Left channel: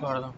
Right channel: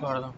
Pardon.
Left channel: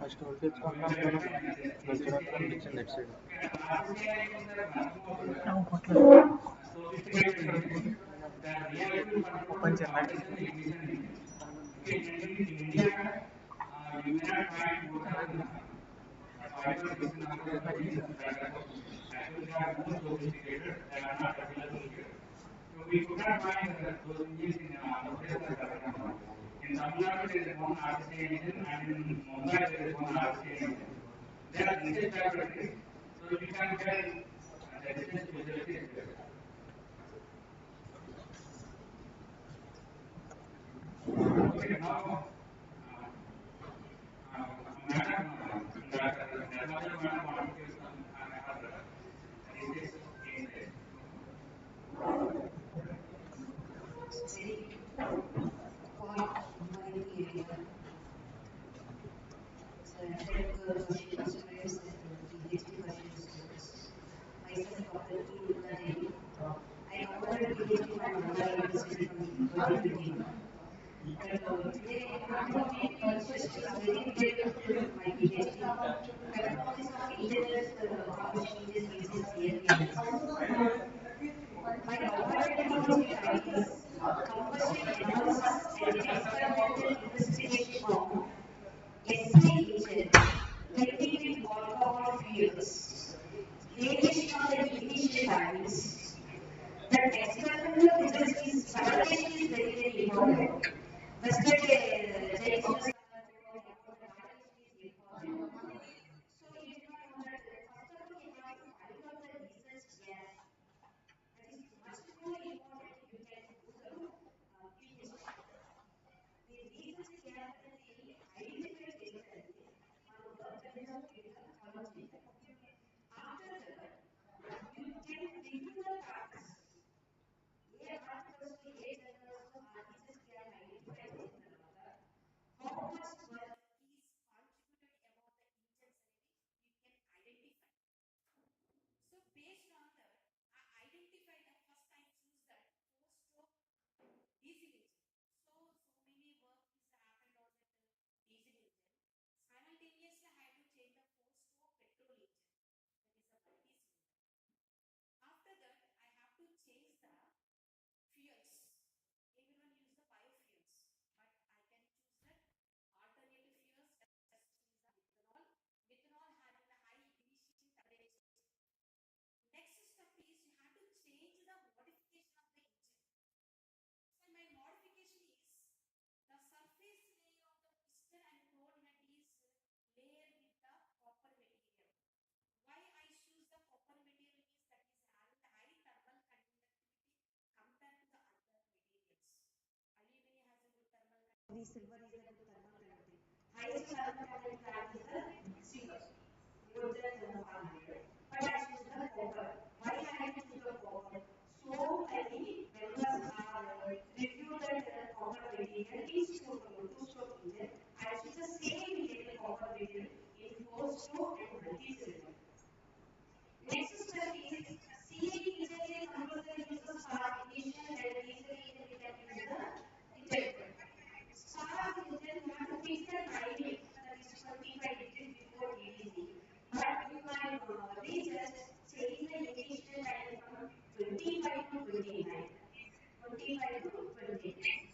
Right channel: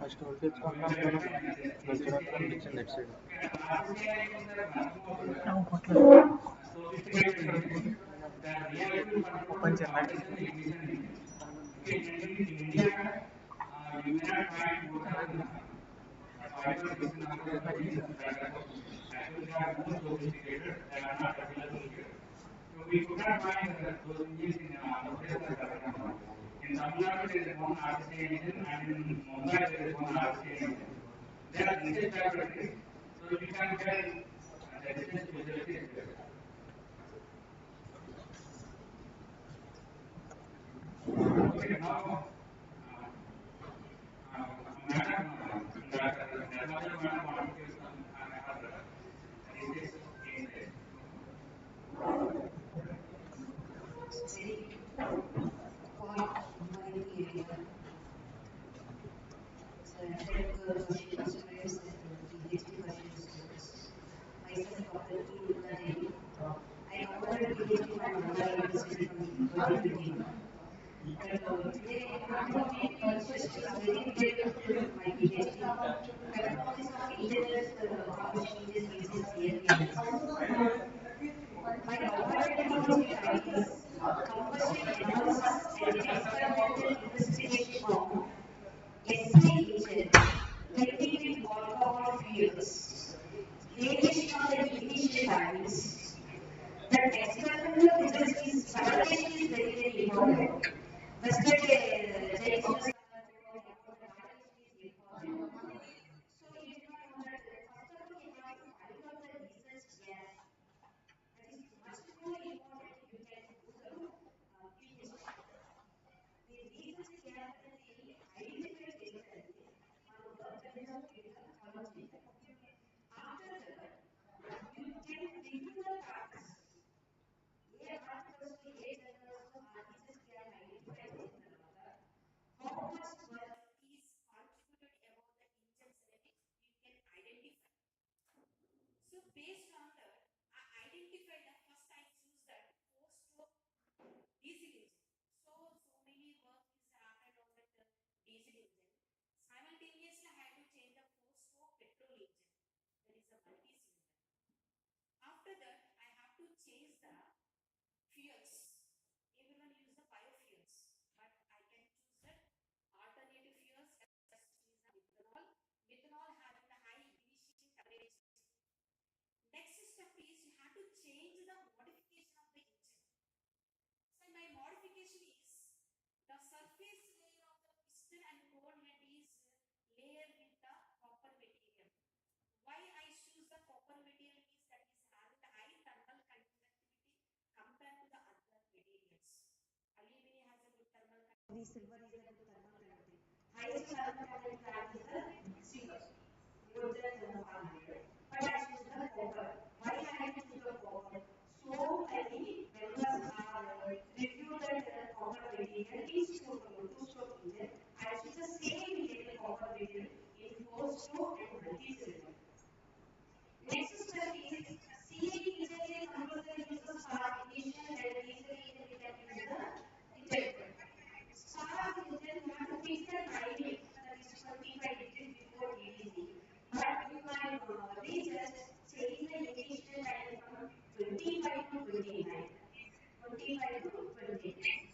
First voltage control condition that side. Open questions, prayers, and PhD questions students. Myself, Dr. E. Nirmala Devi. I awarded PhD from Nalanda University from 2021. But today I'm talking just a very brief my PhD. Hypothesis of integral combustion engines using CFD analysis. My awarded PhD title is Combustion Analysis and Experimental Investigation on SI engine blending with alcohol fuels. Variation of the ignition timings. That experimental result is validation is very important. Yesterday, Jay was talking about the validation is important. So you do not know that first of all you have to find out the results, yes. That is much more important you can do the PhD. The results gathered identify చేసేది మనం work చేసిన third చేయాలి. nozzle and cone head is layered with the copper material. Why I choose the copper material is that is having the high thermal conductivity compared to the other materials. Aluminum has a good thermal conductivity. The silver is a good thermal conductivity. Highest thermal conductivity plant is the silver. More than 500. But I choose the copper. Why I choose the copper? So many members have reviewed that copper material in stroke, two-stroke engine. I choose the same material copper material in four-stroke and multi-cylinder. Next step is CFD engine compressor uses spark ignition and diesel engine we can use the injector. Spark engine we have to fix the timing that is 25 degrees before TDC. But you can just change the ignition time from 25 to 29. 25 to 29.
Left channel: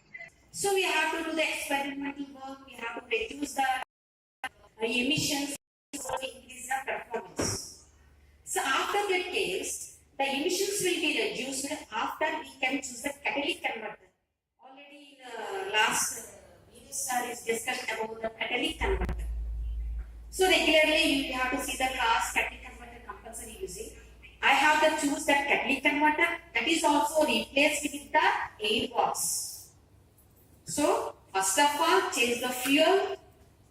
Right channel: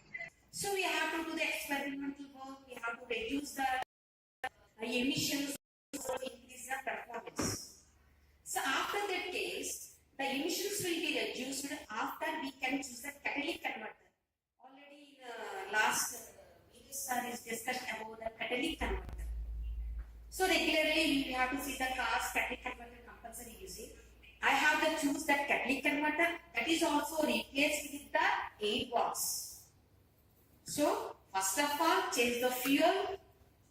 So we have to do the experimental work, we have to reduce the emissions to increase the performance. So after that case, the emissions will be reduced after we can choose the catalytic converter. Already in the last video is discussed about the catalytic converter. So regularly you have to see the cars catalytic converter compulsory using. I have to choose that catalytic converter that is also replaced with the airbox. So first of all, change the fuel,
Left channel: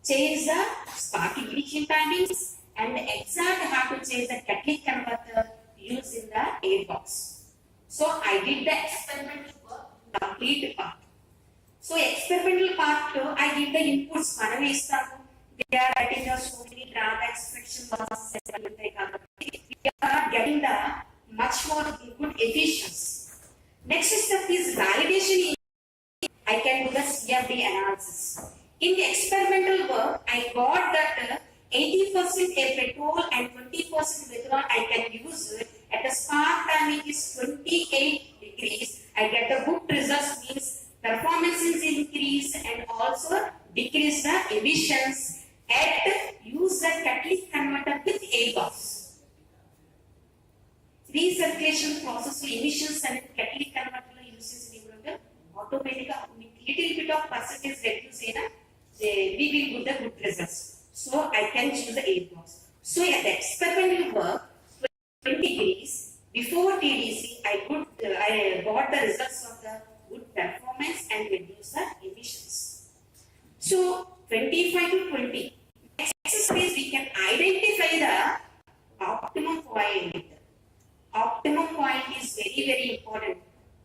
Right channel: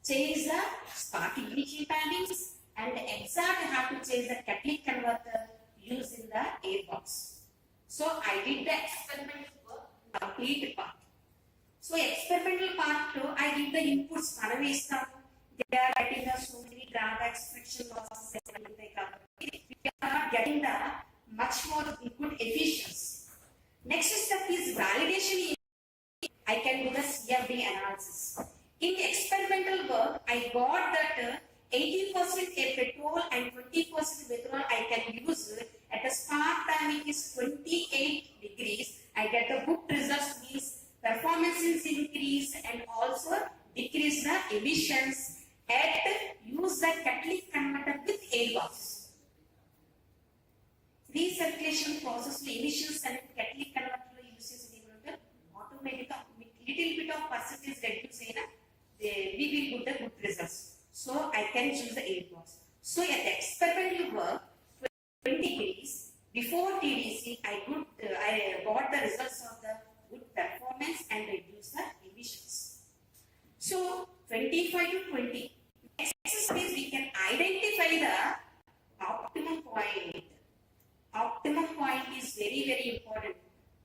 change the spark ignition timings, and exact have to change the catalytic converter used in the airbox. So I did the experimental work, complete part. So experimental part, I give the inputs. They are getting the so many drawbacks, friction losses, we are not getting the much more good efficiency. Next step is validation. I can do the CFD analysis. In the experimental work, I got that 80% petrol and 20% methanol I can use at the spark timing is 28 degrees. I get the good results, means performance is increased and also decrease the emissions at use the catalytic converter with airbox. Recirculation process emissions and catalytic converter uses automatically little bit of percentage reduce we will get the good results. So I can choose the airbox. So at the experimental work, 20 degrees before TDC, I got the results of the good performance and reduce the emissions. So 25 to 20. Next space we can identify the optimum point. Optimum point is very, very important.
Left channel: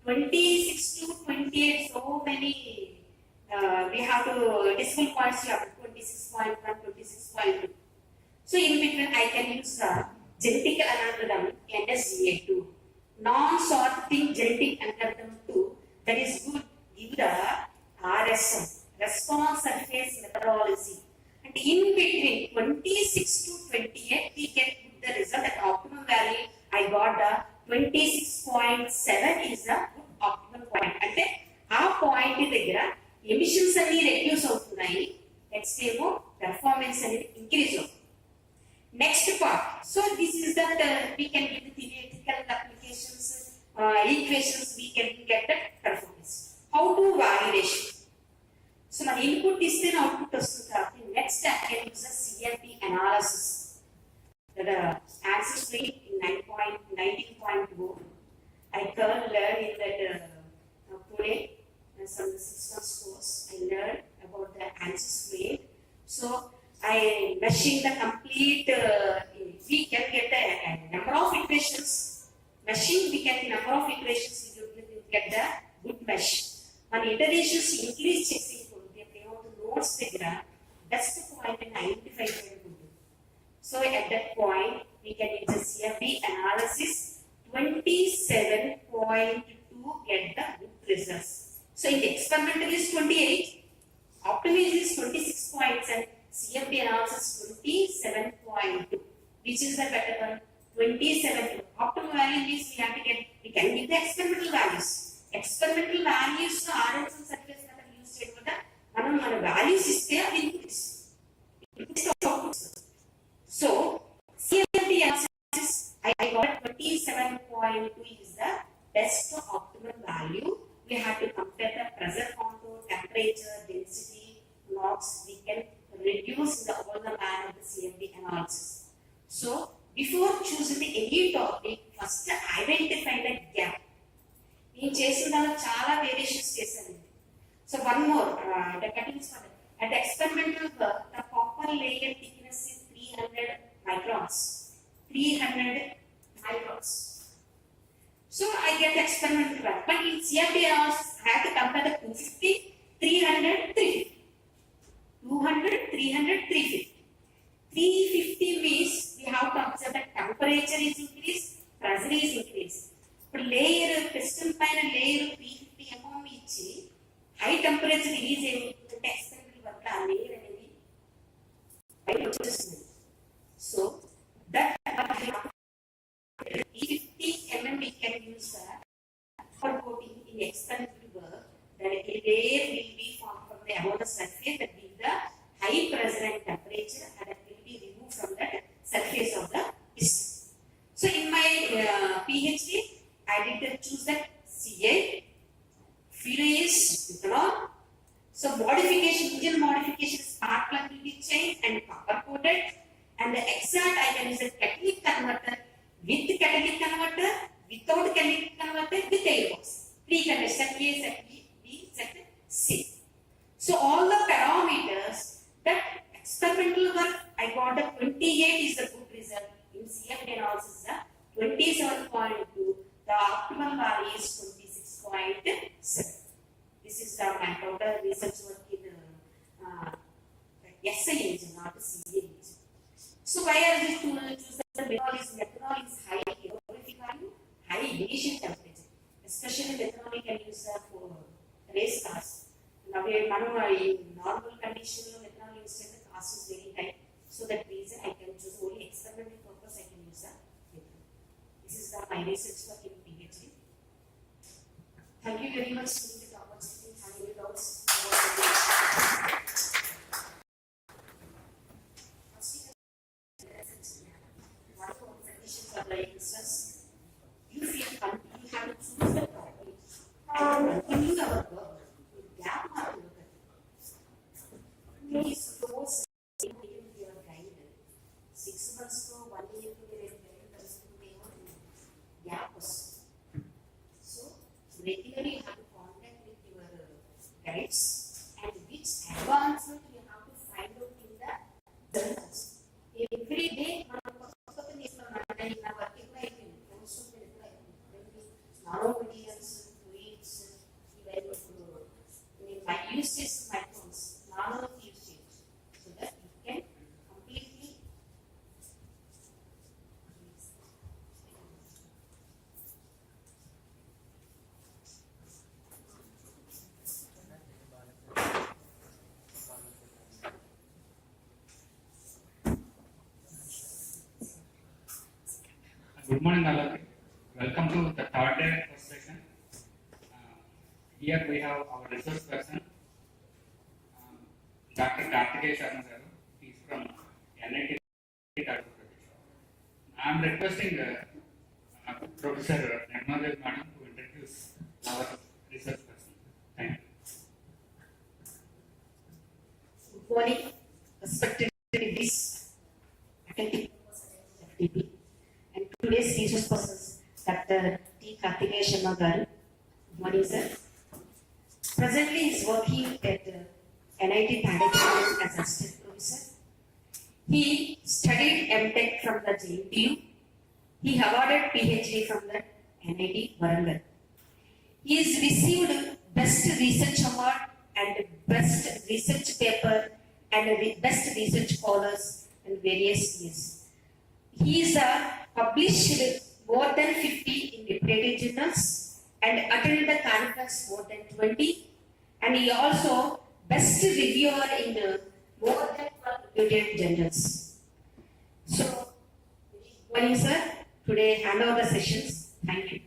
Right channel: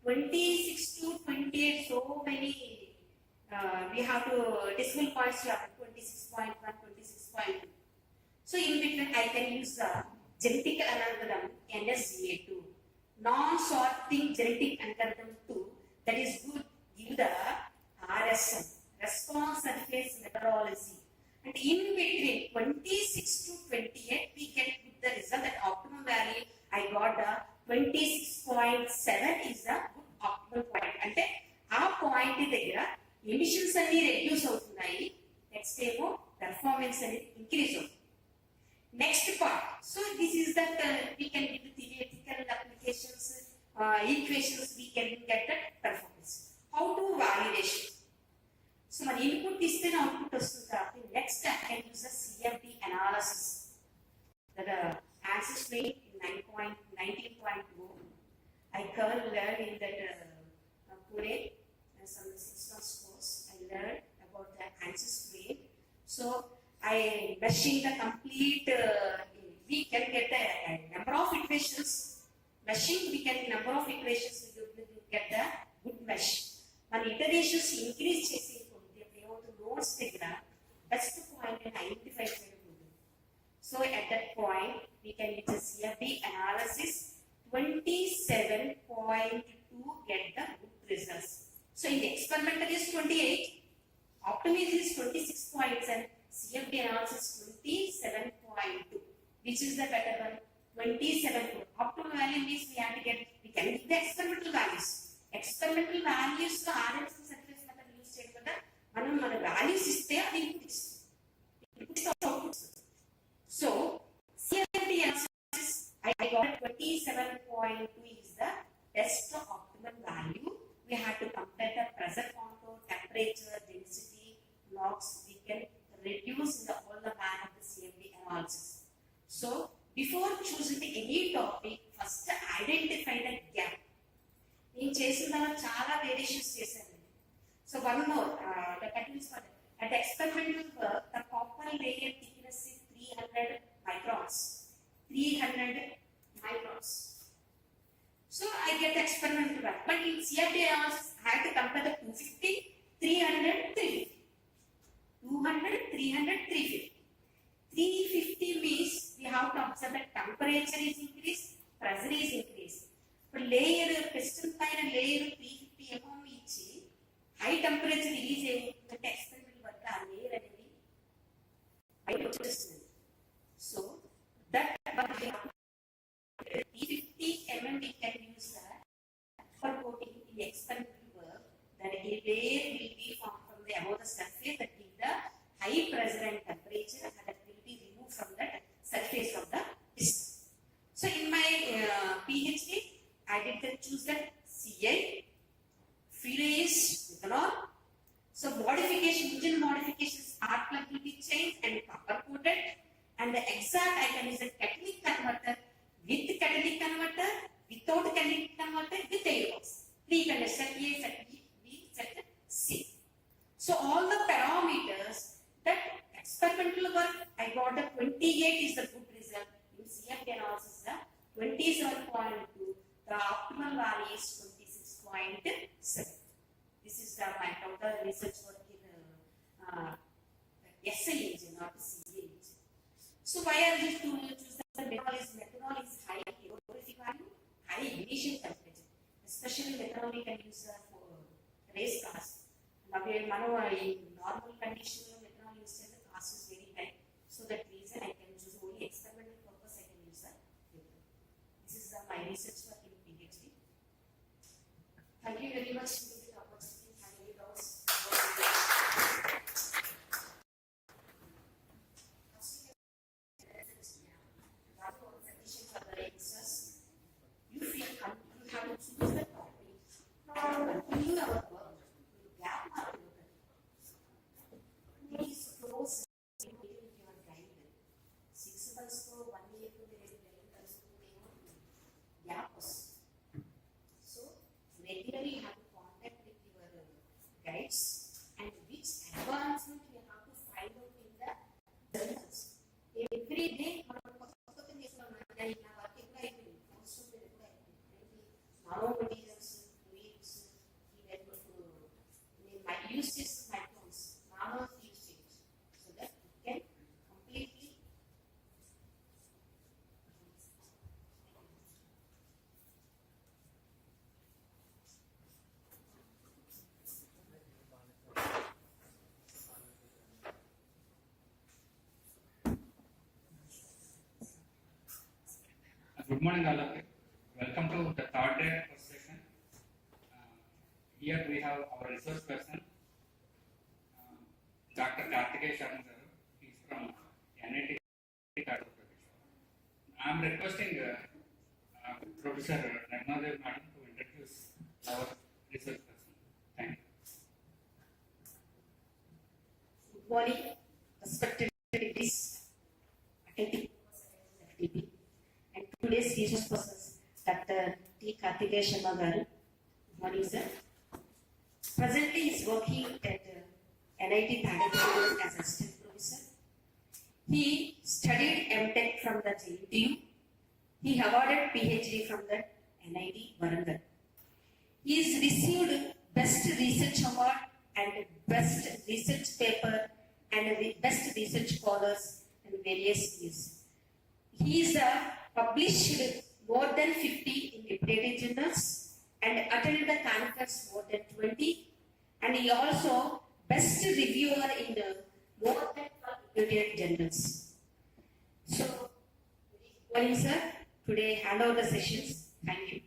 26 to 28, so many, we have to, decimal points you have 26.1, 26.2. So in between I can use the genetic algorithm NSGA2. Non-sorting genetic algorithm 2, that is good, give the RSM, response surface methodology. And in between 26 to 28, we can put the result at optimum value. I got the 26.7 is the optimal point. And then our point is the emissions reduce outunayi, next time performance increase. Next part. So this is that we can give the theoretical applications, equations we can get the performance. How to validation? So my input is then output vastundi. Next I can use the CFD analysis. The answers rate in 19.2. I learned in that today some 6 months course. I learned about the answers rate. So I meshing the complete. We can get a number of equations. Meshing we get number of equations. We will get the good mesh. When iterations increase, they have to notes the graph. That's the point and identify. So at that point, we can use the CFD analysis 27.2 get the good results. So in the experimental is 28, optimism is 26 points and CFD analysis 27.2. Which is the better one? 27. Optimal value means we have to get, we can give the experimental values. Experimental values to RMS and surface method use cheyadam values is there inputs. So CFD analysis I got 27.2 is the best optimal value. We have to compare the pressure contour, temperature, density, blocks we can reduce all the man of the CFD analysis. So before choosing any topic, first identify the gap. నేను చేసిన దాంట్లో చాలా variations చేశాను. So one more, the cuttings for at the experimental work, the copper layer thickness is 300 microns. 300 microns. So I get the experimental work. But in CFD analysis, I have to compare the 250, 300, 350. 200, 300, 350. 350 means we have to observe that temperature is increased, pressure is increased. But layer, piston pine layer 350 mm ichi, high temperature release the experimental work layer అనేది బయట వచ్చేస్తుంది. So that 350 mm we can use that for coating in the experimental work. That a layer will be formed from the above the surface that give the high pressure and temperature and that will be removed from that surface of the piston. So in my PhD, I did choose that CA, furious ethanol. So modification, engine modification, spark plug will be changed and copper coated. And the exact I can use a catalytic converter with catalytic converter, without catalytic converter, with airbox. Three converters, set A, set B, set C. So all the parameters that experimental work I got the 28 is the good result. In CFD analysis, the 27.2, the optimal value is 26.7. This is the my total research work in SI engine, not the CA engine. So why are these two choose the methanol is high calorific value, high ignition temperature. Especially methanol you can use for race cars. Now in normal condition methanol use the cost is very high. So that reason I can choose only experimental purpose I can use that. This is my research work in PhD. Thank you very much for the opportunity. Have any doubts about the you feel you have to choose the topic and continue our work with gap not to look at it. Please close your guide. 6 months to 1 year to the gap. So regularly you have to contact with your guides and which advancement you have to find out in the journals. Every day nanomaterials, fluids, I use this microns, nano usage, so that you can completely Good morning, all of you. Welcome to the third day first session. Here we have our resource person, Dr. Karthikeya Sharma sir. He is from NIT. I am requesting Professor Narmadev Madam to introduce our research person. Thank you. good morning, respected attendees, faculty, FTP, and today's resource persons. Dr. T. Karthikeya Sharma garu. Good morning, sir. Presently, he is working at NIT Thane as assistant professor. He studied MTech from the JNTU. He awarded PhD from the NIT Warangal. He has received Best Research Award and Best Research Paper and Best Research Scholars in various years. He is published more than 50 in reputed journals and attended the conference more than 20, and he also best reviewer in more than 12 reputed journals. So, good morning, sir. Today, hand over the sessions. Thank you.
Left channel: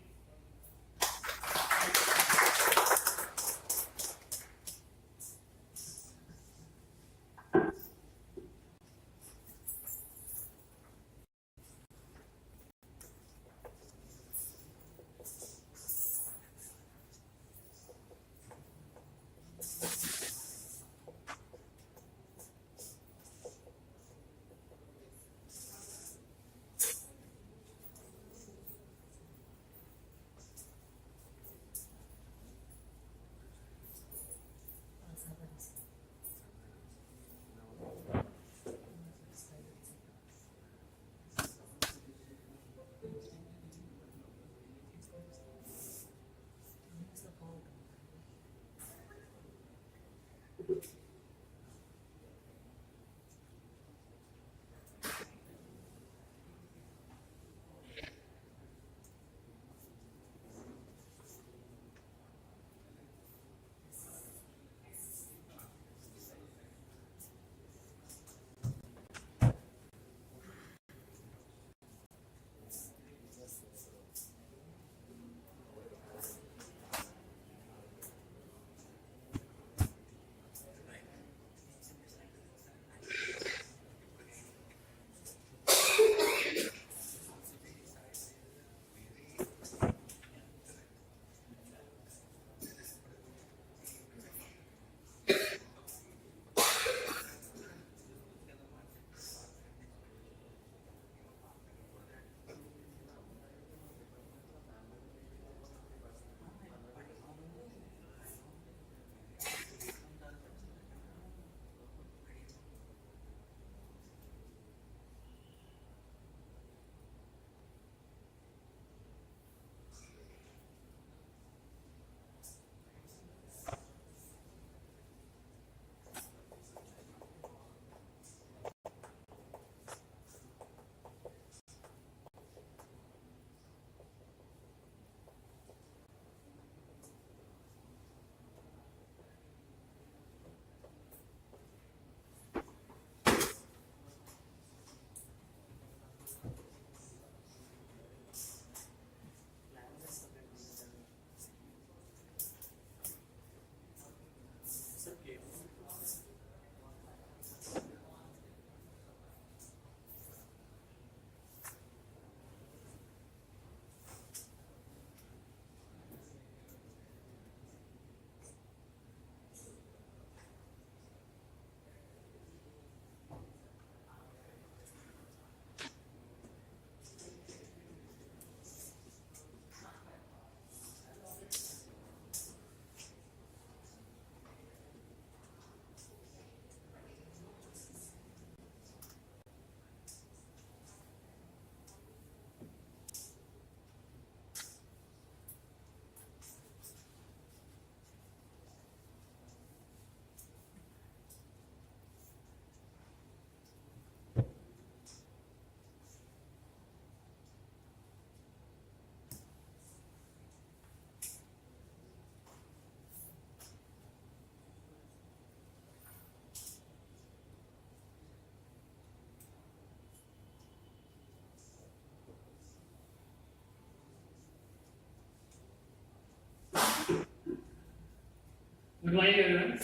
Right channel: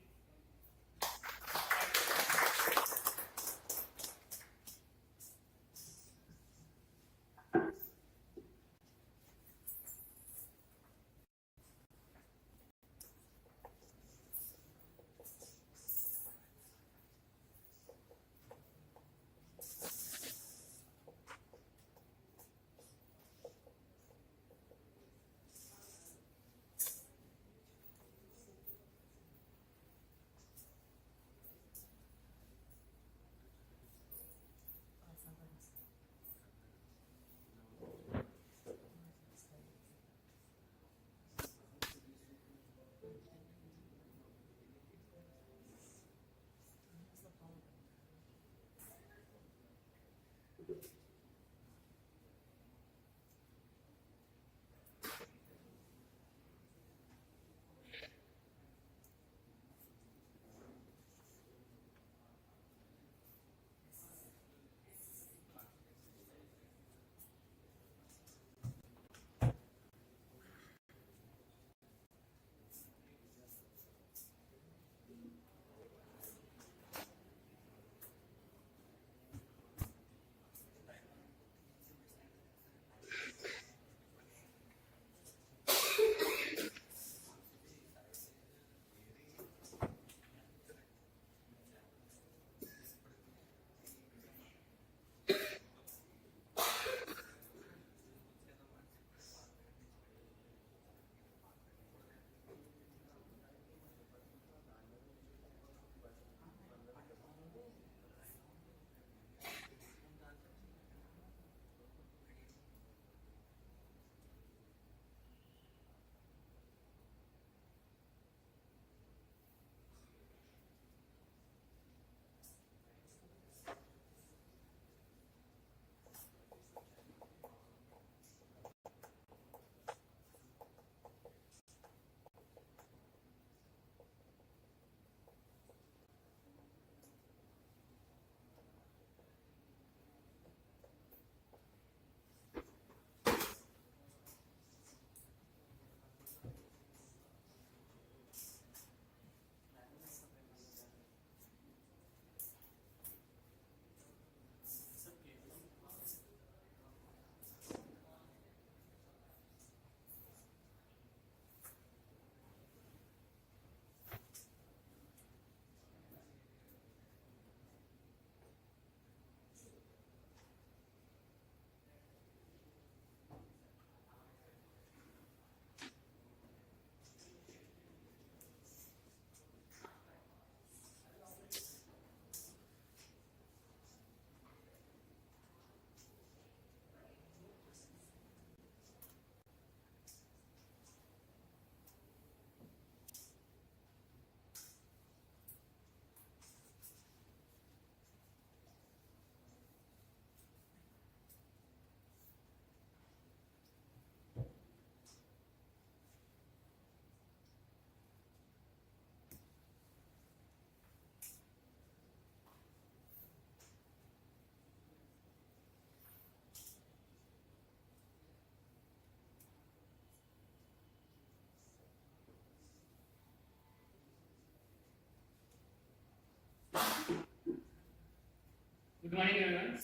Good morning, everyone.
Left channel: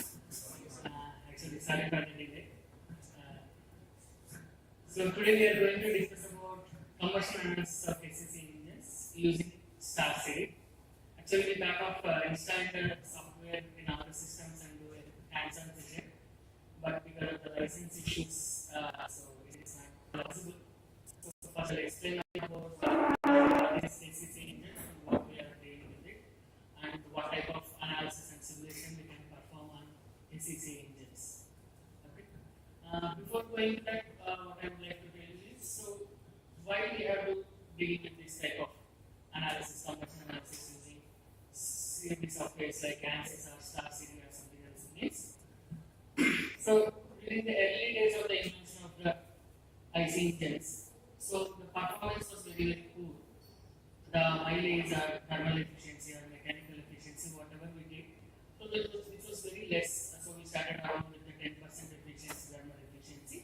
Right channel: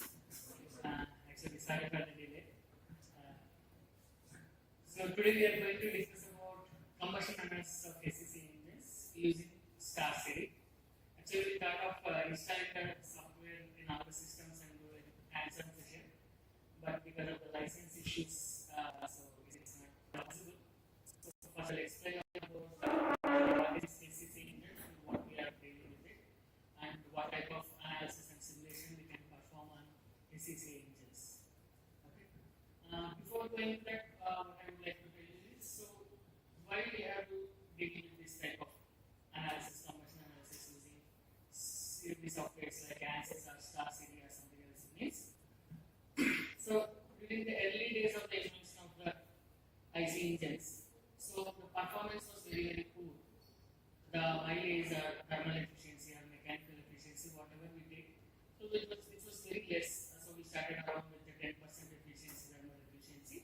Actually, sorry for the delay. So today we are going to discuss about combustion analysis of SEC engines using star series. Actually, we thought of installing the software in our systems and do a hands-on session, but because of the license issues, so it is not possible. So first, I'll explain about this SEC engine and what we are doing with it, and what type of analysis and simulation we can perform on SEC engines. Okay. Before going to that, what I would like to tell you is, so why we have to begin with this type of analysis, combustion analysis using CFD softwares like ANSYS or Star Series or something else it is. So during the early days of the invention of the IC engines, so the performance was very poor. The mileage or thermal efficiency or mechanical efficiency, whatever we did, so it was very less. So we started around with the 10% efficiency, thermal efficiency,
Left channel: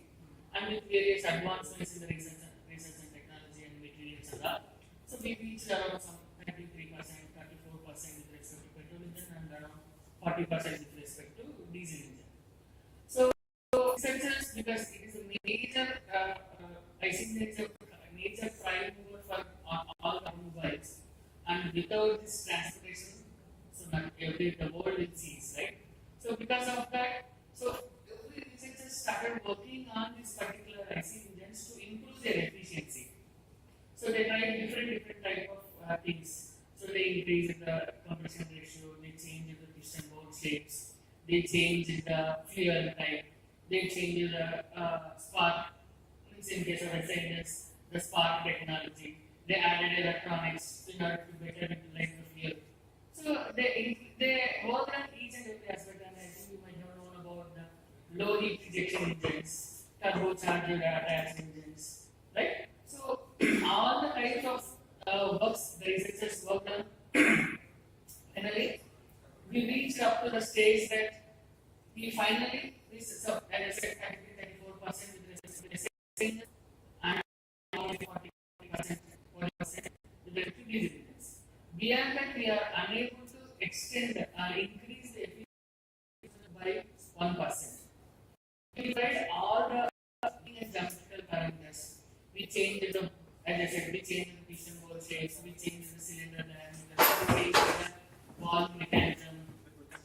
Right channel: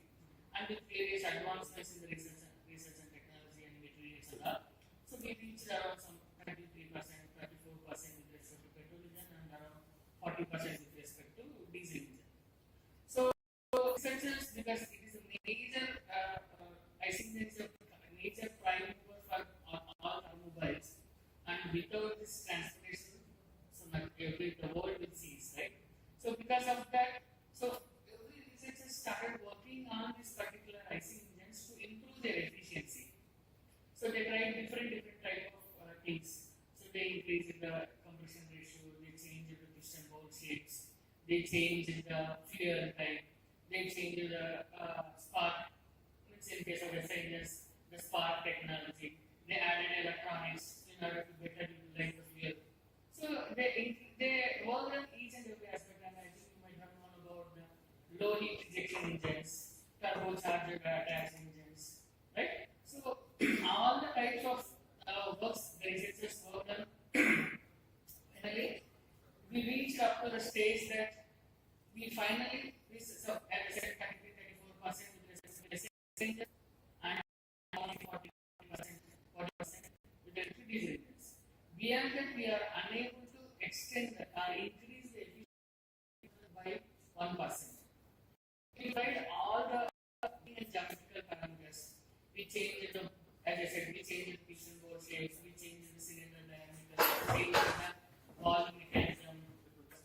and with various advancements in the research and technology and materials and all. So we reached around some 33%, 34% with respect to petrol engine and around 40% with respect to diesel engine. So researchers, because it is a major, I think it's a major prime mover for all automobiles, and without this transportation, so not the world will cease, right? So because of that, so every researchers started working on this particular IC engines to improve their efficiency. So they tried different type of things. So they increased the compression ratio, they changed the piston bore shapes, they changed the fuel type, they changed the spark. In case of SIs, the spark technology, they added electronics in order to better utilize the fuel. So they worked on each and every aspect, and I think you might have known heat rejection engines, turbocharged attached engines, right? So all the types of works the researchers worked on. Finally, we reached up to the stage that we finally reached, so as I said, category 34% with respect to the and only 40% with the diesel engines. Beyond that, we are unable to extend increase the efficiency by 1%. We tried all the geometrical parameters. We changed the, as I said, we changed the piston bore shapes, we changed the cylinder diameter, we changed the valve mechanism,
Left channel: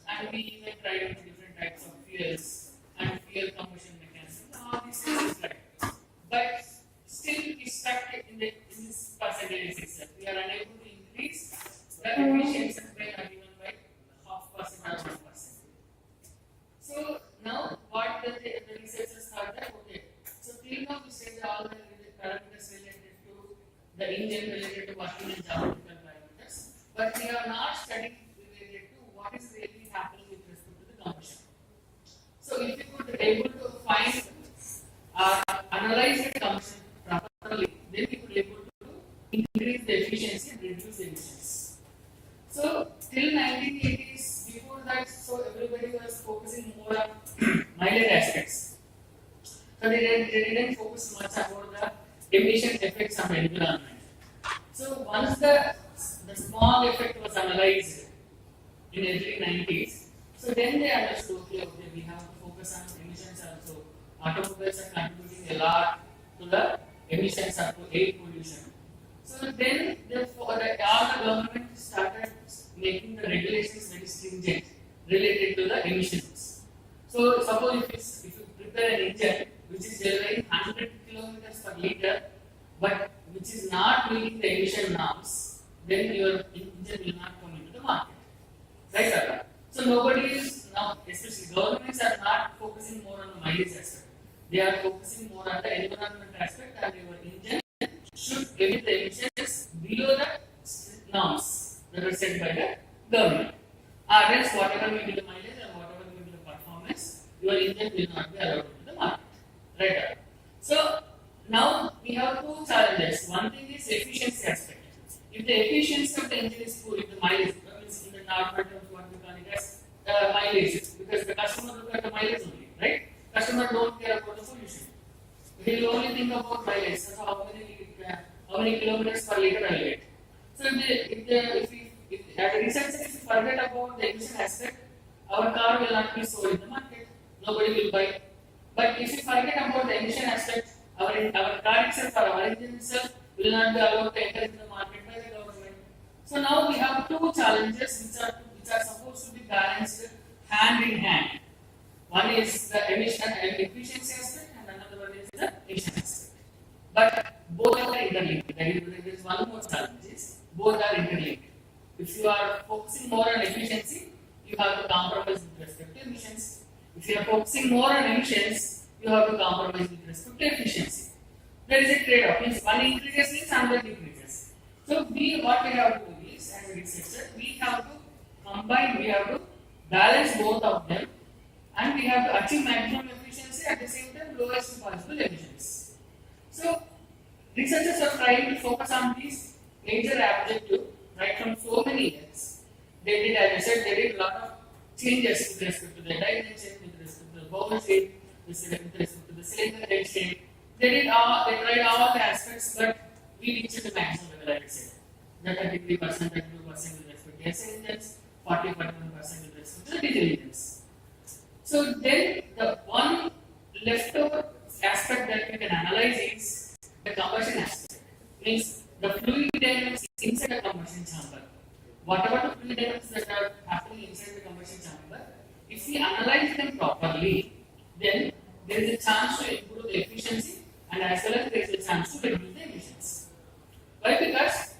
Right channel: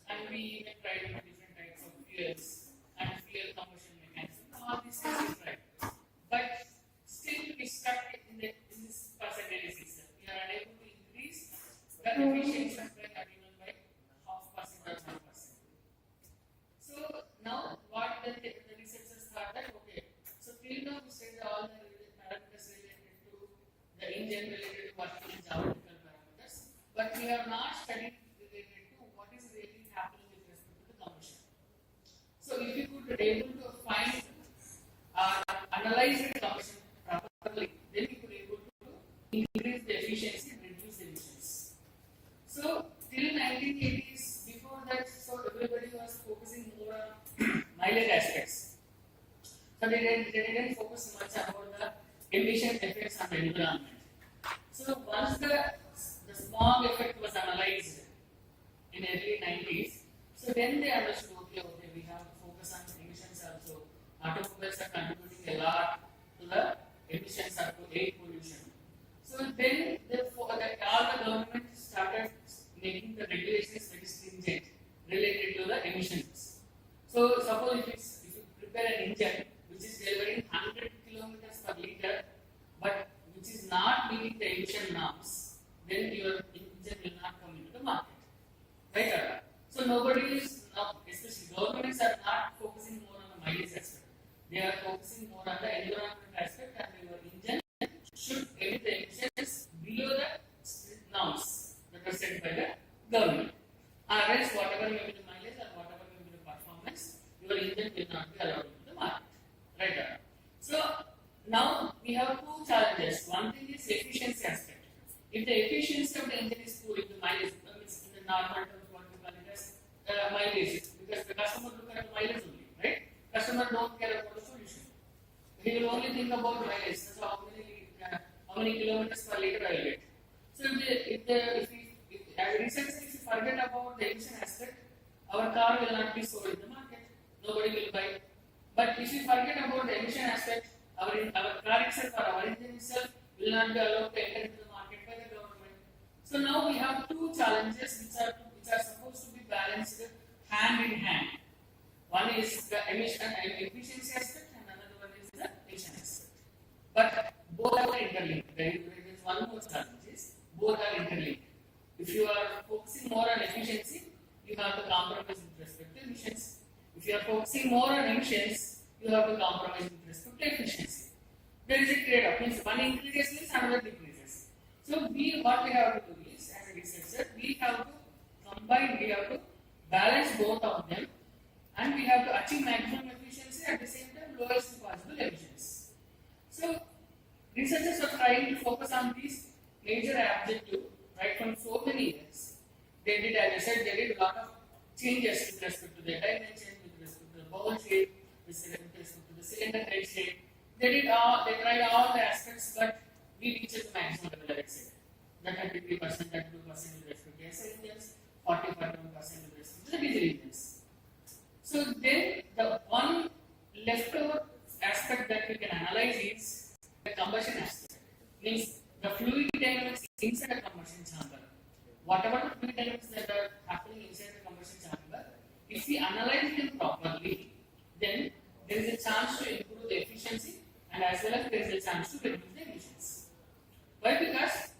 and we even tried out different types of fuels and fuel combustion mechanism. All these things is right. But still we stuck in this percentage itself. We are unable to increase the efficiency by not even by 0.5% or 1%. So now what the researchers thought that okay, so till now we studied all the parameters related to the engine, related to working in geometrical parameters, but we are not studying related to what is really happening with respect to the combustion. So if you could able to find analyze the combustion properly, then we could able to increase the efficiency and reduce the emissions. So till 1980s, before that, so everybody was focusing more on mileage aspects. So they didn't focus much about the emission effects on the environment. So once the smog effect was analyzed in early 90s, so then they understood okay, we have to focus on emissions also. Automobiles are contributing a lot to the emissions of air pollution. So then all the government started making the regulations very stringent related to the emissions. So suppose if you prepare an engine which is delivering 100 kilometers per liter, but which is not meeting the emission norms, then your engine will not come into the market. Right, Arra? So nobody is now, especially governments are not focusing more on the mileage aspect. They are focusing more on the environment aspect, and your engine should emit the emissions below the norms that are set by the government. Or else whatever may be the mileage and whatever may be the performance, your engine will not be allowed to the market. Right, Arra? So now we have two challenges. One thing is efficiency aspect. If the efficiency of the engine is poor, if the mileage is in the normal terms, what we call it as mileage, because the customer look at the mileage only, right? Customer don't care about the pollution. He will only think about mileage. So how many kilometers per liter I get. So if as a researcher, if you forget about the emission aspect, our car will not be sold in the market. Nobody will buy. But if you forget about the emission aspect, our car itself or our engine itself will not be allowed to enter into the market by the government. So now we have two challenges which are supposed to be balanced hand in hand. One is the emission and efficiency aspect, and another one is the emission aspect. But both are interlinked. There is one more challenge is both are interlinked. If you are focusing more on efficiency, you have to compromise with respect to emissions. If you are focusing more on emissions, you have to compromise with respect to efficiency. There is a trade-off. Means one increases, means another decreases. So what we have to do is, as a researcher, we have to combine, we have to balance both of them, and we have to achieve maximum efficiency at the same time lowest possible emissions. So researchers are trying to focus on these major objectives right from so many years. They did, as I said, they did a lot of changes with respect to the dimension, with respect to the bowl shape, with respect to the cylinder head shape. They tried all the aspects, but we reached the maximum level, I would say. The 33%, 32% with respect to SI engines, 40, 41% with respect to the diesel engines. So then the one leftover aspect that we can analyze is the combustion aspect. Means the fluid dynamics inside the combustion chamber. Whatever the fluid dynamics that are happening inside the combustion chamber, if we analyze them properly, then there is a chance to improve the efficiency and as well as there is a chance to reduce the emissions. Why? Because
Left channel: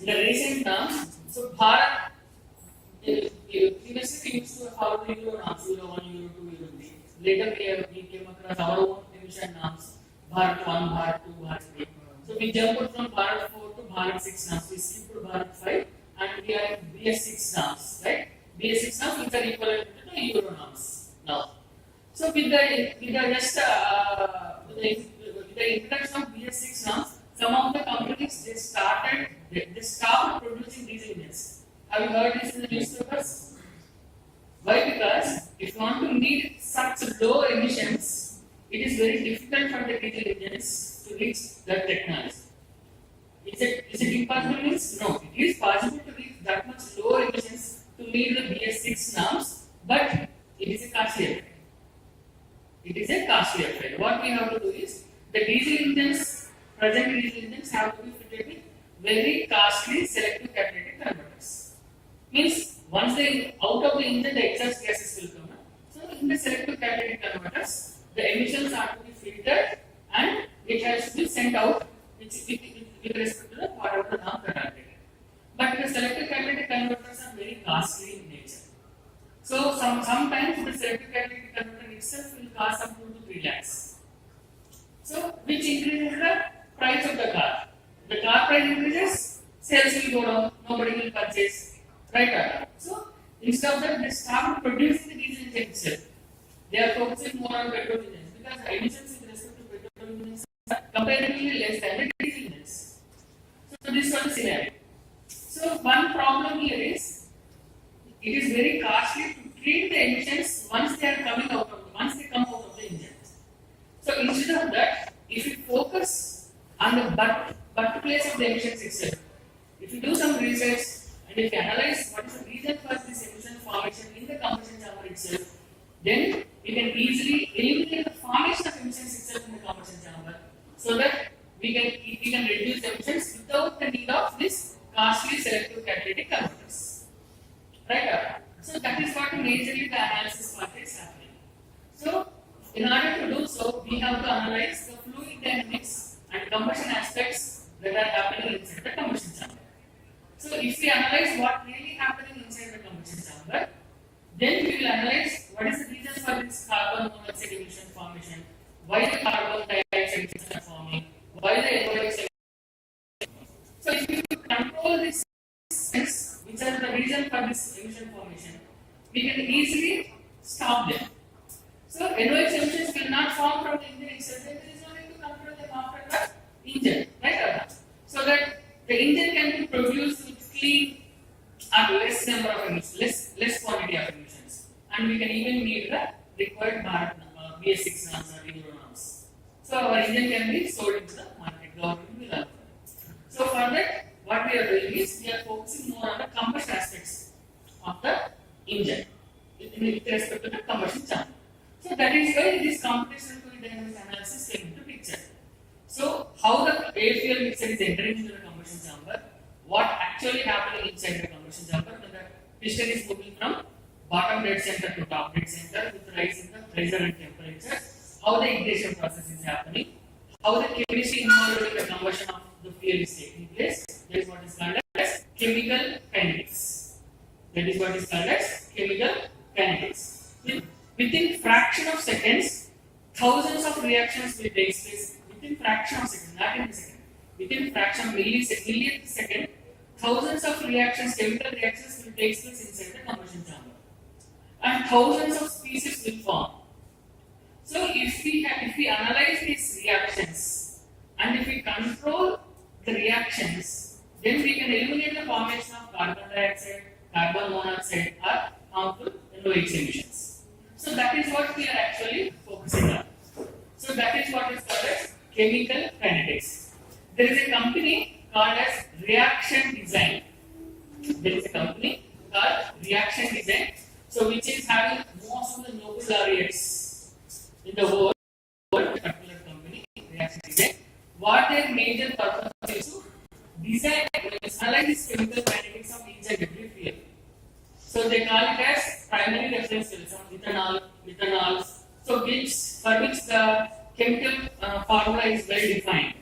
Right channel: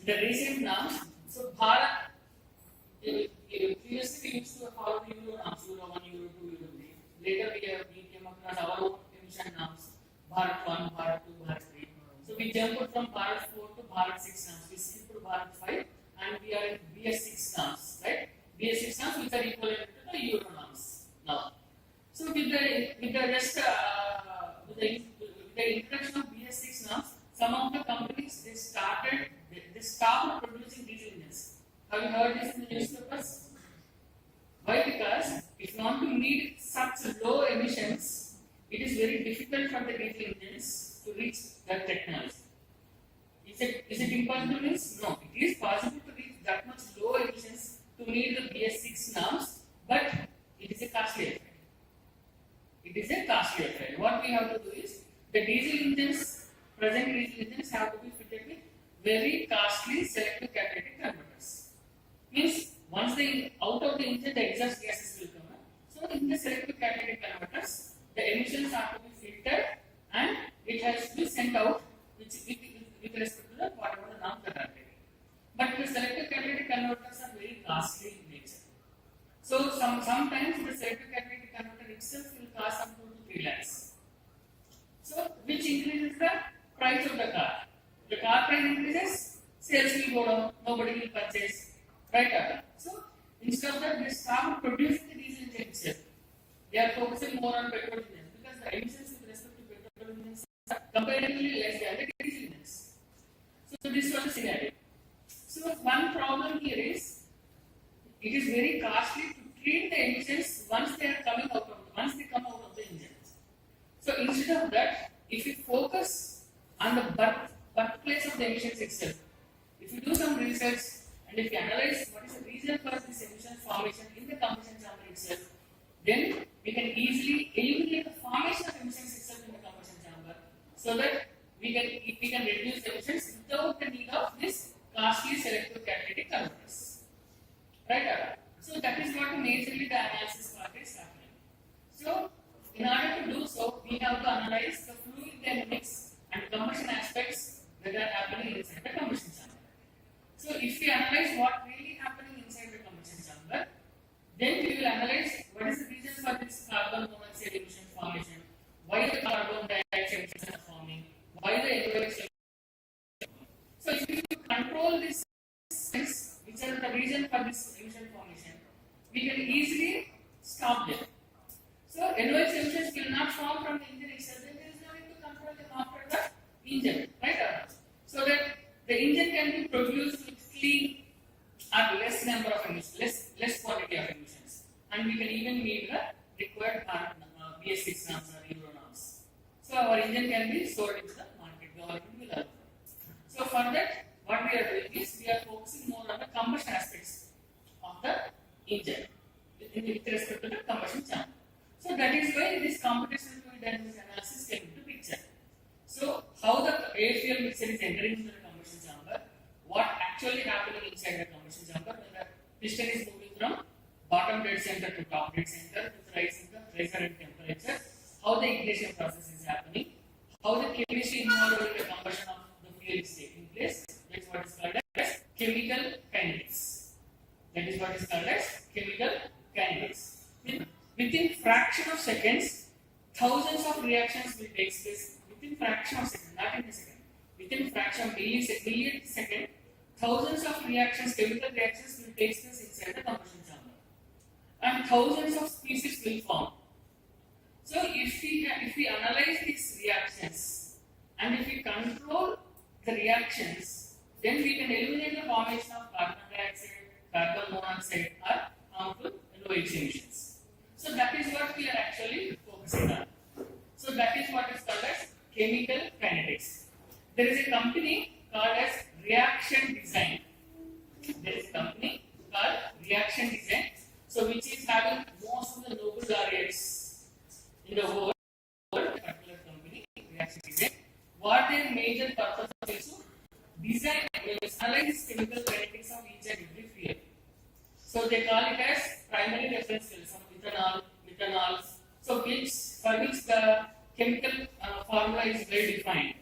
in the recent terms, so Bharat, previously we used to follow the Euro norms, Euro 1, Euro 2, Euro 3. Later we came across our own emission norms, Bharat 1, Bharat 2, Bharat 3. So we jumped from Bharat 4 to Bharat 6 norms. We skipped to Bharat 5 and we are in BS 6 norms, right? BS 6 norms which are equivalent to the Euro norms now. So So with the introduction of BS6 norms, some of the companies they stopped producing diesel engines. Have you heard this in the newspapers? Why? Because if you want to meet such low emissions, it is very difficult for the diesel engines to reach that technology. Is it impossible? Means no. It is possible to reach that much low emissions to meet the BS6 norms, but it is a costly affair. It is a costly affair. What we have to do is the diesel engines, present diesel engines, have to be fitted with very costly selective catalytic converters. Means once they out of the engine, the exhaust gases will come. So in the selective catalytic converters, the emissions are to be filtered and it has to be sent out with respect to the whatever the norm that are taken. But the selective catalytic converters are very costly in nature. So sometimes the selective catalytic converter itself will cost up to 3 lakhs. So which increases the price of the car. The car price increases, sales will go down, nobody will purchase. Right? So instead of that, they start producing the diesel engine itself. They are focusing more on petrol engines because the emissions with respect to petrol engines are comparatively less than the diesel engines. So this one scenario. So one problem here is it is very costly to treat the emissions once they come out of the engines. So instead of that, if you focus on the birthplace of the emissions itself, if you do some research and if you analyze what is the reason for this emission formation in the combustion chamber itself, then we can easily eliminate the formation of emissions itself in the combustion chamber, so that we can reduce emissions without the need of this costly selective catalytic converters. Right? So that is what majorly the analysis part is happening. So in order to do so, we have to analyze the fluid dynamics and combustion aspects that are happening inside the combustion chamber. So if we analyze what really happening inside the combustion chamber, then we will analyze what is the reason for this carbon monoxide emission formation, why the carbon dioxide emissions are forming, why the NOx. So if you control these things, which are the reason for this emission formation, we can easily stop them. So NOx emissions will not form from the engine itself, then there is no need to control them after the engine, right? So that the engine can be produced with clean or less number of emissions, less quantity of emissions, and we can even meet the required BS6 norms or Euro norms. So our engine can be sold into the market, government will allow. So for that, what we are doing is we are focusing more on the combustion aspects of the engine with respect to the combustion chamber. So that is why this computational fluid dynamics analysis came into picture. So how the air fuel mixture is entering into the combustion chamber, what actually happening inside the combustion chamber when the piston is moving from bottom dead center to top dead center with rise in the pressure and temperature, how the ignition process is happening, how the chemistry involved in the combustion of the fuel is taking place. That is what is called as chemical kinetics. That is what is called as chemical kinetics. Within fraction of seconds, thousands of reactions will take place. Within fraction of seconds, not in a second. Within fraction of millionth second, thousands of reactions, chemical reactions will take place inside the combustion chamber, and thousands of species will form. So if we analyze these reactions and if we control the reactions, then we can eliminate the formation of carbon dioxide, carbon monoxide, or harmful NOx emissions. So that is what we are actually focusing on. So that is what is called as chemical kinetics. There is a company called as Reaction Design. There is a company called Reaction Design, so which is having most of the Nobel laureates in the world. A particular company, Reaction Design. What their major purpose is to design and analyze chemical kinetics of each and every fuel. So they call it as primary reference fuels, ethanol, methanols. So for which the chemical formula is well defined,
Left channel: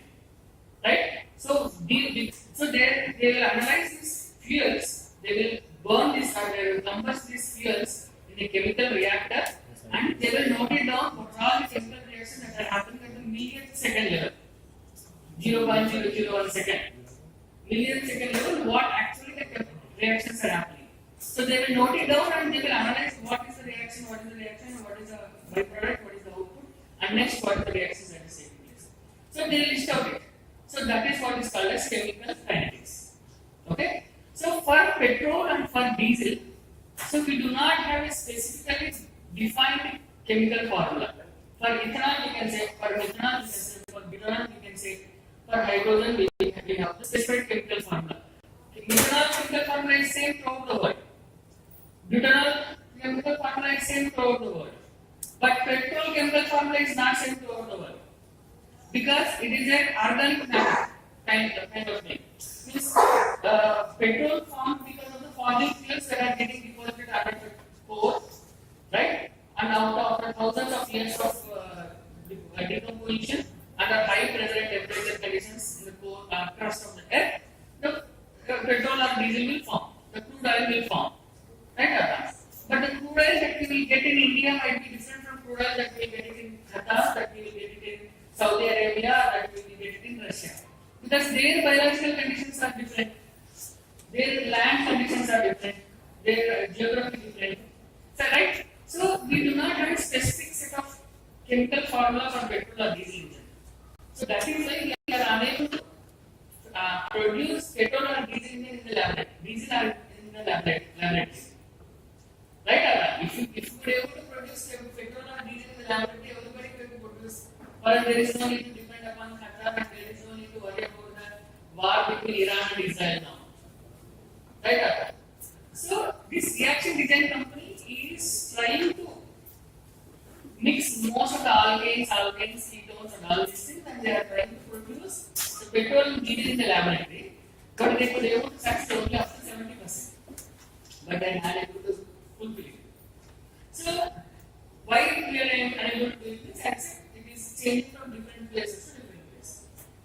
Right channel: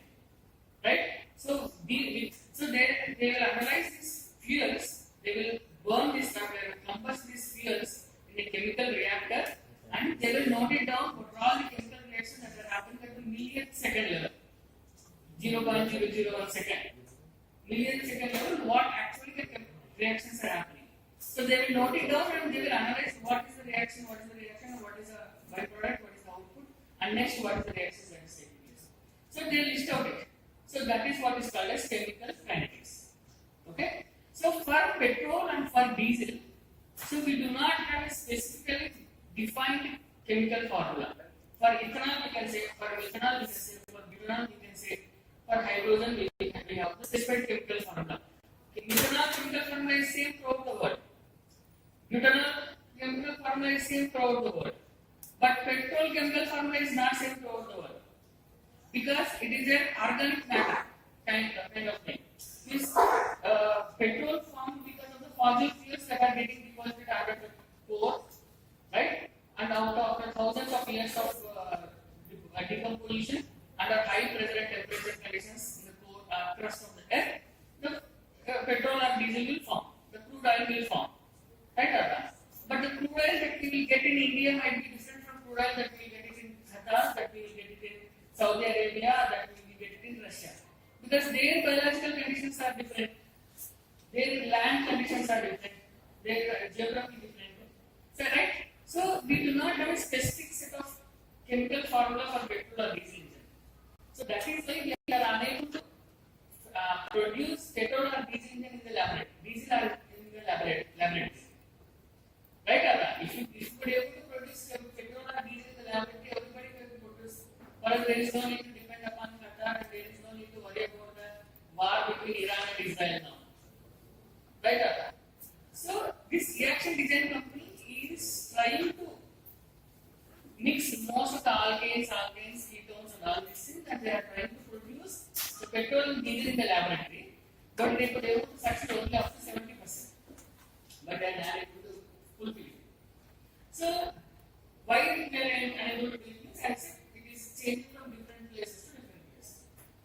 right? So they will analyze these fuels. They will burn this or they will combust these fuels in a chemical reactor, and they will note it down what all the chemical reactions that are happening at the millionth second level, 0.001 second, millionth second level. What actually the reactions are happening. So they will note it down and they will analyze what is the reaction, and what is the byproduct, next what the reactions that is taking place. So they list out it. So that is what is called as chemical kinetics. Okay. So for petrol and for diesel, so we do not have a specifically defined chemical formula. For ethanol, we can say, for methanol, we can say, for butanol, we can say, for hydrogen, we have the specified chemical formula. Methanol chemical formula is same throughout the world. Butanol chemical formula is same throughout the world. But petrol chemical formula is not same throughout the world. Because it is an organic matter kind of thing. Means petrol formed because of the fossil fuels that are getting deposited under the core, right? And after thousands of years of decomposition under high pressure and temperature conditions in the core crust of the earth, the petrol or diesel will form, the crude oil will form, right? But the crude oil that we will get in India might be different from crude oil that we will get it in Qatar, that we will get it in Saudi Arabia, that we will get it in Russia. Because their biological conditions are different, their land conditions are different, their geography is different. So, right? So we do not have a specific set of chemical formula for petrol or diesel engine. So that is why we are unable to produce petrol or diesel engine in the laboratory. Diesel are in the laboratory. Right? If you were able to produce petrol or diesel in the laboratory, everybody will produce. Or there is no need to depend upon Qatar and there is no need to worry about the war between Iran and Israel now. Right? So this reaction design company is trying to mix most of the alkanes, ketones and all these things, and they are trying to produce the petrol and diesel in the laboratory, but they could be able to succeed only up to 70%. But they are not able to fulfill it. So why we are unable to do this? Except it is changing from different places to different places.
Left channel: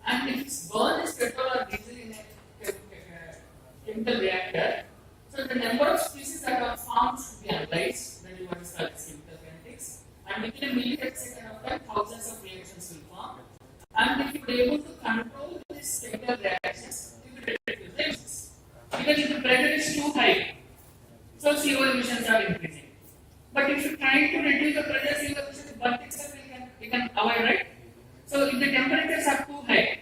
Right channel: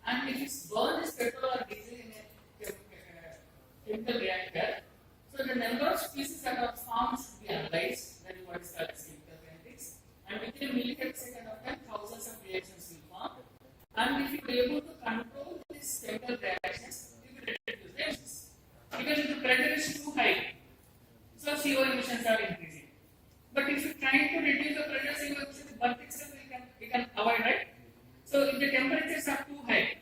And if it's burned as petrol or diesel in a chemical reactor, so the number of species that are formed should be analyzed, that is what is called as chemical kinetics. And within a millisecond of time, thousands of reactions will form. And if you are able to control these chemical reactions, you will reduce the emissions. Because if the pressure is too high, so CO emissions are increasing. But if you are trying to reduce the pressure, CO emissions, but itself we can avoid, right? So if the temperatures are too high,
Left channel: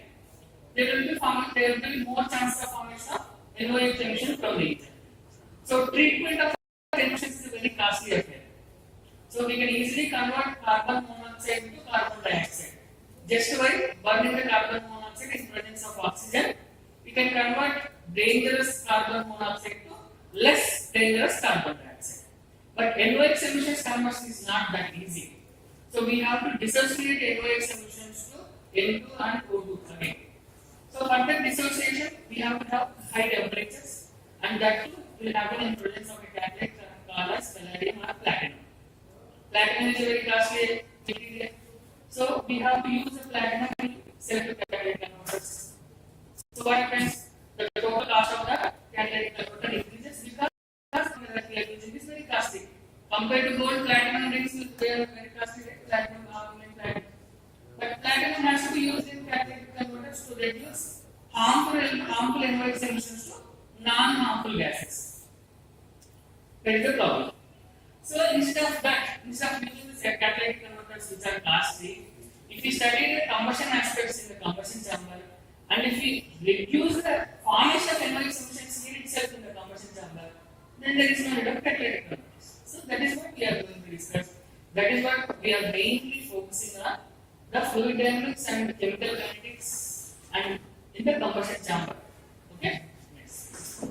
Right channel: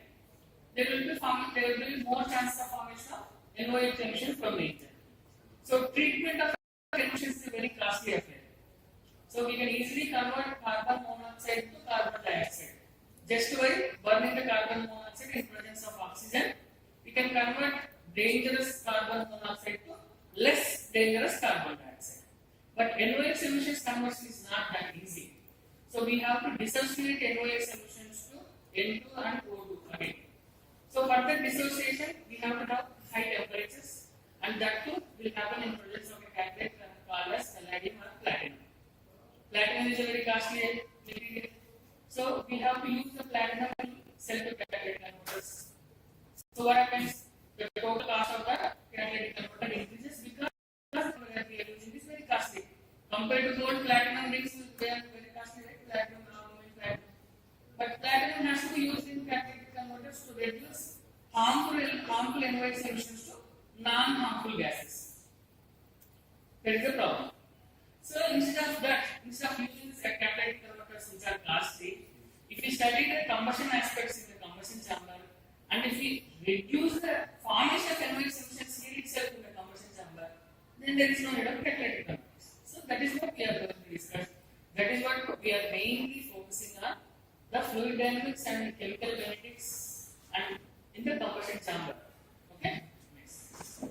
there will be more chance of formation of NOx emission from the engine. So treatment of emissions is a very costly affair. So we can easily convert carbon monoxide to carbon dioxide. Just by burning the carbon monoxide in presence of oxygen, we can convert dangerous carbon monoxide to less dangerous carbon dioxide. But NOx emissions conversion is not that easy. So we have to dissociate NOx emissions to N2 and O2 again. So for the dissociation, we have to have high temperatures, and that too will happen in presence of a catalyst called as palladium or platinum. Platinum is a very costly material, so we have to use the platinum in self-catalytic converters. So what happens? The total cost of the catalytic converter increases because that we are using is very costly. Compared to gold, platinum rings will be very costly, right? Platinum, platinum. But platinum has to be used in catalytic converters to reduce harmful NOx emissions to non-harmful gases. That is the problem. So instead of using the catalytic converters which are costly, if we study the combustion aspects in the combustion chamber, and if we reduce the formation of NOx emissions in itself in the combustion chamber, then there is no need of catalytic converters. So that is what we are going to discuss. That is what we are mainly focusing on, the fluid dynamics and chemical kinetics and in the combustion chamber. Okay? Next.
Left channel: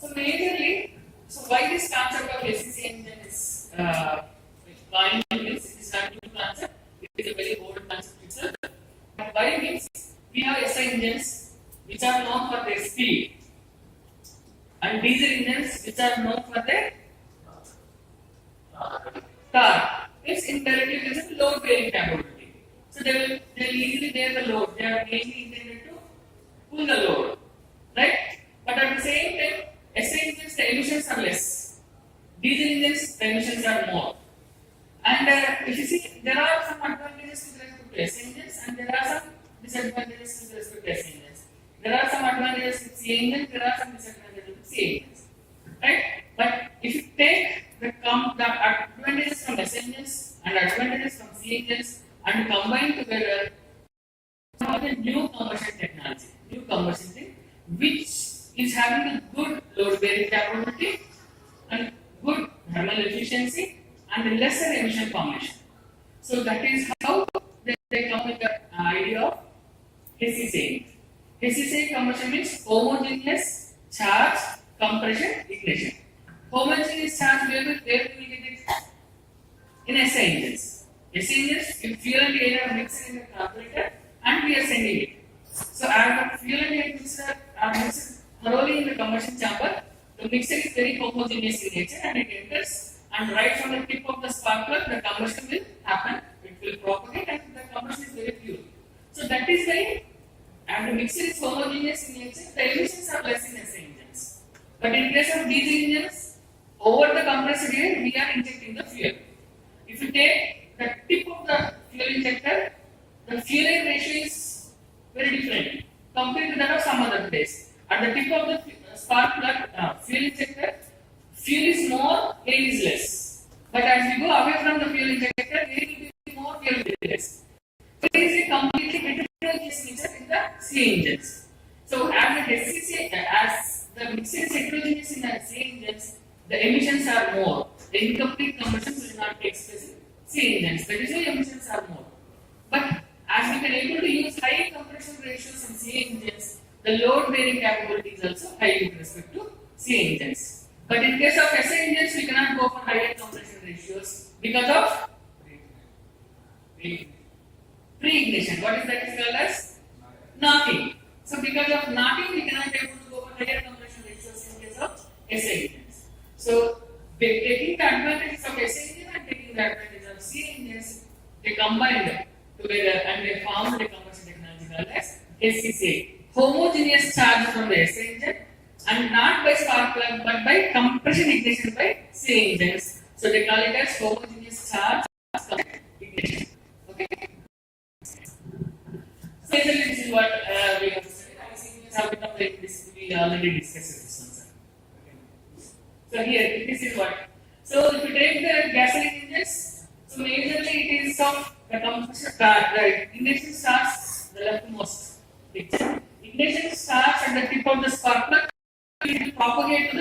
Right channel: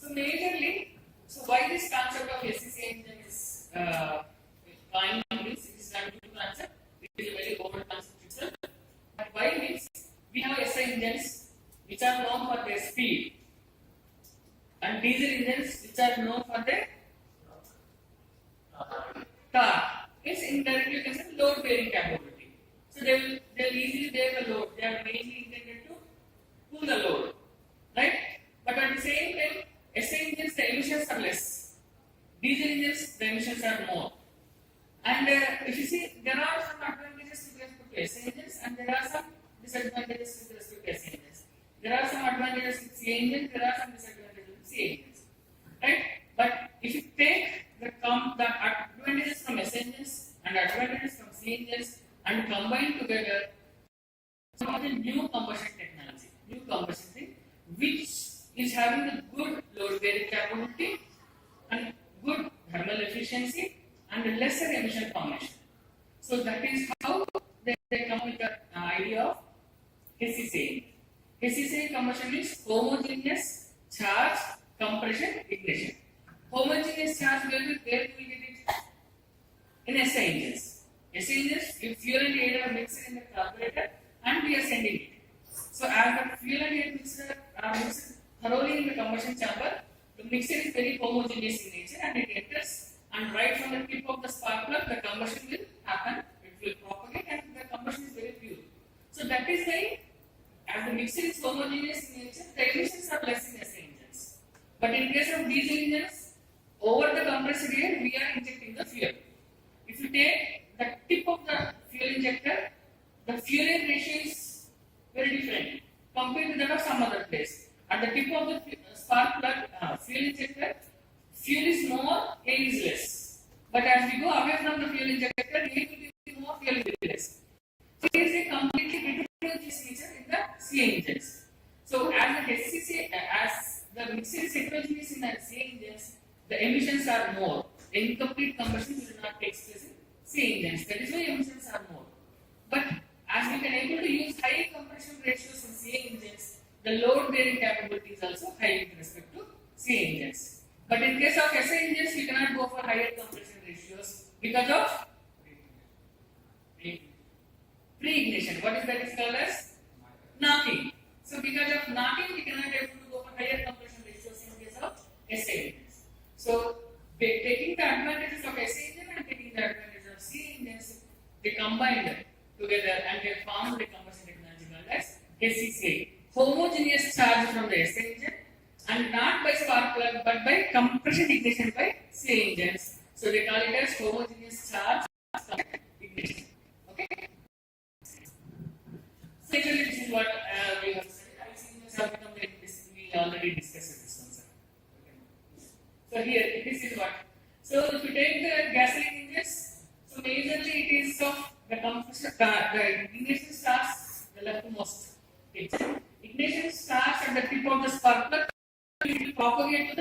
So majorly, so why this concept of SEC engine is coined means it is not new concept, it is a very old concept itself. But why means we have SI engines which are known for their speed and diesel engines which are known for their torque. It's indirectly considered load bearing capability. So they will easily bear the load. They are mainly intended to pull the load, right? But at the same time, SI engines the emissions are less. Diesel engines the emissions are more. And if you see, there are some advantages with respect to SI engines and there are some disadvantages with respect to SI engines. There are some advantages with CI engines. There are some disadvantages with CI engines, right? But if you take the combine together some of the new combustion technology, new combustion thing, which is having a good load bearing capability and good thermal efficiency and lesser emission formation. So that is how they come with the idea of HCCA. HCCA combustion means homogeneous charge compression ignition. Homogeneous charge where we will get it in SI engines. SI engines, if fuel and air are mixed in the carburetor and we are sending it. So as the fuel and air mixture are mixed thoroughly in the combustion chamber, the mixture is very homogeneous in nature and it enters, and right from the tip of the spark plug the combustion will happen, it will propagate and the combustion is very pure. So that is why as the mixture is homogeneous in nature, the emissions are less in SI engines. But in case of diesel engines, over the compressed air we are injecting the fuel. If you take the tip of the fuel injector, the fuel air ratio is very different compared to that of some other place. At the tip of the spark plug fuel injector, fuel is more, air is less. But as we go away from the fuel injector, air will be more, fuel will be less. So there is a completely heterogeneous mixture in the CA engines. So as the HCCA, as the mixture is heterogeneous in the CA engines, the emissions are more. The incomplete combustion will not take place in CA engines. That is why emissions are more. But as we can able to use high compression ratios in CA engines, the load bearing capability is also high with respect to CA engines. But in case of SI engines, we cannot go for higher compression ratios because of pre-ignition. What is that is called as? Knocking. So because of knocking, we cannot able to go for higher compression ratios in case of SI engines. So taking the advantages of SI engine and taking the advantages of CA engines, they combined together and they formed a combustion technology called as HCCA. Homogeneous charge from the SI engine and not by spark plug but by compression ignition by CA engines. So they call it as homogeneous charge ignition. Okay. So this is what we have studied. I think this have become very we already discussed this one, sir. Okay. So here this is what. So if you take the gasoline engines, so majorly it is of the combustion the ignition starts the leftmost picture. Ignition starts at the tip of the spark plug. It will propagate to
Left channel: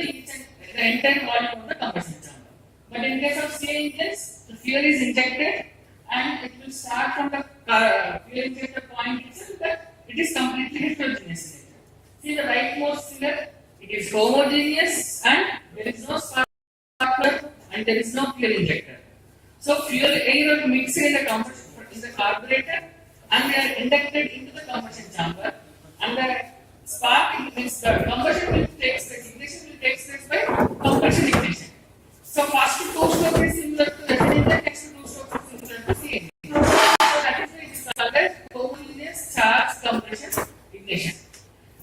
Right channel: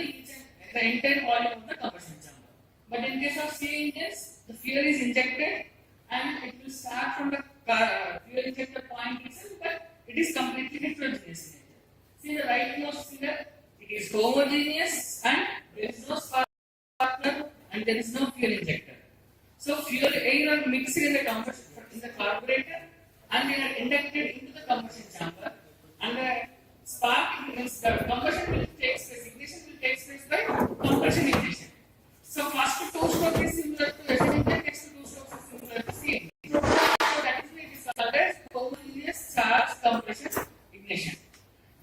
the entire volume of the combustion chamber. But in case of CA engines, the fuel is injected and it will start from the fuel injector point itself, but it is completely heterogeneous. See the rightmost figure, it is homogeneous and there is no spark plug and there is no fuel injector. So fuel air are mixed in the carburetor and they are inducted into the combustion chamber. And the spark means the combustion will take place, ignition will take place by compression ignition. So first two stroke is similar to SI engine, next two strokes is similar to CA engine. So that is why it is called as homogeneous charge compression ignition.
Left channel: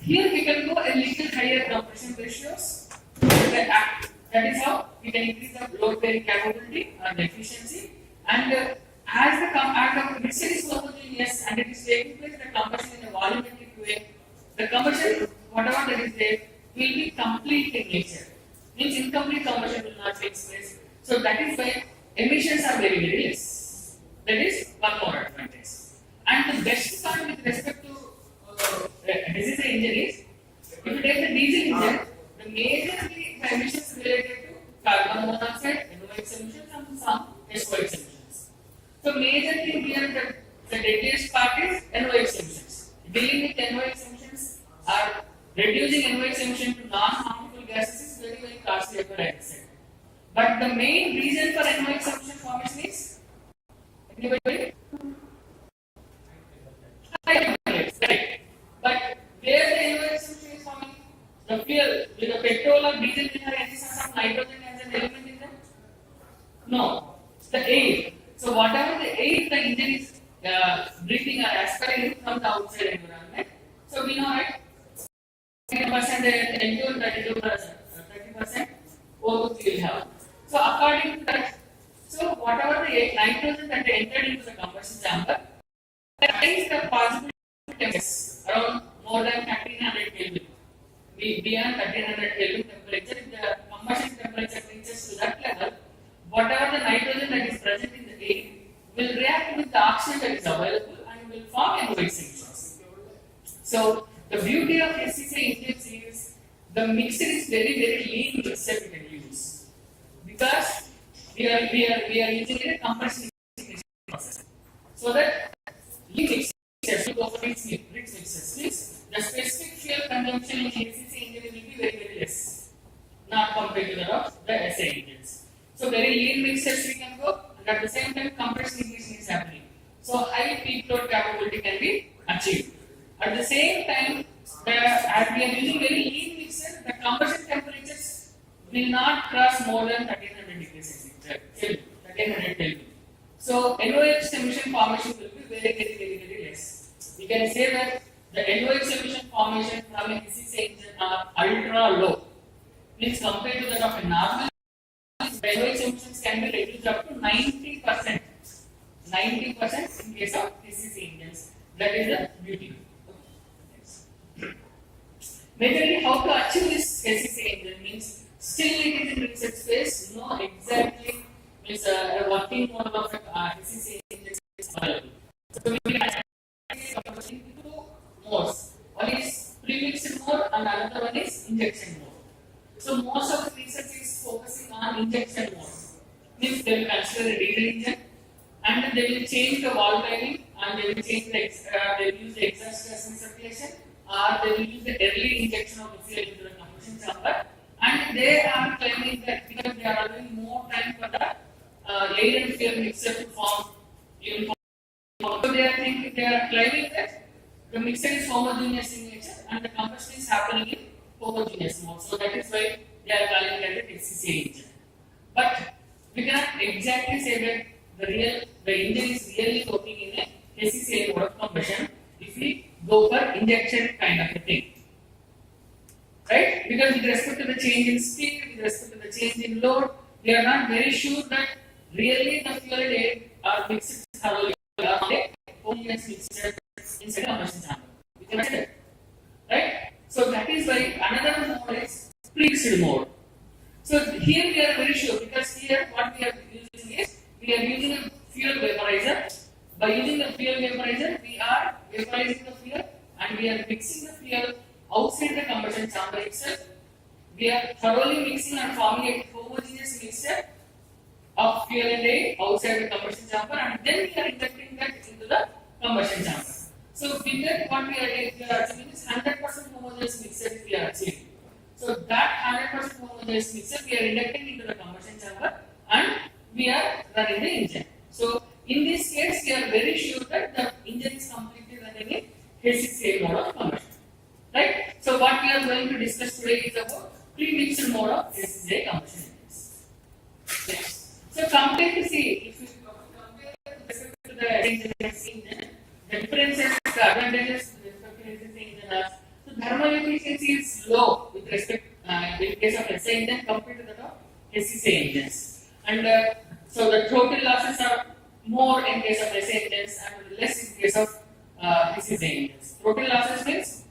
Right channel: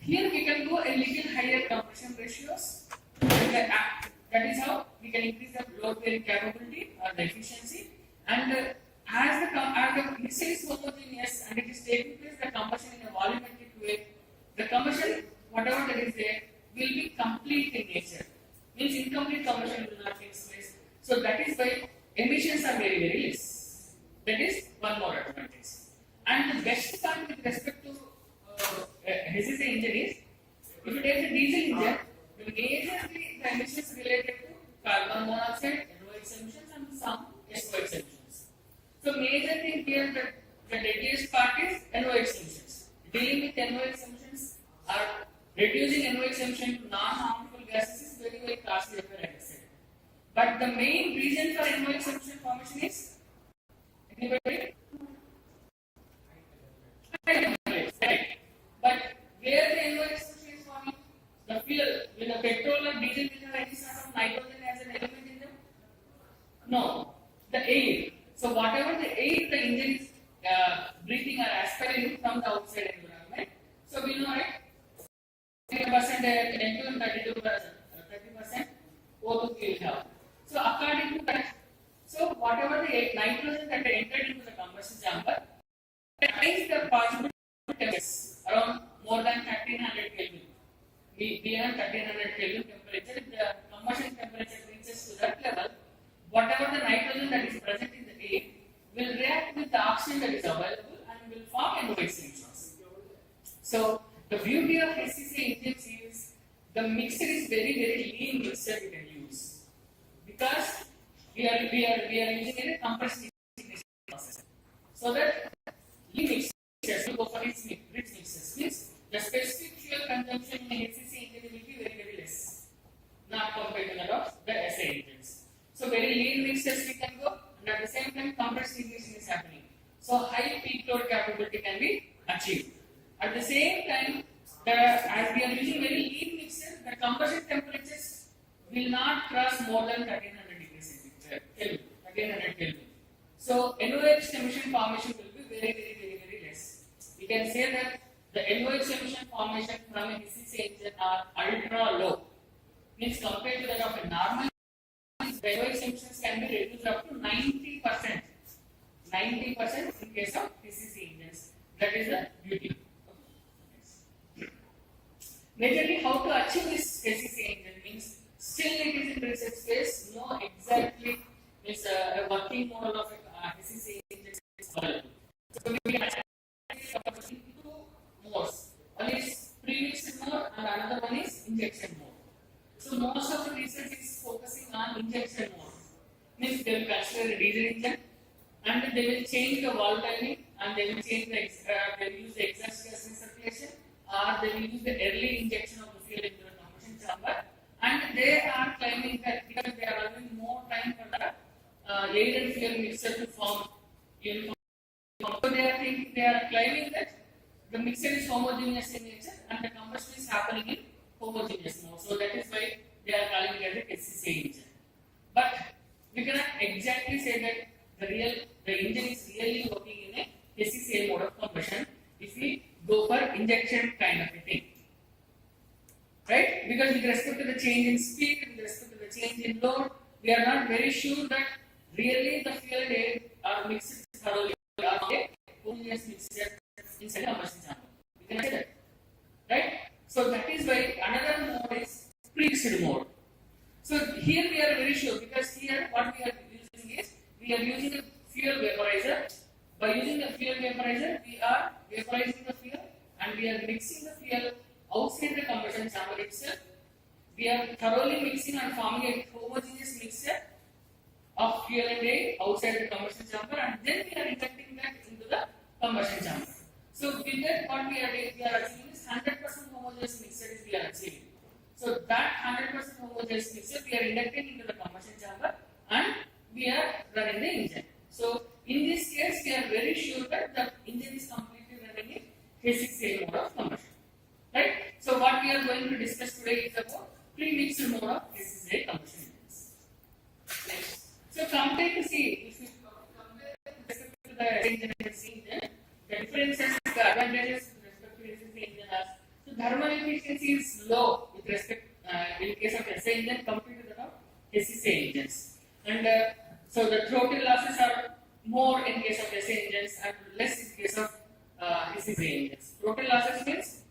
Here we can go a little higher compression ratios. That is how we can increase the load bearing capability or the efficiency. And as the mixture is homogeneous and it is taking place the combustion in a volumetric way, the combustion, whatever that is there, will be complete in nature. Means incomplete combustion will not take place. So that is why emissions are very, very less. That is one more advantage. And the best part with respect to this engine is, if you take the diesel engine, the majorly the emissions related to carbon monoxide, NOx emissions and some SOx emissions. So major thing here, the deadliest part is NOx emissions. Dealing with NOx emissions or reducing NOx emission to non-harmful gases is very, very costly for accident. But the main reason for NOx emission formation is, anybody? Right. But where the NOx emission is forming? The fuel, with the petrol or diesel will have any some nitrogen as an element in them? No. The air. So whatever the air the engine is breathing or aspirating from the outside environment. So we know right, 10% N2 and 30% O2 will have. So according to that, so whatever the nitrogen that entered into the combustion chamber, that is the possible temperatures around more than 1300 Kelvin. Beyond 1300 Kelvin temperature, if the combustion temperature reaches to that level, whatever the nitrogen that is present in the air will react with the oxygen oxygen that is available and will form NOx emissions. So the beauty of SCC engines is the mixture is very lean mixture we can use because we are using a compression process. So that lean mixture will go for rich mixtures means the specific fuel consumption in SCC engine will be very less, not compared to that of the SA engines. So very lean mixtures we can go, and at the same time compression ignition is happening. So high peak load capability can be achieved. At the same time, as we are using very lean mixture, the combustion temperatures will not cross more than 1300 degrees Celsius, 1300 Kelvin. So NOx emission formation will be very less. We can say that the NOx emission formation from a SCC engine are ultra low. Means compared to that of a normal, the NOx emissions can be reduced up to 90%. 90% in case of SCC engines. That is the beauty. Majorly, how to achieve this SCC engine means still it is in research phase. No exactly means a working model of SCC engine is available. So we can actually two modes. One is pre-mixed mode and another one is injection mode. So most of the research is focusing on injection mode. Means they will consider a diesel engine and they will change the valve timing and they will change the they will use the exhaust gas recirculation or they will use the early injection of the fuel into the combustion chamber, and they are claiming that because they are allowing more time for the air and fuel mixture to form uniform. So they are claiming that the mixture is homogeneous in nature and the combustion is happening in homogeneous mode. So that is why they are calling it as SCC engine. But we cannot exactly say that the engine is really working in a SCC mode of combustion if we go for injection kind of a thing. Right? Because with respect to the change in speed, with respect to the change in load, we are not very sure that really the fuel and air are mixed thoroughly or a homogeneous mixture inside the combustion chamber. We can say that. Right? So that is why another mode is pre-mixed mode. So here we are very sure because here what we are using is we are using a fuel vaporizer. By using the fuel vaporizer, we are vaporizing the fuel and we are mixing the fuel outside the combustion chamber itself. We are thoroughly mixing and forming a homogeneous mixture of fuel and air outside the combustion chamber, and then we are injecting that into the combustion chamber. So with that, what we are achieving is 100% homogeneous mixture we are achieving. So that 100% homogeneous mixture we are injecting into the combustion chamber and we are running the engine. So in this case, we are very sure that the engine is completely running in SCC mode of combustion. Right? So what we are going to discuss today is about pre-mixed mode of SCC combustion engines. Next. So compare to see if we compare to the engine, the differences, the advantages with respect to SCC engine are so thermal efficiency is low with respect in case of SA engine compared to that of SCC engines, and so the total losses are more in case of SA engines and less in case of SCC engines. Total losses means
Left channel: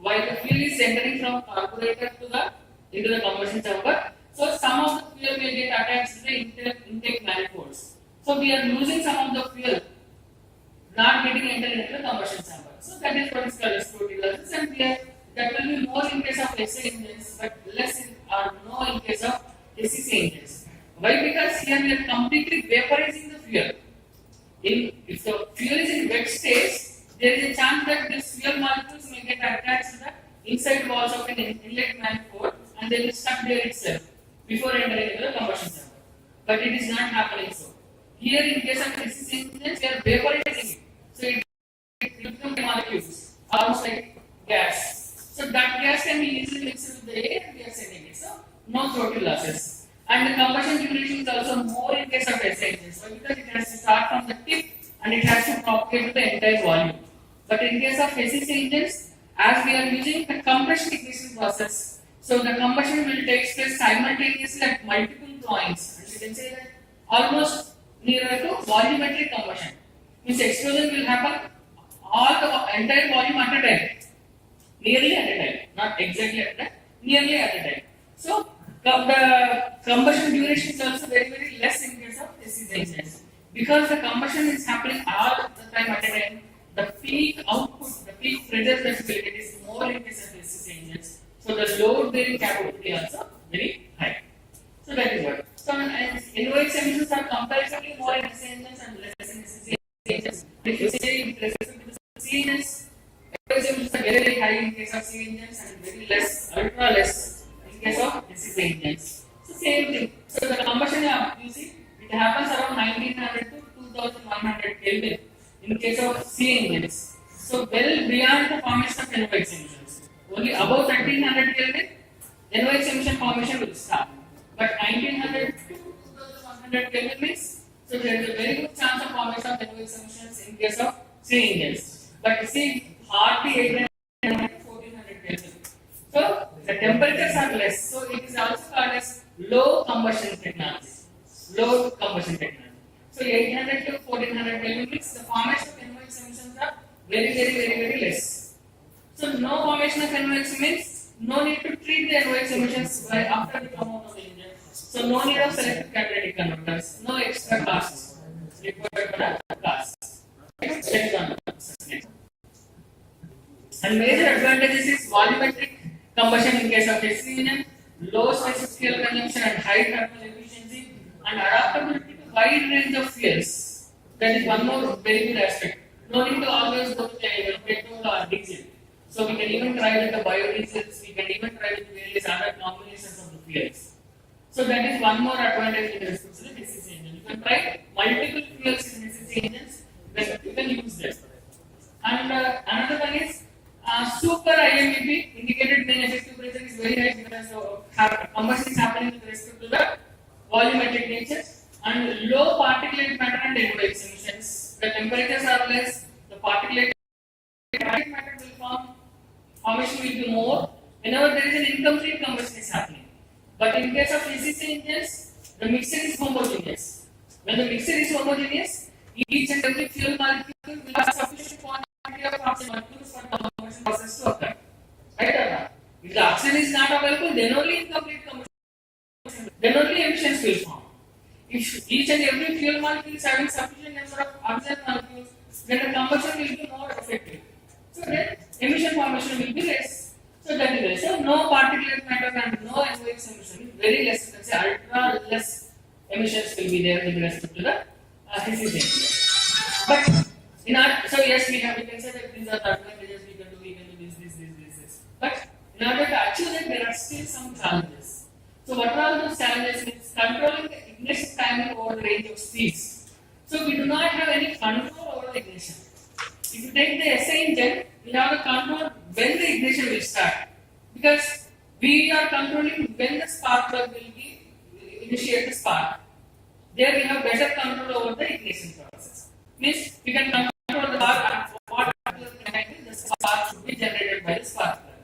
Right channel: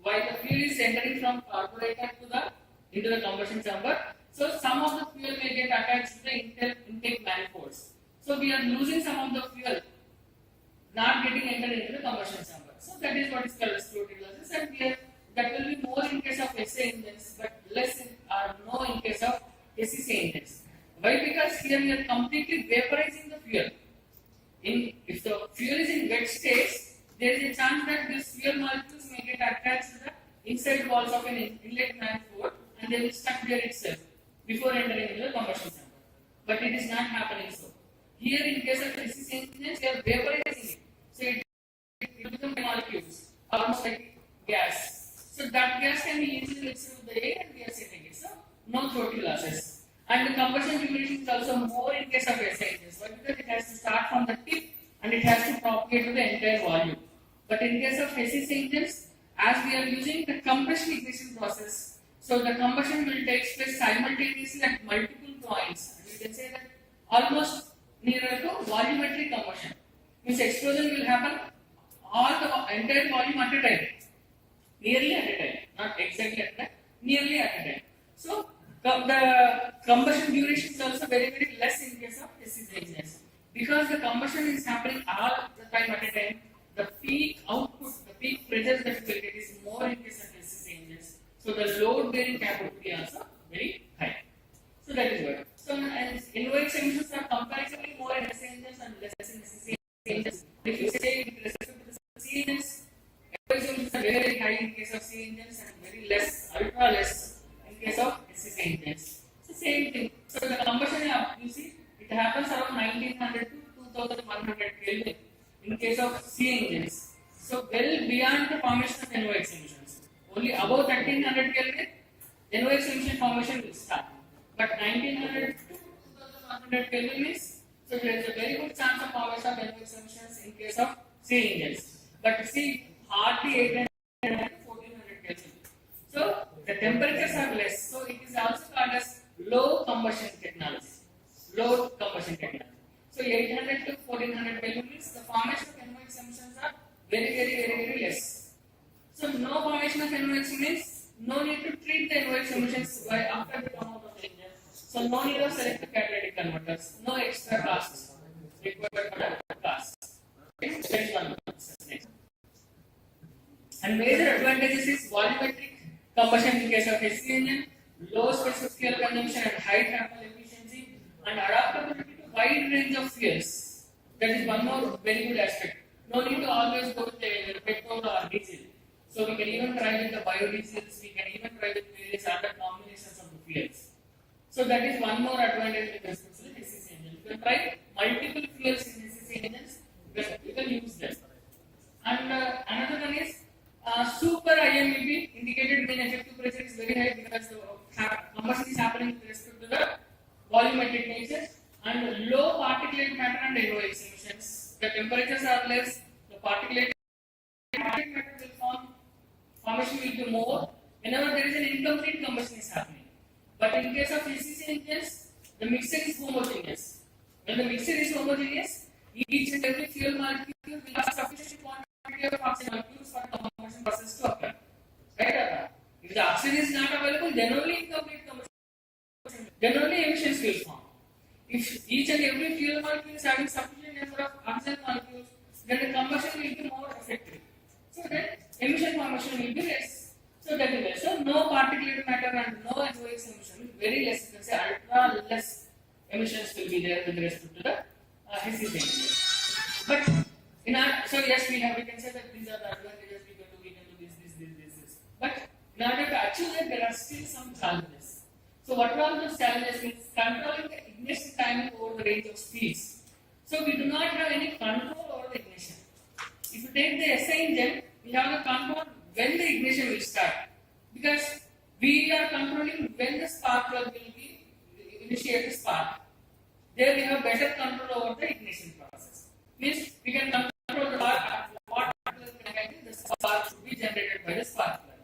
while the fuel is entering from carburetor to into the combustion chamber, so some of the fuel may get attached to the intake manifolds. So we are losing some of the fuel, not getting entered into the combustion chamber. So that is what is called as total losses, and that will be more in case of SA engines, but less or no in case of SCC engines. Why? Because here we are completely vaporizing the fuel. If the fuel is in wet state, there is a chance that these fuel molecules may get attached to the inside walls of an inlet manifold and they will stuck there itself before entering into the combustion chamber. But it is not happening so. Here in case of SCC engines, we are vaporizing it. So it becomes molecules, almost like gas. So that gas can be easily mixed with the air and we are sending it. So no total losses. And the combustion duration is also more in case of SA engines. Why? Because it has to start from the tip and it has to propagate to the entire volume. But in case of SCC engines, as we are using the compression ignition process, so the combustion will take place simultaneously at multiple points. And we can say that almost nearer to volumetric combustion. Means explosion will happen all the entire volume at a time. Nearly at a time. Not exactly at a time. Nearly at a time. So the combustion duration is also very less in case of SCC engines. because the combustion is happening all the time at a time, the peak output, the peak pressure that you will get is more in case of SCC engines. So the load bearing capability also very high. So that is what. So and NOx emissions are comparatively more in SC engines and less in SCC engines. If you say with respect to the C engines, NOx emissions are very, very high in case of C engines and very less, ultra less in case of SCC engines. So same thing. So the combustion, you see, it happens around 1900 to 2100 Kelvin in case of C engines. So well beyond the formation of NOx emissions. Only above 1300 Kelvin, NOx emission formation will start. But 1900 to 2100 Kelvin means, so there is a very good chance of formation of NOx emissions in case of C engines. But see, hardly 800 to 1400 Kelvin. So the temperatures are less. So it is also called as low combustion technology. Low combustion technology. So 800 to 1400 Kelvin means the formation of NOx emissions are very less. So no formation of NOx means no need to treat the NOx emissions by after they come out of the engine. So no need of selective catalytic converters, no extra costs required for the costs. And major advantages is volumetric combustion in case of SC engine, low specific fuel consumption and high thermal efficiency, and adaptability to wide range of fuels. That is one more very good aspect. No need to always go with petrol or diesel. So we can even try with the biodiesels, we can even try with various other combinations of the fuels. So that is one more advantage with respect to the SCC engine. You can try multiple fuels in SCC engines, then you can use them. And another one is super IMEP, indicated mean effective pressure, is very high because the combustion is happening with respect to the volumetric nature, and low particulate matter and NOx emissions. The temperatures are less, the particulate matter will form, formation will be more whenever there is an incomplete combustion is happening. But in case of SCC engines, the mixture is homogeneous. When the mixture is homogeneous, each and every fuel molecule will have sufficient quantity of oxygen molecules for the combustion process to occur. Right or not? If the oxygen is not available, then only incomplete combustion, then only emissions will form. If each and every fuel molecule is having sufficient number of oxygen molecules, then the combustion will be more effective. So then emission formation will be less. So that is less. So no particulate matter and no NOx emission, very less. You can say ultra less emissions will be there with respect to the SCC engine. But in our, so yes, we can say that these are the advantages, we can do this. But in order to achieve that, there are still some challenges. So what are those challenges? Means controlling the ignition timing over the range of speeds. So we do not have any control over the ignition. If you take the SI engine, we have a control when the ignition will start, because we are controlling when the spark plug will be initiate the spark. There we have better control over the ignition process. Means we can control the spark at what particular time the spark should be generated by the spark plug.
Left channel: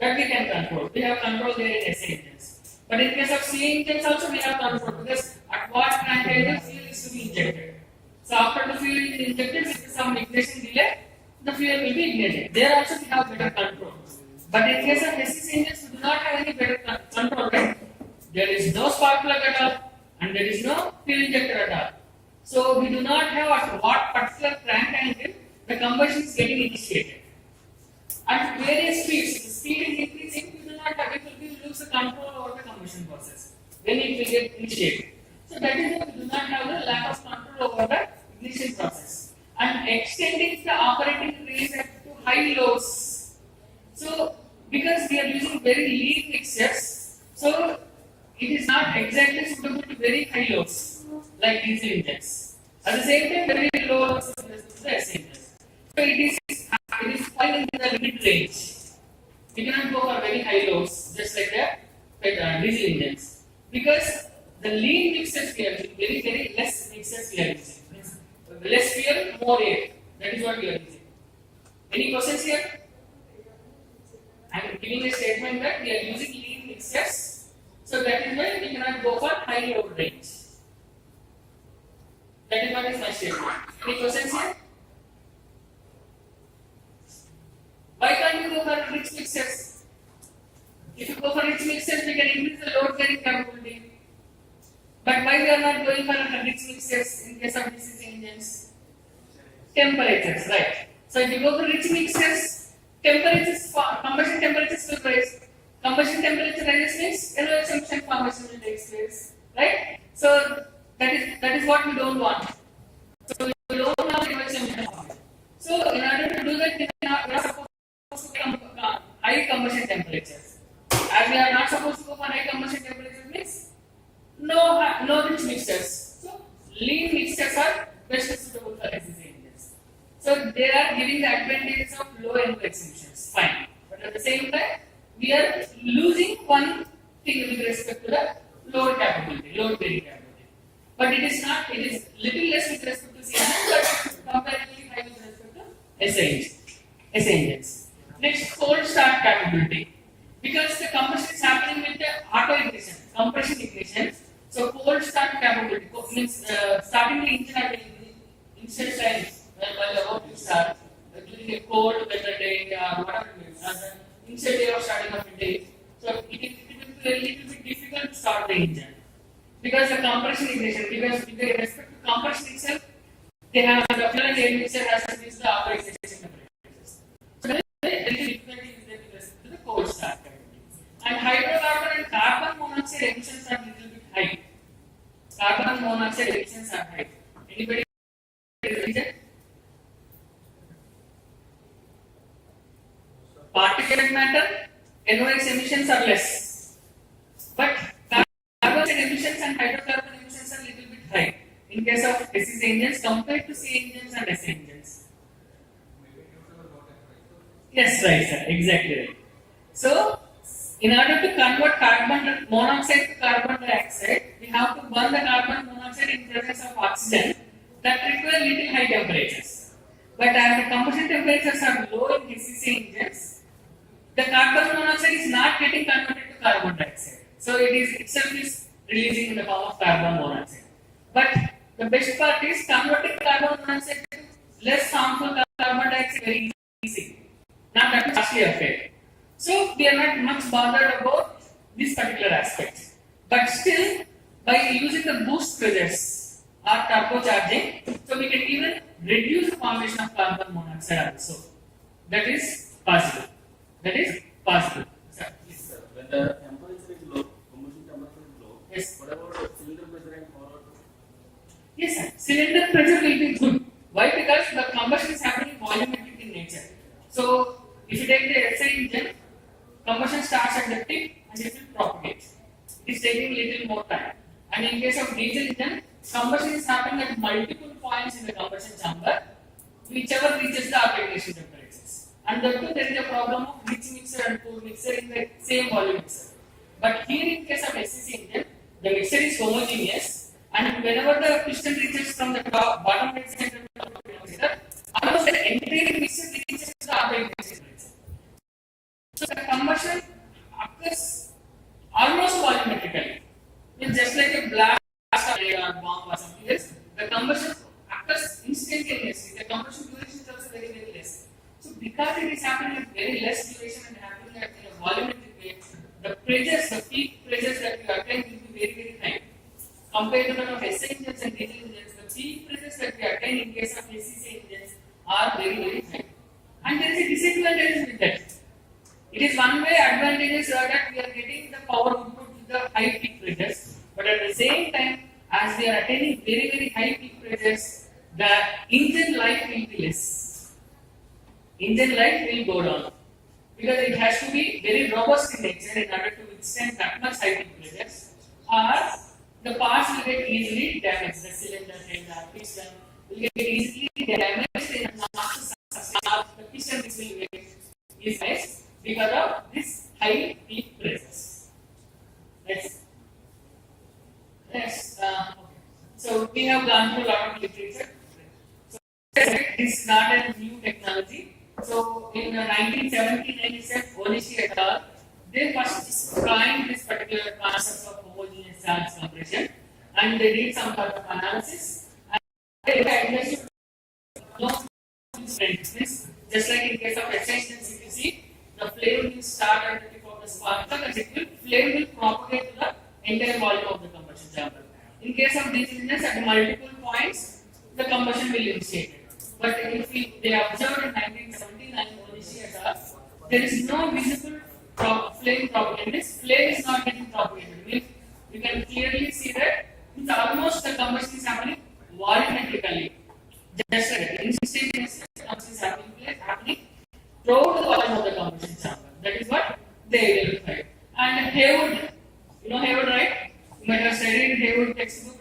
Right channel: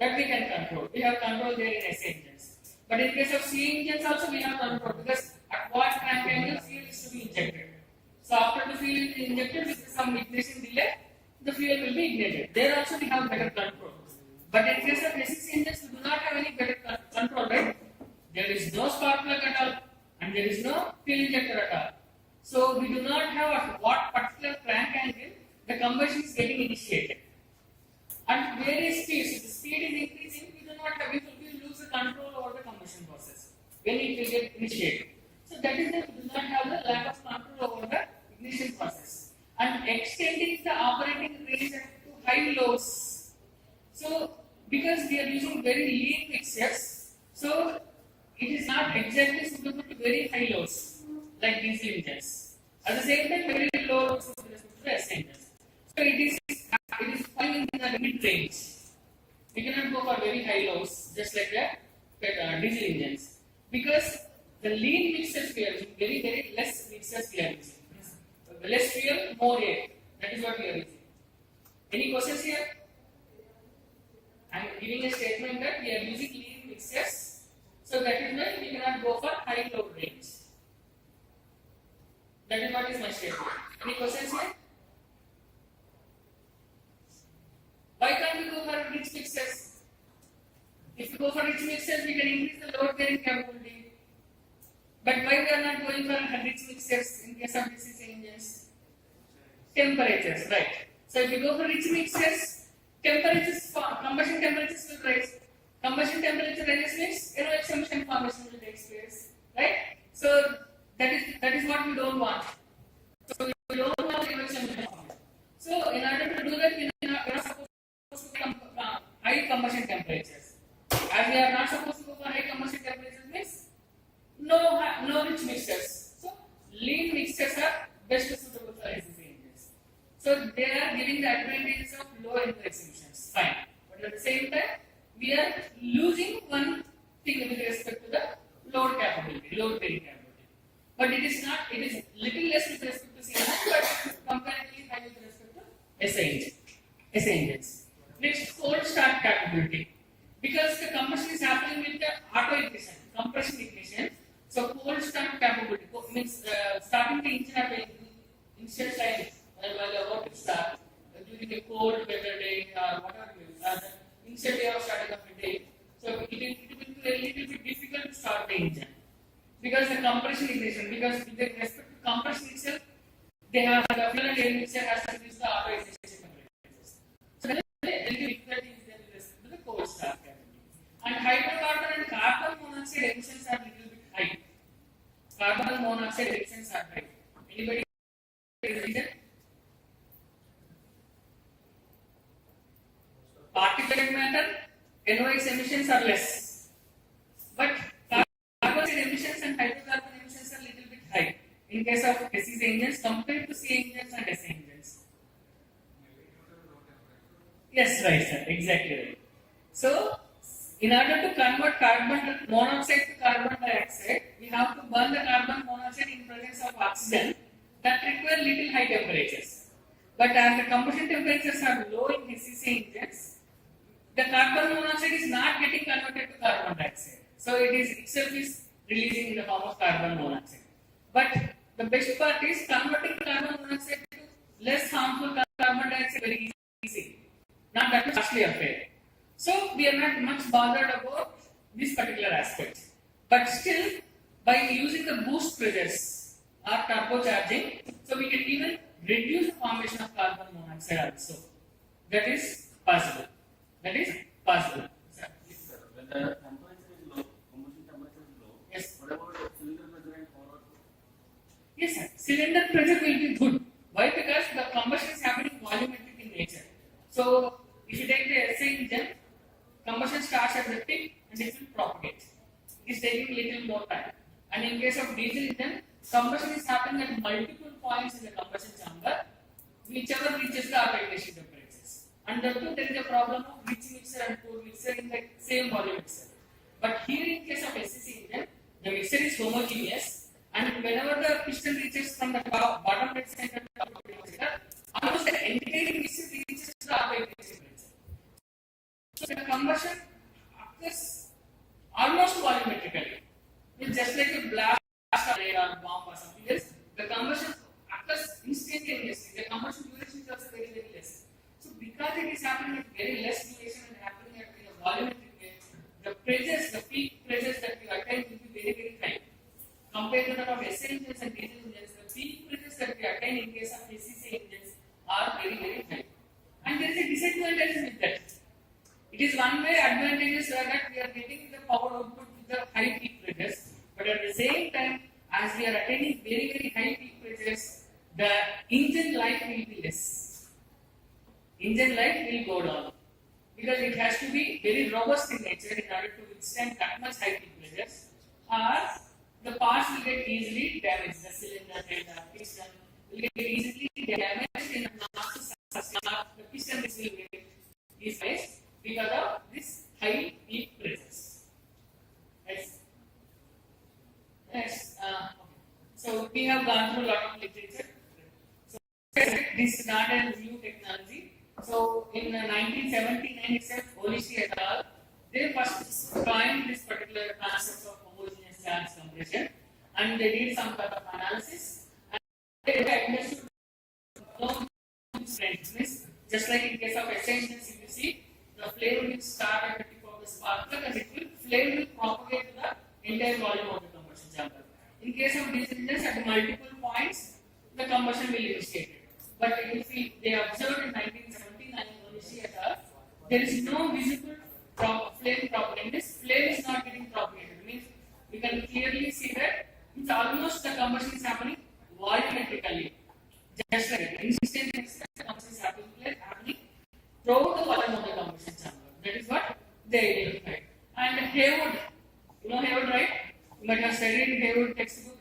That we can control. We have control there in SI engines. But in case of C engines also we have control, because at what time the fuel is to be injected. So after the fuel is injected with some ignition delay, the fuel will be ignited. There also we have better control. But in case of SCC engines, we do not have any better control, right? There is no spark plug at all, and there is no fuel injector at all. So we do not have at what particular crank angle the combustion is getting initiated. At various speeds, if the speed is increasing, we do not have, we will lose the control over the combustion process when it will get initiated. So that is why we do not have the lack of control over the ignition process. And extending the operating range to high loads. So because we are using very lean mixtures, so it is not exactly suitable to very high loads like diesel engines. At the same time, very low loads with respect to the SI engines. So it is falling in the mid range. We cannot go for very high loads just like the diesel engines, because the lean mixtures we are using, very less mixtures we are using. Less fuel, more air. That is what we are using. Any questions here? I am giving a statement that we are using lean mixtures, so that is why we cannot go for high load range. That is what is my statement. Any questions here? Why can't we go for rich mixtures? If you go for rich mixtures, we can increase the load carrying capability. But why we are not going for rich mixtures in case of disease engines? Temperatures, right? So if you go for rich mixtures, temperatures, combustion temperatures will rise. Combustion temperature rises means NOx emission formation will take place, right? So that is what we don't want. So we don't have NOx emission formation. So in order to do that, we are supposed to high combustion temperatures. As we are not supposed to go for high combustion temperatures means no rich mixtures. So lean mixtures are best suitable for SSC engines. So they are giving the advantages of low NOx emissions, fine. But at the same time, we are losing one thing with respect to the load capability, load carrying capability. But it is not, it is little less with respect to CNS, but comparatively high with respect to SA engines. Next, cold start capability. Because the combustion is happening with the auto ignition, compression ignition. So cold start capability means starting the engine at the initial times while about to start during a cold weather day or whatever it is, initial day of starting of a day. So it will be a little bit difficult to start the engine because the compression ignition. Because with respect to compression itself, they have the fuel and air mixture has to reach the auto ignition temperatures. So there is a little difficulty with respect to the cold start capability. And hydrocarbon and carbon monoxide emissions are little bit high. Carbon monoxide emissions are high. Anybody reason? Particulate matter, NOx emissions are less. But carbon emissions and hydrocarbon emissions are little bit high in case of SEC engines compared to C engines and S engines. Yes, right, sir. Exactly right. So, in order to convert carbon monoxide to carbon dioxide, we have to burn the carbon monoxide in presence of oxygen that require little high temperatures. But as the combustion temperatures are low in SEC engines, the carbon monoxide is not getting converted to carbon dioxide. So it is itself is releasing in the form of carbon monoxide. But the best part is converting carbon monoxide to less harmful carbon dioxide very easy. Not that much costly affair. So we are not much bothered about this particular aspect. But still, by using the boost pressures or turbocharging, so we can even reduce the formation of carbon monoxide also. That is possible. That is possible. Sir, yes, sir. When the temperature is low, combustion temperature is low. Yes. What about cylinder pressure and forward? Yes, sir. Cylinder pressure will be good. Why? Because the combustion is happening volumetric in nature. So, if you take the SI engine, combustion starts at the tip and it will propagate. It is taking little more time. And in case of diesel engine, combustion is happening at multiple points in the combustion chamber, whichever reaches the ignition temperatures. And therefore, there is a problem of rich mixer and poor mixer in the same volume mixer. But here in case of SEC engine, the mixture is homogeneous, and whenever the piston reaches from the top, bottom right center to the top mixer, almost the entire mixture reaches the upper ignition temperature. So the combustion occurs almost volumetrically. It's just like a blast or bomb or something else. The combustion occurs instantaneously. The combustion duration is also very, very less. So because it is happening at very less duration and happening at a volumetric rate, the pressures, the peak pressures that you attain will be very, very high. Compared to that of SI engines and diesel engines, the peak pressures that we attain in case of SEC engines are very, very high. And there is a disadvantage with that. It is one way advantages that we are getting the power output with the high peak pressures, but at the same time, as we are attaining very, very high peak pressures, the engine life will be less. Engine life will go down because it has to be very robust in nature in order to withstand that much high peak pressures, or the parts will get easily damaged. The cylinder head, the piston will get easily damaged in not to sustain. The piston will get is less because of this high peak pressures. Next. Okay. So we have gone through a lot of literature. So this is not a new technology. So in 1979 itself, Olishi et al. They first coined this particular concept of homogeneous charge compression, and they did some sort of analysis. And they understood this, just like in case of SI engines, if you see, the flame will start at the tip of the spark plug and flame will propagate to the entire volume of the combustion chamber. in case of these engines at multiple points, the combustion will initiate. But if they observed in 1979 Onishi et al., there is no visible flame propagation. This flame is not getting propagated. Means you can clearly see that it's almost the combustion is happening volumetrically. Just like instantaneous combustion is happening throughout the volume of the combustion chamber. That is what they verified. And Haywood, you know Haywood, right? You might have studied Haywood textbook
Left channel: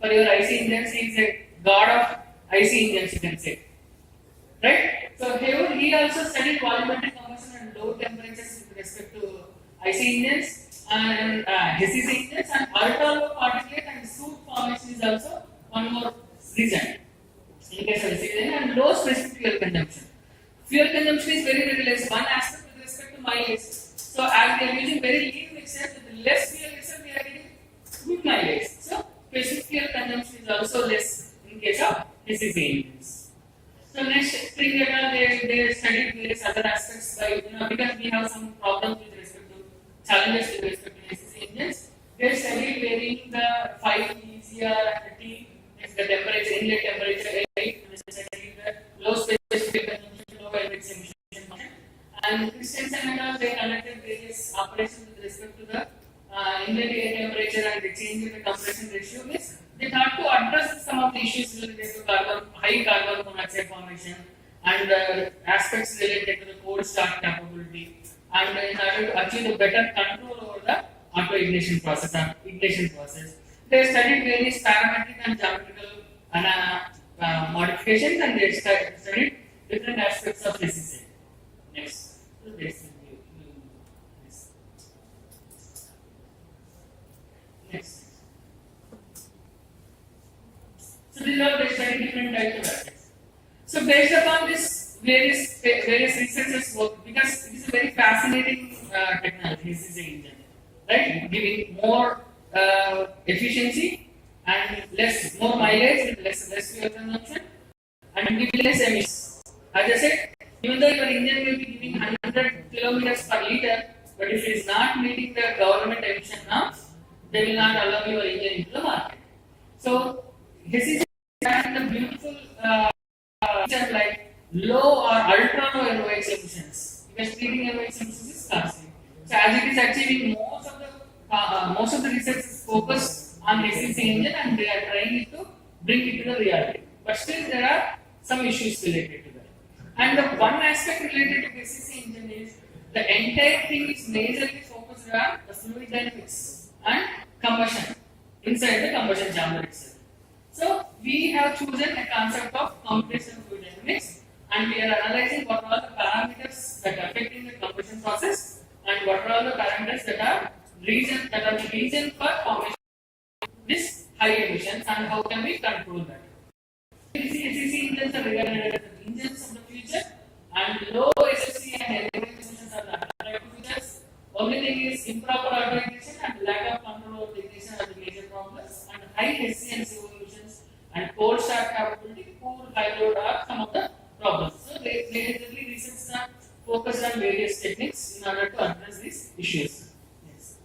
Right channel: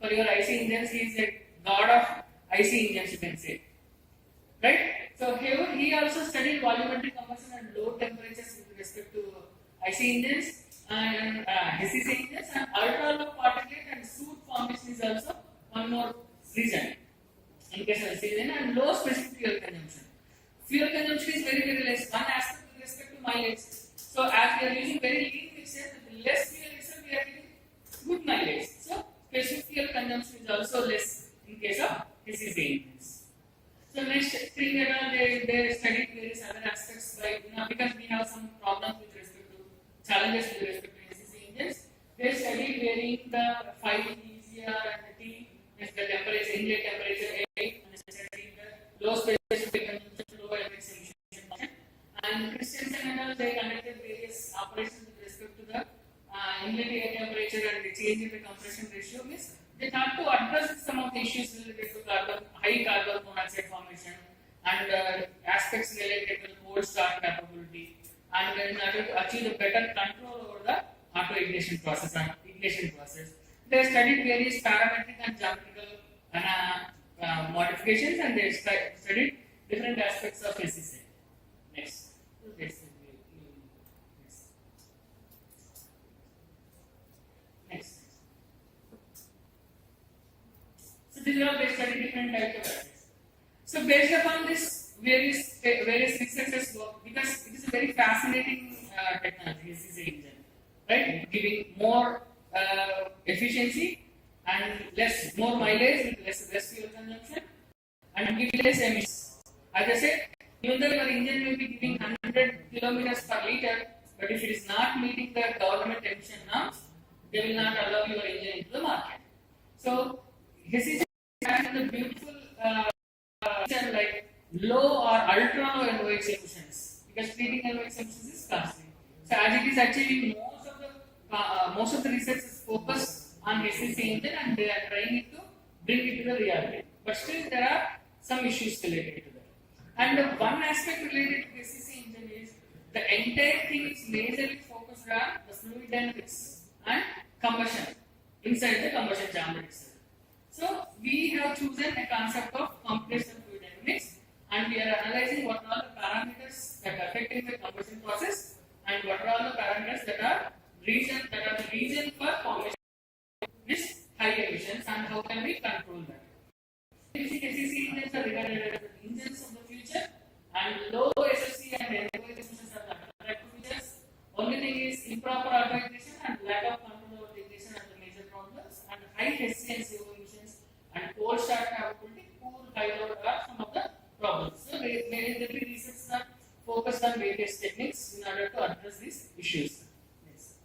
for your IC engines. He is a god of IC engines, you can say. Right? So Haywood, he also studied volumetric combustion and low temperatures with respect to IC engines and SEC engines, and ATAL particulate and soot formation is also one more reason in case of SEC engine, and low specific fuel consumption. Fuel consumption is very, very less. One aspect with respect to mileage. So as we are using very lean mixture, with less fuel itself, we are getting good mileage. So specific fuel consumption is also less in case of SEC engines. So next thing they studied various other aspects by, because we have some problems with respect to challenges with respect to SEC engines. They studied varying the 5 ECR and T, the temperature, inlet temperature, A, and they studied the low specific consumption, low LX emission function. And Christensen and all, they conducted various operations with respect to the inlet air temperature and the change in the compression ratio. Means they thought to address some of the issues related to high carbon monoxide formation and aspects related to the cold start capability, and in order to achieve a better control over the auto ignition process and ignition process. They studied various parametric and geometrical modifications, and they studied different aspects of SEC. Next. Next. So these are they study different types of aspects. So based upon this, various researchers work, because it is a very fascinating technology. This is the engine, right? Giving more efficiency and more mileage with less fuel consumption and giving less emissions. As I said, even though your engine may be giving 100 kilometers per liter, but if it is not meeting the government emission norms, they will not allow your engine into the market. So this is the beautiful like low or ultra low NOx emissions, because treating NOx emissions is costly. So as it is achieving most of the research is focused on SEC engine, and they are trying to bring it to the reality. But still there are some issues related to that. And the one aspect related to SEC engine is the entire thing is majorly focused on the fluid dynamics and combustion inside the combustion chamber itself. So we have chosen a concept of computational fluid dynamics, and we are analyzing what are all the parameters that are affecting the combustion process and what are all the parameters that are the reason for formation of this high emissions, and how can we control that. SEC engines are regarded as the engines of the future, and low SFC and NOx emissions are the attractive features. Only thing is improper auto ignition and lack of control over the ignition are the major problems, and high SC and CO emissions and cold start capability, poor high load are some of the problems. So basically research are focused on various techniques in order to address these issues. Next.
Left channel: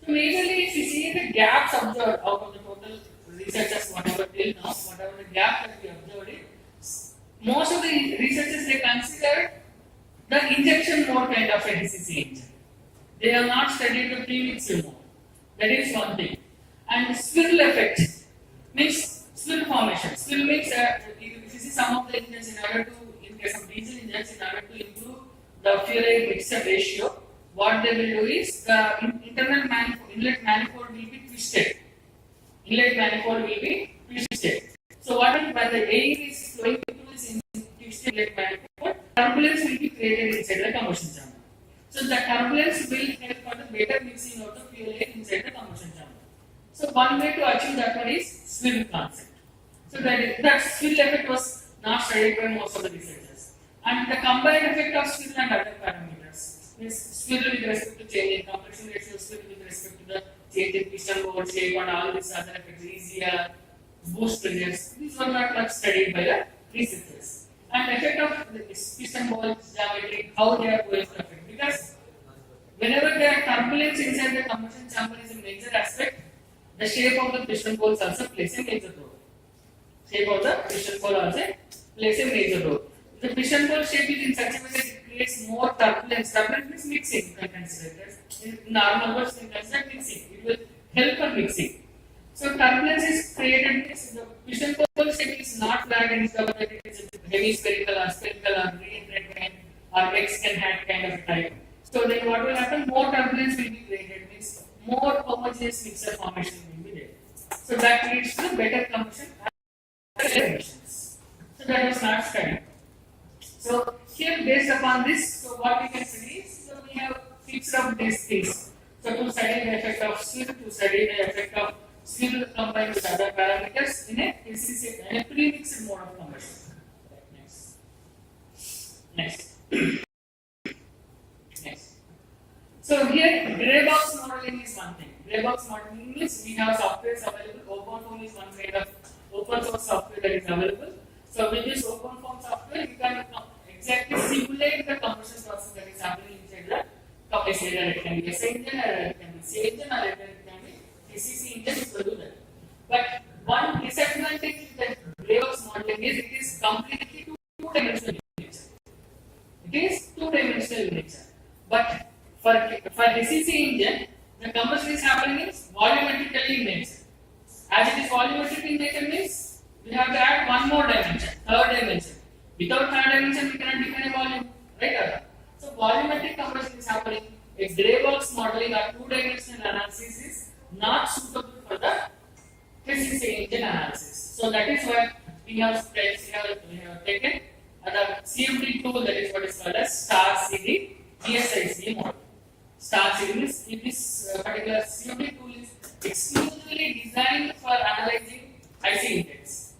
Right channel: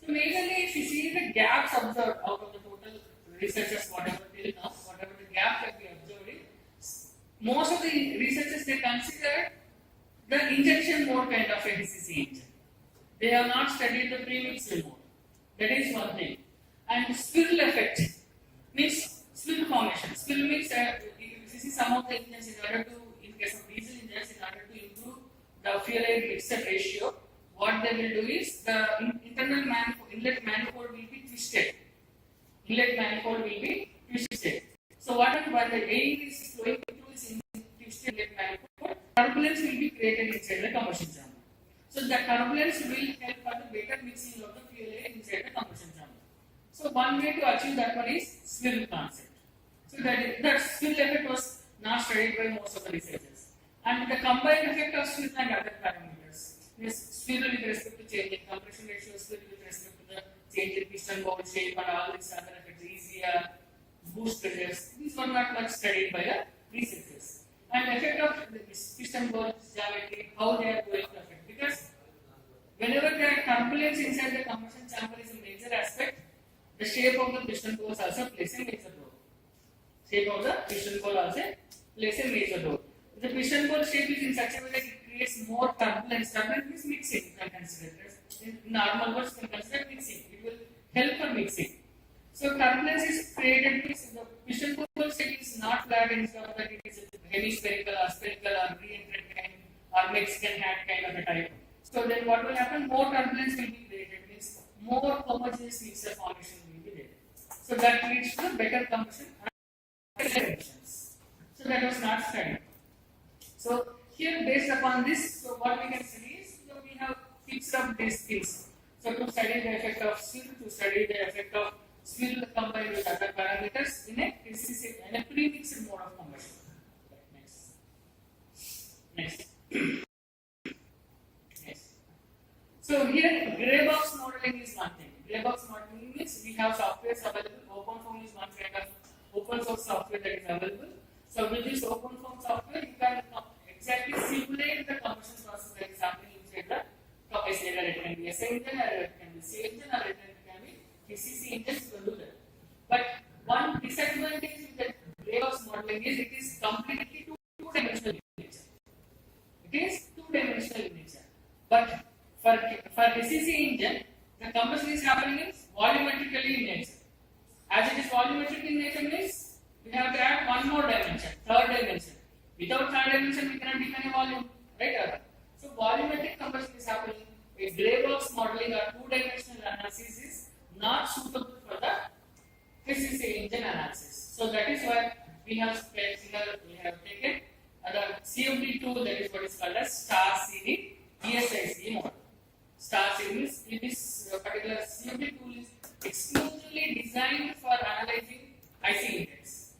So majorly if you see the gaps observed out of the total researchers, whatever till now, whatever the gap that we observed in, most of the researchers they consider the injection mode kind of a SEC engine. They have not studied the premixed mode. That is one thing. And swirl effect means swirl formation. Swirl means if you see some of the engines in case of diesel engines, in order to improve the fuel air mixture ratio, what they will do is the internal inlet manifold will be twisted. So what if when the air is flowing through this twisted inlet manifold, turbulence will be created inside the combustion chamber. So the turbulence will help for the better mixing of the fuel air inside the combustion chamber. So one way to achieve that one is swirl concept. So that swirl effect was not studied by most of the researchers. And the combined effect of swirl and other parameters is swirl with respect to change in compression ratio, swirl with respect to the change in piston bore shape, and all these other effects, easier boost pressures. These were not much studied by the researchers. And effect of the piston bore geometry, how they are going to affect, because whenever there are turbulence inside the combustion chamber is a major aspect the shape of the piston poles also plays a major role. Shape of the piston pole also plays a major role. The piston pole shape is in such a way that it creates more turbulence. Turbulence means mixing. You can consider it. In normal words, you can consider mixing. It will help for mixing. So turbulence is created means the piston pole shape is not flat and stuff, but it is hemispherical or spherical or reiterated or Mexican hat kind of a type. So then what will happen? More turbulence will be created, means more homogeneous mixture formation will be there. So that leads to better combustion and emissions. So that was not studied. So here based upon this, so what we can study is, so we have fixed up these things. So to study the effect of swirl, to study the effect of swirl combined with other parameters in a pre-mixed mode of combustion. Next. So here grey box modeling is one thing. Grey box modeling means we have software available. OpenFOAM is one kind of open source software that is available. So with this OpenFOAM software, you can exactly simulate the combustion process that is happening inside the compressor. Either it can be SI engine, or it can be C engine, or it can be PCC engine. You can do that. But one disadvantage with the grey box modeling is it is completely two-dimensional in nature. It is two-dimensional in nature. But for SEC engine, the combustion is happening is volumetrically in nature. As it is volumetric in nature means we have to add one more dimension, third dimension. Without third dimension, we cannot define a volume, right? So volumetric combustion is happening. A grey box modeling or two-dimensional analysis is not suitable for the SEC engine analysis. So that is why we have taken the CFD tool, that is what is called as star CD AICTE model. Star CD means this particular CFD tool is exclusively designed for analyzing IC engines.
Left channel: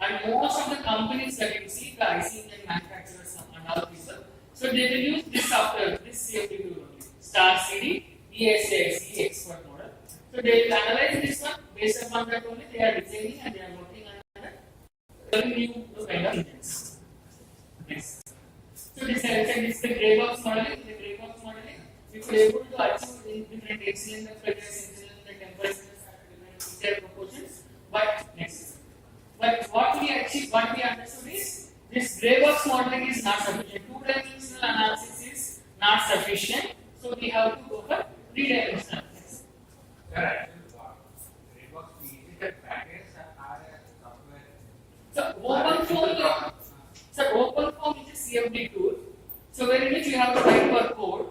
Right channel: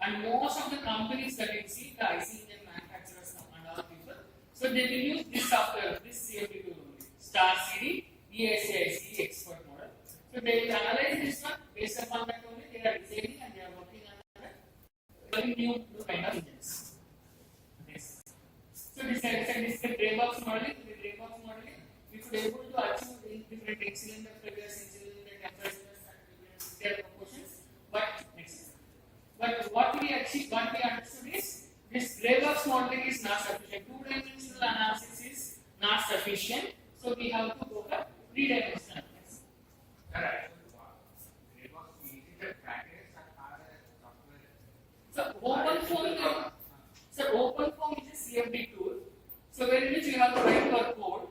And most of the companies that you see, the IC engine manufacturers and other people, so they will use this software, this CFD tool only, Star CD AICTE expert model. So they will analyze this one, based upon that only they are designing and they are working on very new kind of engines. Next. So this is the grey box modeling. The grey box modeling, we were able to achieve in different cylinder pressures, cylinder temperatures, and different proportions. But what we understood is this grey box modeling is not sufficient. Two-dimensional analysis is not sufficient. So we have to go for three-dimensional analysis. Correct. Grey box is a package or a software? So OpenFOAM is a CFD tool. So where in which you have to write your code.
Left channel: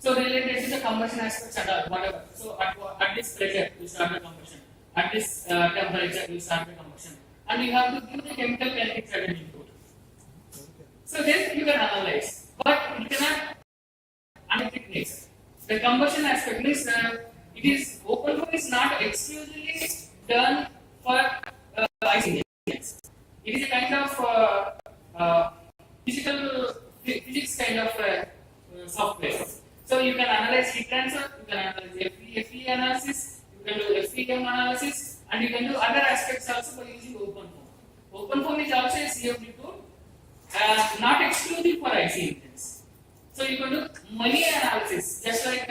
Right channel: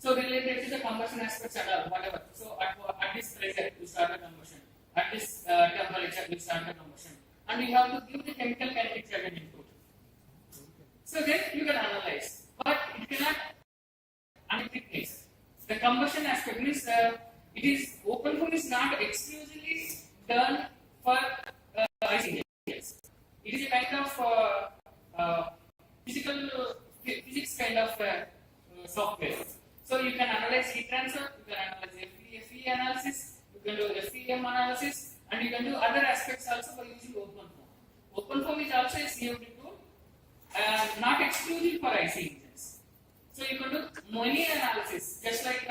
So related to the combustion aspects and all, whatever. So at this pressure, you start the combustion. At this temperature, you start the combustion. And you have to give the chemical kinetics as an input. So then you can analyze. But it cannot analytic nature. The combustion aspect means OpenFOAM is not exclusively done for IC engines. It is a kind of physics kind of software. So you can analyze heat transfer, you can analyze FE analysis, you can do FEM analysis, and you can do other aspects also by using OpenFOAM. OpenFOAM is also a CFD tool, not exclusive for IC engines. So you can do many analysis, just like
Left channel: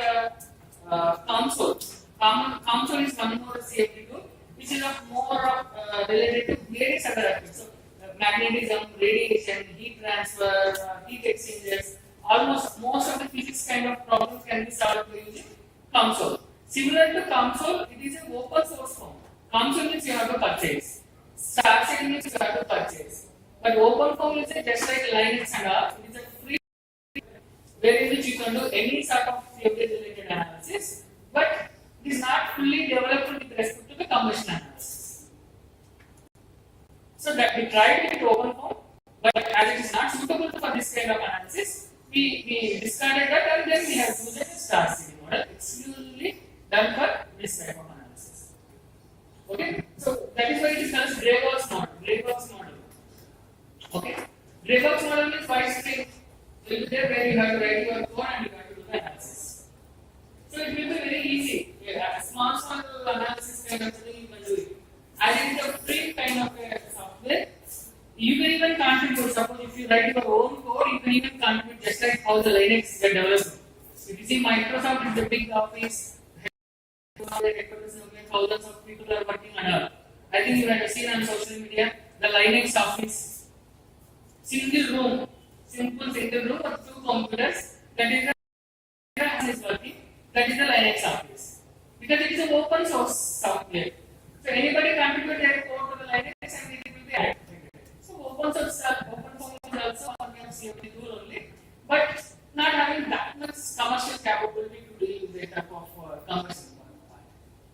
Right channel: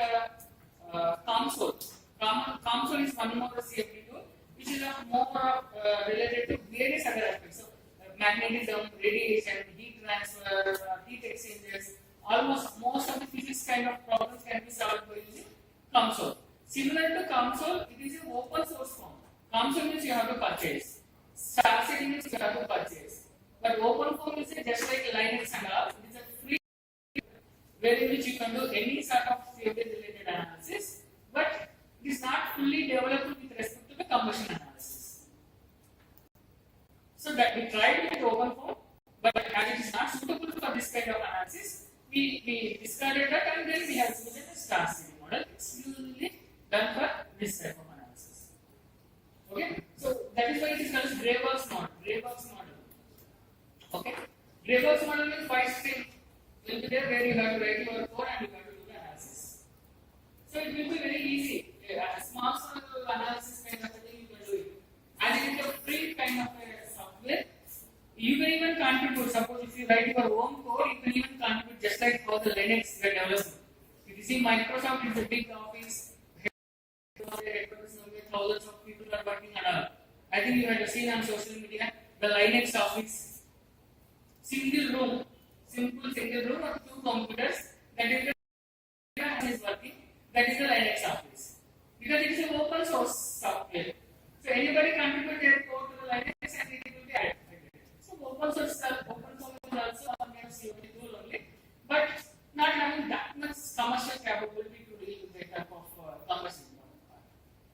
COMSOL. COMSOL is coming out of CFD tool, which is more related to various other aspects. So, magnetism, radiation, heat transfer, heat exchangers, almost most of the physics kind of problems can be solved by using COMSOL. Similar to COMSOL, it is an open source form. COMSOL means you have to purchase. Star CD means you have to purchase. But OpenFOAM is just like Linux and all. It is a free, wherein which you can do any sort of CFD related analysis, but it is not fully developed with respect to the combustion analysis. So that we tried with OpenFOAM, but as it is not suitable for this kind of analysis, we discarded that and then we have used the star CD model exclusively done for this type of analysis. Okay, so that is why it is called grey box model. Grey box model. Okay, grey box model means white screen will be there where you have to write your code and you have to do the analysis. So it will be very easy. A small analysis kind of thing you can do it. And it is a free kind of software. You can even contribute. Suppose if you write your own code, you can even contribute just like how the Linux get developed. If you see Microsoft is a big office, have the headquarters where thousands of people are working on. I think you have seen on social media the Linux office, single room, simple single room of 2 computers. That is the one is working. That is the Linux office because it is an open source software. So anybody contribute their code to the Linux and it will be activated. So open source is also one kind of CFD tool only, but not having that much commercial capability to deal with that type of combustion.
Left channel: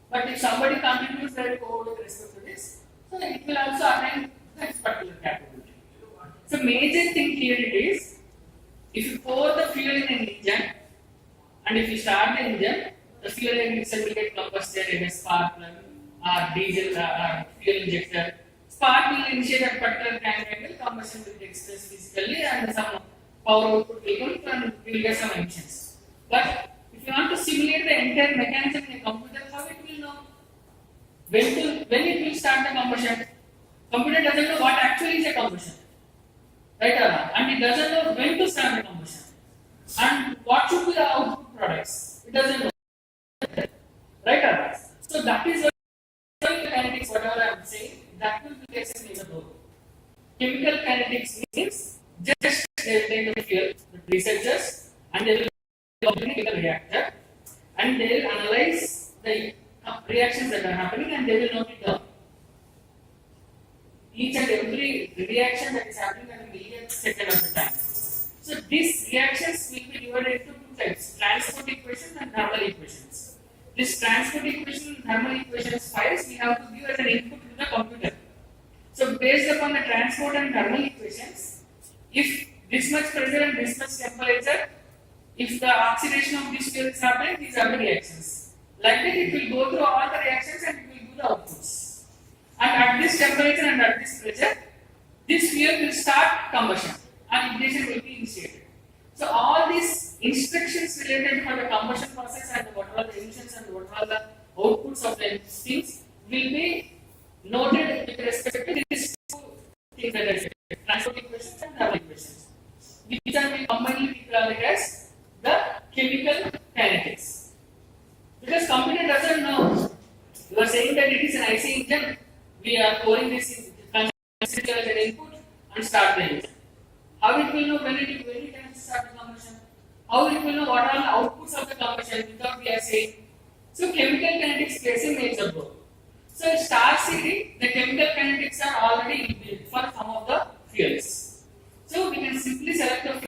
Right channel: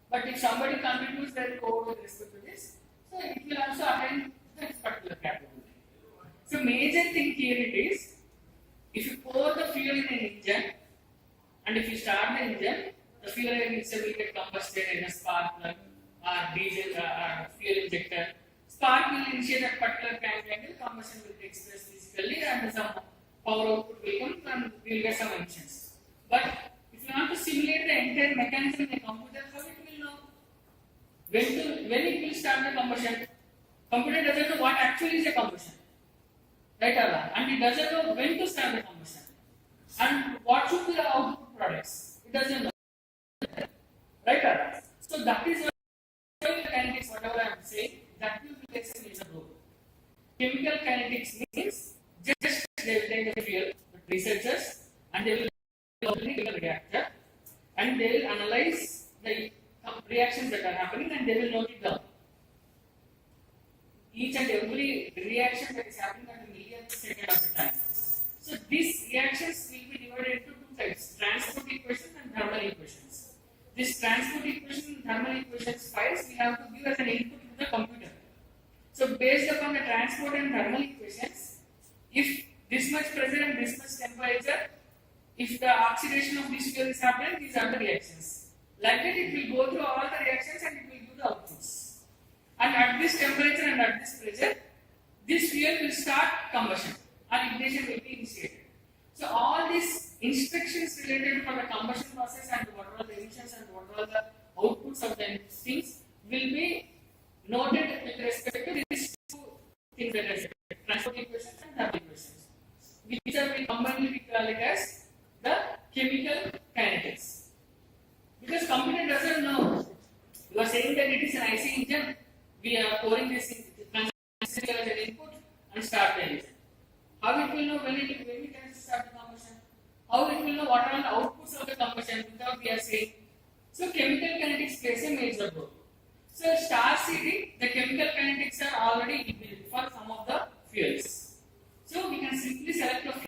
But if somebody contributes their code with respect to this, so it will also attain that particular capability. So major thing here it is, if you pour the fuel in an engine and if you start the engine, the fuel itself will get combusted in a spark plug or diesel or fuel injector. Spark will initiate that particular angle, combustion will take place physically and some power output will come and we will get some emissions. But if you want to simulate the entire mechanism in a computer, how it will know? When it will start the combustion? Computer doesn't know what actually is a combustion. Right or wrong? And it doesn't know when to start the combustion. And what should be the output products? It doesn't know. Right or wrong? So that is why kinetics, whatever I am saying, that will be a major role. Chemical kinetics means just they will take the fuel, the researchers, and they will open a reactor, and they will analyze the reactions that are happening, and they will note it down. Each and every reaction that is happening at a millionth second of the time. So these reactions will be divided into 2 types: transport equation and thermal equations. This transport equation and thermal equations files we have to give as an input to the computer. So based upon the transport and thermal equations, if this much pressure and this much temperature, if the oxidation of this fuel is happening, these are the reactions. Like that, it will go through all the reactions and it will give the outputs. And at this temperature and at this pressure, this fuel will start combustion and ignition will be initiated. So all these instructions related to the combustion process and what are the emissions and what are the outputs of the things will be noted with respect to these 2 things that I said, transport equations and thermal equations. These are we commonly call it as the chemical kinetics. Because computer doesn't know. You are saying that it is an IC engine, we are pouring this in, consider as an input and start the engine. How it will know when it can start the combustion? How it will know what are the outputs of the combustion without we are saying? So chemical kinetics plays a major role. So in star CD, the chemical kinetics are already built for some of the fuels. So we can simply select the fuel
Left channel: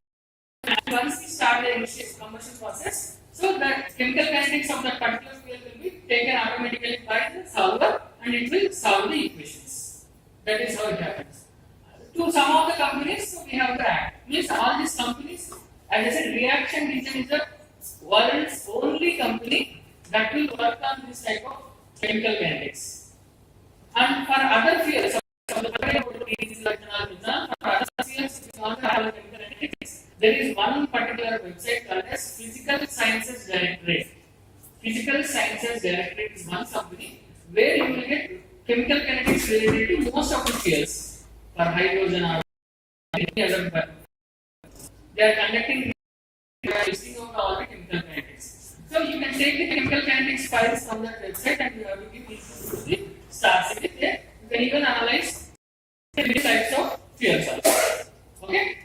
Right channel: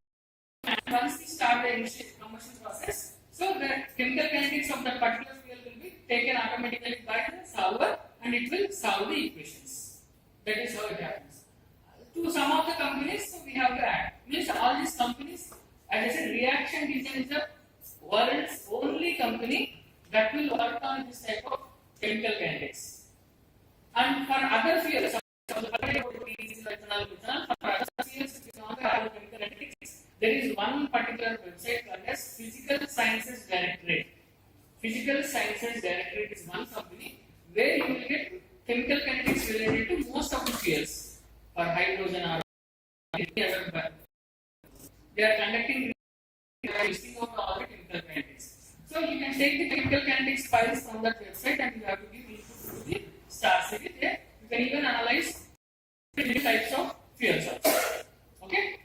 and once we start the initial combustion process, so the chemical kinetics of that particular fuel will be taken automatically by the solver and it will solve the equations. That is how it happens. To some of the companies, so we have the ACT. Means all these companies, as I said, Reaction Region is the world's only company that will work on this type of chemical kinetics. And for other fuels, for other fuels, if you want to have chemical kinetics, there is one particular website called as Physical Sciences Directorate. Physical Sciences Directorate is one company where you will get chemical kinetics related to most of the fuels. For hydrogen or any other, they are conducting listing of all the chemical kinetics. So you can take the chemical kinetics files from that website and you have to give input to the star city there. You can even analyze different types of fuels also. Okay?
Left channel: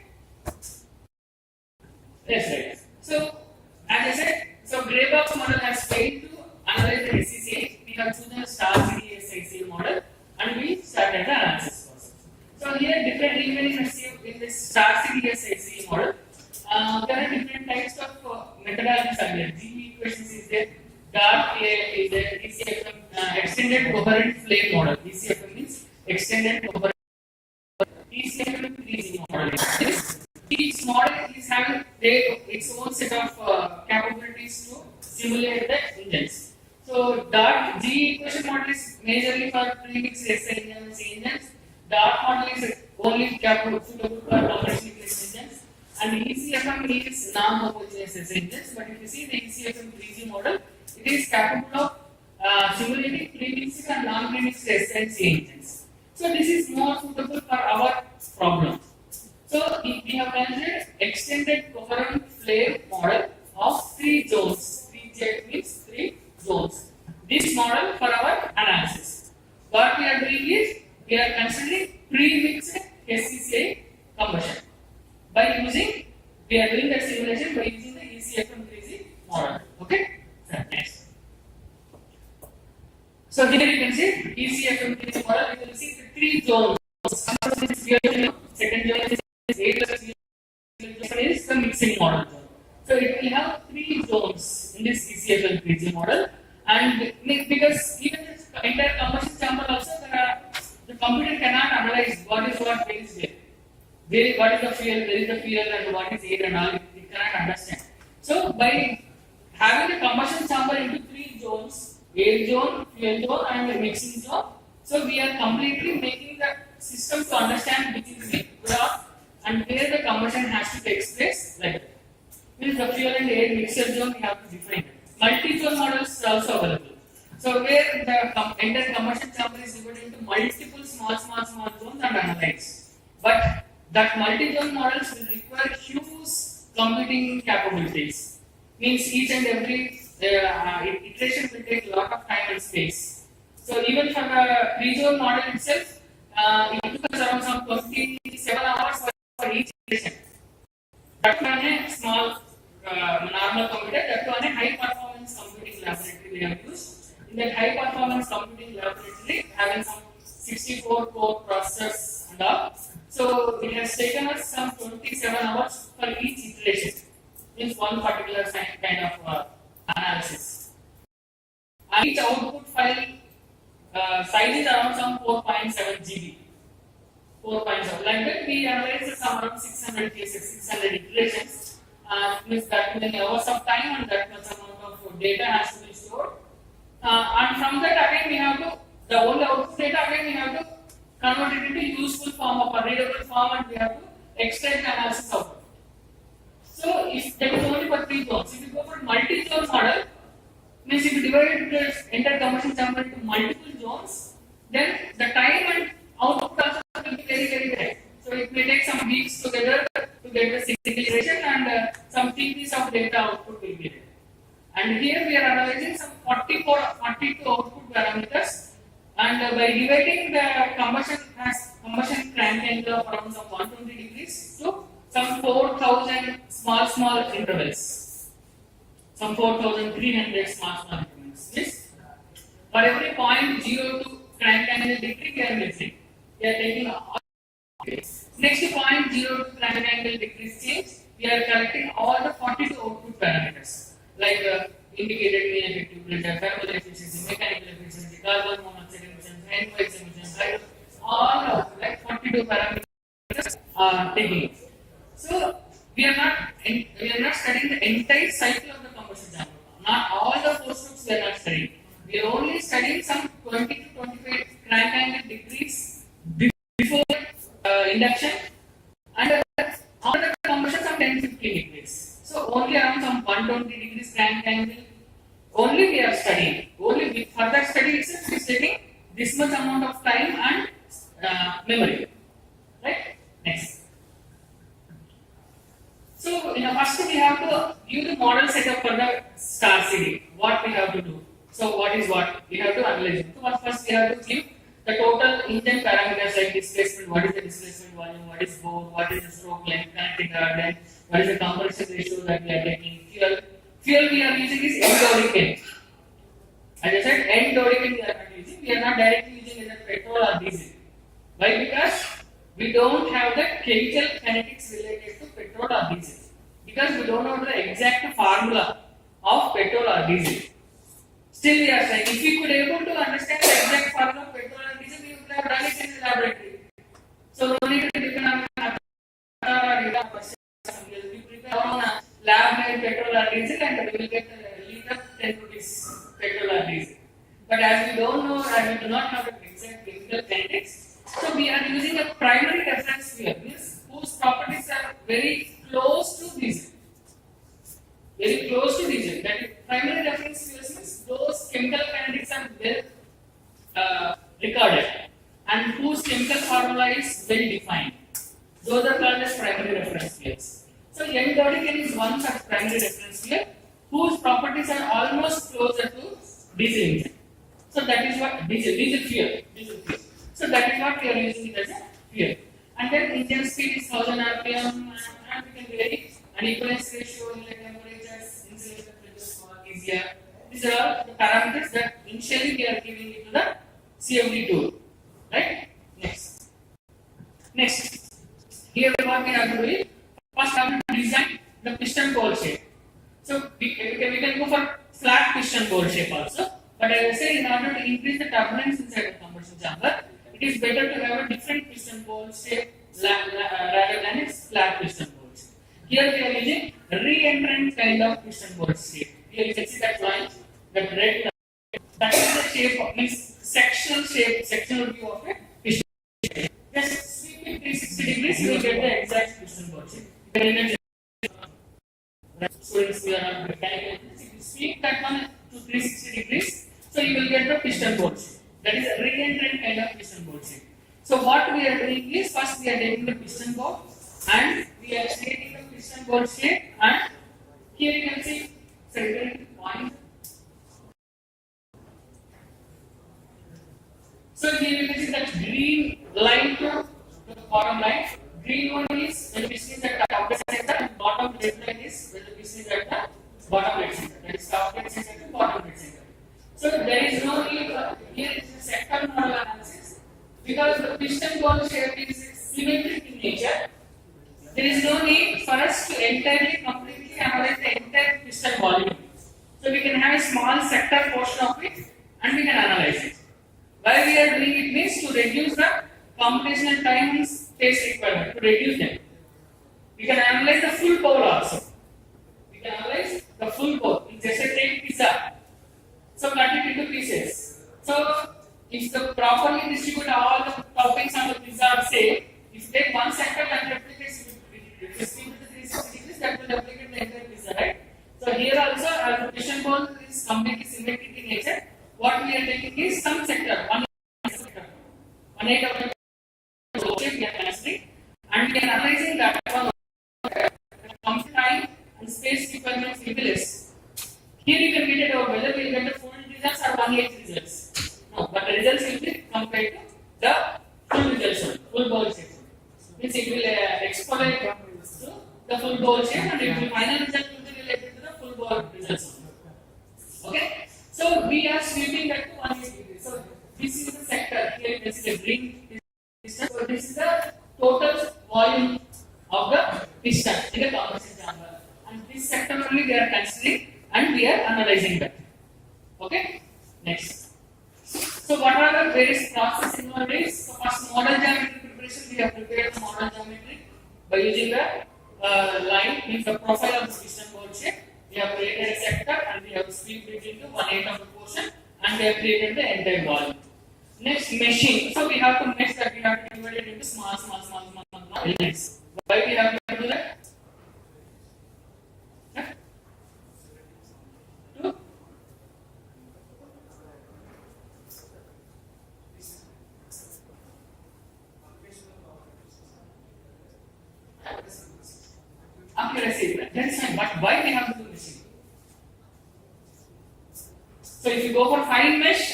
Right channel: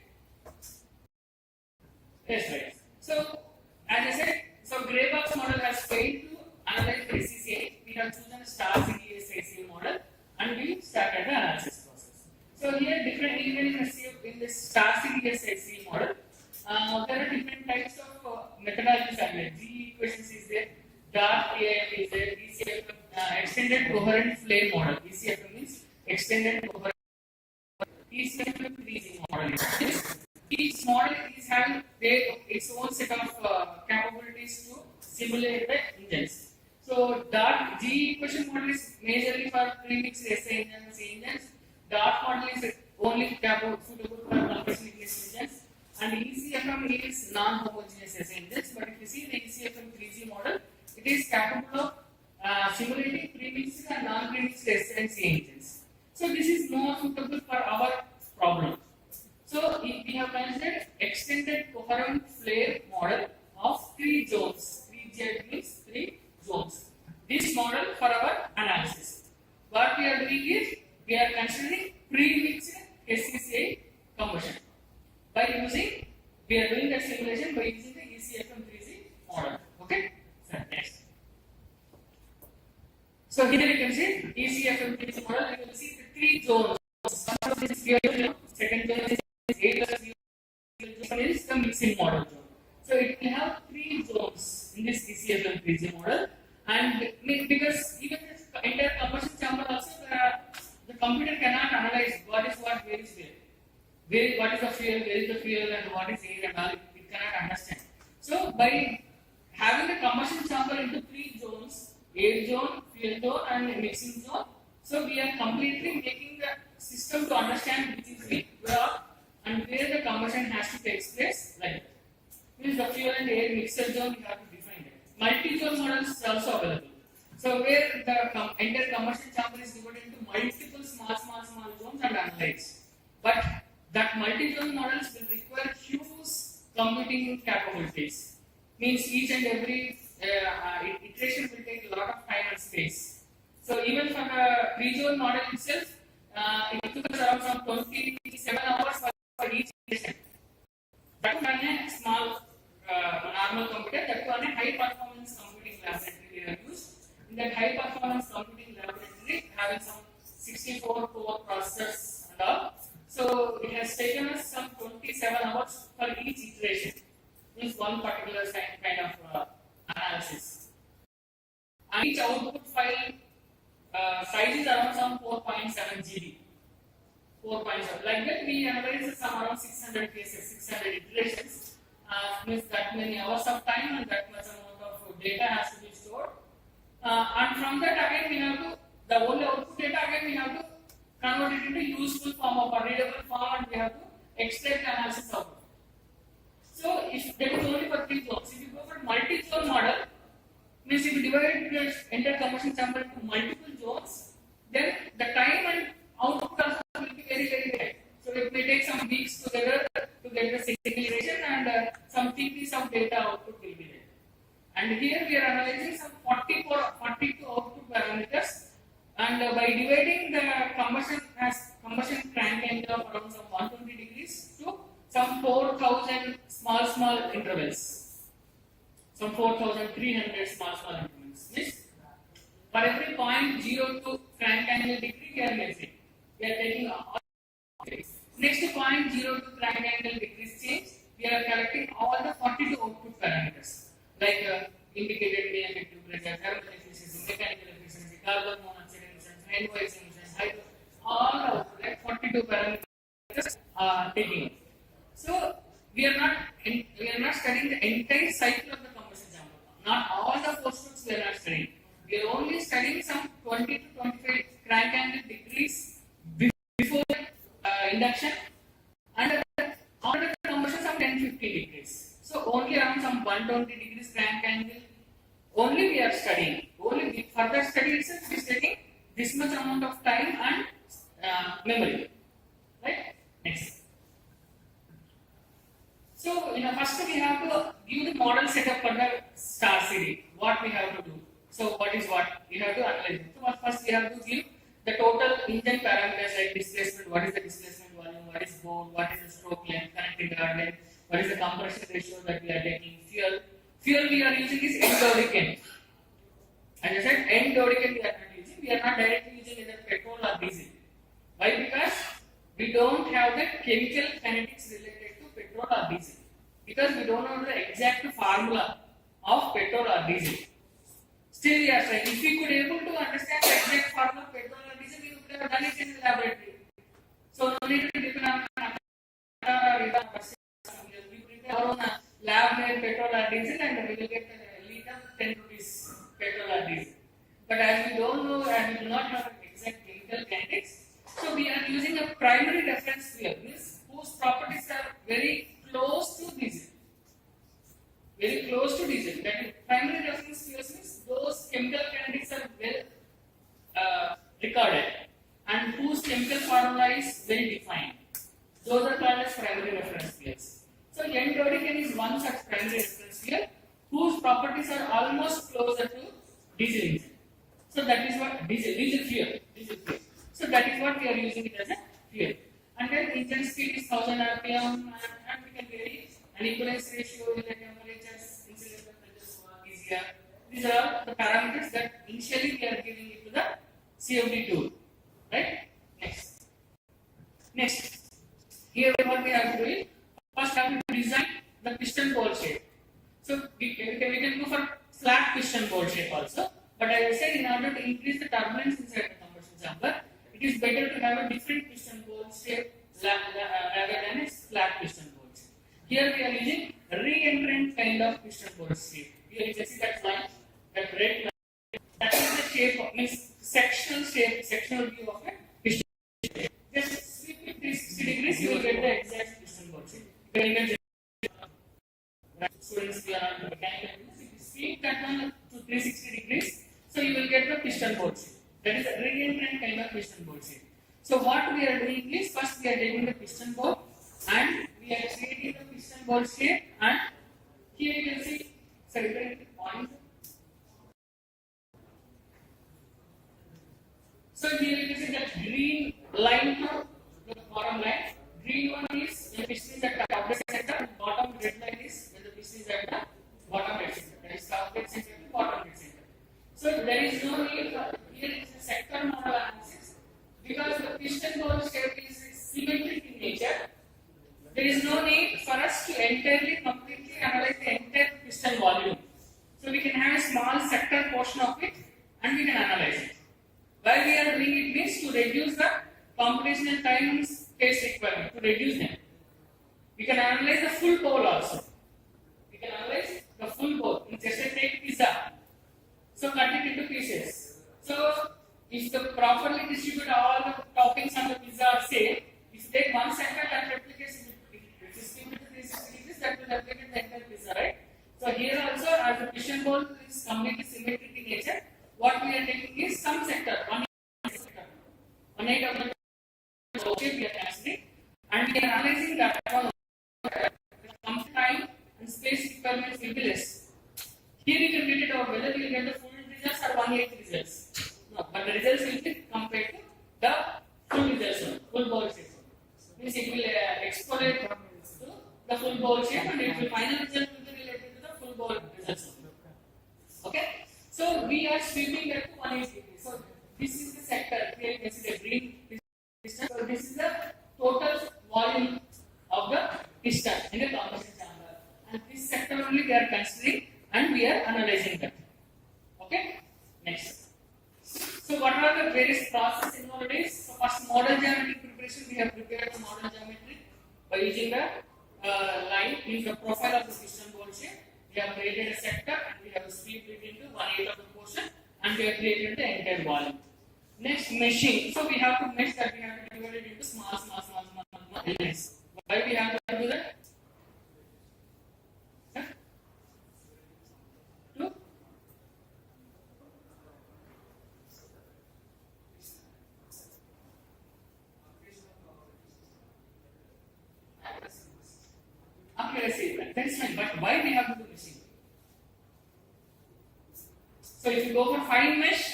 Yes, right. So as I said, so gray box model has failed to analyze the SCCA. We have chosen a star city SCCA model and we started the analysis. So here different even in this star CDS model, there are different types of methodologies are there. GE equations is there, dark AF is there, ECFM, extended coherent flame model. ECFM means extended coherent. ECFM 3G model. Each model is having its own set of capabilities to simulate the engines. So dark GE equation model is majorly for premixed SI engines and C engines. Dark model is only suitable for combustion engines, and ECFM is non-homogeneous SI engines. But if you see the ECFM 3G model, it is capable of simulating premixed and non-premixed SI and C engines. So this is more suitable for our problem. So we have considered extended coherent flame model of 3 zones. 3J means 3 zones. this model for our analysis. What we are doing is we are considering pre-mixed SCCA combustion by using, we are doing the simulation by using the ECFM3C model. Okay, so next. So here you can see ECFM3C model. You will see the three zones. First is fuel zone, second zone is A plus fuel zone is the mixing model zone. So it will have three zones in this ECFM3C model, and because even this entire combustion chamber also the computer cannot analyze what is what, where is where, what is the fuel, where is the fuel, and what is air and all. It cannot understand. So by having the combustion chamber into three zones, air zone, fuel zone, and the mixing zone, so we are completely making the system to understand which is where and where the combustion has to take place like that. Means the fuel and air mixture zone we have to define it. Multi-zone models are also available. So where the entire combustion chamber is divided into multiple small zones and analyzed. But that multi-zone models will require huge computing capabilities. Means each and every iteration will take a lot of time and space. So even for the three-zone model itself, it took us around some 27 hours for each iteration. That one a small normal computer, that one a high performance computing laboratory we have used. In that high performance computing laboratory, having some 64 core processors and all. So it has taken us some 27 hours for each iteration. Means one particular kind of analysis. And each output file size is around some 4.7 GB. 4.7. Like that, we analyze some around 600 cases, 600 iterations. Means that many hours of time and that much amount of data has to be stored. And from that again we have to, the whole output data again we have to convert it into useful form of a readable form, and we have to extract the analysis output. So if that is only for three zones, if you go for multi-zone model, means if you divide the entire combustion chamber into multiple zones, then the time and output also will be very high. So it may take some weeks together to get the single iteration, and some TPs of data output will be there. And here we are analyzing some 42 output parameters, and by dividing the combustion crank angle of around some 120 degrees to some 4,000 small intervals, some 4,300 small increments. Yes? For every 0.02 crank angle degree we are measuring. We are taking all. Next to 0.02 crank angle decrease change, we are collecting all the 42 output parameters like indicated mean effective pressure, thermal efficiency, mechanical efficiency, carbon monoxide emissions, NOx emissions, all output like 42 parameters are taking. So we are not studying the entire cycle of the combustion chamber. Not all the four strokes we are not studying. We are only studying some 20 to 25 crank angle decrease before induction, and after the combustion some 10-15 degrees. So only around some 120 degrees crank angle only we are studying. Only further study itself is taking this much amount of time and memory. Right? Next. So first we have to view the model setup for the star CD. What we have to do. So what is what? We have to analyze it. So first we have to give the total engine parameters like displacement, what is the displacement volume, what is bore, what is the stroke length, connecting guard, what is the compression ratio that we are taking, fuel we are using is end-dodecane. As I said, end-dodecane we are not using, we are not directly using either petrol or diesel. Why? Because we don't have the chemical kinetics related to petrol or diesel. Because we don't know the exact formula of petrol or diesel. Still we are saying, if we could able to understand the exact formula of petrol and diesel, we would have done it in the laboratory. So no need to depend on we prepare our own lab made petrol or diesel and we will get a liter 10 rupees petrol or diesel. But as we don't know and we do not have the exact chemical kinetics, so we are using a primary reference fuel, means whose properties are very close to diesel. Very close to diesel. That is, primary reference fuels means those chemical kinetics are well recorded and whose chemical formula is well defined. Those are called as primary reference fuels. So N-dodecane is one such primary reference fuel whose properties are almost closer to diesel engine. So that is what diesel fuel. So that is what we are using it as a fuel. And then engine speed is 1000 rpm, and we can vary an equivalence ratio, inlet temperatures, insulator pressure, easier. These are all the parameters that initially we are giving it to the CFD tool. Right? Next. Here what we have to do is first have to design the piston bowl shape. So we can go for flat piston bowl shape also. But as I said, in order to increase the turbulence inside the combustion chamber, it is better to have a different piston bowl shape rather than a flat piston bowl shape. Here we are using re-entrant kind of piston bowl shape. Here you can see that line, that red line. That is the shape of means sectional view of a piston shape. Just sweep it 360 degrees, you will get the exact piston bowl shape. Students, we are on mechanical. If you sweep that one to 360 degrees, so you will get the piston bowl shape. That is a re-entrant kind of piston bowl shape. So what we are doing is first we are taking the piston bowl and we are creating the piston bowl shape, and here you can see certain point. So here you can see that green line to the bottom line. Green one is when the piston is at the top dead center, and bottom red line is when the piston is at the bottom dead center. That is top dead center to bottom dead center. So there is no need for here is a sector model analysis because the piston bowl shape is symmetric in nature. There is no need for us to completely analyze the entire piston volume. So we can have a small sector portion of it and we can analyze it. Why we are doing it means to reduce the computational time and space requirement, to reduce them. We can analyze the full bowl also. We can analyze the full bowl. It's just a take pizza. So cut it into pieces. So if the properly distribute all the toppings on the pizza are same, if you take one sector and replicates with 360 degrees, that will replicate the entire pizza, right? So here also, as the piston bowl is completely symmetric in nature, what we are taking is some sector, one sector, 1/8 of the bowl shape we are considering, and we are analyzing that one. Time and space requirements will be less. Here you can get it over whether we will get the full results or 1/8 results. No, but the results will be compared to the full results, full bowl shape. Means it will extrapolate to the full bowl shape, and it will final result will be related to the full bowl results. Okay, so we are sweeping that to 1/8 degrees. So this is the sector. Here you can see the green piston. So this is the total volume of the piston in the combustion chamber, and this sector only we are considering and we are analyzing that. Okay, next. So what are the various processes involved? So first, model geometry preparation. We have prepared the model geometry by using the line, means the profile of the piston bowl shape. We have created a sector and we have swept it into 1/8 of the portion, and we have created the entire volume. Next, meshing. So we have to mesh that. We have to divide it into small elements. Why we have to do that? To accuracy. That is fine. But why we have to do meshing? So if you go for fine mesh,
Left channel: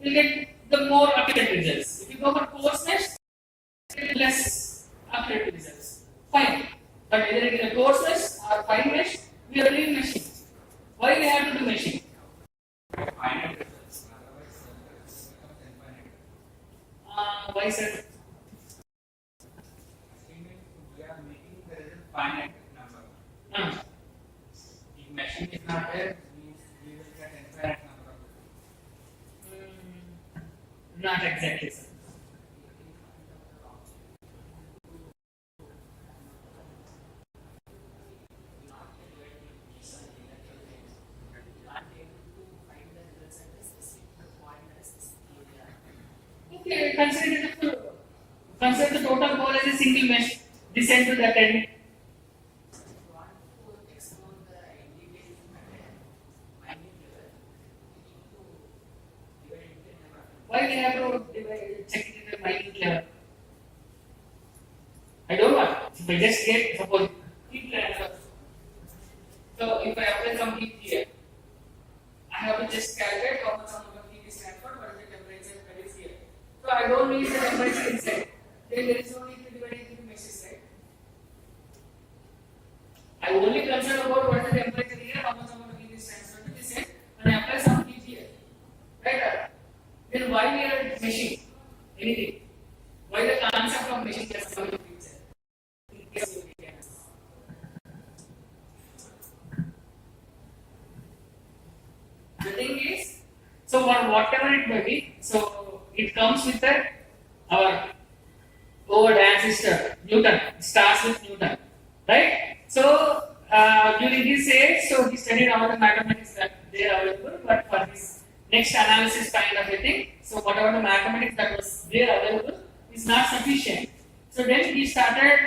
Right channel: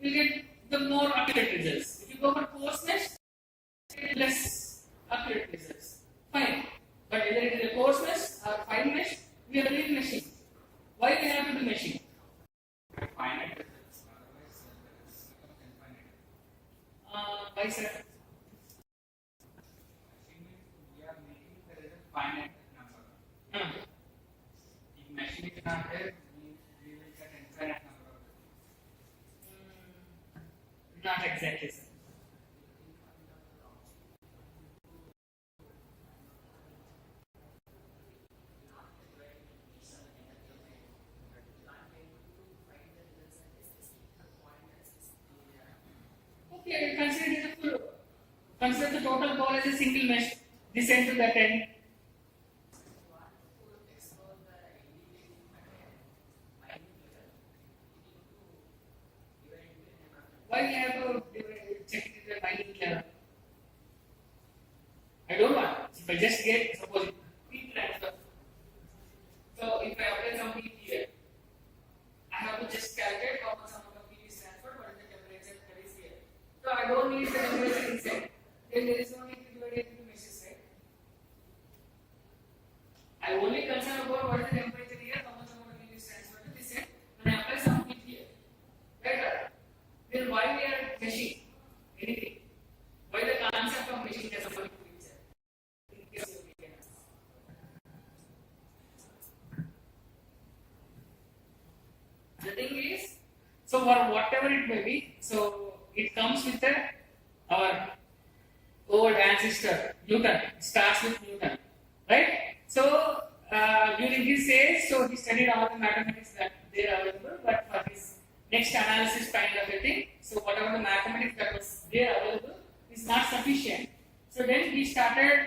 you will get the more accurate results. If you go for coarse mesh, you get less accurate results. Fine. But whether it is a coarse mesh or fine mesh, we are doing meshing. Why we have to do meshing? Finite results, otherwise it becomes infinite. Why sir? We are making the result finite number. If machine is not there, we will get infinite number of results. Not exactly, sir. Okay, consider the total ball as a single mesh. This end to that end. Why we have to check it at the minute level? I don't want. If I just get suppose heat transfer. So if I apply some heat here, I have to just calculate how much amount of heat is transferred So whatever it may be, so it comes with our old ancestor Newton. It starts with Newton, right? So during his age, so he studied all the mathematics that they are available, but for his next analysis kind of a thing, so whatever the mathematics that was there available is not sufficient. So then he started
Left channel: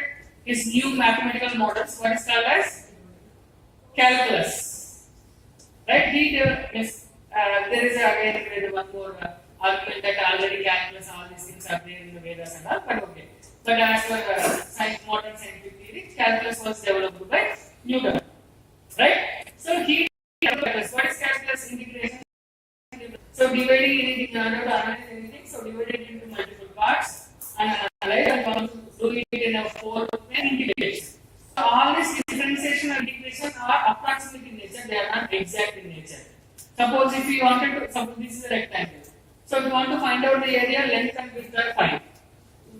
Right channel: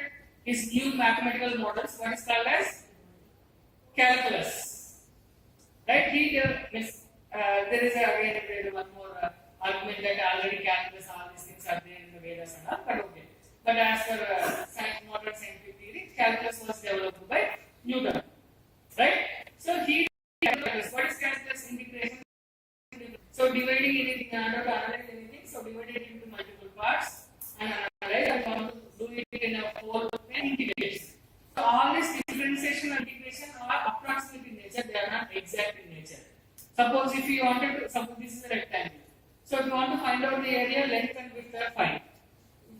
his new mathematical models, what is called as calculus. Right? There is again one more argument that already calculus, all these things are there in the Vedas and all, but okay. But as for modern scientific theory, calculus was developed by Newton. Right? So he calculus. What is calculus? Integration. So dividing anything, in order to analyze anything, so divide it into multiple parts and analyze and come to do it in a 4 and integrate. So all these differentiation and integration are approximate in nature, they are not exact in nature. Suppose if you wanted to, suppose this is a rectangle. So if you want to find out the area, length and width are fine.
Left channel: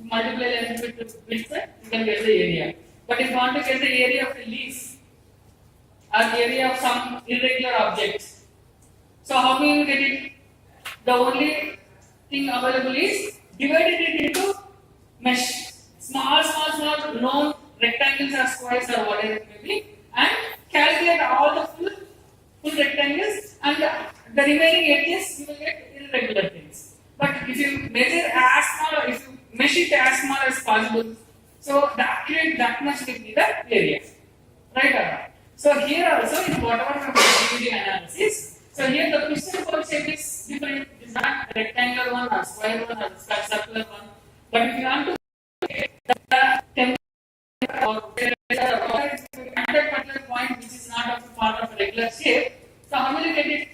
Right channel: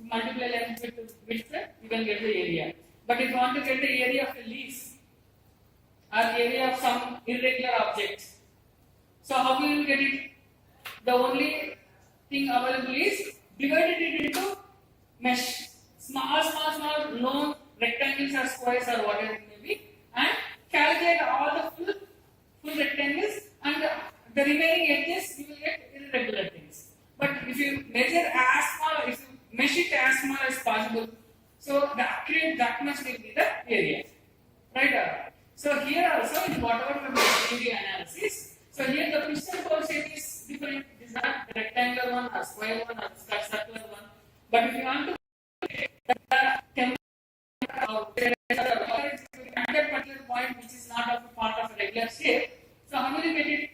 Multiply length with width, you can get the area. But if you want to get the area of a leaf or area of some irregular object, so how can you get it? The only thing available is divided it into mesh. Small known rectangles or squares or whatever it may be, and calculate all the full rectangles, and the remaining edges you will get irregular things. But if you measure as small, if you mesh it as small as possible, so the accurate that much will be the area. Right? So here also in whatever we do the analysis, so here the piston hole shape is different. It is not rectangular one or square one or circular one. But if you want to the temperature or at particular point which is not of a part of a regular shape, so how will you get it?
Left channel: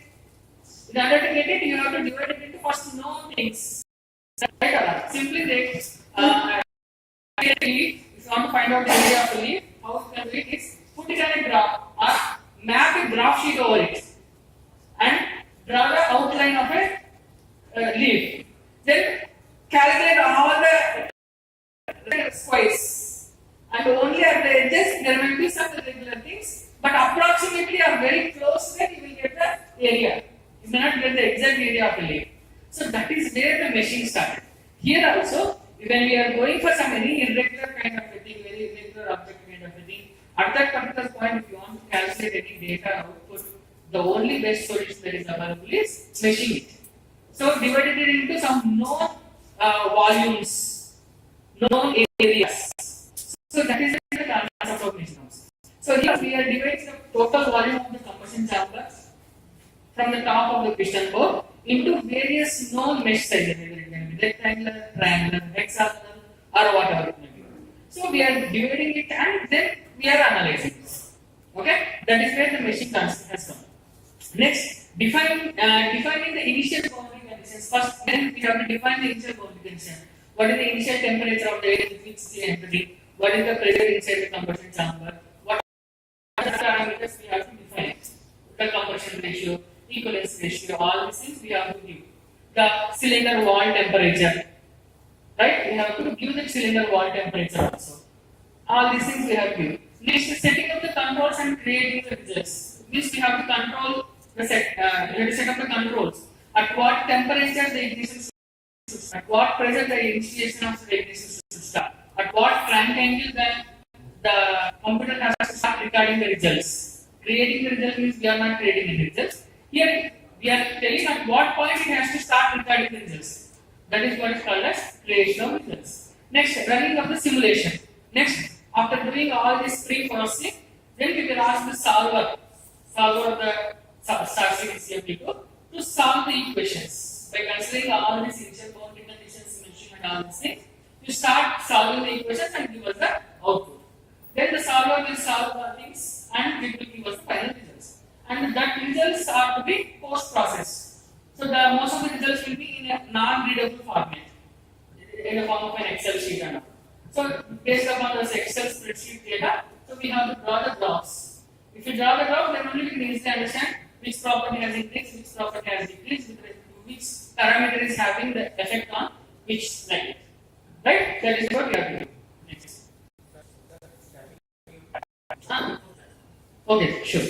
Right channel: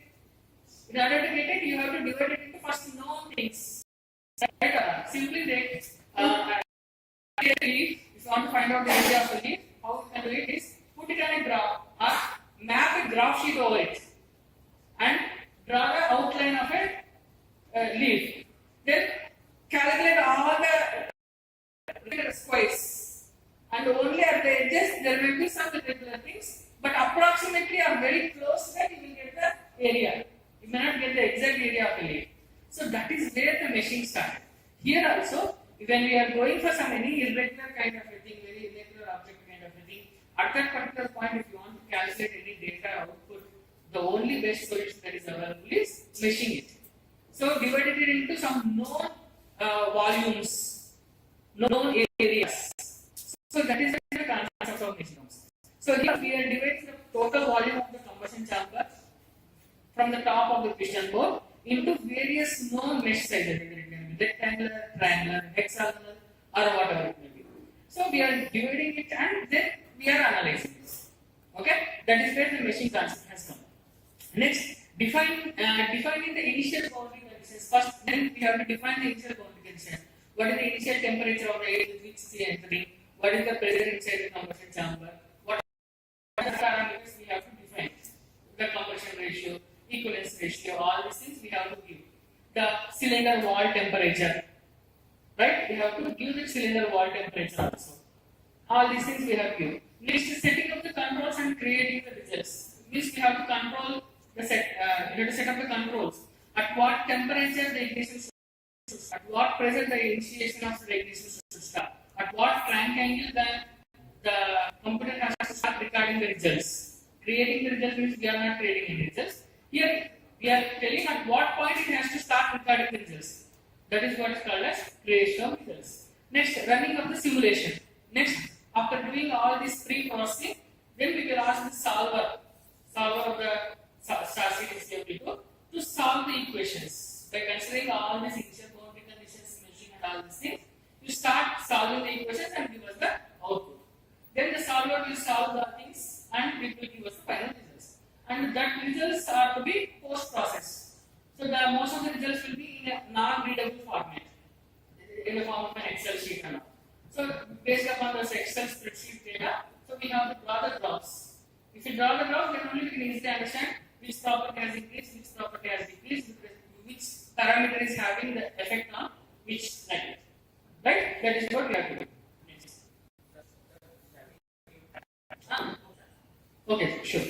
In order to get it, you have to divide it into first known things. Right? Simply take if you want to find out the area of the leaf, how you can do it is put it on a graph or map a graph sheet over it and draw the outline of a leaf. Then calculate all the squares, and only at the edges there will be some irregular things, but approximately or very close to that you will get the area. You may not get the exact area of the leaf. So that is where the meshing started. Here also, when we are going for some any irregular kind of a thing, very irregular object kind of a thing, at that particular point, if you want to calculate any data output, the only best solution that is available is meshing it. So divided it into some known volumes, known areas. So that is the concept of meshing. So here we are dividing the total volume of the combustion chamber from the top of the piston bore into various known mesh sizes, either it can be rectangular, triangular, hexagonal, or whatever it may be. So we are dividing it and then we are analyzing this. Okay, that is where the meshing concept has come. Next, defining the initial boundary conditions. First, then we have to define the initial boundary condition. What is the initial temperature of the air with which the entry? What is the pressure inside the combustion chamber? What are the parameters we have to define? The combustion ratio, equivalence ratio, all these things we have to give. The cylinder wall temperature, right? We have to give the cylinder wall temperature also. All these things we have to give. Next, setting up the controls and creating the results. This we have to control the set. We have to set up the controls. At what temperature the ignition should start. At what pressure the initiation of the ignition should start. At what crank angle the computer has to start recording the results. Creating the results means we are not creating any results. Here we are telling at what point it has to start recording the results. That is what is called as creation of results. Next, running of the simulation. Next, after doing all this pre-processing, then we will ask the solver of the star series CFD to solve the equations. By considering all these initial boundary conditions mentioned and all these things, you start solving the equations and give us the output. Then the solver will solve the things and it will give us the final results. And that results are to be post-processed. So the most of the results will be in a non-readable format, in the form of an Excel sheet and all. So based upon this Excel spreadsheet data, so we have to draw the graphs. If you draw the graph, then only we can easily understand which property has increased, which property has decreased, which parameter is having the effect on which slide. Right? That is what we have to do. Next. Okay, sure.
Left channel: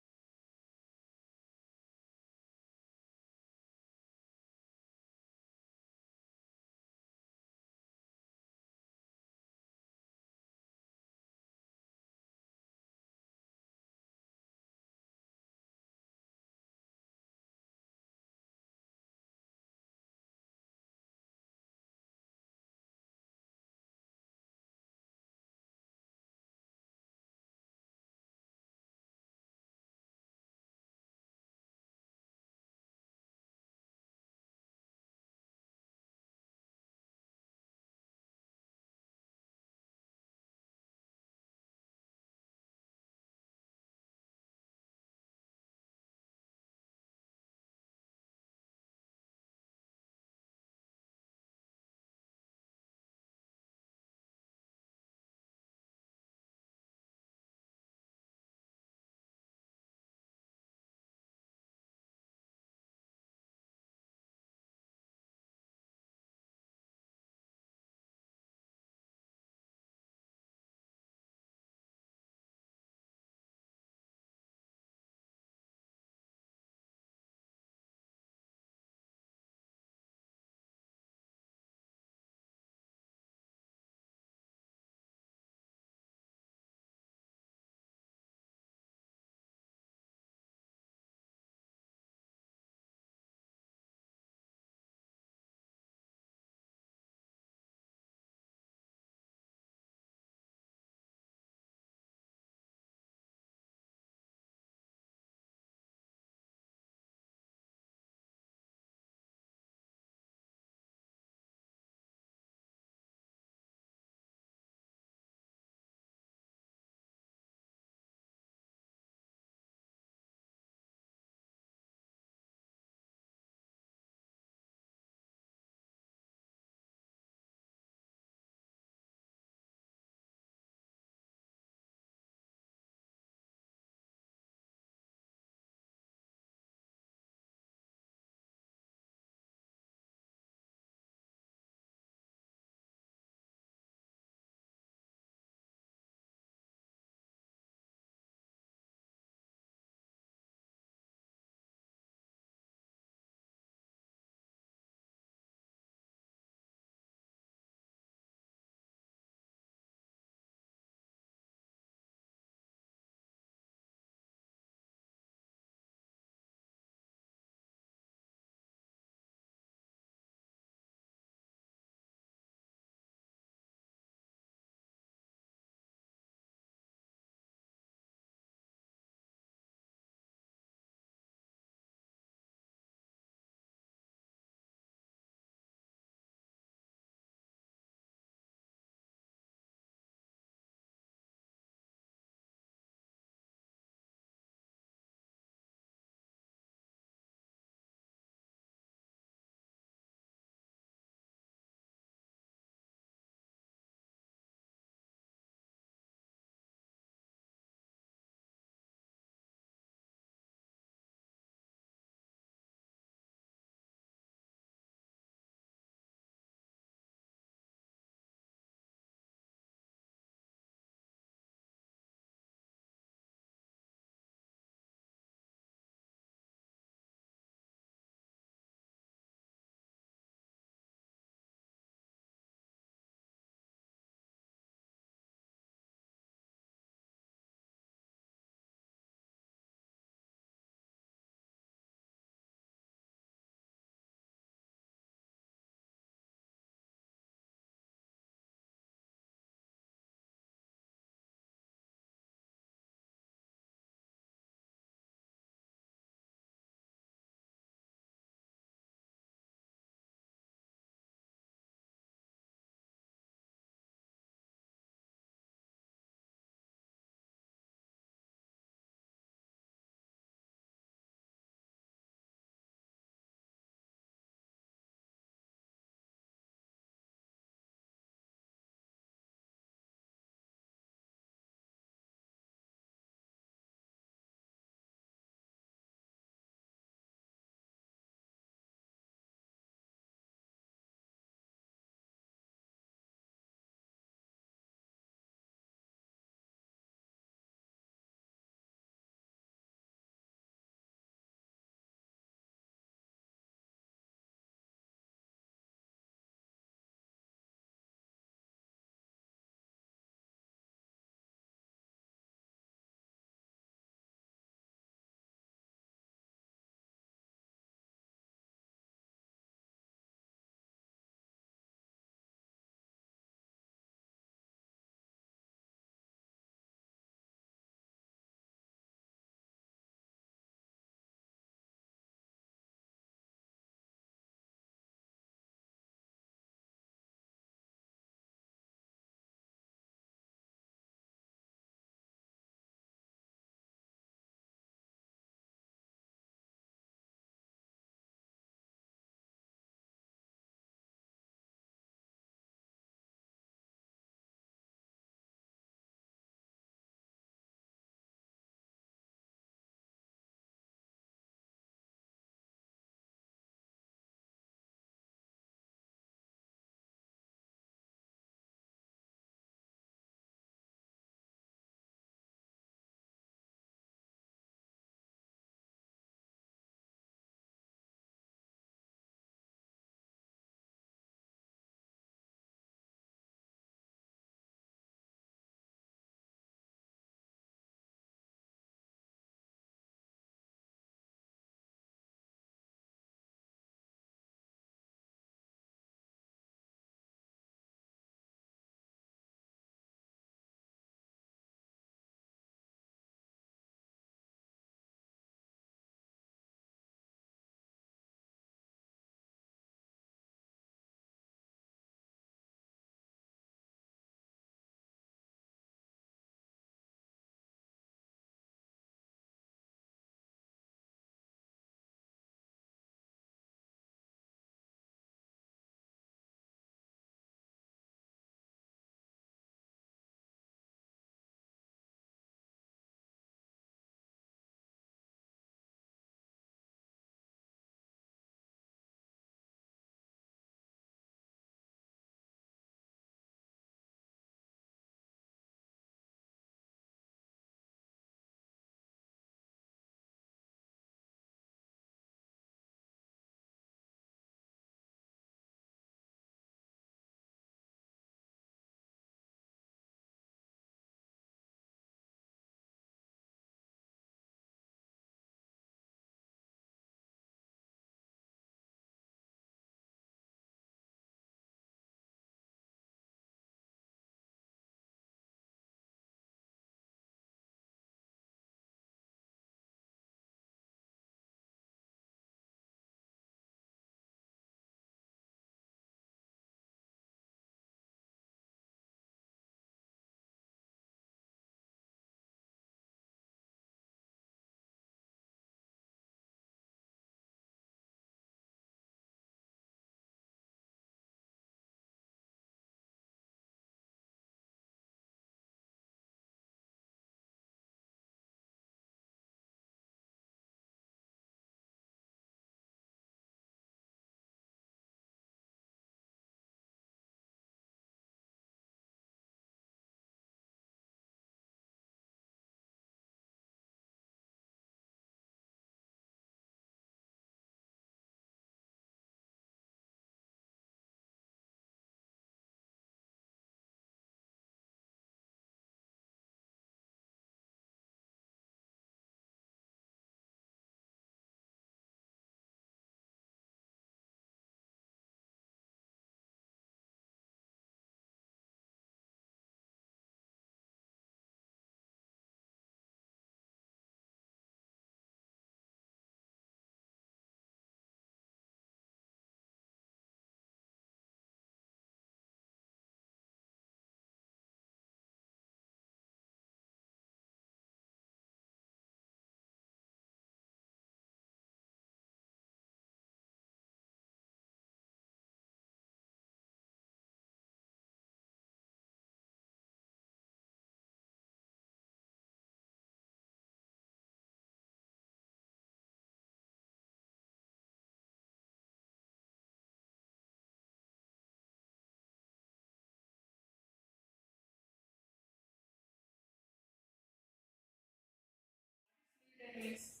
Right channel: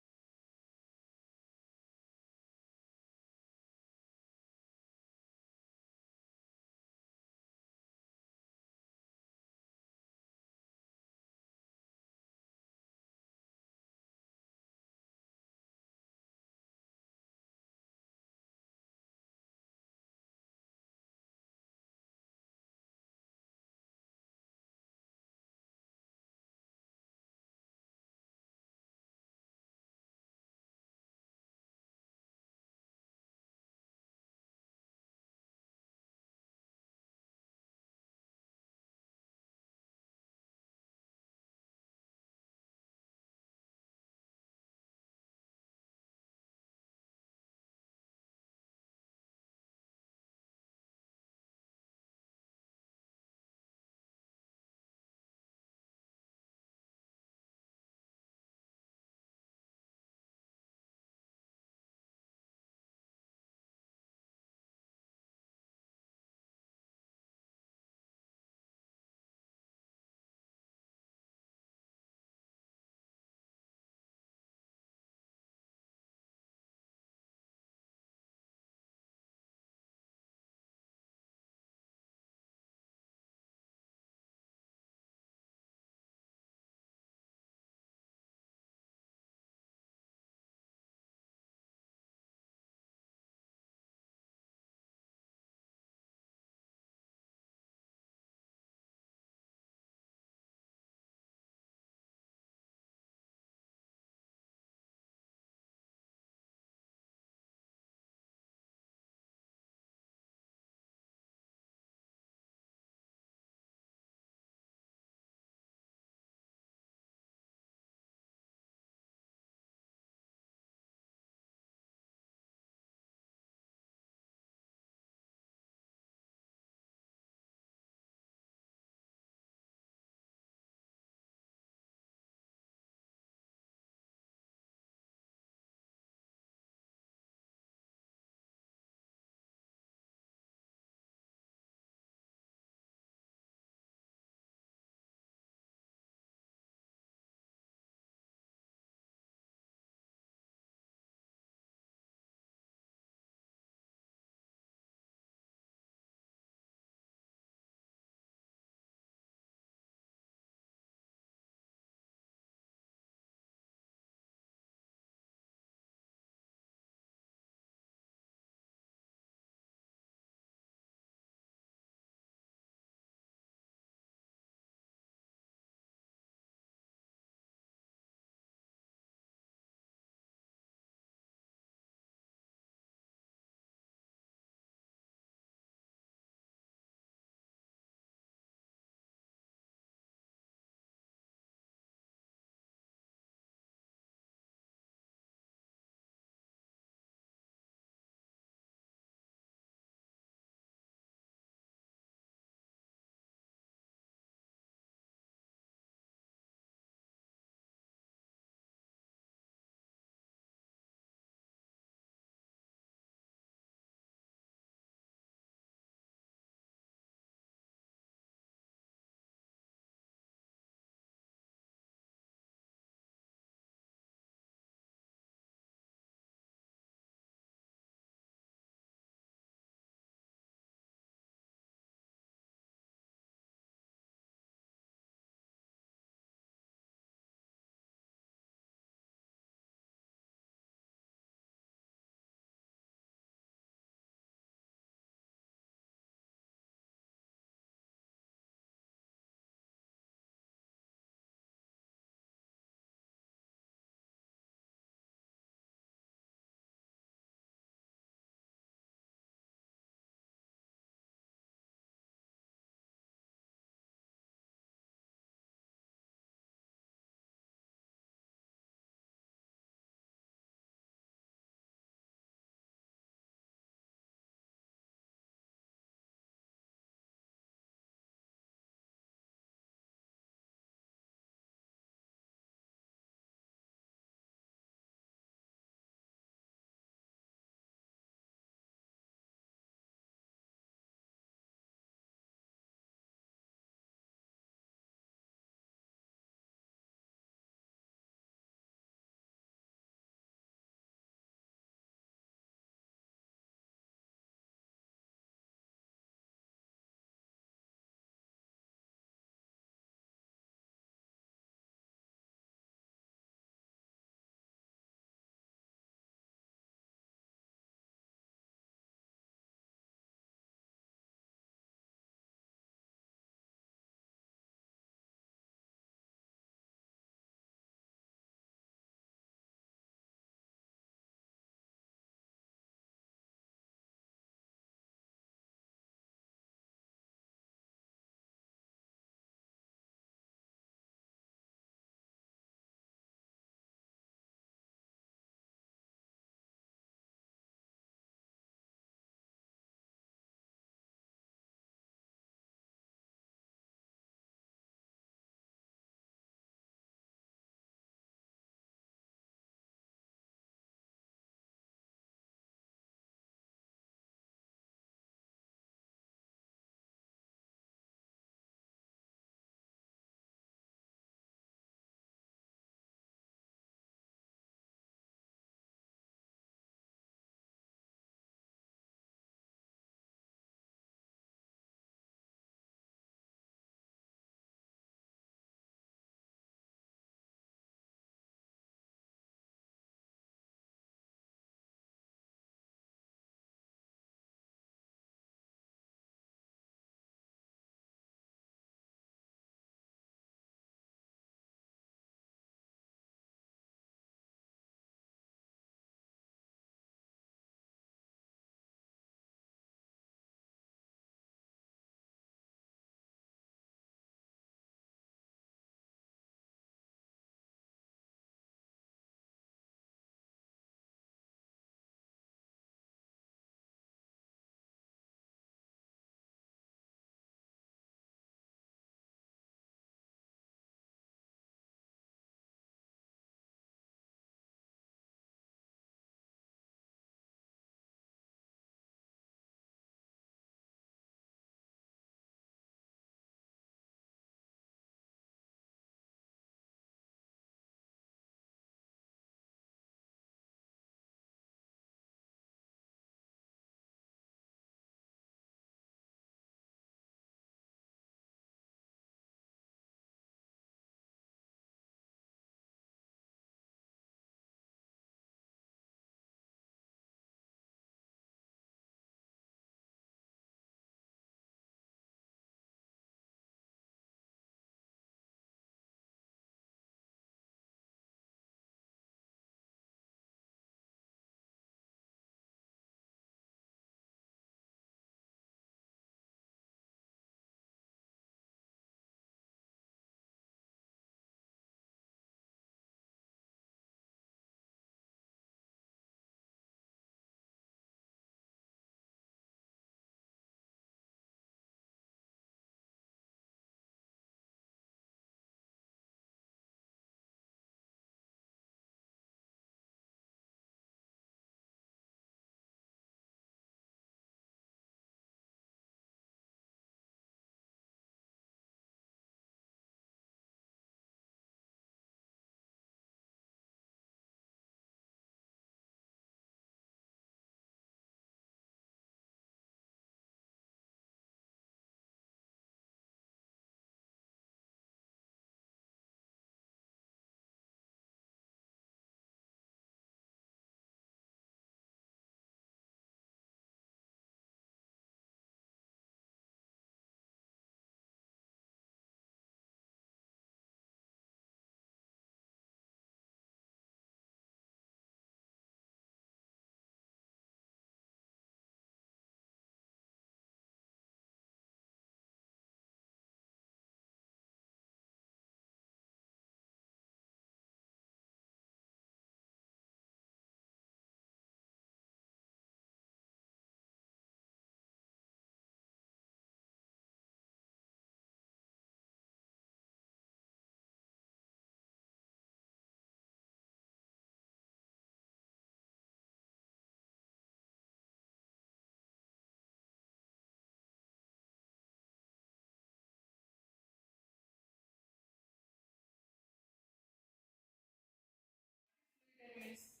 means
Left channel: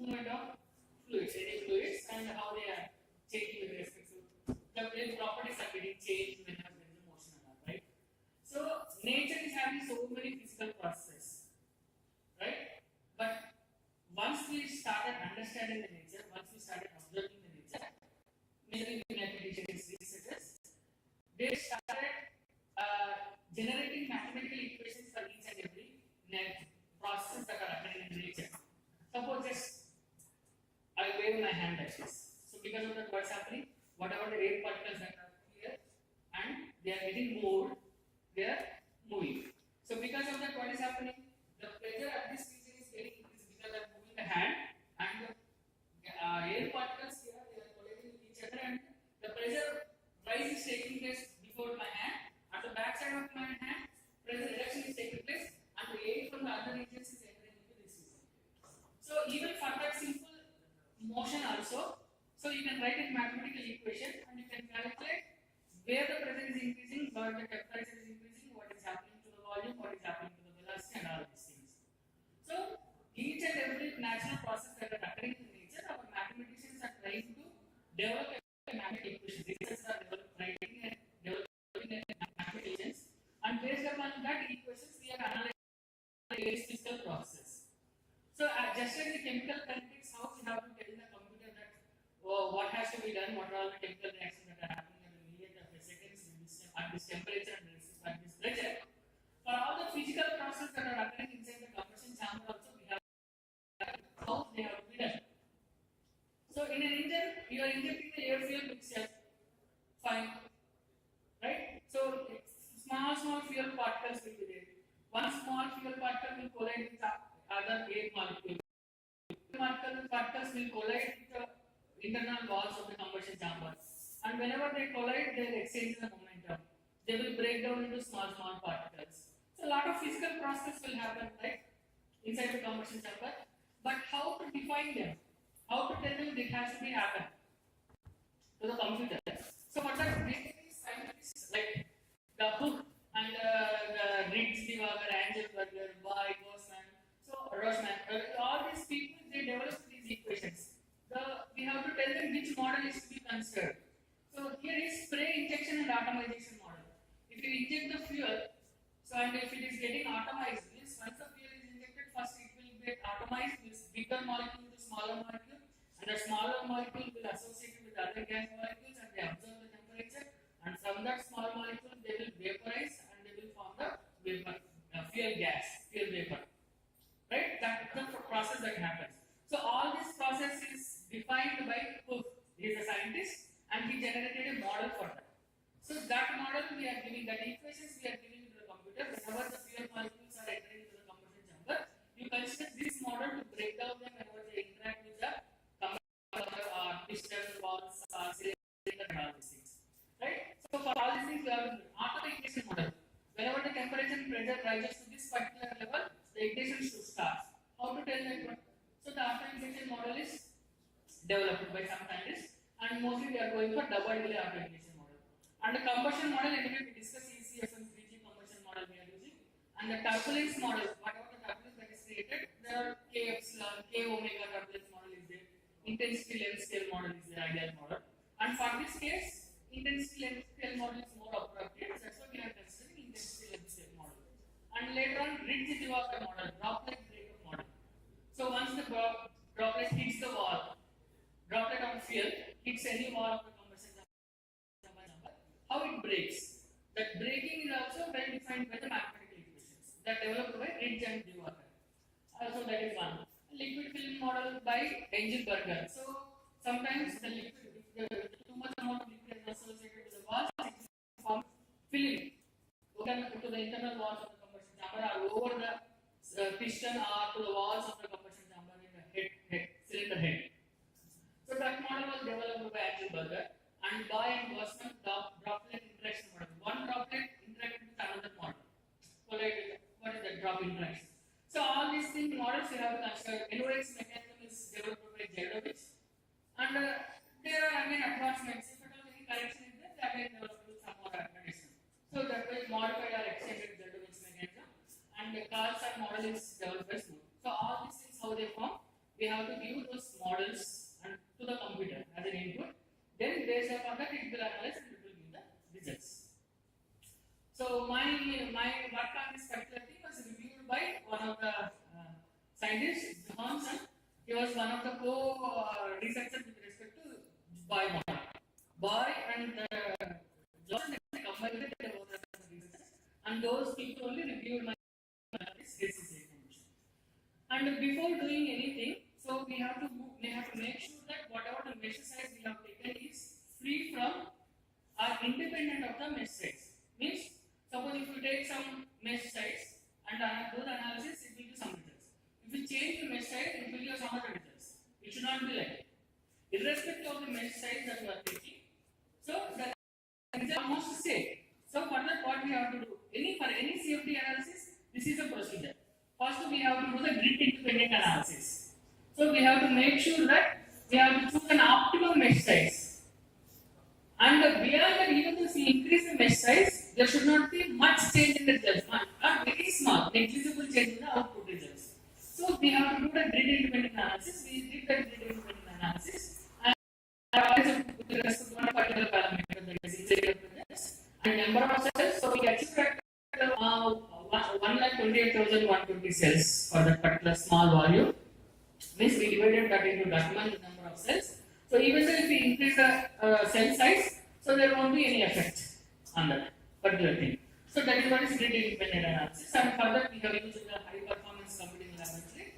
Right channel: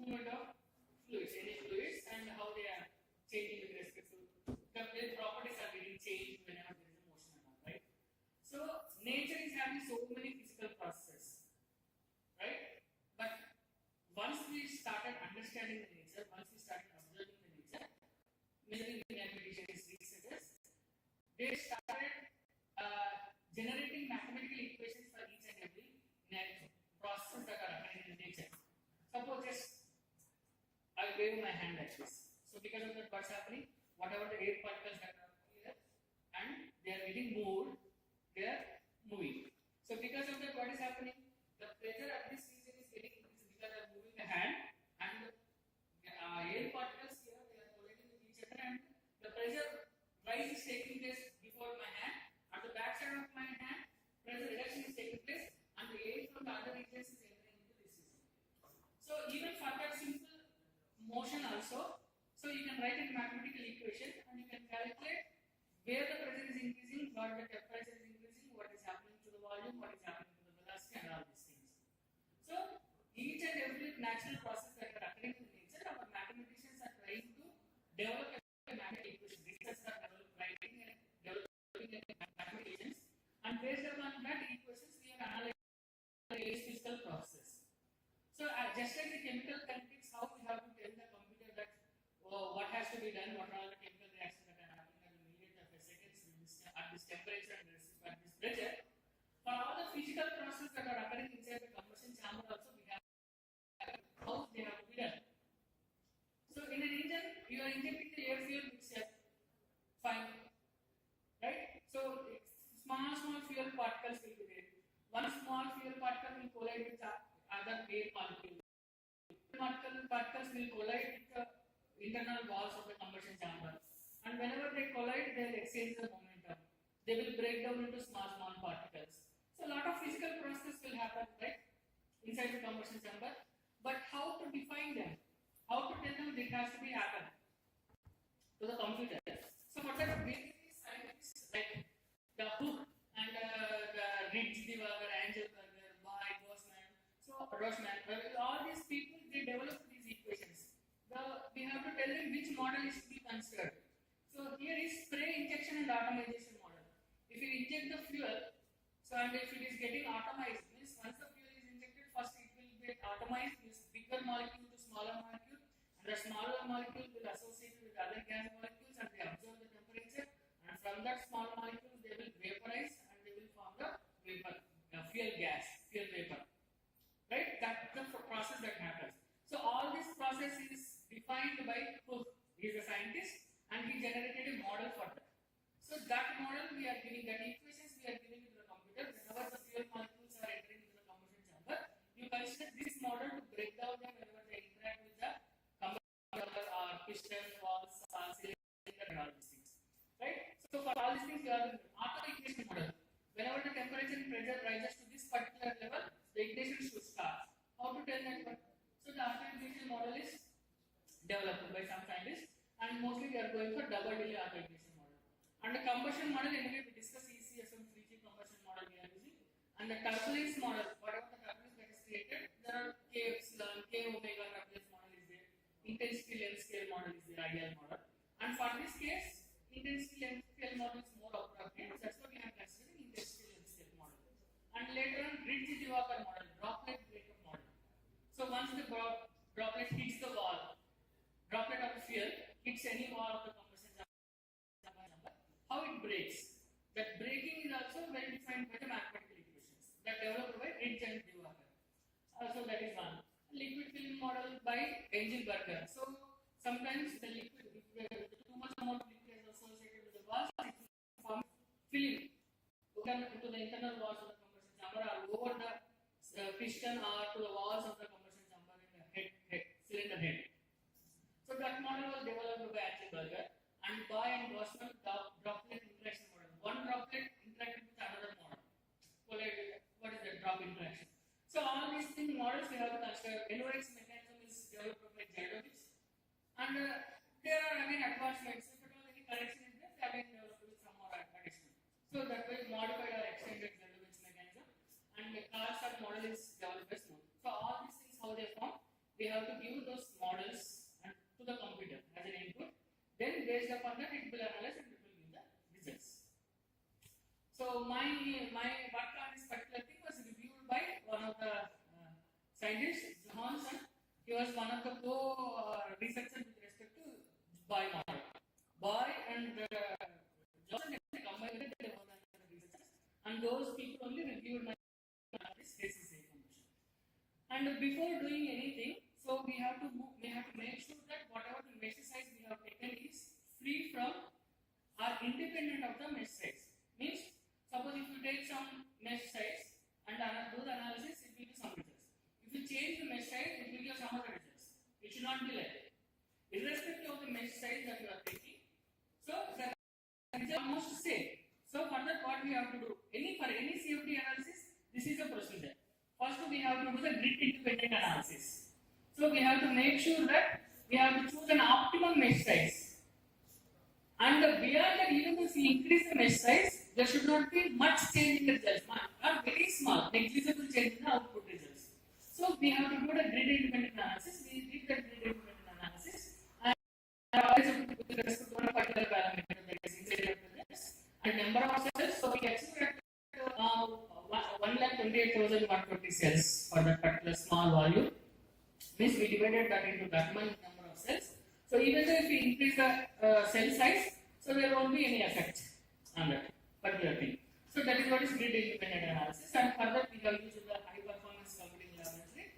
movement of fluids, any fluids, and how they are changing with respect to the properties are getting changed whenever there is a motion and all, right? So nature is having so many physical processes, right? But once we started understanding the nature, once we started observing the nature, measuring the mathematicians, researchers, they started generating mathematical equations for each and every processes that are occurring in nature. Suppose just I wave my hand like this. So because of that, what's happening? Whatever the air particles that are here and they are getting moved, they are moving. So because of that, what is happening? The pressure at this region is getting increased because I'm moving the hand and the air particles here they are colliding with each other and the pressure rise is taking place before my hand. At the back side of my hand, pressure reduction is taking place and the air from the other regions is entering into this region. So even for that simple motion also, so you can write a mathematical equation and you can calculate where the pressure is increasing, where the temperature is increasing, what is happening to the volume, what is happening to the velocity and all these things. So each and every natural process that are occurring in nature, our mathematicians are trying to develop a mathematical equation. Researchers are writing and developing mathematicians, and based upon that equations we are analyzing physical process. So just like the chemical kinetics, how we have to tell the computer that what has to be done, what are all the chemical reactions that are happening at the million of seconds at this temperature and at this pressure. For all the physical processes that are occurring inside the combustion chamber also we have how they have to be done. So in an engine, you are injecting the air fuel mixture, fine, right? So small fuel particles will be there. One small fuel particle will collide with other air molecule. Particles will collide with the internal walls of the combustion chamber, and whenever they collide, they will exchange the momentum. They will break down into small particles. So a lot of physical process will happen, right, inside the combustion chamber. But how to define them? How to tell them it has to be happen to the computer? So what are basically scientists like the Hook and the Riggs, Angelberger, Boyd, Rosman, all these people they develop these equations. We have to tell them which model is to be considered. So here is spray injection and atomization model. If you inject the fuel, so and if it is getting atomized, means once the fuel is injected, first it will get atomized, this bigger molecule to smaller molecule, and the smaller molecule will associate with other gas molecules and they absorb the temperature, and from that small molecule they will vaporize and they will form the vapor, fuel gas, fuel vapor. Right? That's the process that happens. So all this process is defined by Cook. He is a scientist and he generated a model for that. So that model we are giving, that equations we are giving to the computer. Whenever the fuel molecules are entering into the combustion chamber, you consider this model to break down them whenever they interact with the combustor or piston, valves, cylinder and all these things. Right? So for all these things we have auto ignition model. Whenever the temperature and pressure rises to this particular level, the ignition should start. How to tell that one? So the auto ignition model is developed by some scientists, and mostly they are going for double delay auto ignition model. And the combustion model, anyway, we discuss ECFM 3G combustion model we are using. And the turbulence model, whatever the turbulence that is created, there are K epsilon, K omega turbulence model is there. Intensity length scale model is the ideal model. And for this case, intensity length scale model is more appropriate. That's why we are considering intensity length scale model. And later on, Ridge-Walker model, droplet breakup model. So once the droplet hits the wall, droplet of fuel hits any wall of the combustion chamber, how it breaks. That breaking is also well defined by the mathematical equations that developed by Ridge and Walker. So that is one. Liquid film model by Engelberger. So sometimes the liquid, if too much amount of liquid is associated with the walls, it will form film to the internal walls of the combustion chamber or over the piston or to the walls of the combustion chamber in the cylinder head. So that model was developed by Engelberger, and Boyd and Combustion droplet interaction model. One droplet interacted with another model. What is the drop interaction? So all these things models we have to consider. NOx mechanism is developed by Zeldovich, and there are again advancements. If at all any correction is there, they again developed with some more addition. So that was modified or extended Zeldovich mechanism, and the Carlson model is developed by we have to give those models and to the computer as an input. Then based upon that, it will analyze and it will give the results. So my work on this particular thing was reviewed by one of the scientists, Johansson. He was one of the co-researchers with respect to Boy model. Boy and Johnson, they combined it, they were the researchers, and those people only reviewed my ACCA condition. And before doing anything, so we have to make sure that whatever the mesh size we have taken is free from or independent of the mesh size. Means, suppose if you take some mesh size and do the analysis, it will give some results. If you change the mesh size, it will give some other results. It should not be like that. Irrespective of the mesh size that you are taking, so the result is almost same. So for that, what we have to do? For any CFD analysis, this is a procedure. First, we have to do the grid independent analysis. So we have to make sure that we have to choose an optimum mesh size. And beyond that, even if we increase the mesh size, there should not be much change in the results. Very small, negligible change in the output results. So we have to do the grid independent analysis. We did the grid independent analysis. With respect to one particular parameter, that is presence and number of cells. So we achieved 1,28,120 cells for that particular small volume. Means we divided that into that much number of cells. So even though if we increase the cell size, so there won't be any effect on that particular thing. So that is what is grid independent analysis. And for that we have used the high performance computing laboratory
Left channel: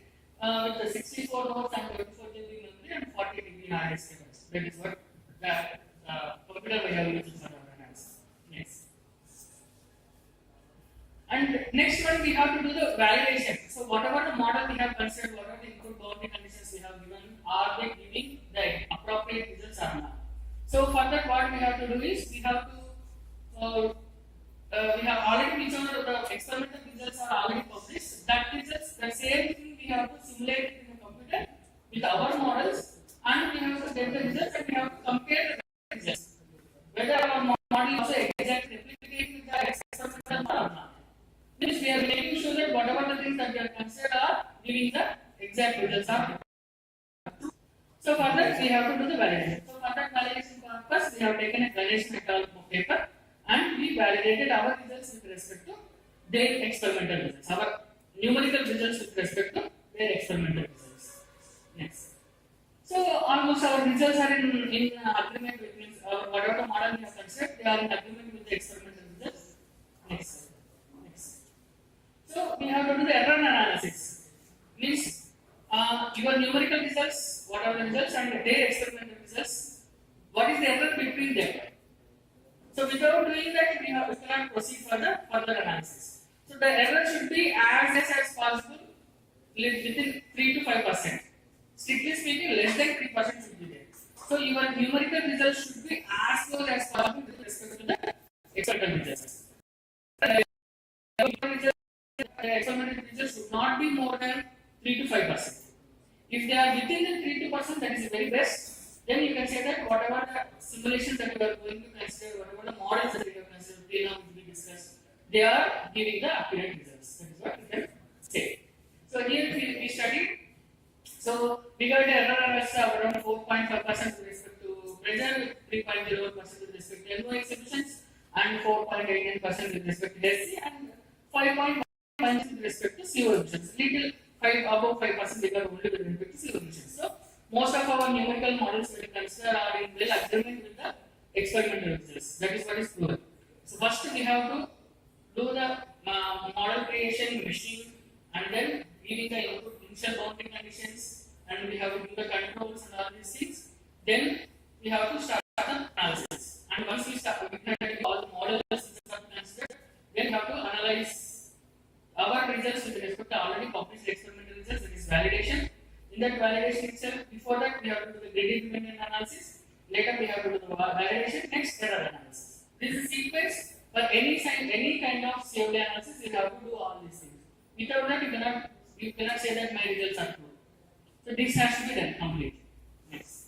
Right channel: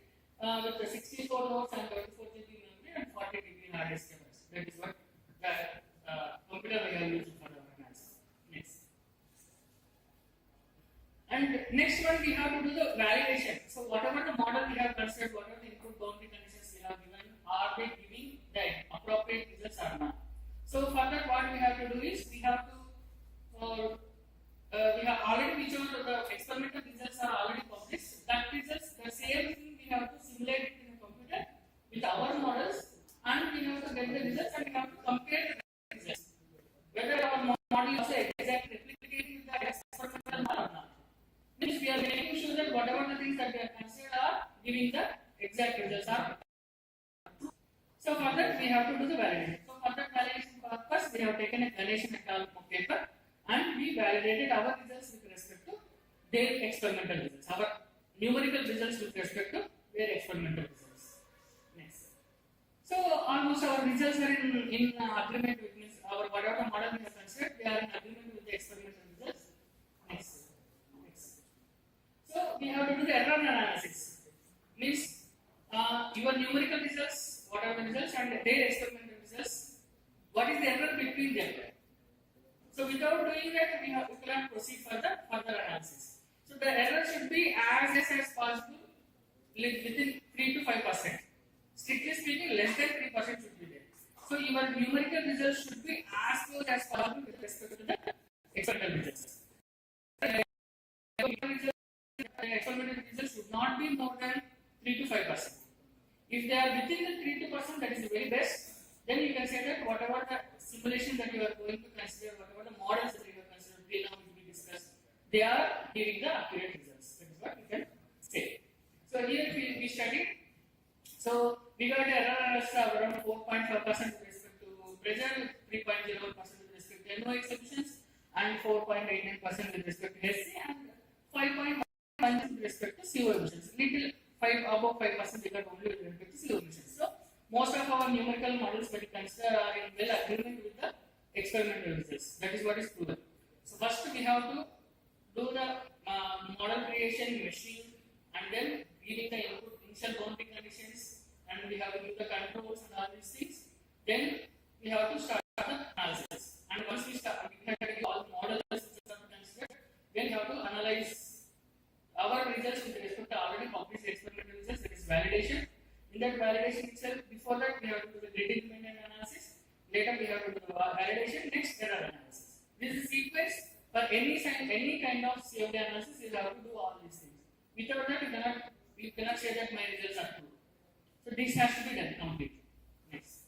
with the 64 nodes and 24 GB memory and 40 GB hard disk capacity. That is what the computer we have used for our analysis. Next. And next one we have to do the validation. So whatever the model we have considered, whatever the input boundary conditions we have given, are they giving the appropriate results or not? So for that, what we have to do is we have already whichever the experimental results are already published. That results, the same thing we have to simulate it in the computer with our models, and we have to get the results and we have to compare the results. Whether our model is also exactly replicating with the experimental model or not. Means we are making sure that whatever the things that we are considered are giving the exact results are true. So for that we have to do the validation. So for that validation purpose, we have taken a Ganesh et al. Paper and we validated our results with respect to their experimental results. Our numerical results with respect to their experimental results. Next. So almost our results are in agreement with means our whatever the model we have considered, they are in agreement with the experimental results. Next. So we have to do the error analysis. Means your numerical results, whatever the results, and their experimental results, what is the error between them? So without doing that, we cannot proceed further analysis. So the error should be as less as possible, within 3 to 5%. Strictly speaking, less than 3% should be there. So your numerical results should be as close as possible with respect to the experimental results. The experimental results should not be more than 3 to 5%. If they are within the 3 to 5%, that is the very best. Then you can say that whatever the simulation that you are going to consider, whatever the models that you have considered, till now which we discussed, they are giving the accurate results. That is what we can say. So here we studied. So we got the error as around 4.5% with respect to pressure, 3.01% with respect to NO exhibitions, and 4.88% with respect to SC, and 5.1% with respect to CO emissions. Little above 5% bigger only with respect to CO emissions. So most of our numerical models that we consider are in well agreement with the experimental results. That is what is proven. So first we have to do the model creation, machine, and then giving the input initial boundary conditions, and we have to do the controls and all these things. Then we have to start the analysis. And once we start looking at all the models that are considered, then we have to analyze our results with respect to already published experimental results, that is validation. In that validation itself, before that we have to do the grid independent analysis. Later we have to do the validation. Next, error analysis. This is sequence for any kind of CFD analysis. You have to do all these things. Without that, you cannot say that my results are true. So this has to be done completely. Next.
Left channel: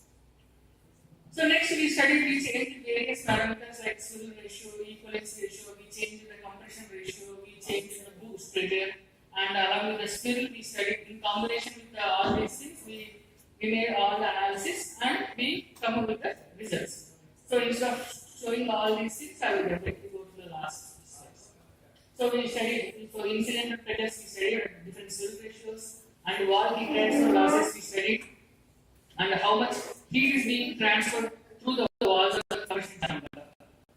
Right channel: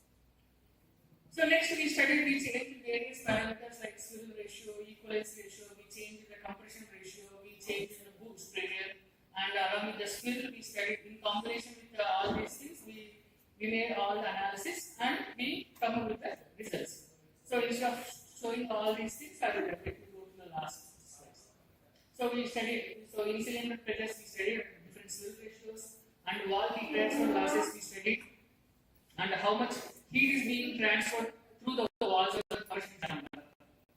So next we studied, we changed various parameters like swivel ratio, equivalence ratio, we changed the compression ratio, we changed the boost pressure, and along with the spiral we studied in combination with all these things. We we made all the analysis and we come up with the results. So instead of showing all these things, I will definitely go to the last slides. So we studied, so in cylinder pressures we studied different fluid ratios, and wall heat transfer losses we studied, and how much heat is being transferred through the walls of the combustion chamber.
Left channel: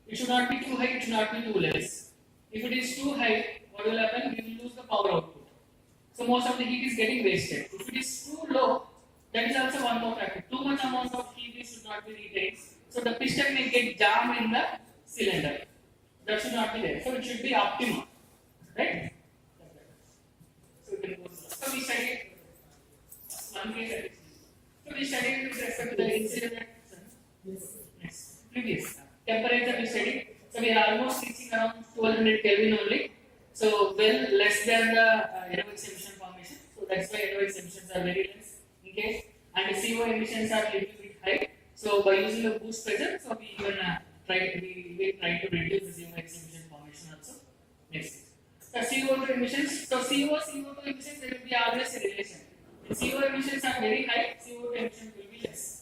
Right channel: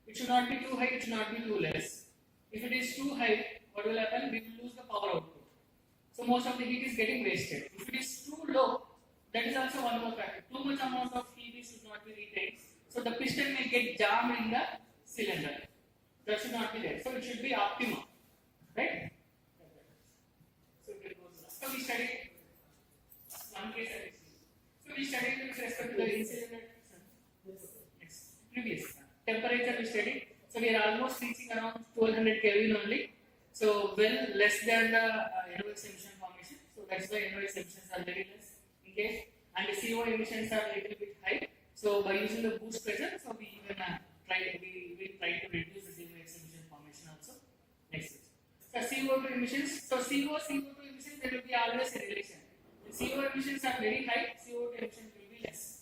It should not be too high, it should not be too less. If it is too high, what will happen? We will lose the power output. So most of the heat is getting wasted. If it is too low, that is also one more factor. Too much amount of heat should not be retained. So the piston may get jammed in the cylinder. That should not be there. So it should be optimum. Right? So we studied one case. So we studied with respect to the incident. Yes. Previous. Temperature we studied. So we are almost reaching around 1200 Kelvin only. So well less than the NOx emission formation. So that's why NOx emissions are very less in case. And the CO emissions are a little bit high. So by using the boost pressure, so we even try to reduce the CO emission formation also. Next. So CO2 emissions. So CO2 emissions, there will be always a relation. When CO emissions are very high, CO2 emissions will be less.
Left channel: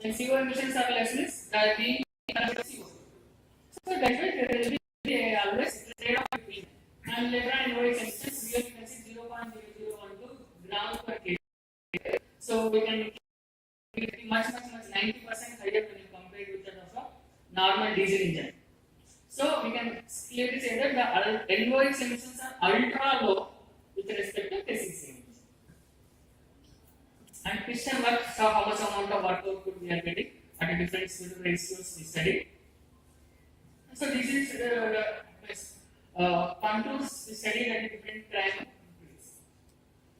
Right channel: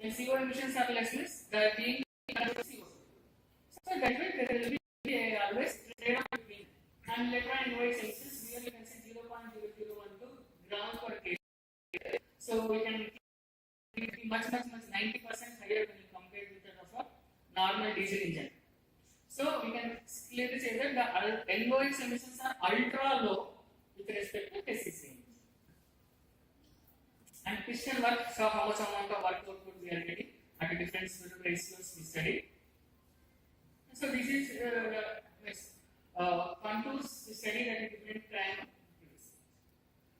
When CO emissions are less, they are being CO2. So that's why there will be always trade-off between. And later on in NOx emissions, here you can see 0.0012 grams per kg. So we can be much 90% higher when you compare with that of a normal diesel engine. So we can clearly say that the NOx emissions are ultra low with respect to KCC emissions. And piston work, so how much amount of work output we are getting at a different fluid ratios we studied. So this is contours we studied at a different time,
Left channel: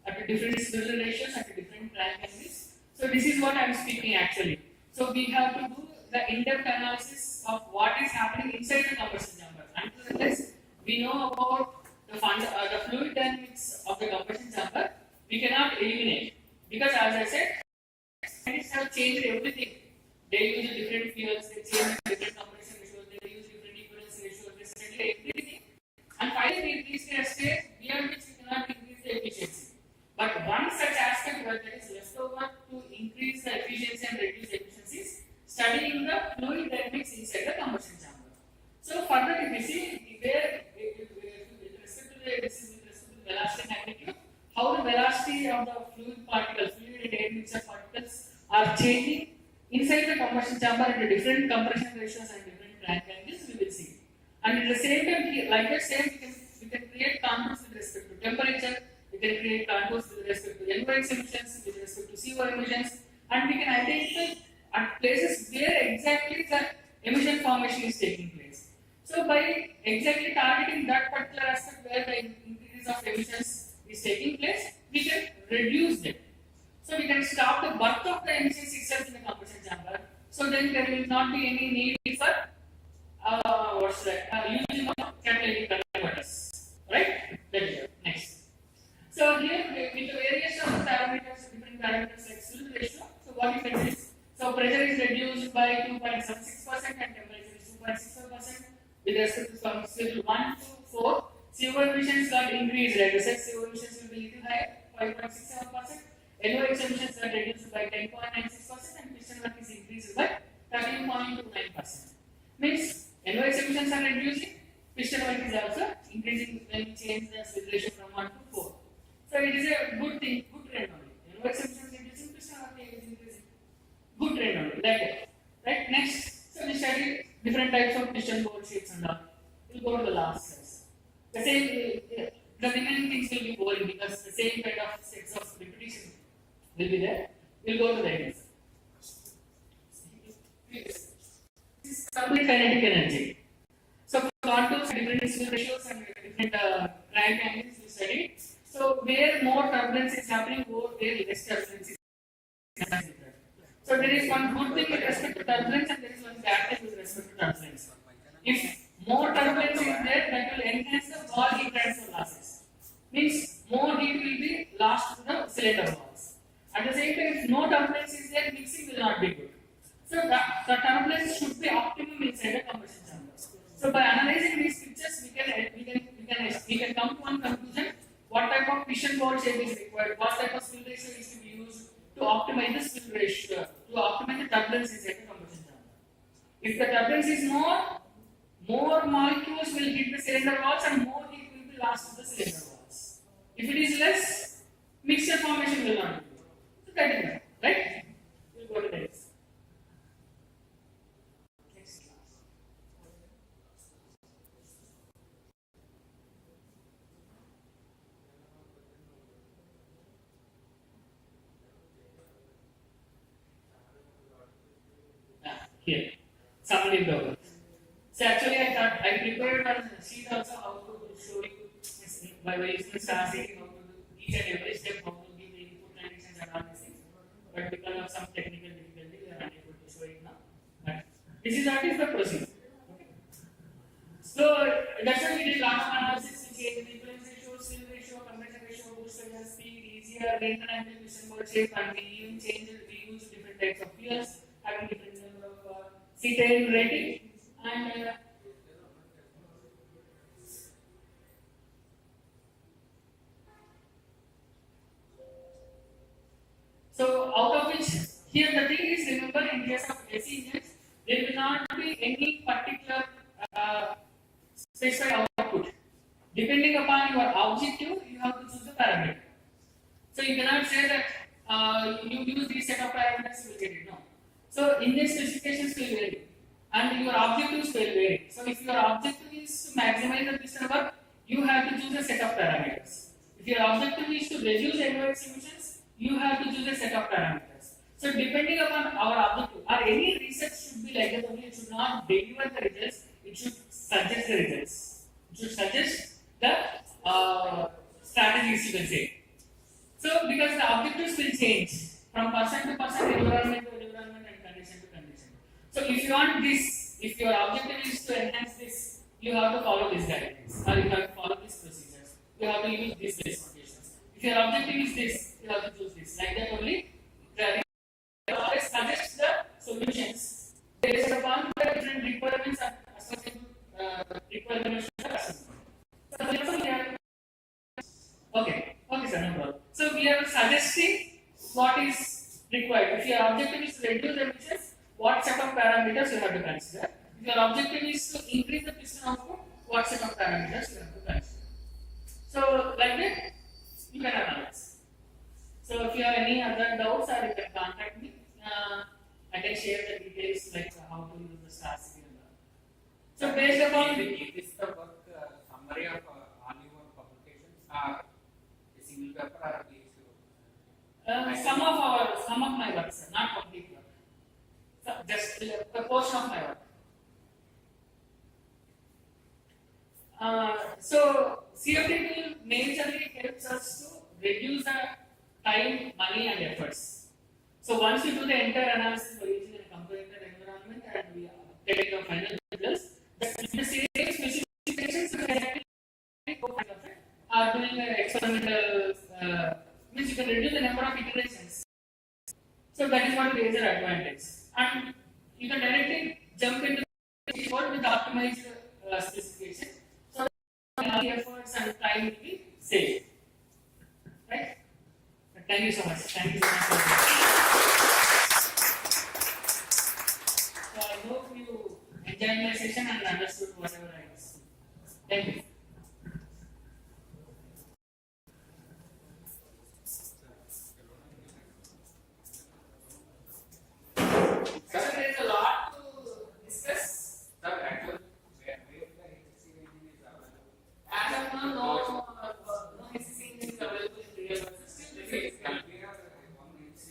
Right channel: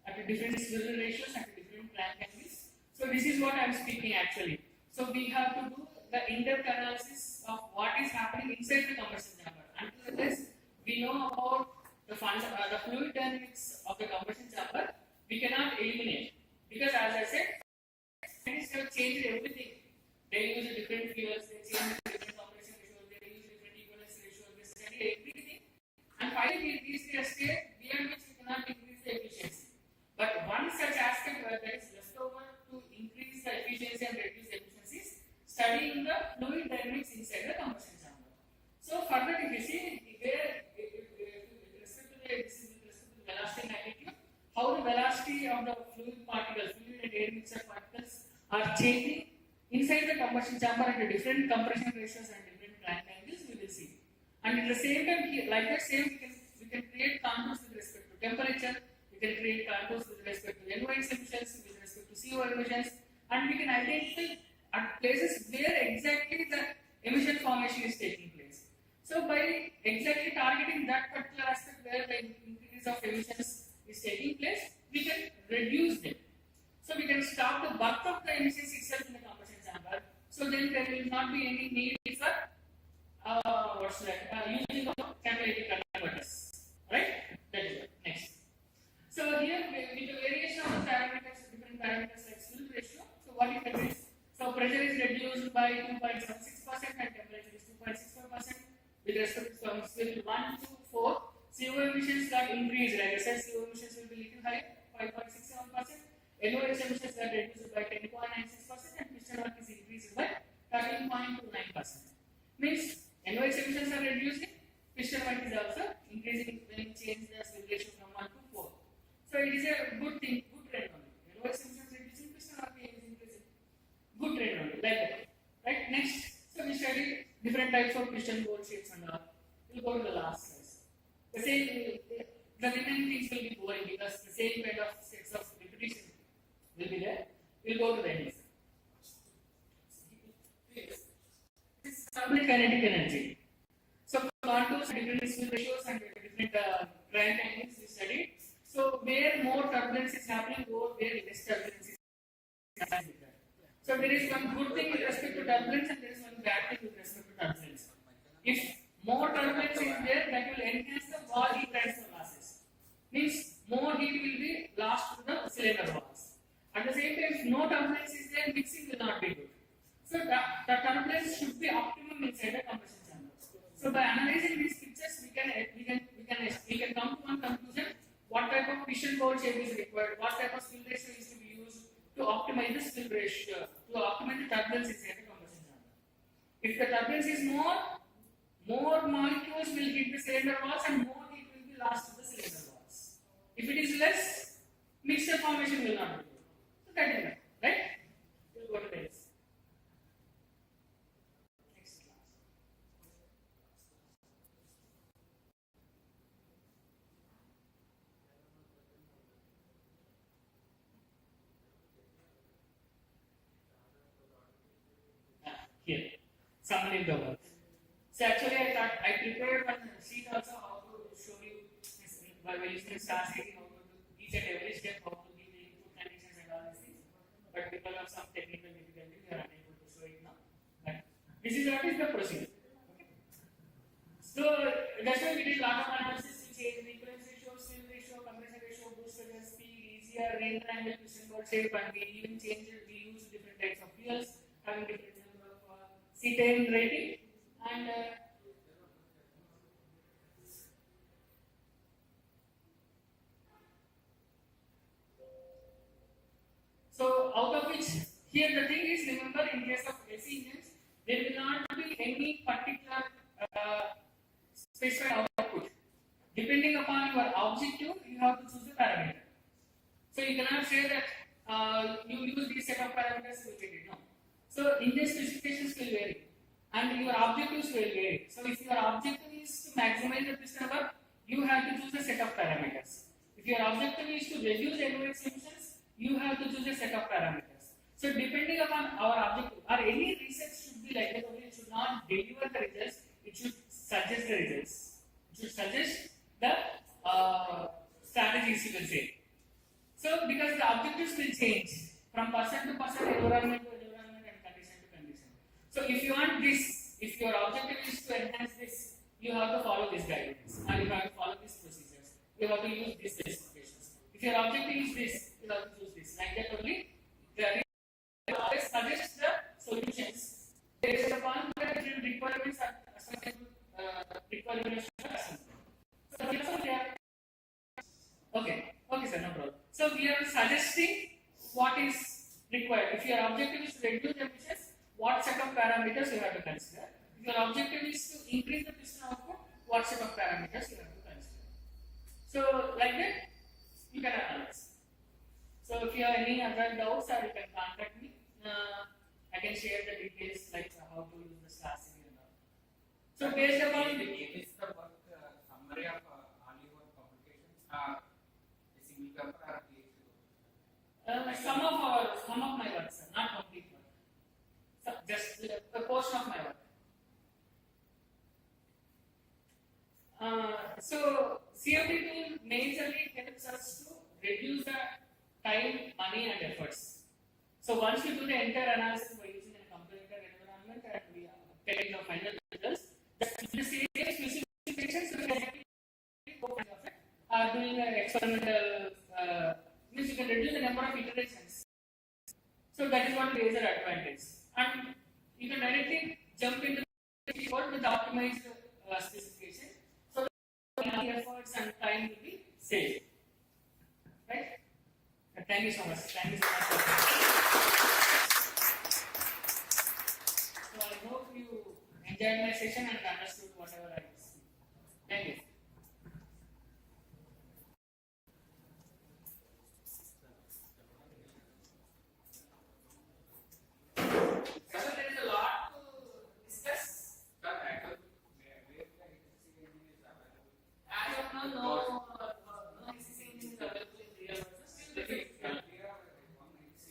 at a different fluid ratios, at a different crank angles. So this is what I am speaking actually. So we have to do the in-depth analysis of what is happening inside the combustion chamber. Until this, we know about the fluid dynamics of the combustion chamber. We cannot eliminate because, as I said, scientists have changed everything. They use different fuels, they change different compression ratios, they use different equivalence ratios, they study everything. And finally, we reach a stage beyond which we cannot increase the efficiency. But one such aspect where there is leftover to increase the efficiency and reduce efficiencies, studying the fluid dynamics inside the combustion chamber. So further, if you see where with respect to the velocity and magnitude, how the velocity of the fluid and air mixture particles are changing inside the combustion chamber at different compression ratios and different crank angles, we will see. And at the same time, like that same, we can create contours with respect to temperature. We can create contours with respect to NOx emissions, with respect to CO emissions, and we can identify at places where exactly the emission formation is taking place. So by exactly targeting that particular aspect where the increase of emissions is taking place, we can reduce them. So we can stop the birth of the emissions itself in the combustion chamber. So then there will not be any need for using of catalytic converters. Right? That is it. Next. So here with the variation of the parameters, different parameters like fluid ratio. So what you can do is, so pressure is reduced by 2.76% and temperature is 2.65%. With respect to scale 1 to 4, CO emissions got increased. Like I said, CO emissions will be little higher, 5.67%. NOx emissions got reduced by 10.96% and piston work is increased by 13.29%. Means NOx emissions are reducing, piston work is also increasing when you change the split ratio from 1 to 4. So it is a good thing, good trend only. NOx emissions reducing, piston work is increasing. Good trend only, like that. Right? Next, so we studied different types of piston bolt shapes and all. We'll go to the last size. The same, the remaining things will be boring because the same kind of sets of repetition will be there. We'll go to the next. This is thermal kinetic energy. So contours, different fluid ratios and different crank angles we studied. So where more turbulence is happening, where less turbulence is happening. So there is one good thing with respect to turbulence and there is one bad thing with respect to turbulence. If more turbulence is there, that will enhance the wall heat transfer losses. Means more heat will be lost to the cylinder walls. At the same time, if no turbulence is there, mixing will not be good. So the turbulence should be optimum inside the combustion chamber. So by analyzing these pictures, we can come to one conclusion: what type of piston bolt shape is required, what type of fluid ratio is to be used to optimize this fluid ratio to optimize the turbulence inside the combustion chamber. If the turbulence is more molecules will hit the cylinder walls and more heat will be lost to the cylinder walls. If it is less, mixture formation will not be there. So that is right. We'll go to the next. Next class. Here, summary of the work. So actually, I thought I prepared a sheet also how to show you by using star setting how to do each and every step, how to give the input conditions and all these things. But because of some technical difficulty, we are unable to show it now. But this is what is the procedure. Okay. So that's why we did a lot of analysis. We change the influence ratio, still ratio, compression ratio, boost ratio, speed, easier, rear angle, piston ball shape, and we even change it. We use different types of fuels, having different number of C10 rating. And so out of which, here the thing is, remember in case of AC engines, there will not be any particular specified output. Depending upon your objective, you have to choose the parameter. So you cannot say that you use this set of parameters, you will get it. No. So engine specifications will vary. And your objectives will vary. So if your objective is to maximize the piston work, you have to choose a set of parameters. If your objective is to reduce NOx emissions, you have to choose a set of parameters. So depending upon our objective, or any research should be like that only, it should not deliver the results, it should suggest the results. It should suggest the strategies, you can say. So because the objectives will change from person to person, environment to environment, and condition to condition. So if you want this, if your objective is to enhance this, you have to follow these guidelines, or you have to follow these procedures. You have to use these specifications. If your objective is this, you have to choose this. Like that only, the always suggest the solutions based upon the different requirements and associated requirements of the customer. So therefore, we are okay, sir, no problem. So we are suggesting what is required. If your objective is to reduce emissions, what set of parameters you have to consider. If your objective is to increase the piston output, what set of parameters you have to consider. So like that, you can analyze. So if you have any other doubts, or you can contact me. I can share the details like how to use the star city and all. So based upon it is the work summary of all your publications are a single paper or these some of my work, sir, not complete work. So just a portion of my work. So CFD tool majorly helps us to reduce the time, money, and efforts. So once you do the entire analysis by using a computer environment and we get the final results, the same specifications you can doing an experimental means you can reduce the number of iterations. So that is what is the advantage. And you can directly jump into the code with the optimized specification. So that efforts and time will be saved. Right? Thank you so much. Thank you so much. So I hope you enjoyed my session and understood whatever I was. Thank you. Sir, there is a lot to discuss. Sir, actually, where the HC engine is available. As of now, no HC engine is available in real world. Still, It is LPR, one HC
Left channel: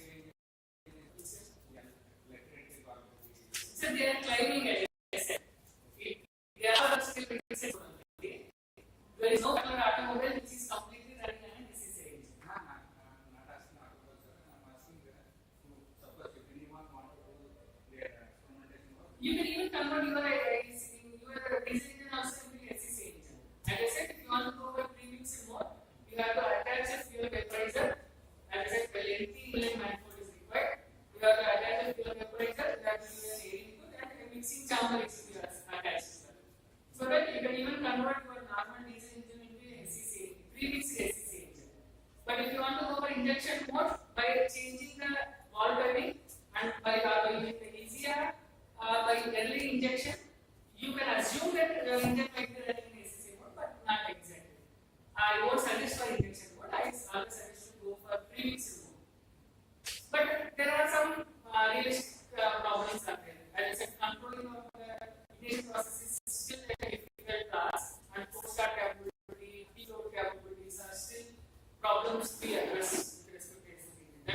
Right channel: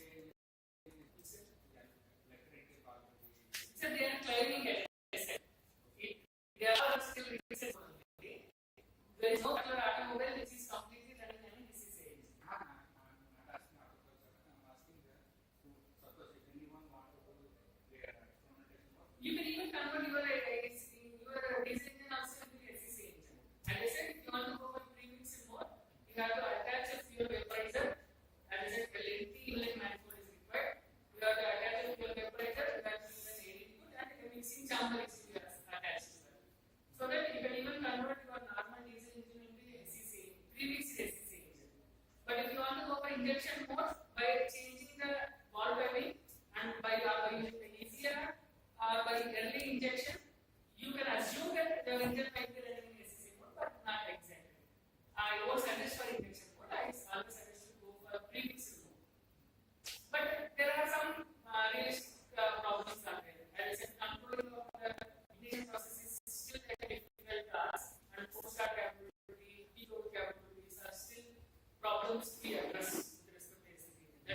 engine is electric power. so they are climbing at it. They are still fixed. There is no other automobile which is completely running on a DC engine. I'm not asking automobile, sir. I'm asking suppose if anyone wants to do their experimentation work. You can even convert your DC engine also into SEC engine. As I said, if you want to go for premixed mode, you have to attach a fuel vaporizer. As I said, the lengthy inlet manifold is required. You have to attach a fuel vaporizer, you have to use an air input, and a mixing chamber is to be attached as well. So that you can even convert your normal diesel engine into SEC, premixed SEC engine. But if you want to go for injection mode, by changing the valve timing,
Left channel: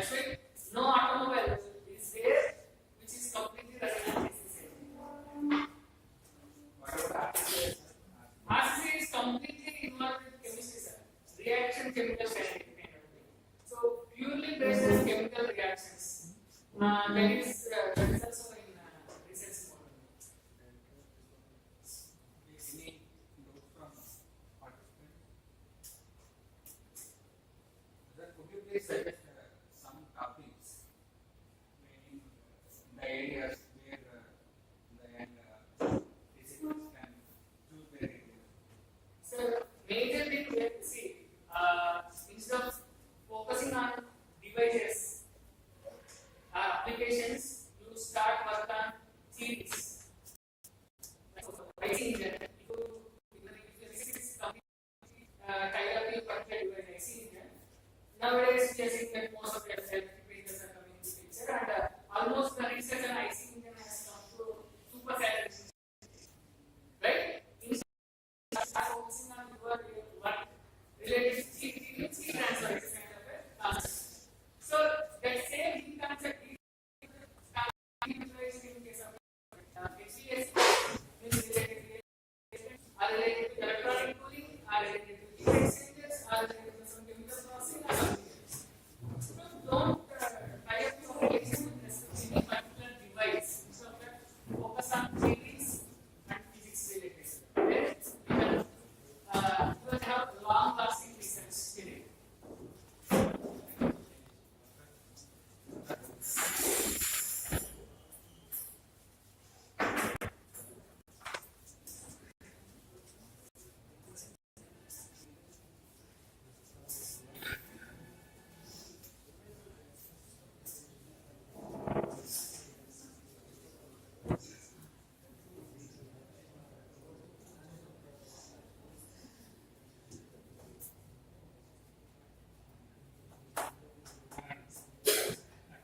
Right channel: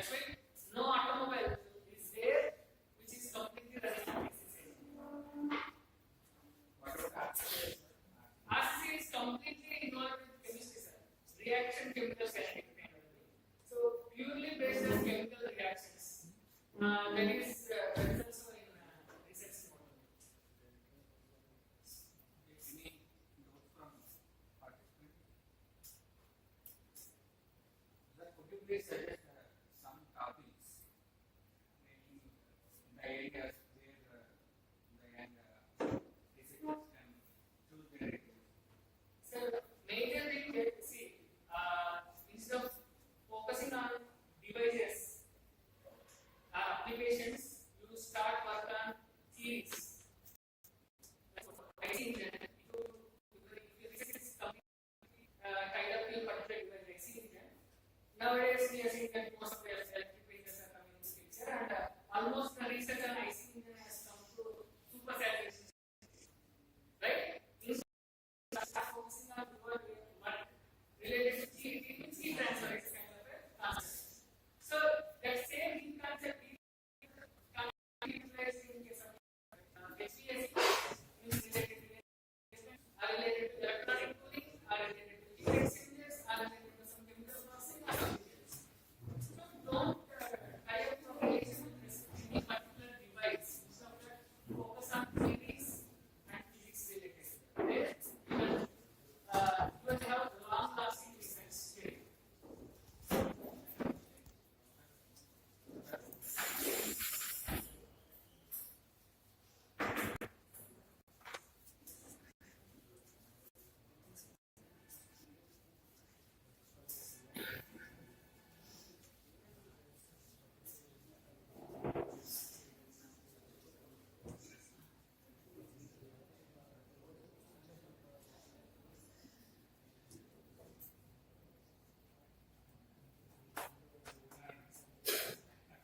That's why no automobile is there which is completely running on ACC. What about RCC? RCC is completely involved with chemistry, sir. Reaction chemical kinetic kind of thing. So purely based on chemical reactions. That is also in research model. Any notes from participants? Sir, could you please suggest some topics in the areas where the physicists can choose their area? So major thing here, see, instead of focusing on devices, applications, you start work on theories. IC engine, if your physics completely tied up in particular device, IC engine. Nowadays we are seeing that most of the electric vehicles are coming into picture, and almost the research on IC engine has come to super saturation. Right? Start focusing on what related to heat transfer is kind of a concept. So that same heat concept is utilized in case of HVAC is related are related to electronic cooling, are related to heat exchangers, are related to some chemical processing or something else. So don't tie up your relation with respect to any particular device. Instead of that, focus on theories and physics related. Where you will have long-lasting research period.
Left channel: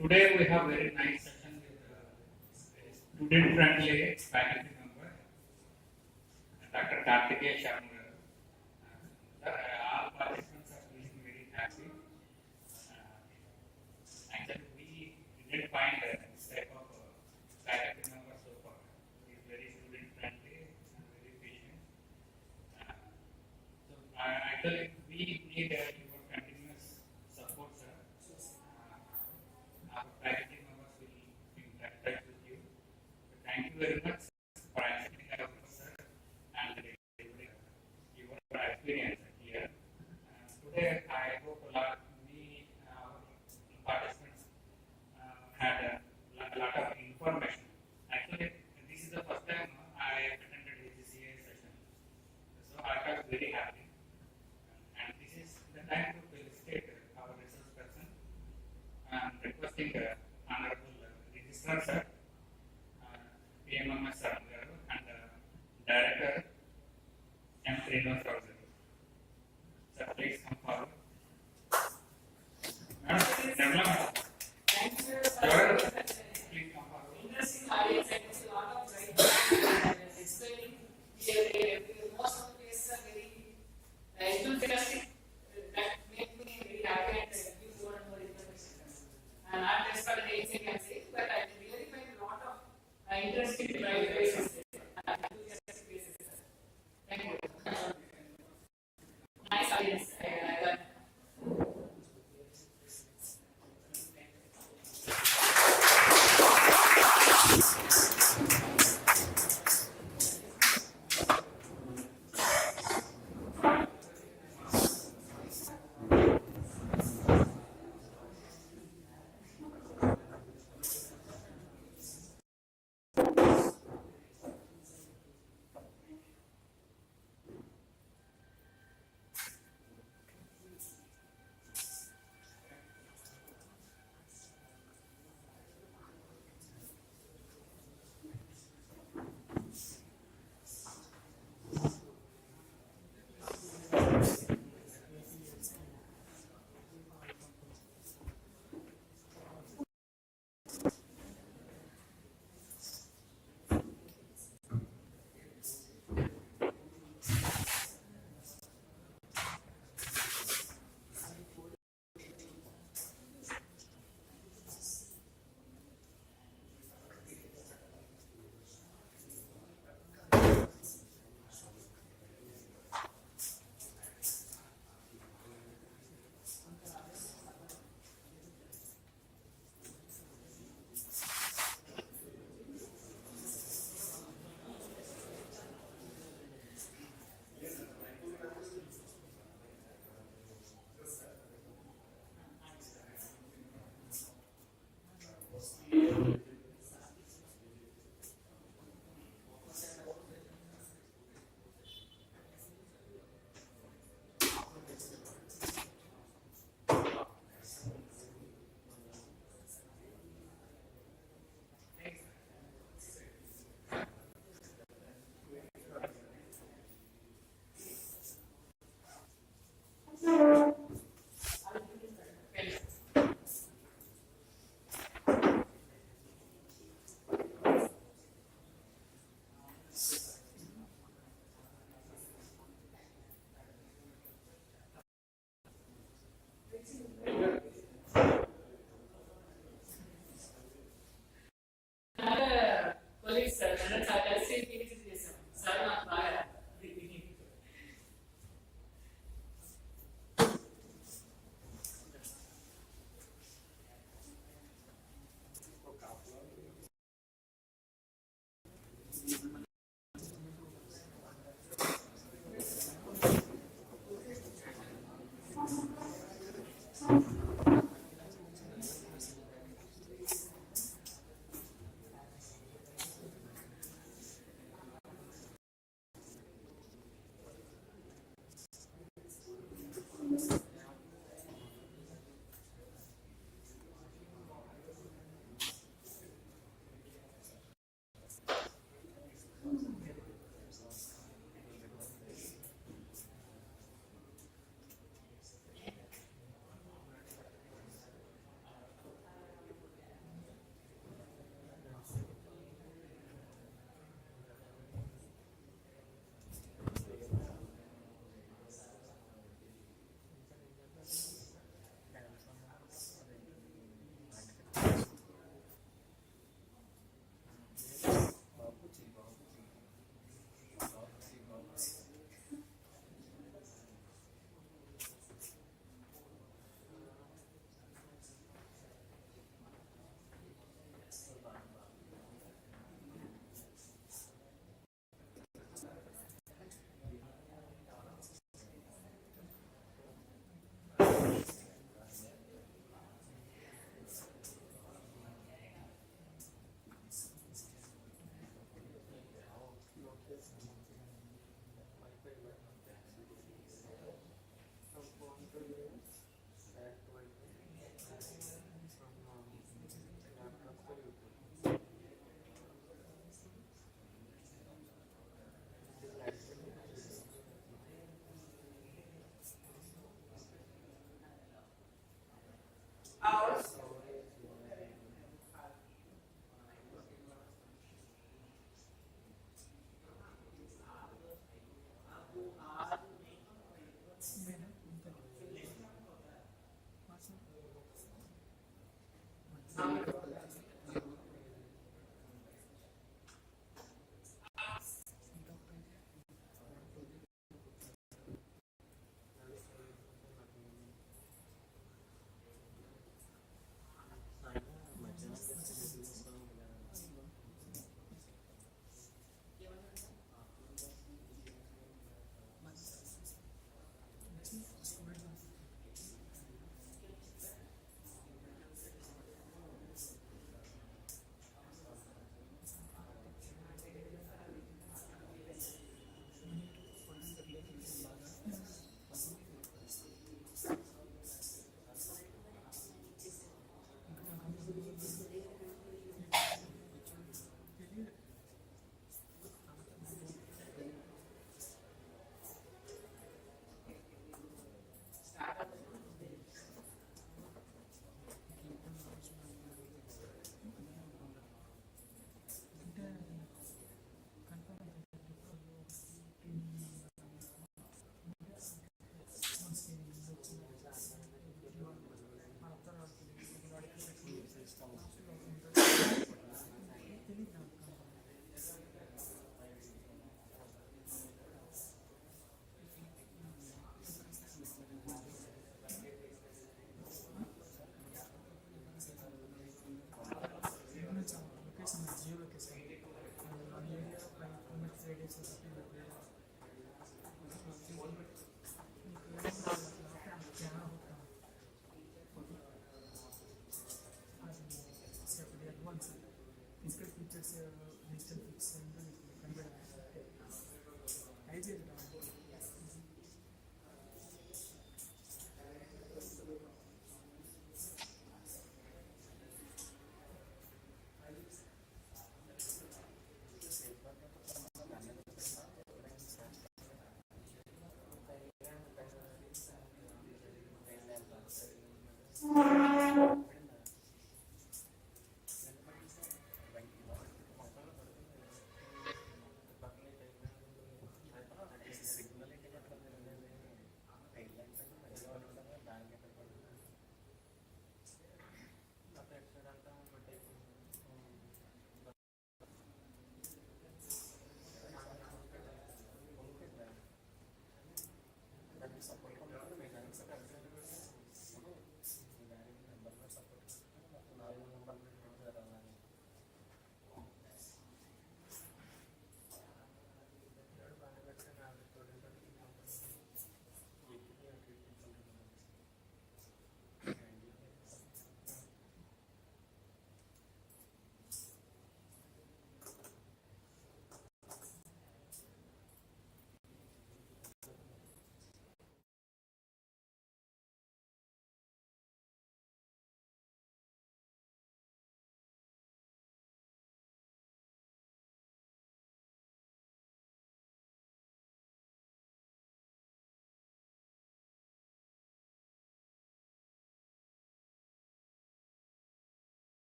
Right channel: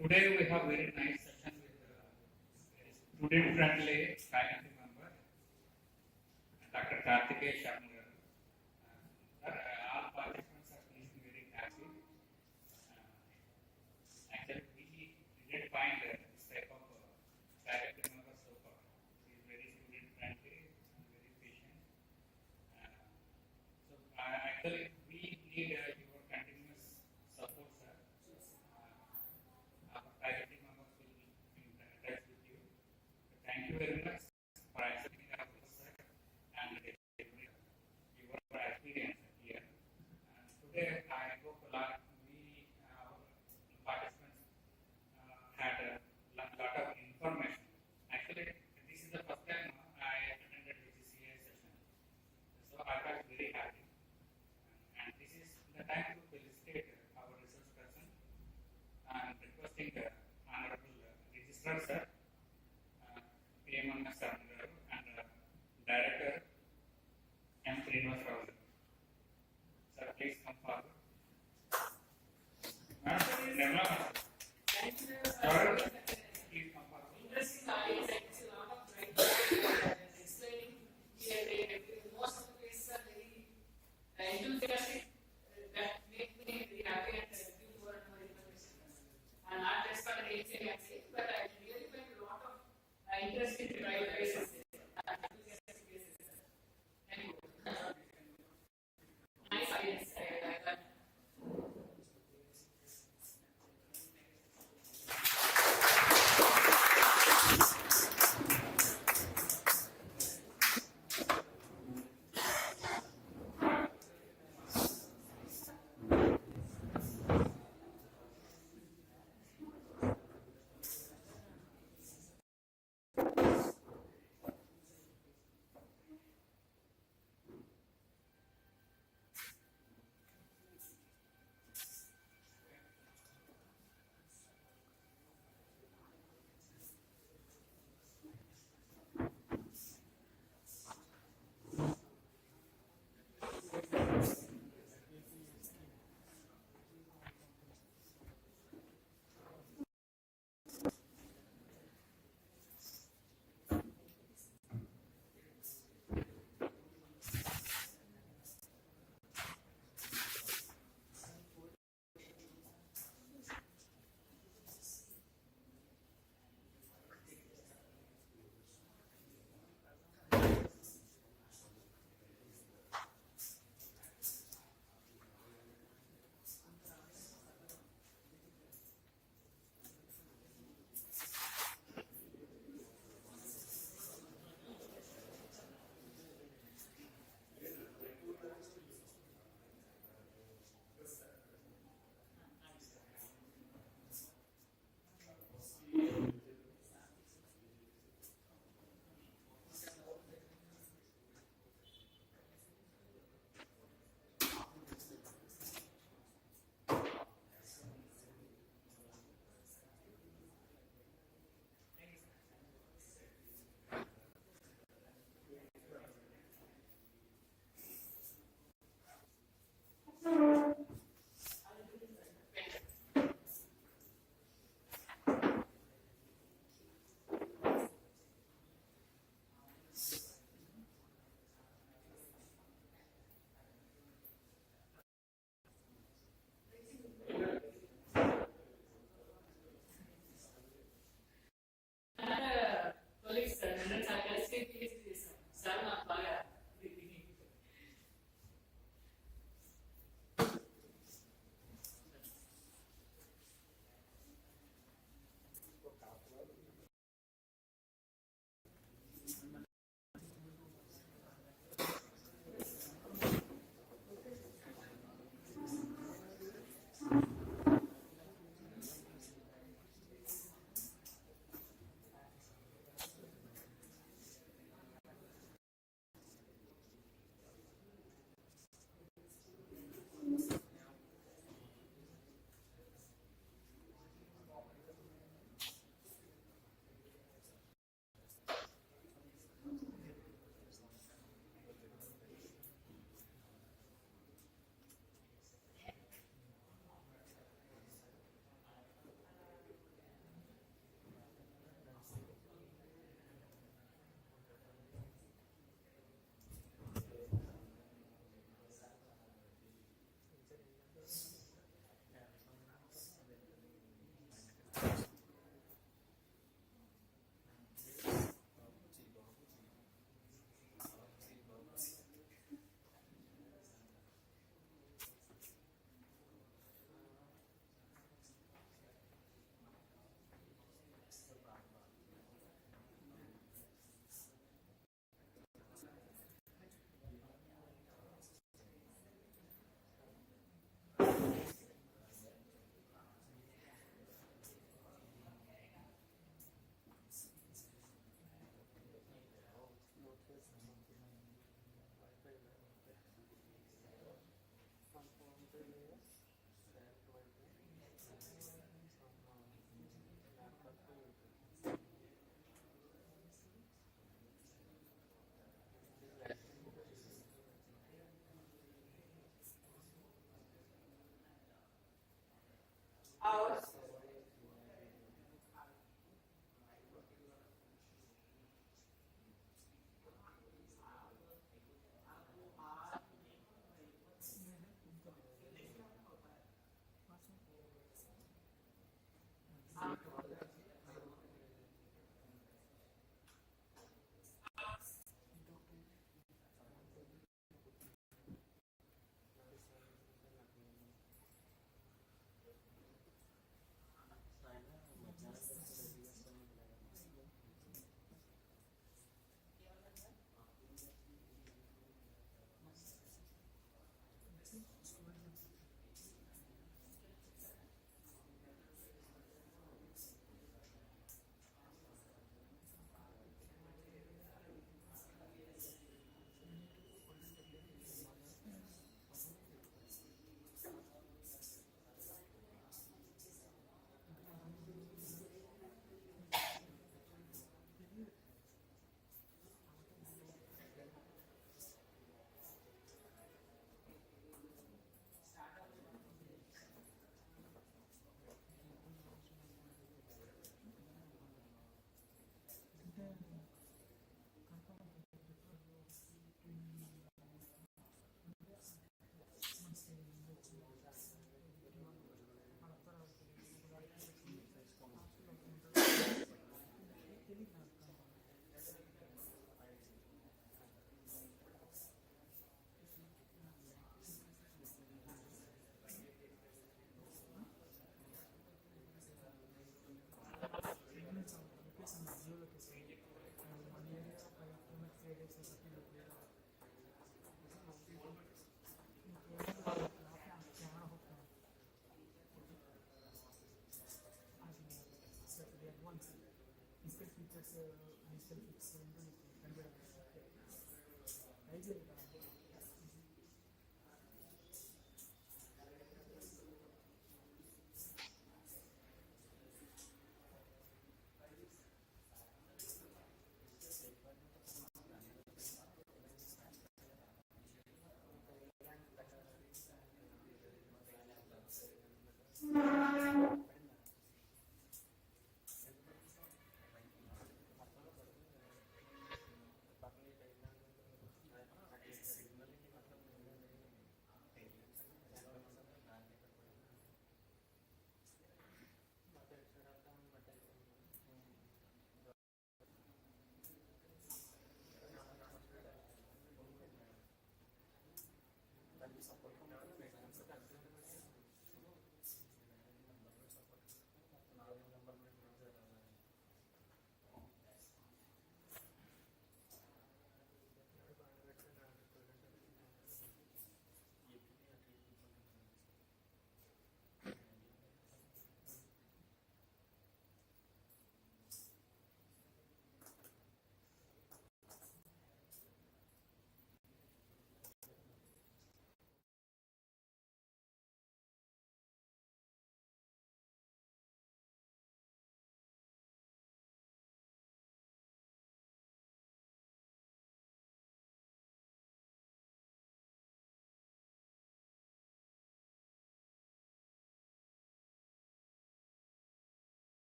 Today we have very nice session with student-friendly faculty member, Dr. Karthikeya Sharma. All participants are feeling very happy. Actually, we didn't find this type of faculty member so far. He is very student-friendly and very patient. So actually, we need your continuous support, sir. Our faculty members will be in touch with you. So thank you very much for accepting our sir and your experience here. Today, I hope a lot our participants had a lot of information. Actually, this is the first time I attended ACCA session, so I felt very happy. And this is the time to felicitate our resource person. I'm requesting Honorable Registrar Sir, PMMS Sir, and Director M. Srinivas Rao Sir. Sir, please come forward. Nirmala, Thank you. please come forward. Interesting ideas. I can see a lot of right explaining. Most of the cases are very enthusiastic. That make me very happy and give more and more information. And not just for the exam I'm saying, but I really find a lot of interesting right cases. Enthusiastic cases. Thank you. Nice audience. I got. Physical features digital features ఏంటో నీకు కనిపెడతాను try చేయాలి.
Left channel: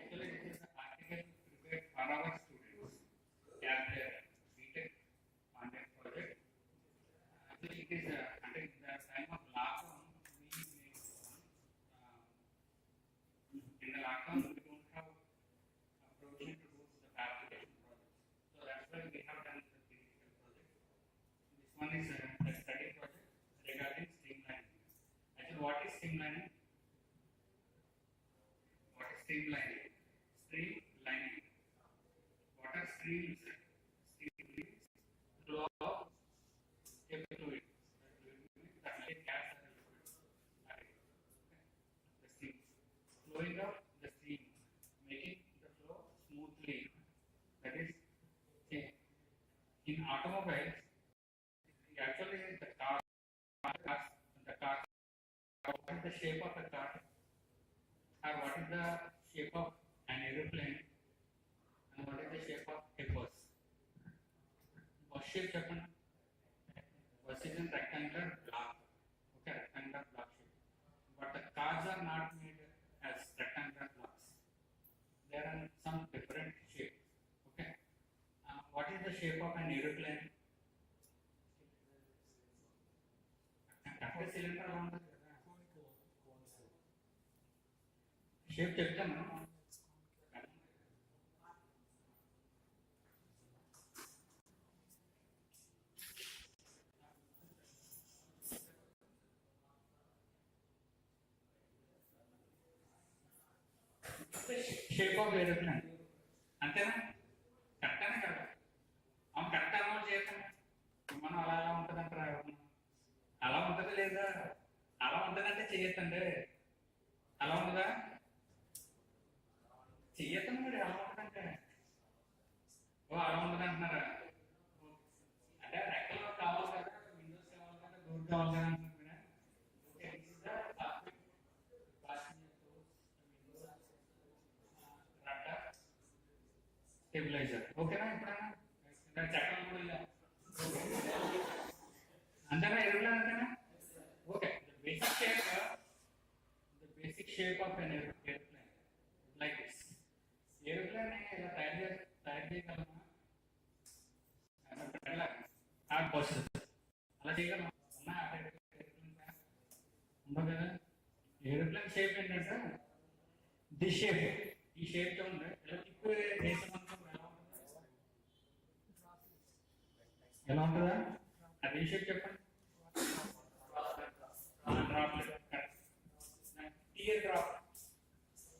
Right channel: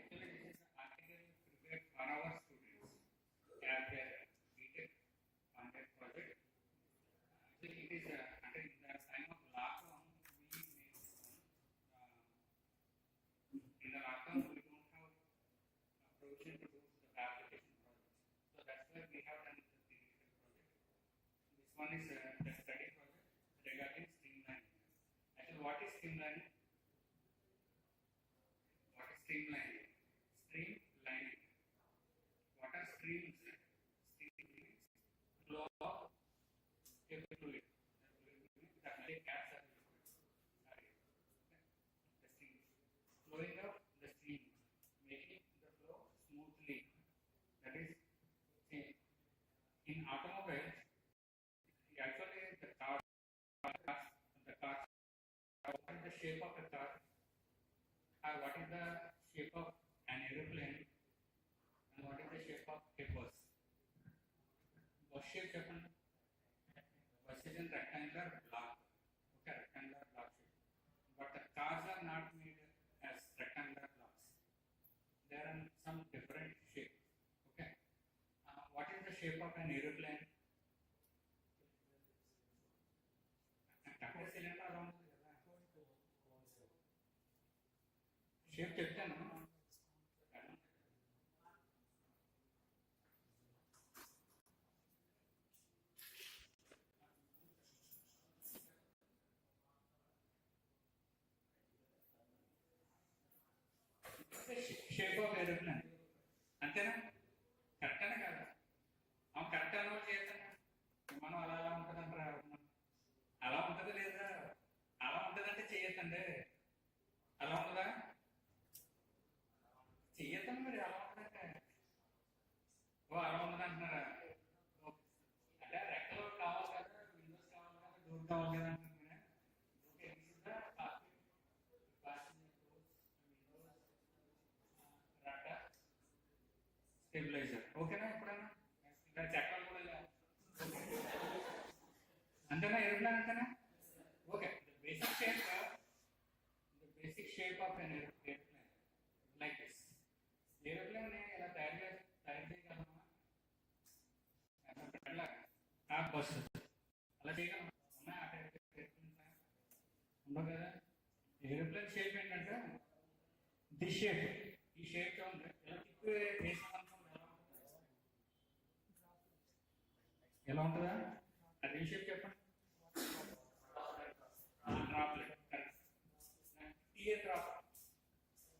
Actually, this is article prepared for our students at BTech on that project. Actually, it is at the time of lockdown, we made in the lockdown we don't have approaching to do the application project. So that's why we have done the theoretical project. This one is the study project regarding streamlining. Actually, what is streamlining? What is streamlining? Streamlining. What are streams? Streams flow of a fluid. That like gas or liquid. The stream. Flowing of the stream, making the flow smoothly. That is, in automobiles, actually the car, what is the shape of a car, or what is the shape of an aeroplane, and what is the shape of a bus. Bus shape చెప్పండి. Bus is in rectangular block. Okay, rectangular block shape. But the cars are not made as rectangular blocks. There are some different shapes. Okay. What is the shape of an aeroplane? Cylinder అలా ఉంటుంది కదా. Shape చెప్తాను. Shape of aeroplane అంతేనా? కరెక్టేనా కదా? అవును, correct అలవాటు చేస్తాను. మనం అలా ఎలా ఉంటుంది అంటారా? అలా ఉంటుంది లేదా? అలా ఉంటుందంటే చెయ్యొద్దండి. అలా ఉంటుందా? చెయ్యొద్దండి. మరి అలా ఉంటుందంటే ఓ అలా ఉంటుంది అంటున్నారా? అంటే రెక్కలు కావాలి కదా, విండోస్ కావాలి కదా, డోర్ కావాలి కదా అంటున్నారా? Okay, stabiliser. ఓకేనా? ఎప్పుడైనా చట్టం కూడా ఇలా అంతేనా? ఏరోప్లేన్ అంతేనా? Okay. The basic shape of an airplane like this. Airplane ఇలా తయారు చేయగలమా? బస్ అలా చేయగలమా? ఉండవు కదా. ఏరోప్లేన్ షేప్ ఏంటంటే ది షేప్. ఈ షేప్ చూడండి, ఇలా తిప్పు దేశం అంతా ఎలా ఉంటుందా? అది షేప్ చెప్పండి. డ్రాప్లెట్. Tear drop.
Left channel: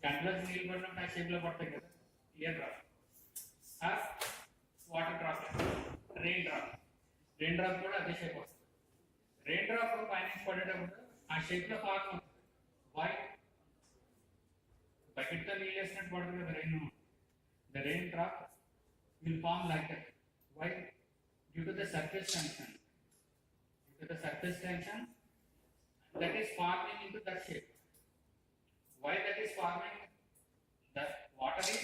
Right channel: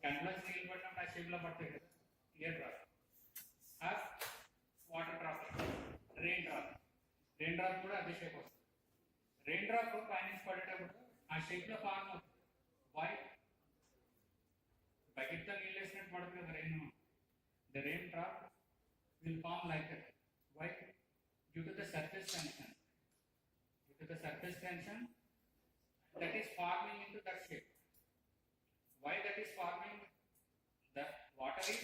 కంట్లోకి నీళ్ళు పడినప్పుడు ఆ షేప్ లో పడతాయి కదా, tear drop. Water drop, rain drop. Rain drop కూడా అదే షేప్ వస్తుంది. రెయిన్ డ్రాప్ పైనుంచి పడేటప్పుడు ఆ షేప్ లో ఫార్మ్ అవుతుంది. వై? బకెట్ తో నీళ్ళు వేసినట్టు పడుతుంది కదా rain. The rain drop will form like that. Why? Due to the surface tension. Due to the surface tension that is forming into that shape. Why that is forming? The water is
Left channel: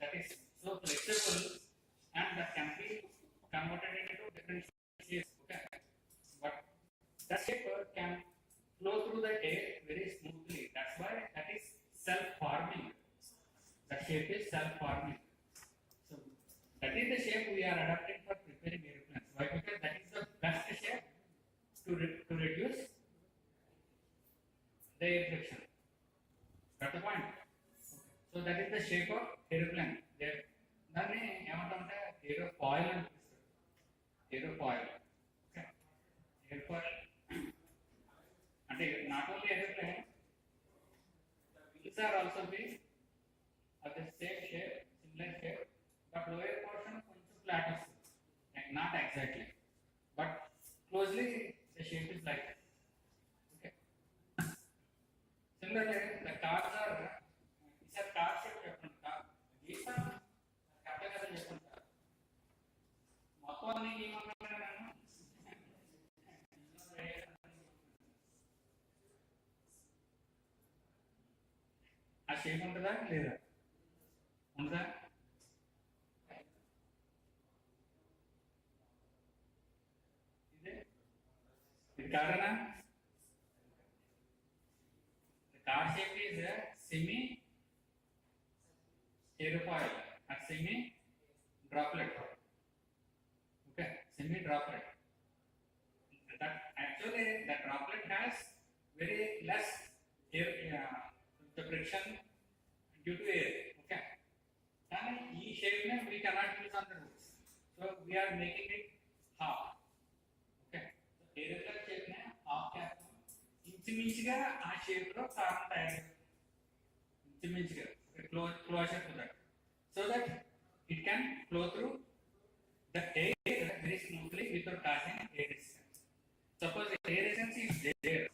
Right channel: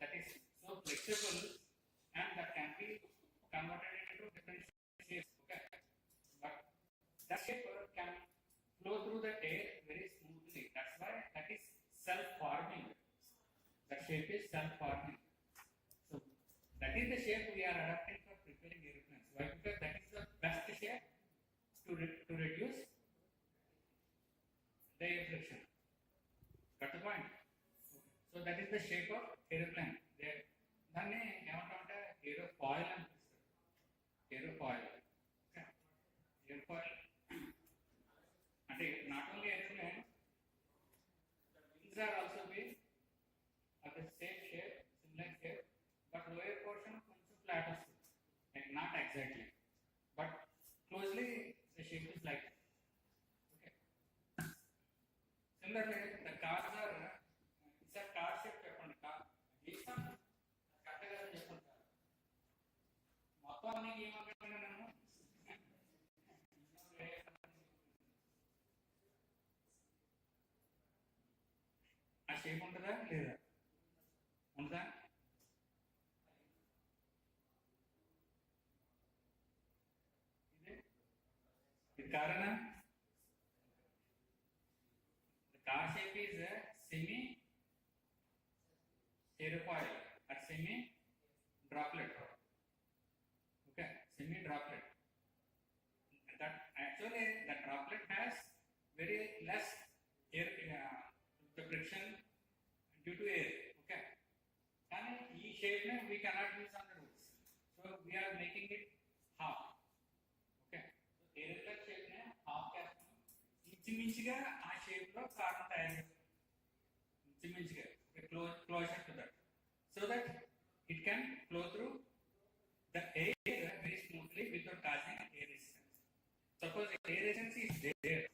that is so flexible and that can be converted into different shapes. Okay, but that shape can flow through the air very smoothly. That's why that is self-forming. That shape is self-forming. So that is the shape we are adopting for preparing airplanes. Why? Because that is the best shape to reduce the air friction. Got the point? So that is the shape of airplane. There, దాన్ని ఏమంటామంటే ఏరోఫాయిల్ అని పిలుస్తారు. ఏరోఫాయిల్. Okay, ఏరోఫాయిల్ అంటే not only aeroplane, wheels are also be of the same shape, similar shape, but lower portion కొంచెం flat వస్తుంది. Not exactly, but closely the shape is like that. Okay. Similarly, the cars are, these are car shape చెప్పండి. Car గీసా correct కదా చెప్పండి. Sir మొత్తం అన్ని ఏమన్నా నేను ఆ షేప్ ఉంటుందా లేదా? ఉంటుందా? ఇది కారణం the car shape is a semi aerofoil or semi droplet. Okay, semi droplet. That actually the droplet has very less air the friction due to air. Okay, and this shape ne we cannot use on the roads, so we are making it half. Okay, aeroplane shape నే half cap ఇంచుమించుగా ఆ shape లో car తయారు ఇంచుమించుగా closer to that, so that it can flow through the air very smoothly without causing air resistance. Suppose air resistance is there,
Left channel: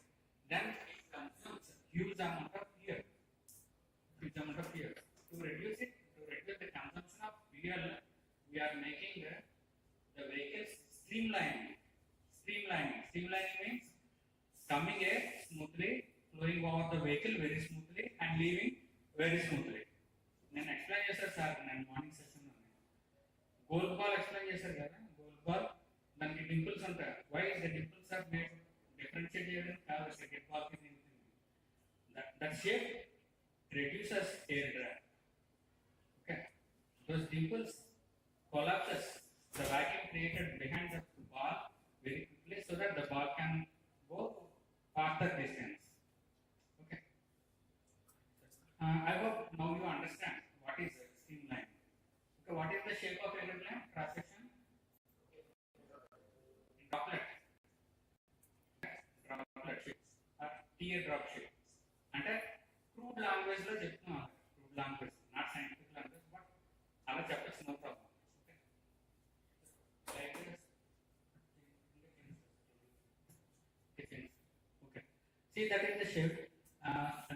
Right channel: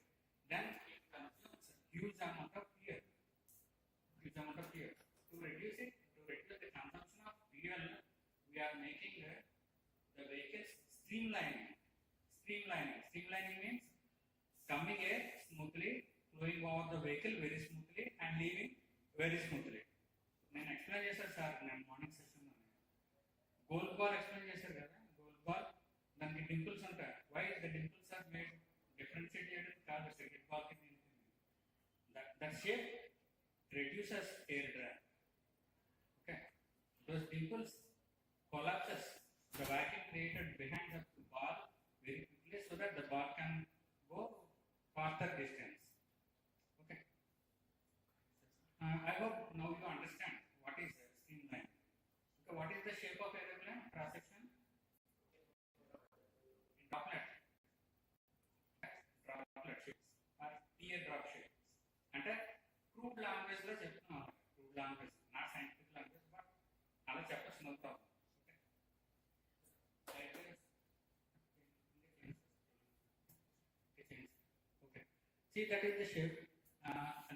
then it consumes huge amount of fuel. Huge amount of fuel. To reduce it, to reduce the consumption of fuel, we are making the vehicles streamlining. Streamlining means coming air smoothly, flowing over the vehicle very smoothly and leaving very smoothly. నేను explain చేశాను sir, నేను morning session gold ball explain చేశారు కదా. Gold ball దానికి dimples ఉంటాయి. Why the dimples are made? Differentiate చేయడం కాదు, cricket ball కి that shape reduces air drag. Okay, those dimples collapses the vacuum created behind the ball very quickly so that the ball can go farther distance. Okay, I hope now you understand what is streamline. Okay, what is the shape of aeroplane? Cross section droplet. Droplet shape or teardrop shape. అంటే crude language లో చెప్తున్నాను, crude language, not scientific language, but అలా చెప్పచ్చు, no problem. Okay, see that is the shape,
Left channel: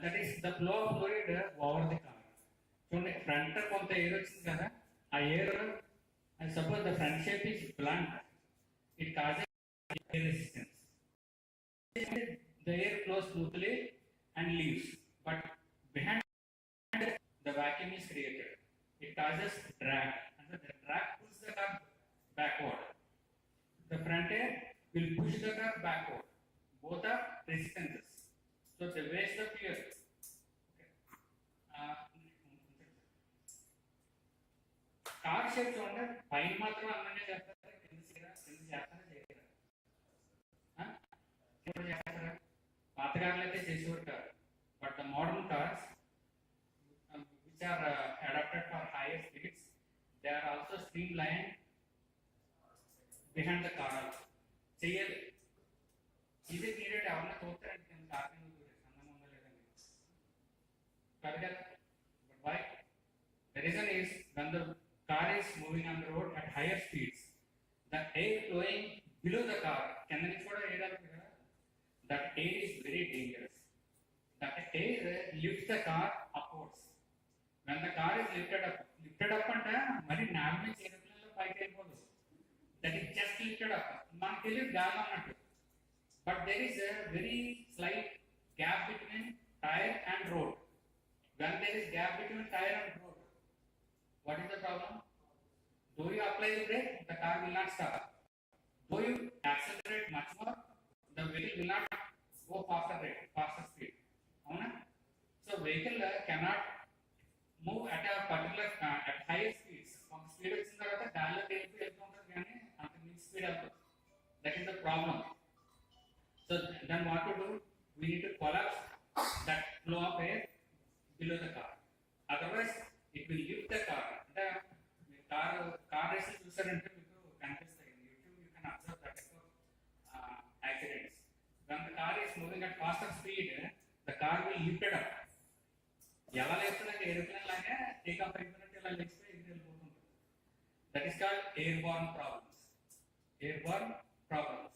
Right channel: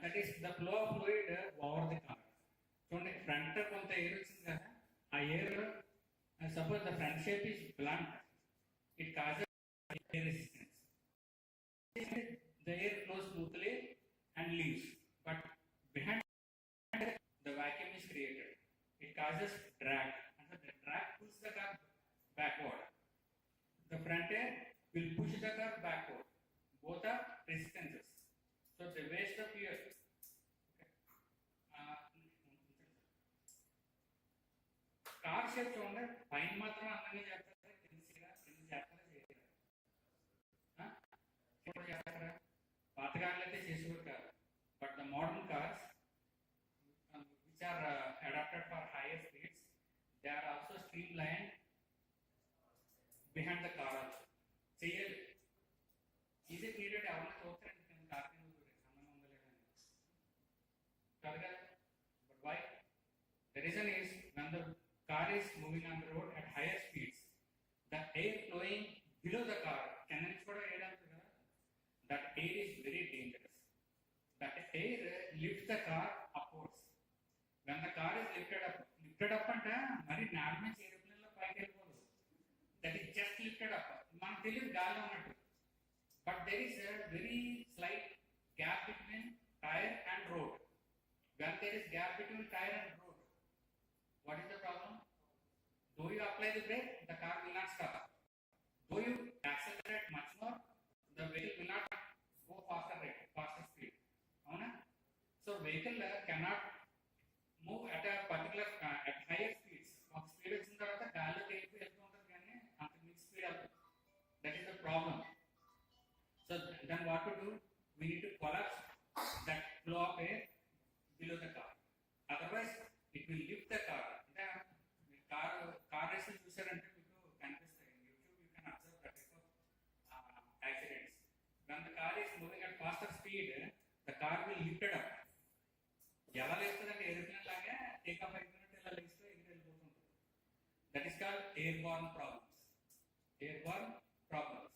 that is the flow of fluid over the car. చూడండి, front కొంత air వచ్చింది కదా, ఆ air suppose the front shape is blunt, it causes air resistance. The air flows smoothly and leaves, but behind the vacuum is created. It causes drag, and the drag pulls the car backward. The front air will push the car backward. Both are resistances, so they waste the fuel. Okay. Car shape చూడండి, పైన మాత్రం అన్నీ చేస్తారా, కింద చేస్తారా చేయరా? ఇప్పుడు చేస్తారా? పాత కార్లు అయితే చేసేవారు కాదు, but the modern cars which are adapted for higher speeds, they are also streamlined behind the car also. చేయాలి, ఇది పీరియడ్ ఎవరైనా చూస్తారంటే కింద కార్ కింద దూరేసి అన్నం ఉందా లేదని కాదు కదా. But why? The reason is when the car is moving on the road at higher speeds, the air flowing below the car, కింద నుంచి కూడా ఎయిర్ వెళ్తుంది కదా, that air is very dangerous. That air lifts the car upwards. When the car is lifted up అంటే మరి నేల నుంచి ఏరోప్లేన్లో పైకి వెళ్ళిపోదు. That is just lifted up. మనకు తెలియదు గాలి అన్నట్టు. But there is a very slight gap between tire and road. When there is gap between tire and road, what is the problem? Do you apply the brake? The car will not stop. Do you accelerate much more? The vehicle will not go faster speed. Avuna? So vehicle cannot move at a particular at higher speeds. Of speed వచ్చిన తర్వాత గాలిలో వెళ్ళి వెళ్తుంటుంది కానీ అంత మించి speed అవుతుంది. That is the problem. So then what to do? We need to collapse that flow of air below the car. Otherwise, it will lift the car. The car races చూసారంటే మీకు కనిపిస్తాయి. In YouTube, you can observe that type of accidents. When the car is moving at faster speed, the car will lift it up. ఎలా లేస్తుందంటే aeroplane లాగా take off అయిపోయినట్టు ఇలా లేస్తే ఎగిరి వెళ్ళిపోతుంటుంది. That is called airborne problems. Airborne problems.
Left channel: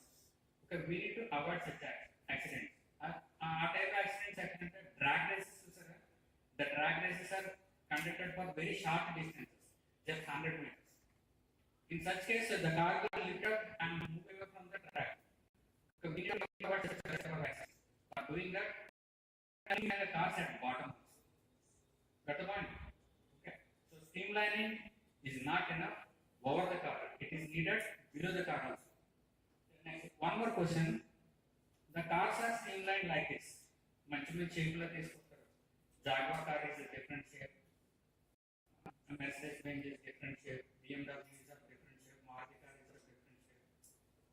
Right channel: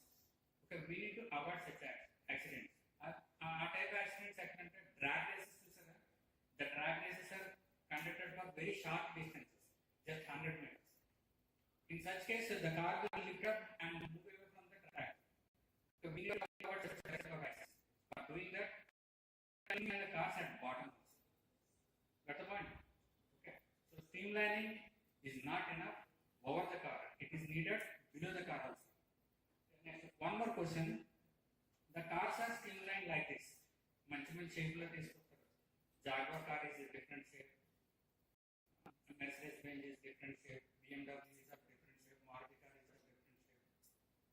Okay, we need to avoid such accidents. ఆ type accidents ఎక్కడంటే drag races చూసారా? The drag races are conducted for very short distances, just 100 meters. In such case, the car will lift up and move away from the track. So we need to avoid such accidents. For doing that, and the cars at bottom. Got the point? Okay. So streamlining is not enough over the car. It is needed below the car also. Next, one more question. The cars are streamlined like this. మంచి shape లో తీసుకుంటారు. Jaguar car is a different shape. Mercedes Benz is different shape. BMW is of different shape. Maruti car is of different shape.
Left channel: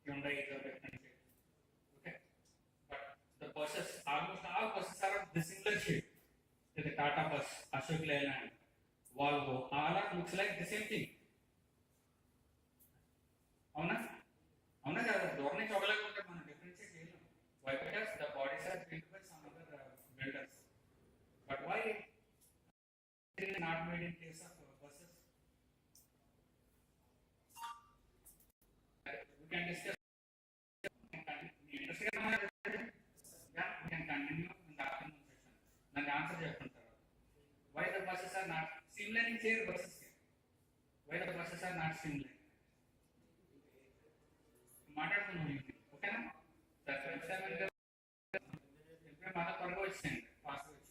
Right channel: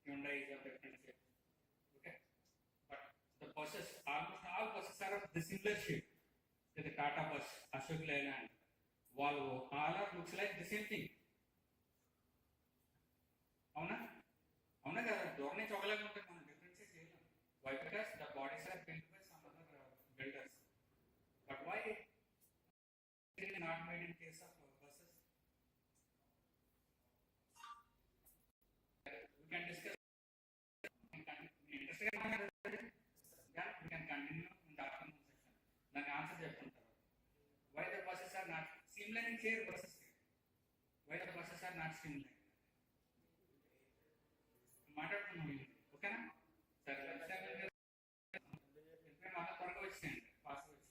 Hyundai is of different shape. Okay. But the buses, almost all buses are of the similar shape. The Tata bus, Ashok Leyland, Volvo, all are looks like the same thing. అవునా కదా, దూరం నుంచి ఒకలాగా మనం differentiate చేయలేం. Why? Because the bodies are built by some other builders. But why it is not made in case of buses? We can discuss. We can continue in the afternoon session. Then the answer చెప్తుంటారు. Why the buses are not streamlining here buses? Why the buses are not streamlined? మాట్లాడుతున్నాం ఓకేనా sir? మన త్వరగా వచ్చింది fast వచ్చి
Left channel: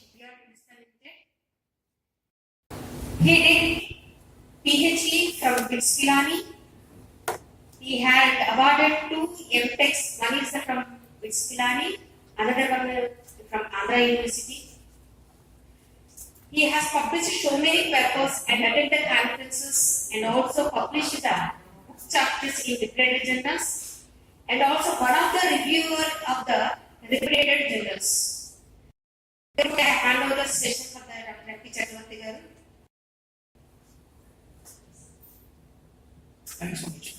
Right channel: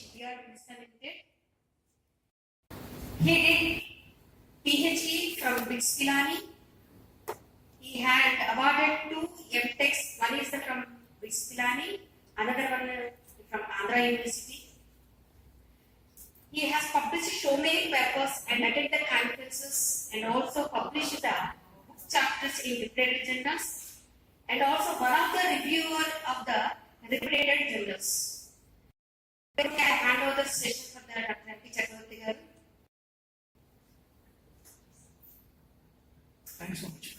Shipyard Limited. He did PhD from Bitskilani. He had awarded 2 MTechs. One is from Bitskilani, another one from Andhra University. He has published so many papers and attended conferences and also published the book chapters in reputed journals and also one of the reviewer of the reputed journals. I hand over the session for the Dr. M.P. Chakravarti garu. Thanks so much.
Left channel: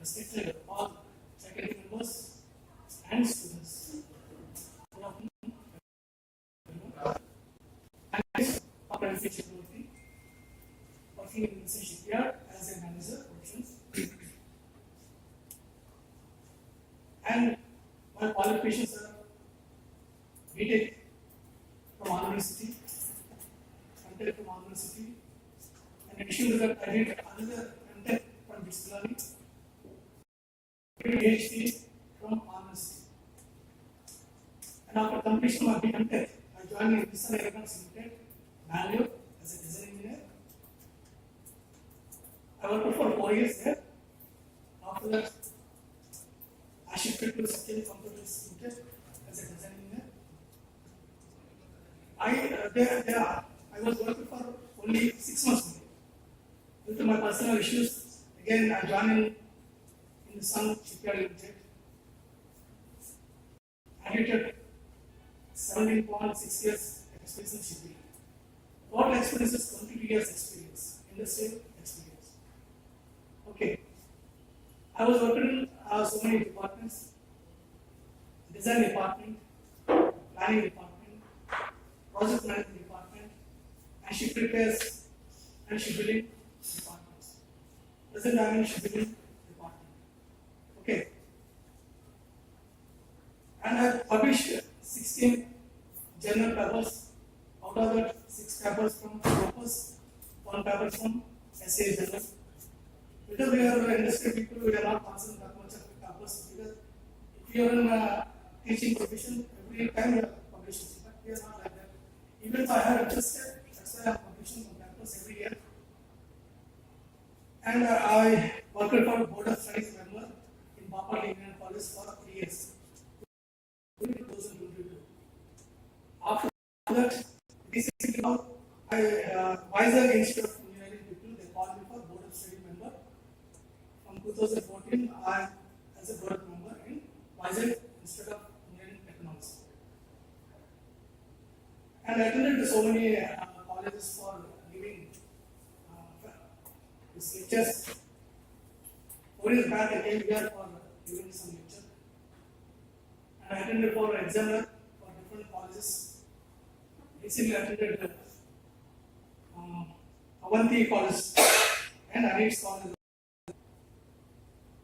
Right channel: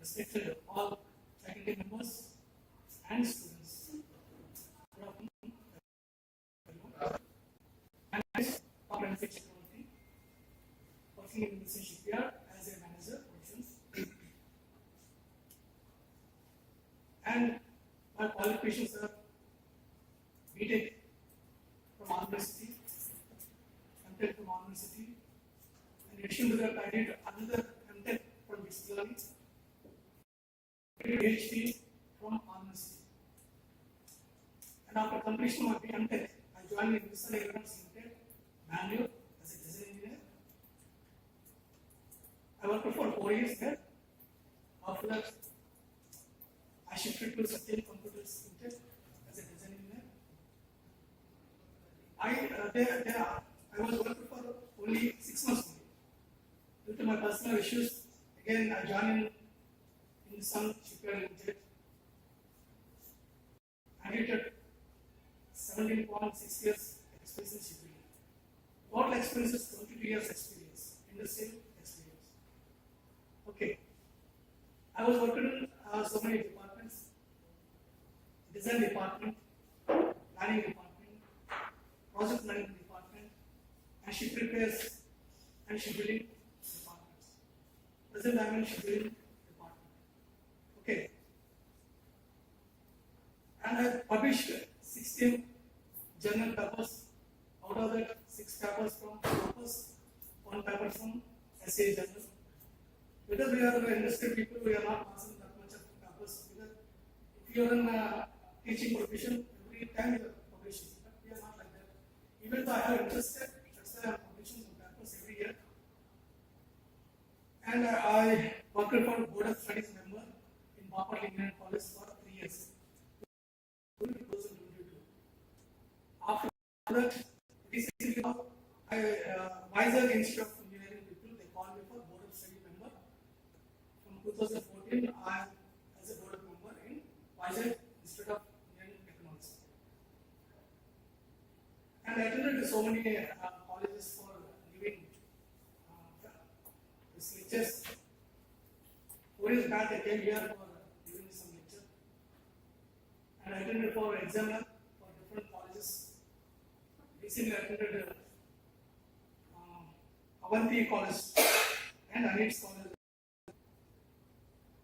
Respected all faculty members and students. Good afternoon. I'm Dr. M.P. Chakravarti, working in Combustion shipyard as a manager operations. And my qualifications are BTech from Andhra University, MTech from Andhra University. In addition to that, I did another MTech from Bitskilani, PhD from Andhra University. And after completion of MTech, I joined in Nissan Aeronautics Limited, Bangalore, as a design engineer. I worked for 4 years there. After that, I shifted to Satya Computers Limited as a design engineer. I was working for only 6 months only. Due to my personal issues, again I joined in the Sun Shipyard Limited. I did 17.6 years experience in shipping. Total experience is 22 years experience, industrial experience. Okay. I was working in so many departments: design department, planning department, project management department, and ship repairs and shipbuilding departments. Present I am in shipbuilding department. Okay. And I have published 16 journal papers. Out of that, 6 papers from Scopus, 1 paper from SA journal. Because we are industry people, we are not passing that much of papers. Because if you are in a teaching profession, every time you are publishing, but we are not like that. Even though I have interested, that's why I am publishing some papers every year. And I worked for Board of Studies member in Bapar Indian College for 3 years. 2022. After that, recently now, Wiser Institute of Engineering people, they called me for Board of Study member. From 2014, I am as a board member in Wiser Institute of Engineering Technology. And I attended so many colleges for giving these lectures. 4 years back, I came here for giving some lecture. And I attended for examiner for different colleges. Recently, I attended Avanti College and Anix College.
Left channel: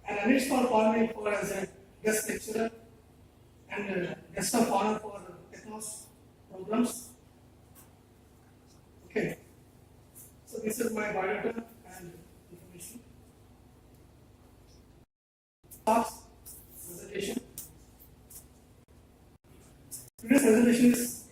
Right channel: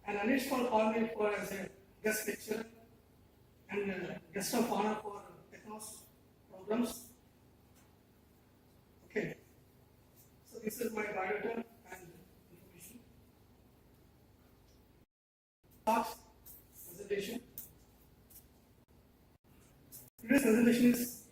And Anix called me for as a guest lecturer and guest of honor for Technos programs. Okay. So this is my biodata and information. Talks, presentation. Today's presentation is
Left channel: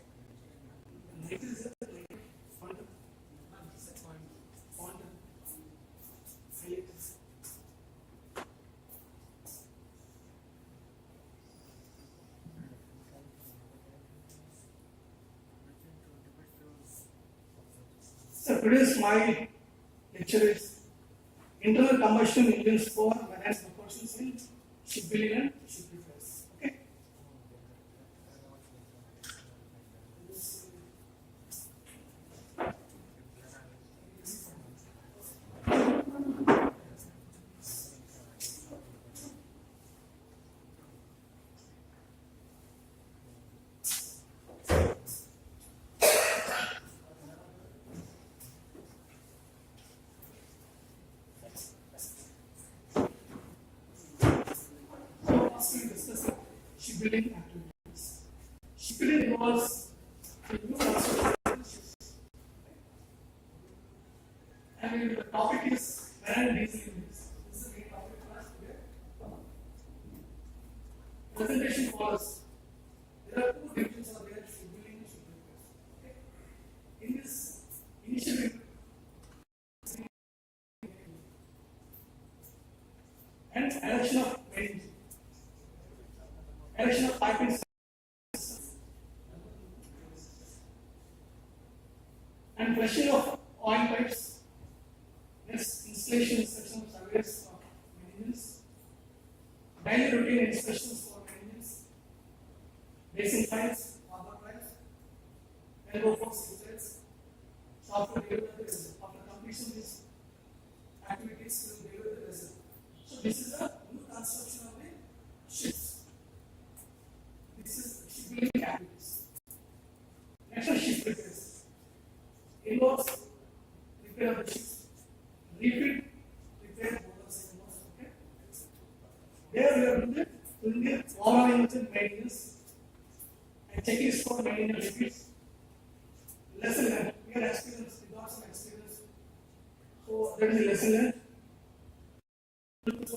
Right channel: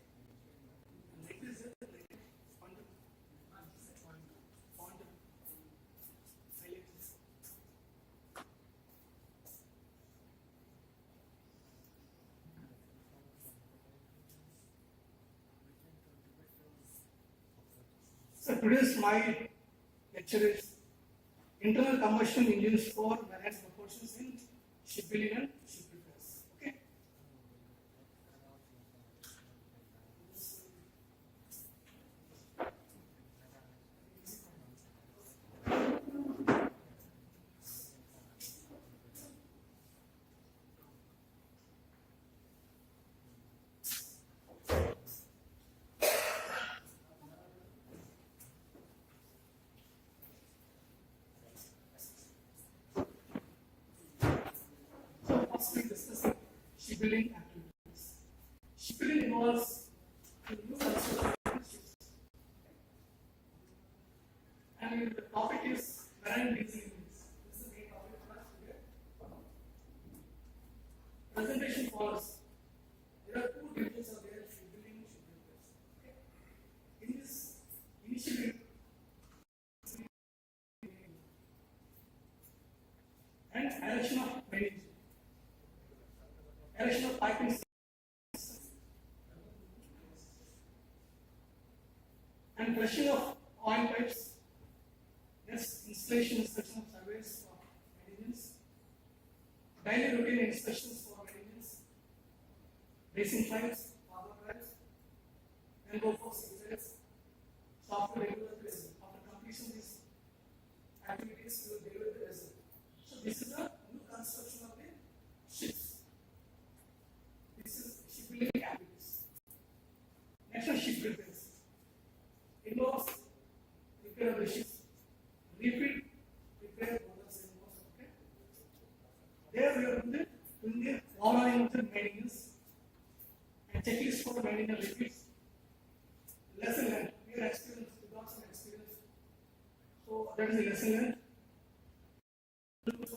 so today's my lecture is internal combustion engines for enhanced proportions in shipbuilding and ship repairs. Okay. First we discuss shipbuilding activities. Shipbuilding involves the new construction ships. And the topic is marine diesel engines. This is the main topic for us today. orders. There are two divisions of their scheduling ship repairs. Okay. In this initial and erection of main erection of piping and flushing of oil pipes. Next, installation instruction of surveys of maintenance, daily routine inspections for maintenance, basin files, harbor files, and go for results. Software deliver the result. After completion, these activities will deliver the result. So this is a new construction of the ships. This is shipbuilding activities. Next one, ship repairs. Involves repair of the ships. Refit, repair, bonus, and most. Okay. There we are doing the overall maintenance and checking for maintenance repeats. Lesson learned. We are experienced. We got some experience. So that is a lesson learned. So,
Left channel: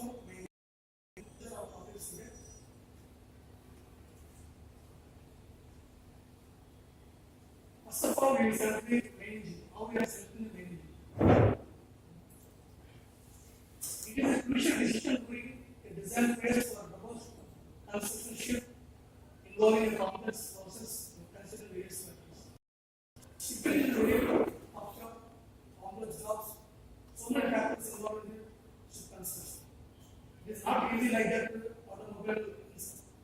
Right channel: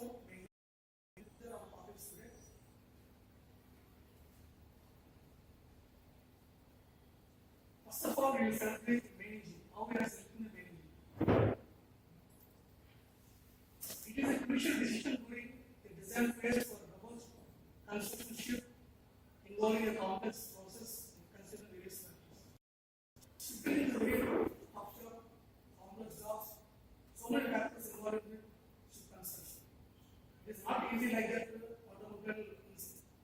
first of all, we will calculate main engine. How we are selecting the main engine. It is a crucial decision during the design phase for proposed construction ship involving a complex process considering various factors. Shipbuilding is really offshore, complex jobs, so many factors involved in ship construction. It is not easy like that with automobile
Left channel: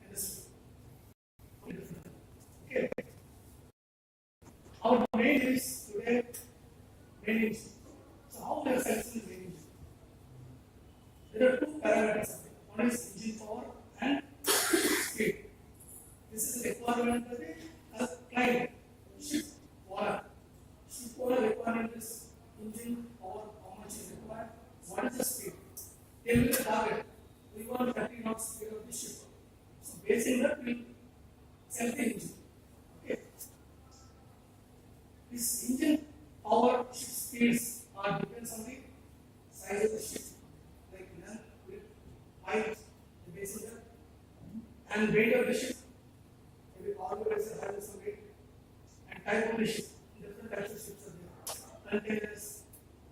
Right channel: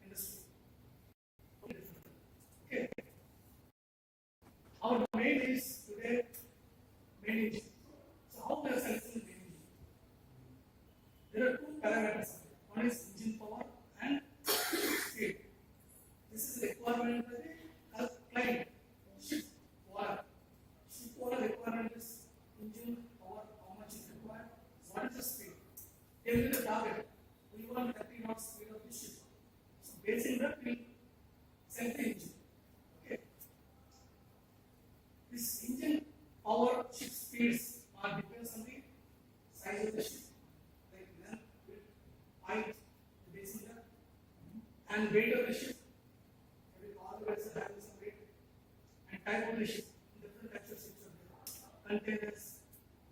industry. Okay. Our main is today main engine. So how we are selecting the main engine? There are two parameters. One is engine power and speed. This is the requirement of the client. Ship owner. Ship owner requirement is engine power, how much is required, what is the speed. Tell me the target. We want 30 knots speed of the ship. So based on that, we select the engine. Okay. This engine power, ship speeds are depends on the size of the ship. Height, the base is and weight of the ship. Every cargo vessel has some weight and type of the ship. Different types of ships are there. Containers,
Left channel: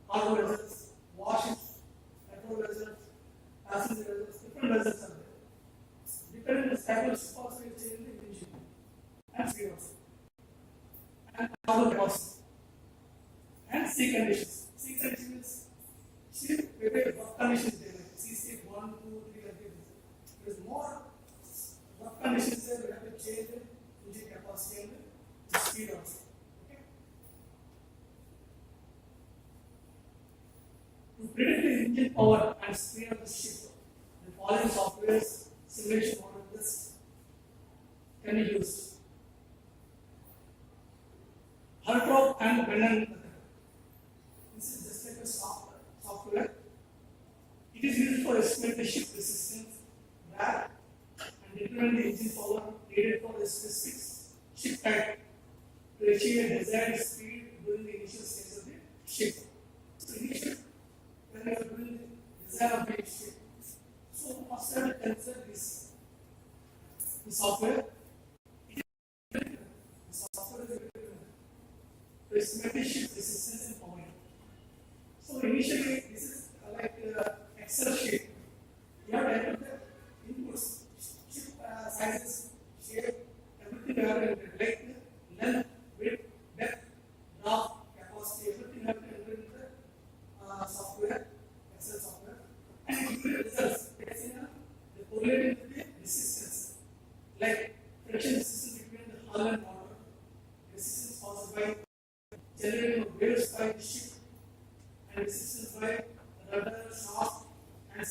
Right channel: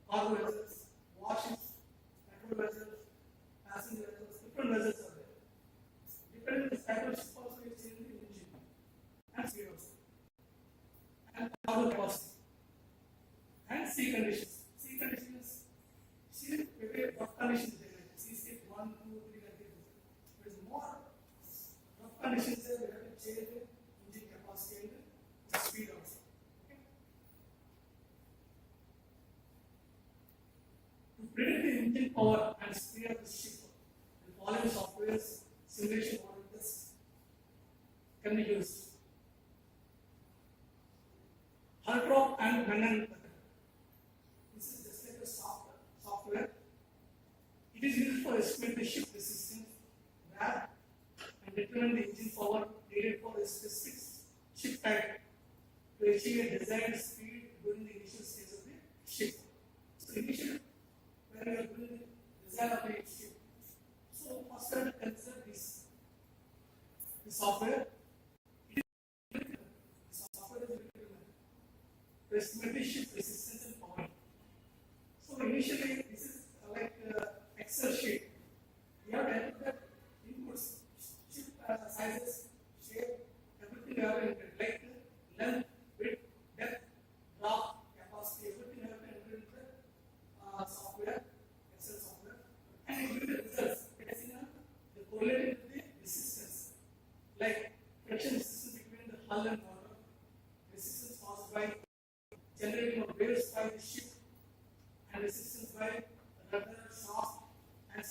cargo vessels, warships, petrol vessels, passenger vessels, different vessels are there. Depending on the type of ship, also you change the engine and speed also. And cargo capacity and sea conditions. Sea conditions is ship with rough conditions. Sea 1, 2, 3 like this. There is more rough conditions there. We have to change the engine capacity and the speed also. Okay. To predict the engine power and speed of the ship, the following software's simulation models can be used. Hartrop and Brennan. This is just like a software. It is used for estimating the ship resistance, drag, and determine the engine power needed for the specific ship type to achieve a desired speed during the initial stage of the ship. So, initially, when we are doing the design of the ship, so first I will consider this software. The software is to estimate the ship resistance and power. So, initially, this is like Excel sheet. You have to enter the inputs, ship sizes, shape, everything you have to enter, like length, width, depth, draft, capacity, everything you have to enter into the software, Excel software, and it gives you the results. They correlate with the resistance, like friction resistance between the hull and water, resistance caused by generating of waves by the ship, and resistance by rudder, shaft, and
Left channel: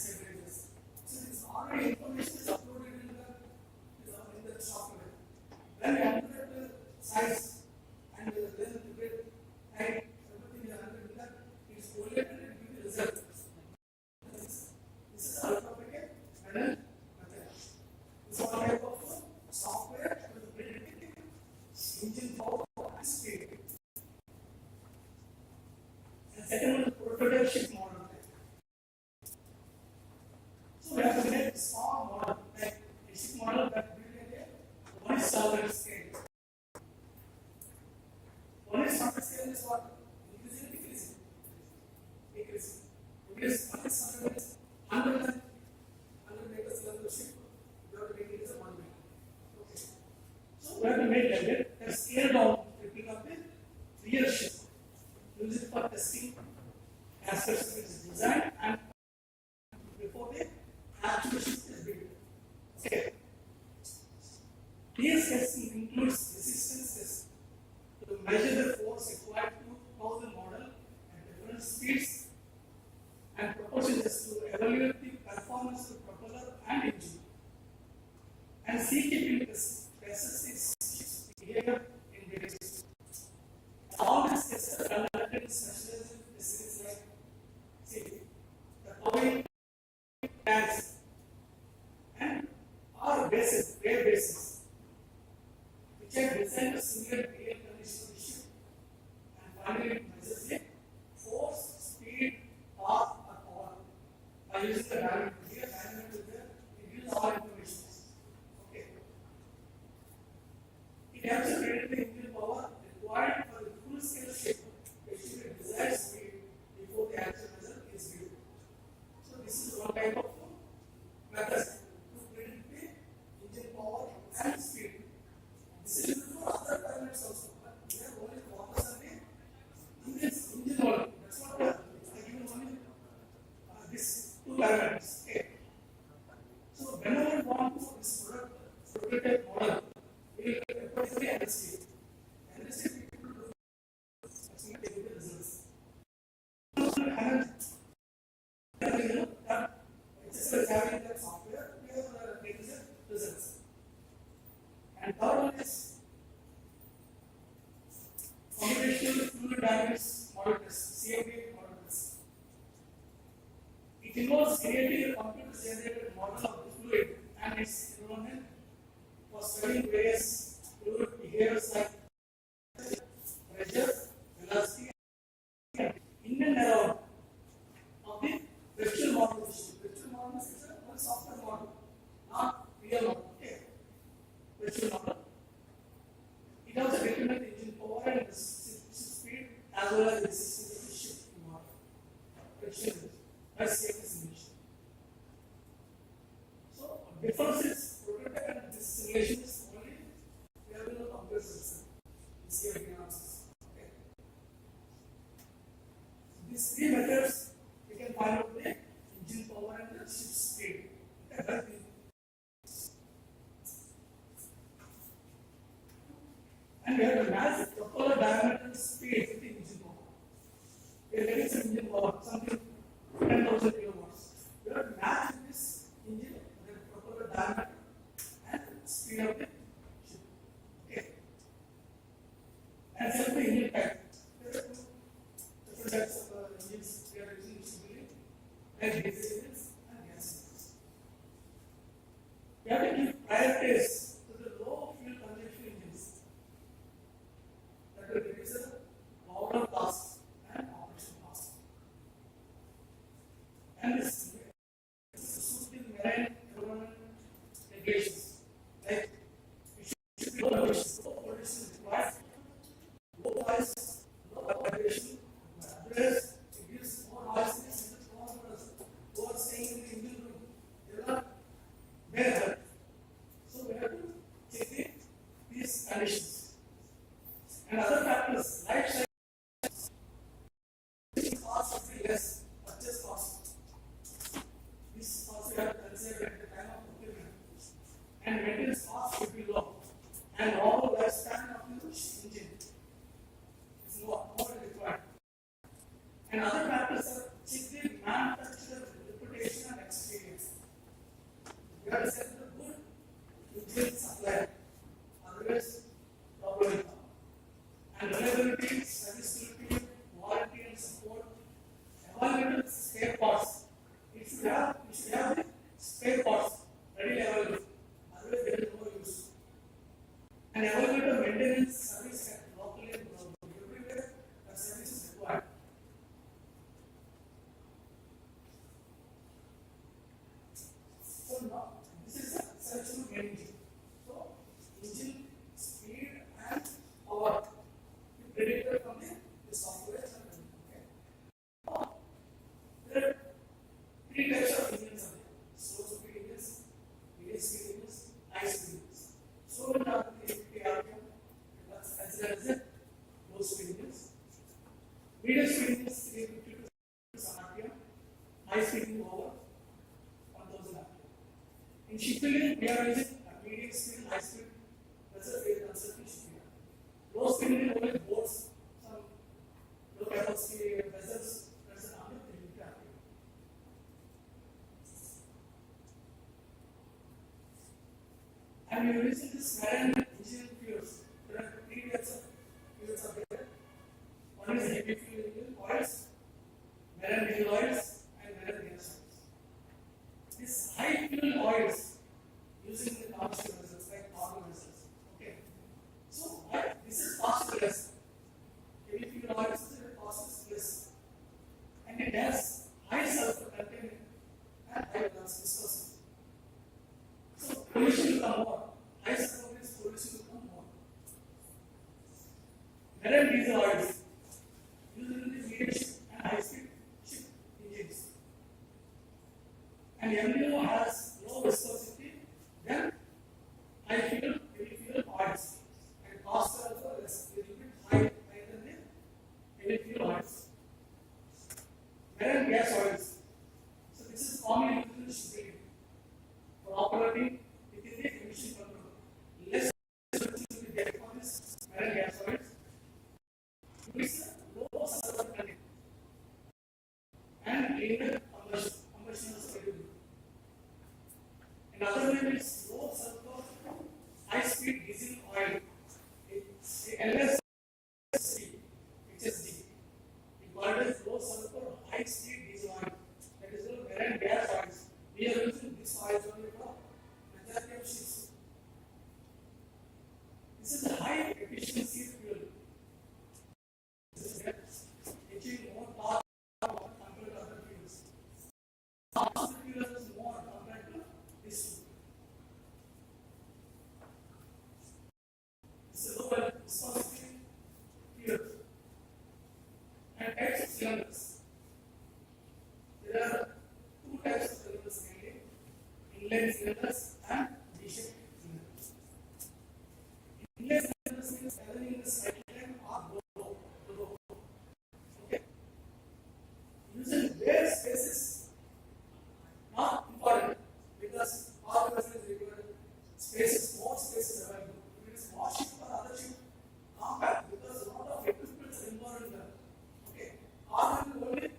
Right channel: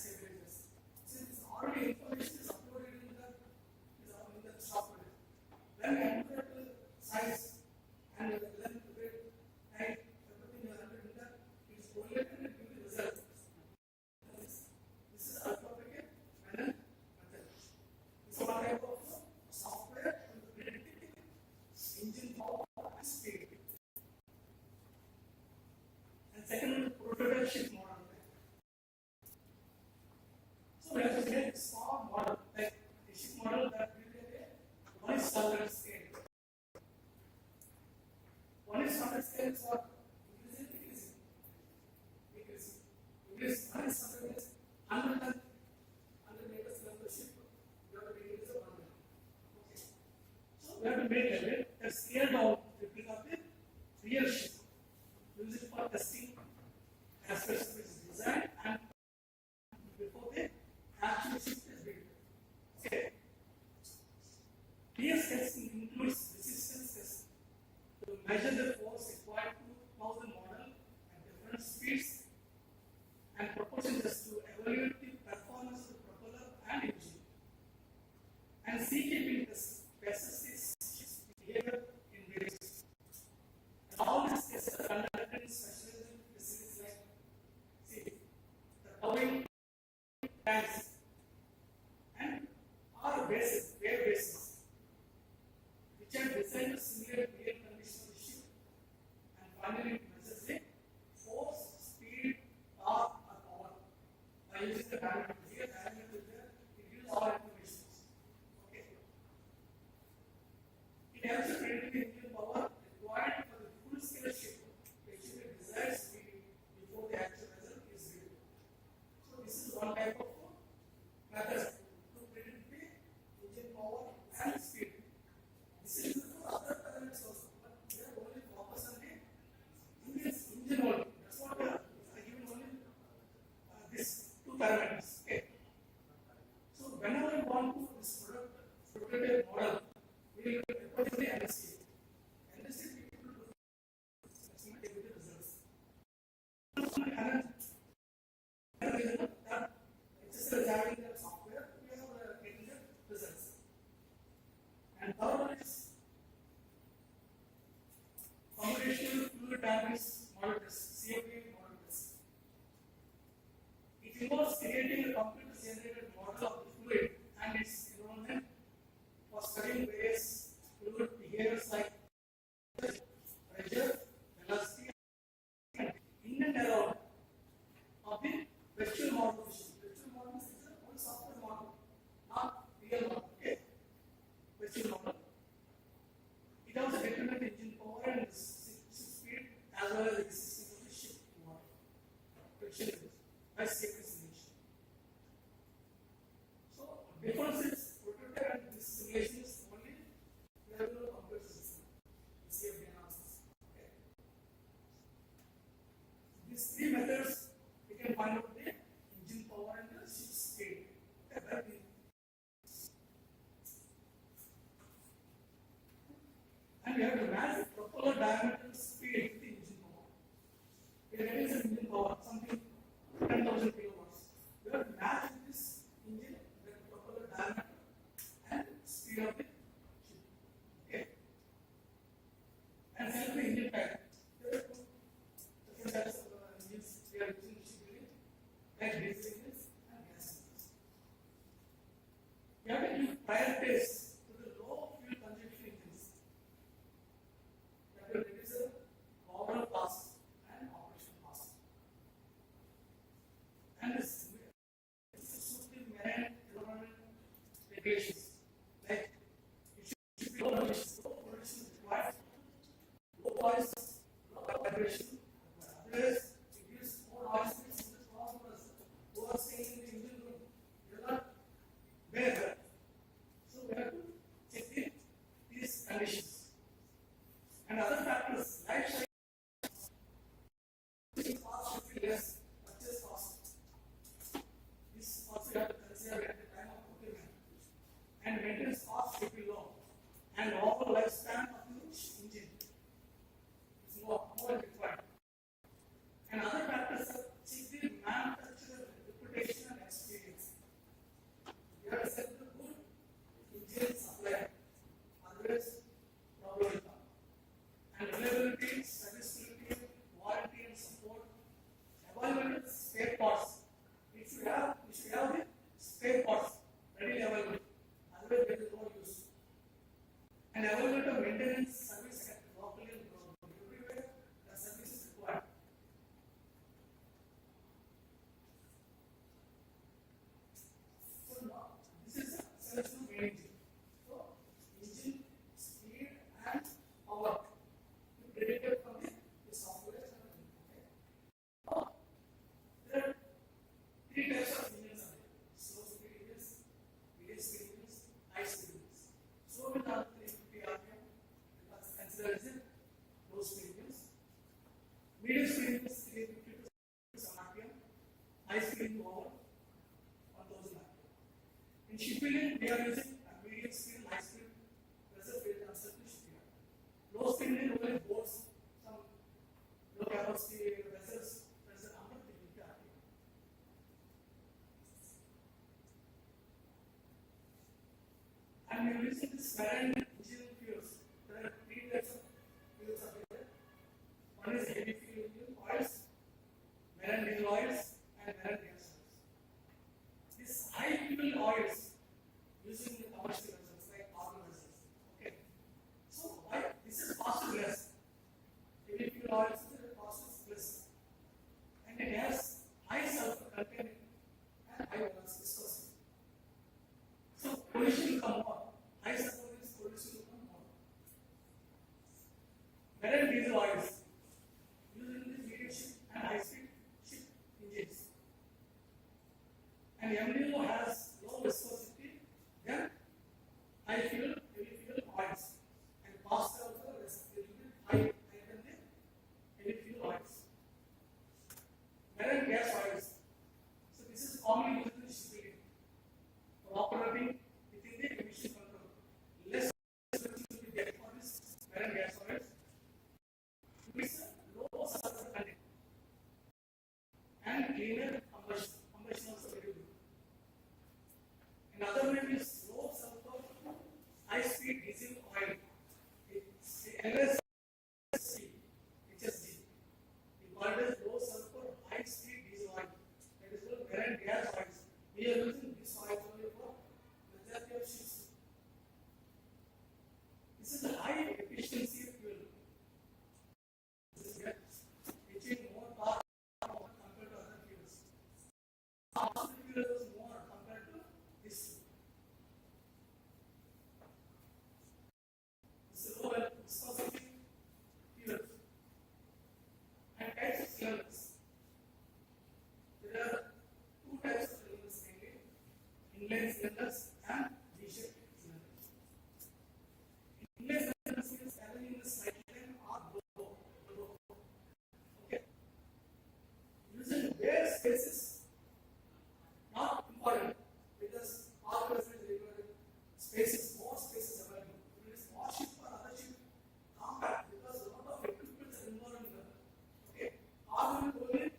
actual shift is built. Okay. PS test includes resistance test to measure the force required to power the model at different speeds and propulsion test to evaluate the performance of the propeller and engine. And C-keeping tests its behavior in various systems. All these tests are conducted in specialized facilities like the powering tanks and our bases, air bases, which are designed to simulate real conditions of the ship. And finally, it measures the force, speed, torque, or power by using the dynamic. Here, dynamic is there, it gives all information. Okay. It also predicts the engine power required for the full scale ship, achieving a desired speed before the actual result is viewed. So, this is one type of method to predict the engine power and speed. This is used for other parameters also, but we are only focused on the engine only. That's what I given only this two parameters. Okay. So whenever we want to this prototype model, we will refer to the NST. NST people do estimate the results. That is having that software, we have getting the results. And third one is computational fluid dynamics model test, CFD model test. It involves creating a computer-generated model of the fluid and its environment for studying various fluid behaviors like pressure, velocity, and in and around of the virtual model. Virtual model is one software model, not real model. Okay. Virtual model. It also determines the engine power and the speed as well as the resistance of the ship model. Virtual by safety simulation. So, difference is prototype and this simulation is only we have no computer system. CFD analysis. Okay. These three methods we can find out the engine power and the ship speed. Okay. And we have to match the propeller diameter and speed with the engine power. We are getting some engine power, something 10,000 kilowatts. We have to match this engine with the propeller diameter and speed of the ship. Okay. And self the engine type. There are two different types of engines we are using in shipbuilding, like diesel engines and gas engines. We have to give priorities to the low fuel consumption engines. That will reduce the overall cost and operation cost. And this suit the marine environment regulations. Like it should be low emissions. Low pollution requires low noise, low vibration. Otherwise, it gives more noisiness in the transmitters who are staying in the engine room. They are not there. So we have to check these conditions. And other factors, life cycle cost should be less, purchase cost. This also we have to consider at the time of procurement. And maintenance cost should be low. And overall lifespan of the engine is more required. And other factors are check the manufacturer reputation and experience. You have to set the good engine supplier. Otherwise, problem will come. And reliability, serviceability, warranty and support, available spare parts. We should have the spare parts readily available. Otherwise, there is no use. And availability of maintenance service locally and globally. Everywhere, the service is required. So now, this is a serviceable engine. So, engine, speed, and power. Predicted from the software. Okay. There are three types of engines. Slow speed engines, medium speed engines, high speed engines. Slow in the 350 RPM, that's considered as a low speed engines. Medium speed engines 350 to RPM, high speed engine over 1000 RPM. In shipbuilding, we are using medium speed, high speed vessels we are constructing shipyard. Low speed means only boats, some low capacity vessels, that's another thing we have. And we are using this marine engineering fuels. There are three types of fuels are there. One is heavy fuel engine oils, marine diesel oils, and marine gas oils. These high fuel oils used in the commercial vessels like cargo vessels. Okay. So why this is cost less. Heavy fuel oils is cost less. And it has high sulfur content and high viscosity. So pollution will come more. High sulfur means pollution will come more. Marine diesel oils used in the medium and high speed ship engines. And MDO has low viscosity than high fuel, heavy fuel oils. And cost also is a little bit higher than the heavy fuel oils. Marine gas oils. So this is commonly used in shipbuilding for operating within the emission control. Less emissions will be there for this marine gas oils. With low sulfur content and cleaner combustion. Combustion also very good. Another name is low sulfur high speed diesel oil. It's LSC, HSD. We call it low sulfur high speed diesel oil. That is the marine gas oils. We are using this oil only for majority of ships. This is a high efficiency fuel. This is achieving more power compared to other fuels. Fossil fuels is more compared to this fuel. This is low viscosity fuel. And types of cylinders. There are two types of cylinders mainly: inline cylinders and V-shaped cylinders. Inline cylinders means having in the cyclone or low. Okay. Using bare spaces not important because all the vessels require spaces, more spaces available. If it is more ship or other ship, compact because a lot of equipment are involved in that. Okay. All will only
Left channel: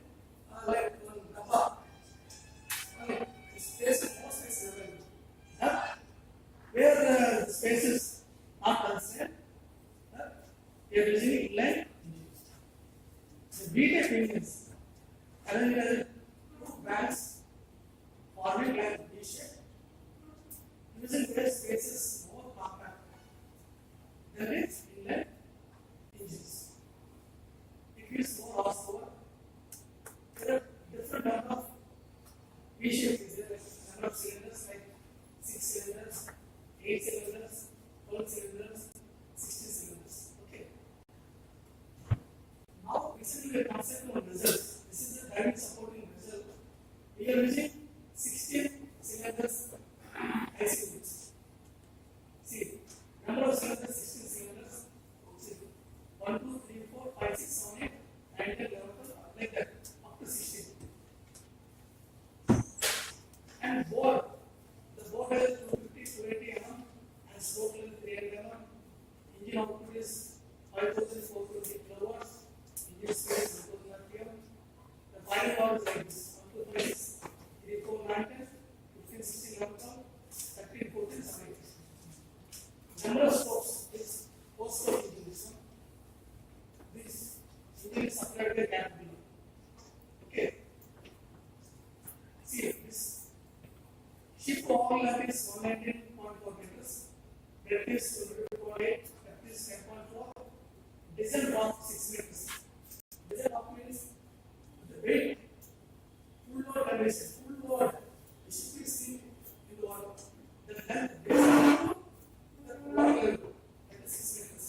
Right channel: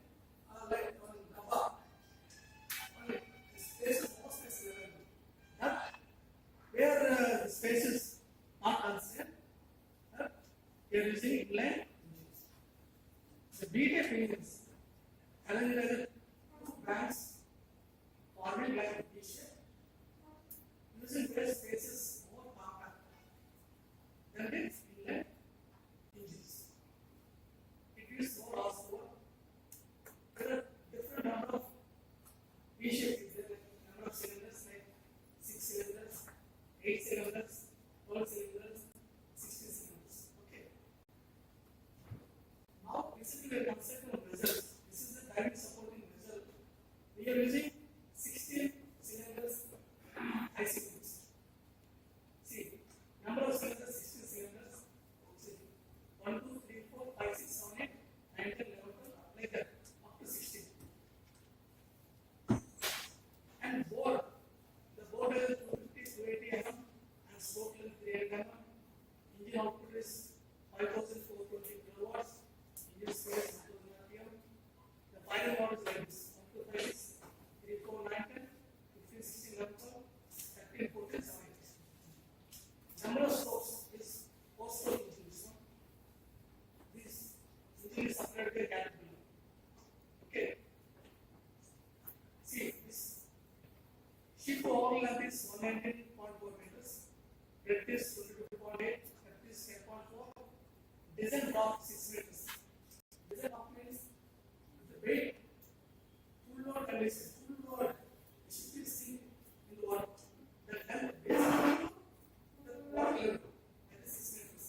like one rubber. Only spaces, more spaces available. That where the spaces not concerned, that we are using inline engines. The V-type engines, having two banks forming like V-shape, using their spaces more compact than its inline engines. It gives more horsepower. There are different number of V-shapes. There are number of cylinders like 6 cylinders, 8 cylinders, 12 cylinders, 16 cylinders. Okay. Now, recently we are concentrating on results. This is the driving supporting result. We are using 16 cylinders ICTs. See, number of cylinders 16 cylinders. See, 1, 2, 3, 4, 5, 6, 7, 8, 9, 10, 11, 12, like that, up to 16. And bore, the bore is 250, 280 mm and stroke length 300 mm. Engine output is 5420 kilowatts. Engine speed is 1000 rpm. The firing power is like this: 1, 2, 5, 6, 3, 4, 9, 10, 15, 16, 11, 12, 13, 14, 17. Number of strokes is 4 stroke engine. This one. This engine is supplied by capability. Okay. See, this ship overall length is 119.4 meters. Breadth is 22.8. Depth is 10.4. Diesel drop 6 meters. Diesel drop means the weight, full load condition, full load, the ship is seen in the water. The length is the water level at the 6 meters.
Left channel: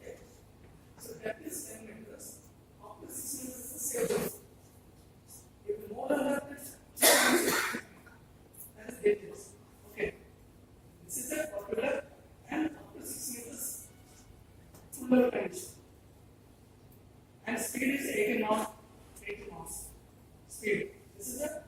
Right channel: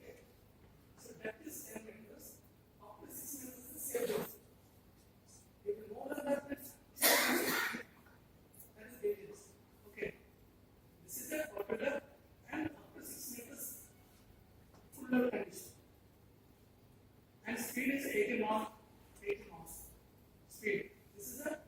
Okay. So depth is 10 meters. Up to 6 meters is the safe depth. If more than that, it's that is dangerous. Okay. This is a popular and up to 6 meters full load condition. And speed is 80 knots. Speed. This is a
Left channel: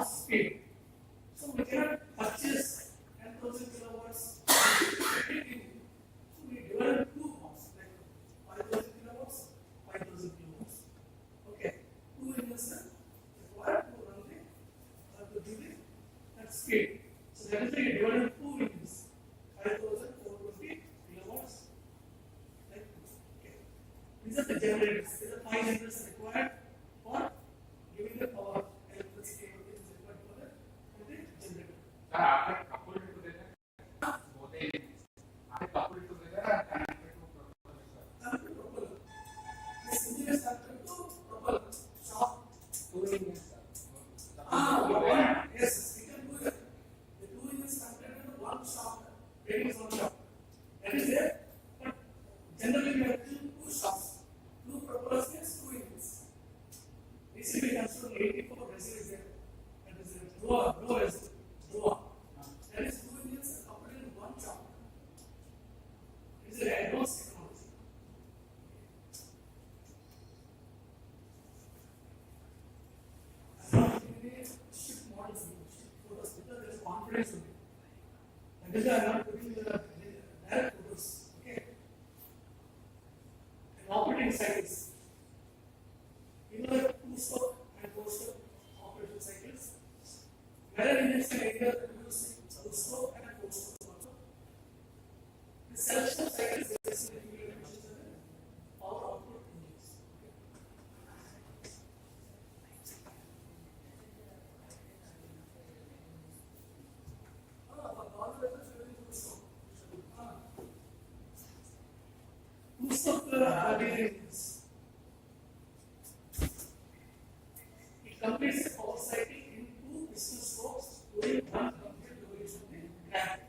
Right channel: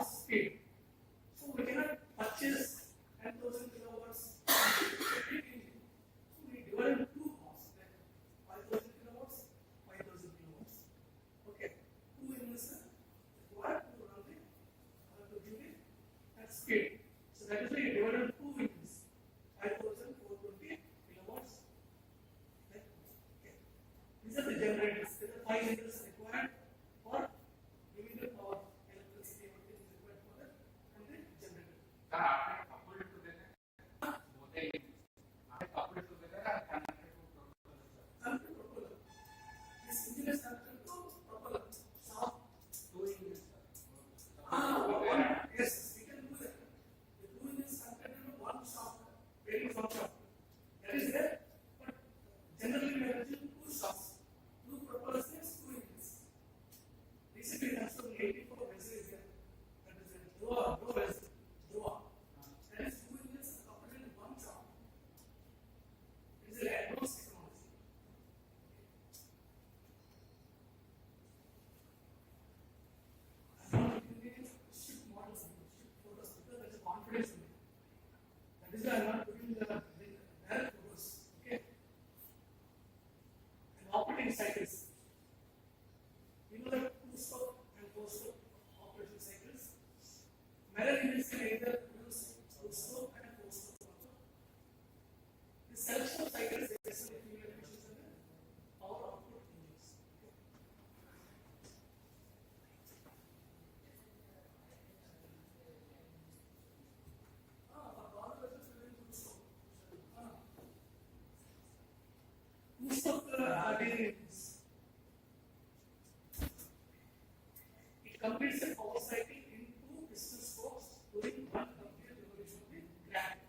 of speed. So we cannot purchase 10,000 kilowatts. So we divided two bombs, like 5,000 kilowatts, 5,000 kilowatts. Okay, two investors required to run the to do the at speed. So that is why we divided two engines, 5,420 kilowatts. Like, okay. These are the generators. These are 5 generators required for giving the power, electricity, everything is required for the generator. Sir, after coupled together, both the after coupled together are connected to propeller, sir. Connected to propeller. This engine is connected to propeller. Shaft. Two engines, sir. Yes, we can do that. The two engines connected into one shaft, getting one shaft. That is there, but generally we have two shafts. Two propellers means two engines. Recently we considered 84 vessel is there. That is a low vessel. That is two engines coupled in one shaft. It is an advanced technology. I'm not giving a ship models, ship photos, because there is confidence in it. That is why I'm not putting the direct photos. Okay. And operating cycles. You know the two-stroke and four-stroke operating cycles. Where engines can either produce two-stroke and four-stroke also. The selection of cycles is basically fuel efficiency and power output engines. Two-stroke engines. It completes a power cycle in two piston strokes during one complete revolution of the crank.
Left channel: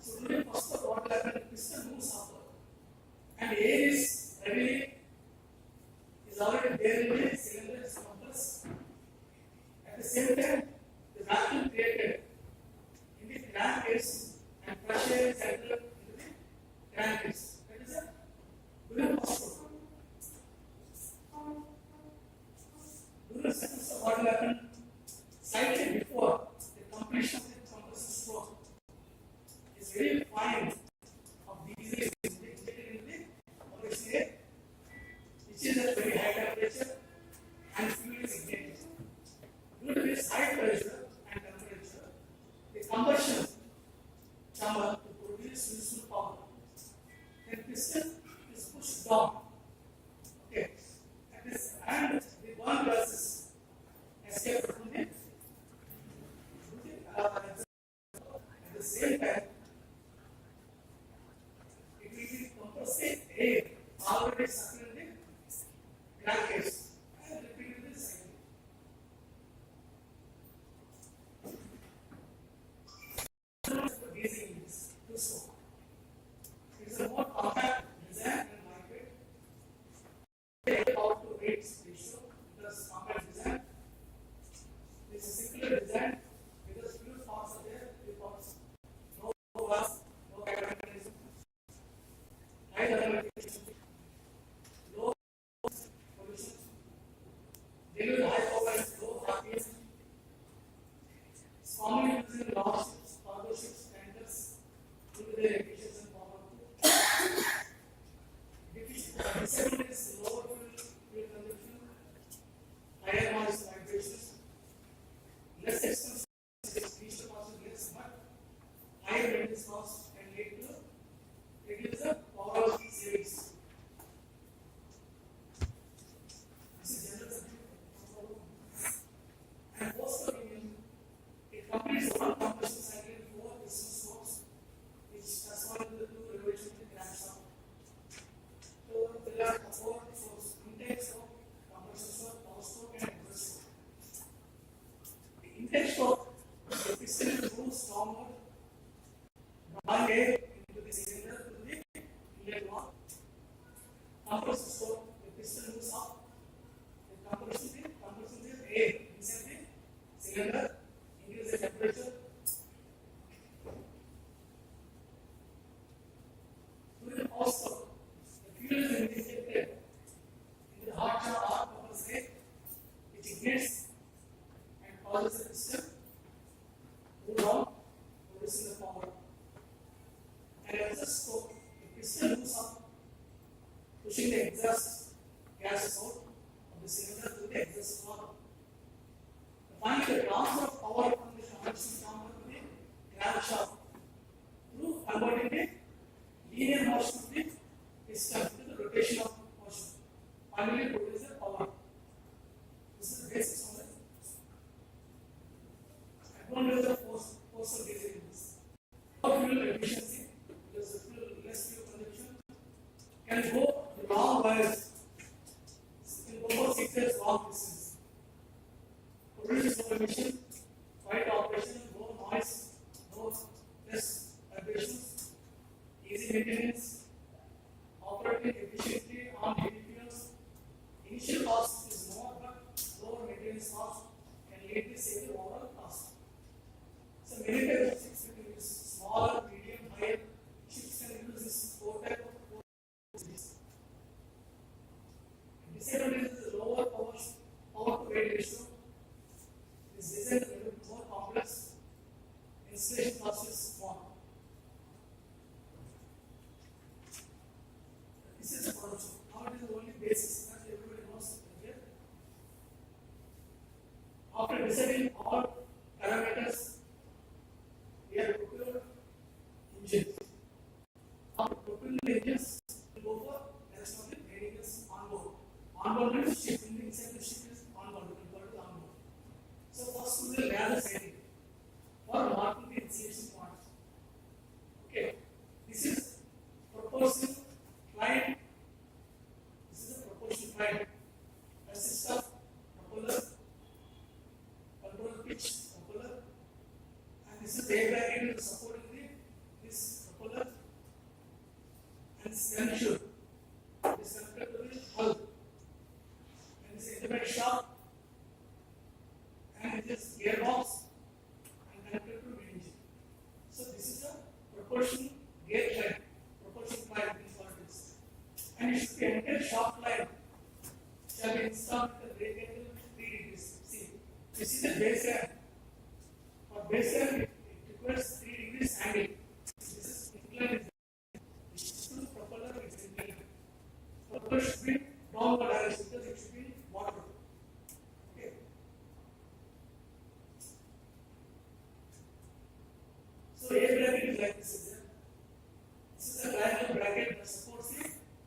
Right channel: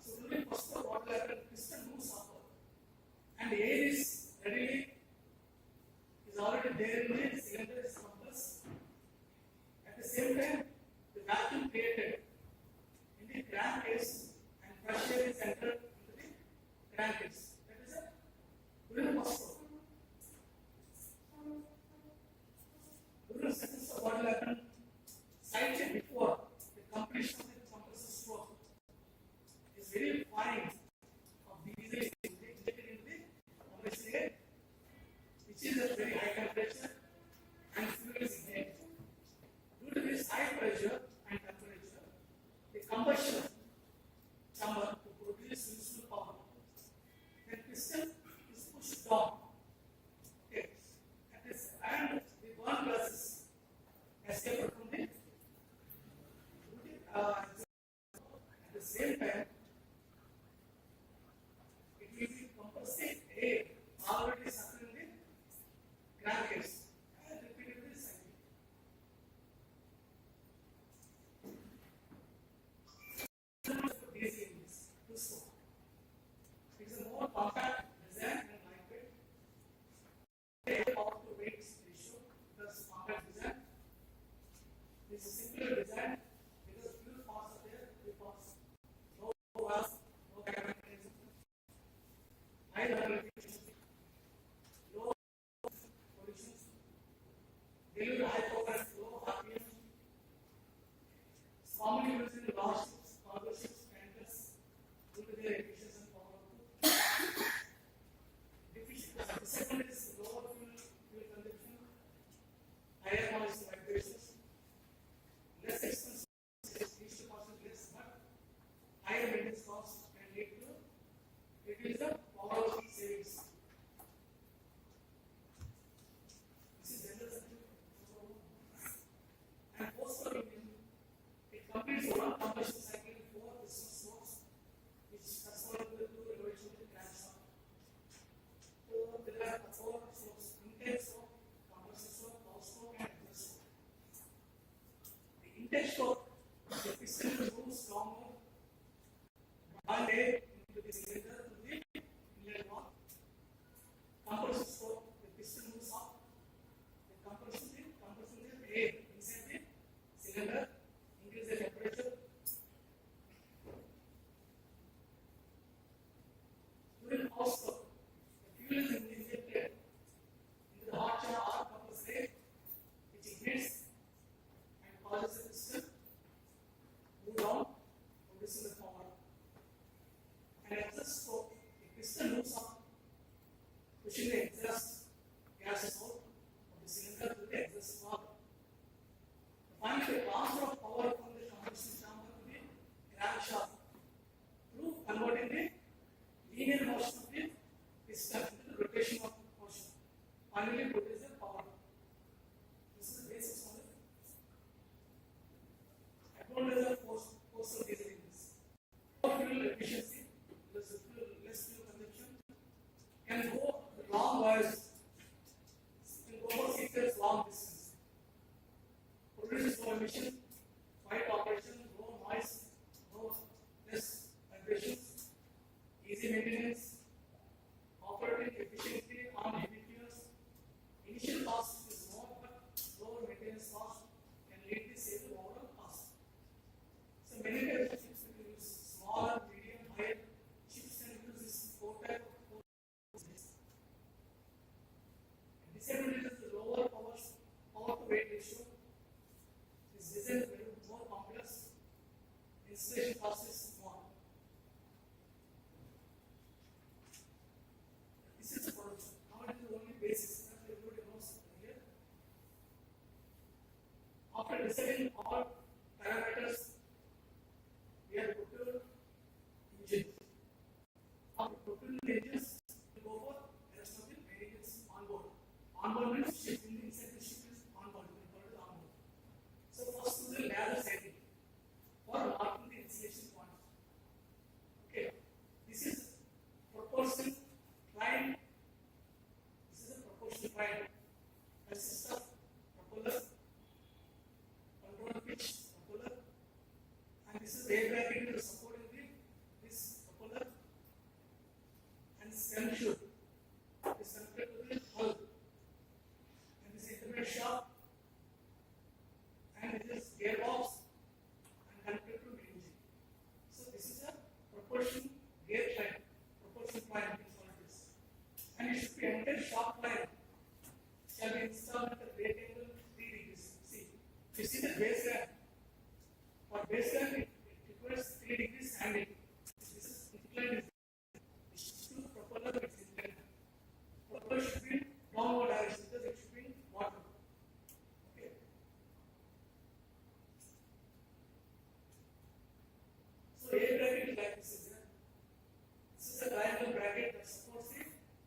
So during first of what will happen, piston moves upward, and air is already there in the cylinder is compressed. At the same time, the vacuum created in the crankcase and pressure is entered into the crankcase. That is a during first stroke. During the second stroke, what will happen? Slightly before the completion of the compressor stroke is very fine of diesel is injected into the OSA, which is at very high temperature and fuel is ignited. Due to this high pressure and temperature, the combustion chamber to produce useful power. The piston is pushed down. Okay. And the burn gases escape from the at the same time, it will be compressing air already sucked in the crankcase and repeating this cycle. Diesel engines, two-stroke. It is a more compact design and lightweight. Power to weight ratio plus compact design. This is simpler design because few parts are there, few parts no valve, no mechanism, high thermal efficiency, low pollution, deliver high power and low RPM. It's commonly used in large ships, cargo ships, tankers due to their efficiency and power output. Disadvantage is lower fuel consumption, higher noise vibrations, less expensive, diesel cost is less, but higher maintenance cost can lead to reduce the power savings. This is general subject. And post-stroke engine, it completes one combustion cycle in 4 piston strokes, which correspond to the 2 revolutions in crankshaft. So there are 4 strokes: intake stroke, combustion stroke, power stroke, and exhaust stroke. The intake stroke, the piston will move downward, drawing air into the cylinder to the inlet wall. Combustion stroke, the piston moves up. The compression is air inside the cylinder, increase the temperature. During power stroke, the fuel is injected into the hot chamber or compressor, which ignites and causes machine, quiet operation, no noise, no less vibrations, easy maintenance, operating efficiently on heavy fuels. Initial cost is more, but lower maintenance cost can lead to save the overall cost. So many types of ships can use smaller, medium, higher ships can use this four type of ships. Disadvantage is the lower power to weight ratio. This design is a little more complex. Installation cost is small. This is a production. Now it is only basics, as everybody knows here. After deciding all parameters, we have procured engines. After procuring the engines, we go for rest of the vehicles on board. On board means ship, inside the ship is on board, we call it on board. So first is the ladder setting for marking the insertion points. Okay, this is proportion line. This is a proportion line. Consists of propeller, control pitch, propeller, and this is the air bracket is supporting this propeller and stem shoot. This connected to the hull and this independent shaft and this gearbox and connected to the engine. So this is a proportion gear line, proportion line is what it is. And it should be entire shaft line shall be installed at the brake angle 3 degrees. See, this is the base end. For base end, it requires 3 degrees angle. This is inclined. This is to the propeller, it's inclined. Propeller should be downward direction because it should be in water. Okay. So air bracket is like this. This is a triangle bracket that supports the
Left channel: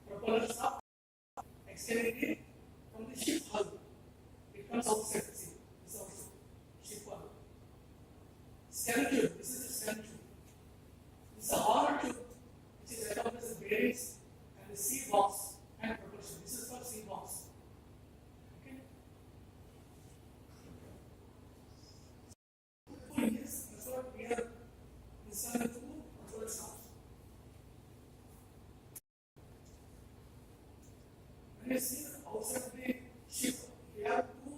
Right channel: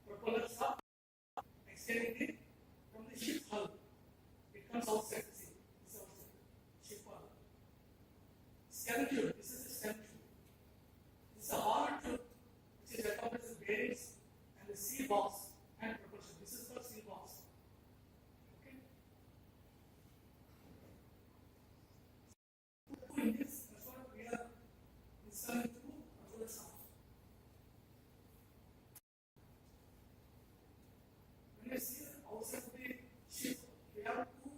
propeller shaft, extending it from the ship hull. It comes outside. See, this outside ship hull. Stem tube. This is a stem tube. This is a hard tube which is accomplished with bearings and the sea box and propulsion. This is for sea box. Okay. In this, that's what we have installed two control shafts. When you see outside the ship, we have two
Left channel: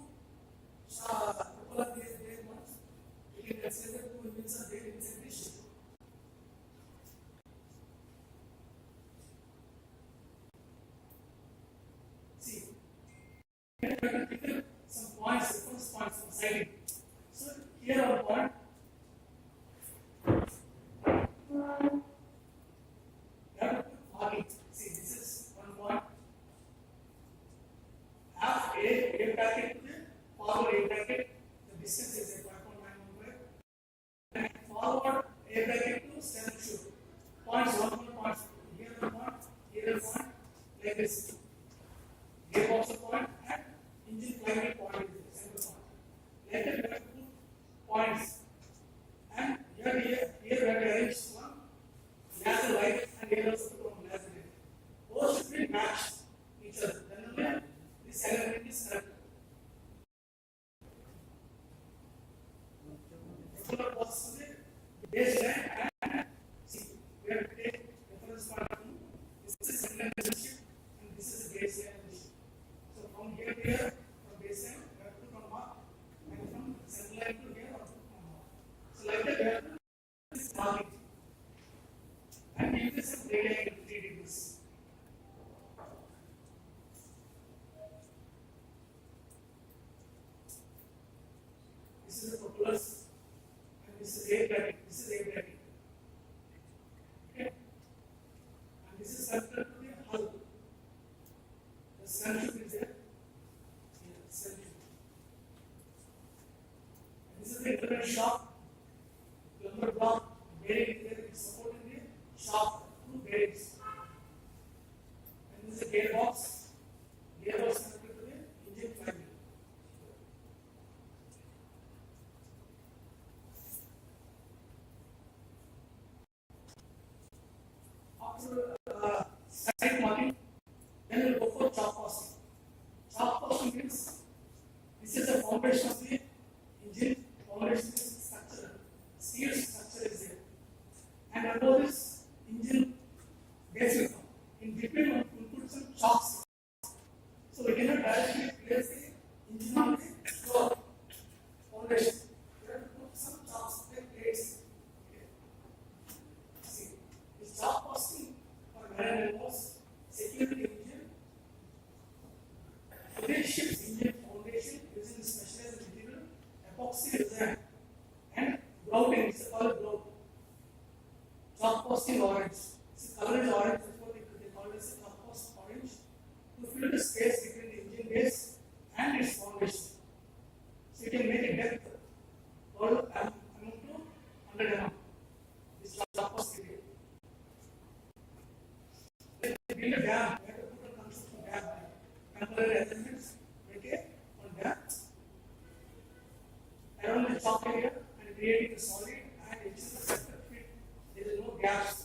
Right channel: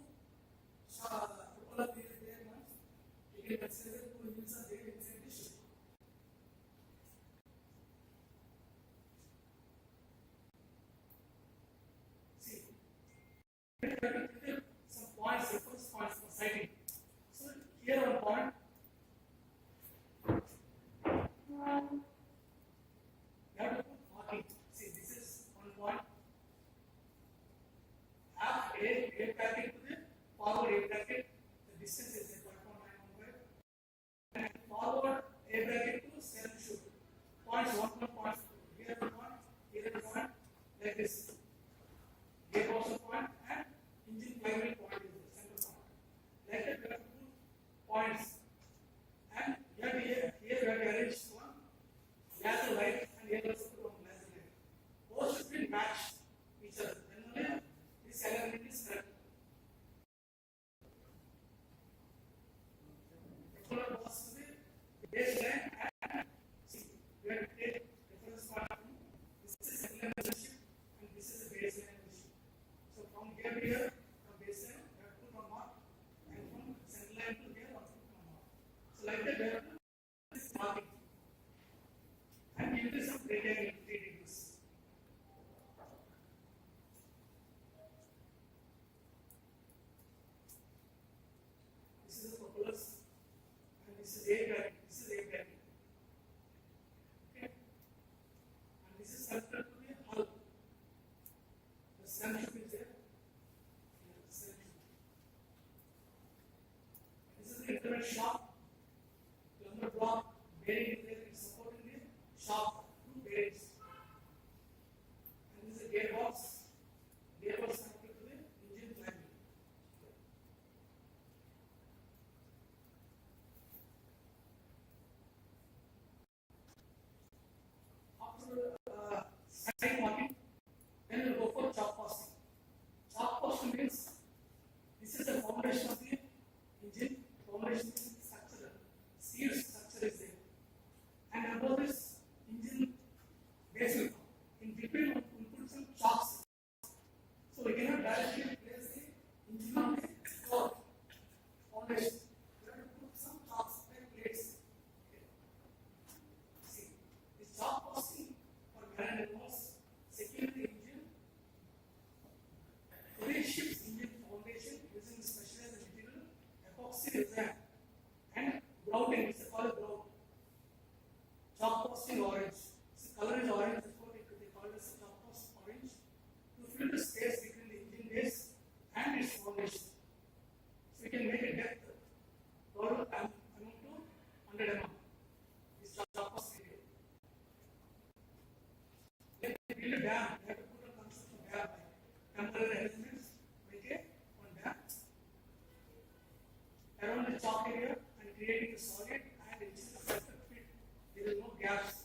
propeller there ones. You can consider two engines are there inside the ship. See, we have to pick some points, reference points for sighting. So here our point. You have to put marking. See, this is one point. Half air packet to the forward air packet. The distance is at 5.915. And forward air packet to stem shoot. Points 1 point. Here 1 point, here 1 point, like this. Gearbox a point and engine climate point is the center point. Later we have to put points. And here we have arranged one laser light and here also put one laser light. Both should be matched each other. Then only this element is correct. Propeller box to the base line and see, we have to take reference point from this is center line of the ship and this is the base line of the ship. So from here to here, from base line, we have to put one mark and from center line to here, we have to put one mark. So like that, we have to this marking and give this a brake angle 3 degrees. This is the propellers and this is air bracket. This is air bracket. Okay. And this is connected to the hull. The stem tube is there. Here, stem tube. And this is the internal shaft. Lumber block bearing here is supporting the shaft through bearings. And this is a gearbox. Gearbox connected to the engine flywheel. After side marking, then we'll go for chop casting. Chop casting means this is the foundation of the engine. foundation. You have to put some chalks like plates. Okay. See, this chalk posting for marine was secure the engine. Today ship's engine foundation using specialized material, epoxy resin, and grouting. It's called grout. Chalk posting orange. See, color is orange. Before they called it chalk post orange to fill the space between the engine base and its foundation. So you can make a depth amount to 100 mm. This chalk post material. If you build a dam, you have to put a construction dam. Temporary elements, make a one dam around the chalk area and creating the solid and ensuring the perfect fit. There is no gaps.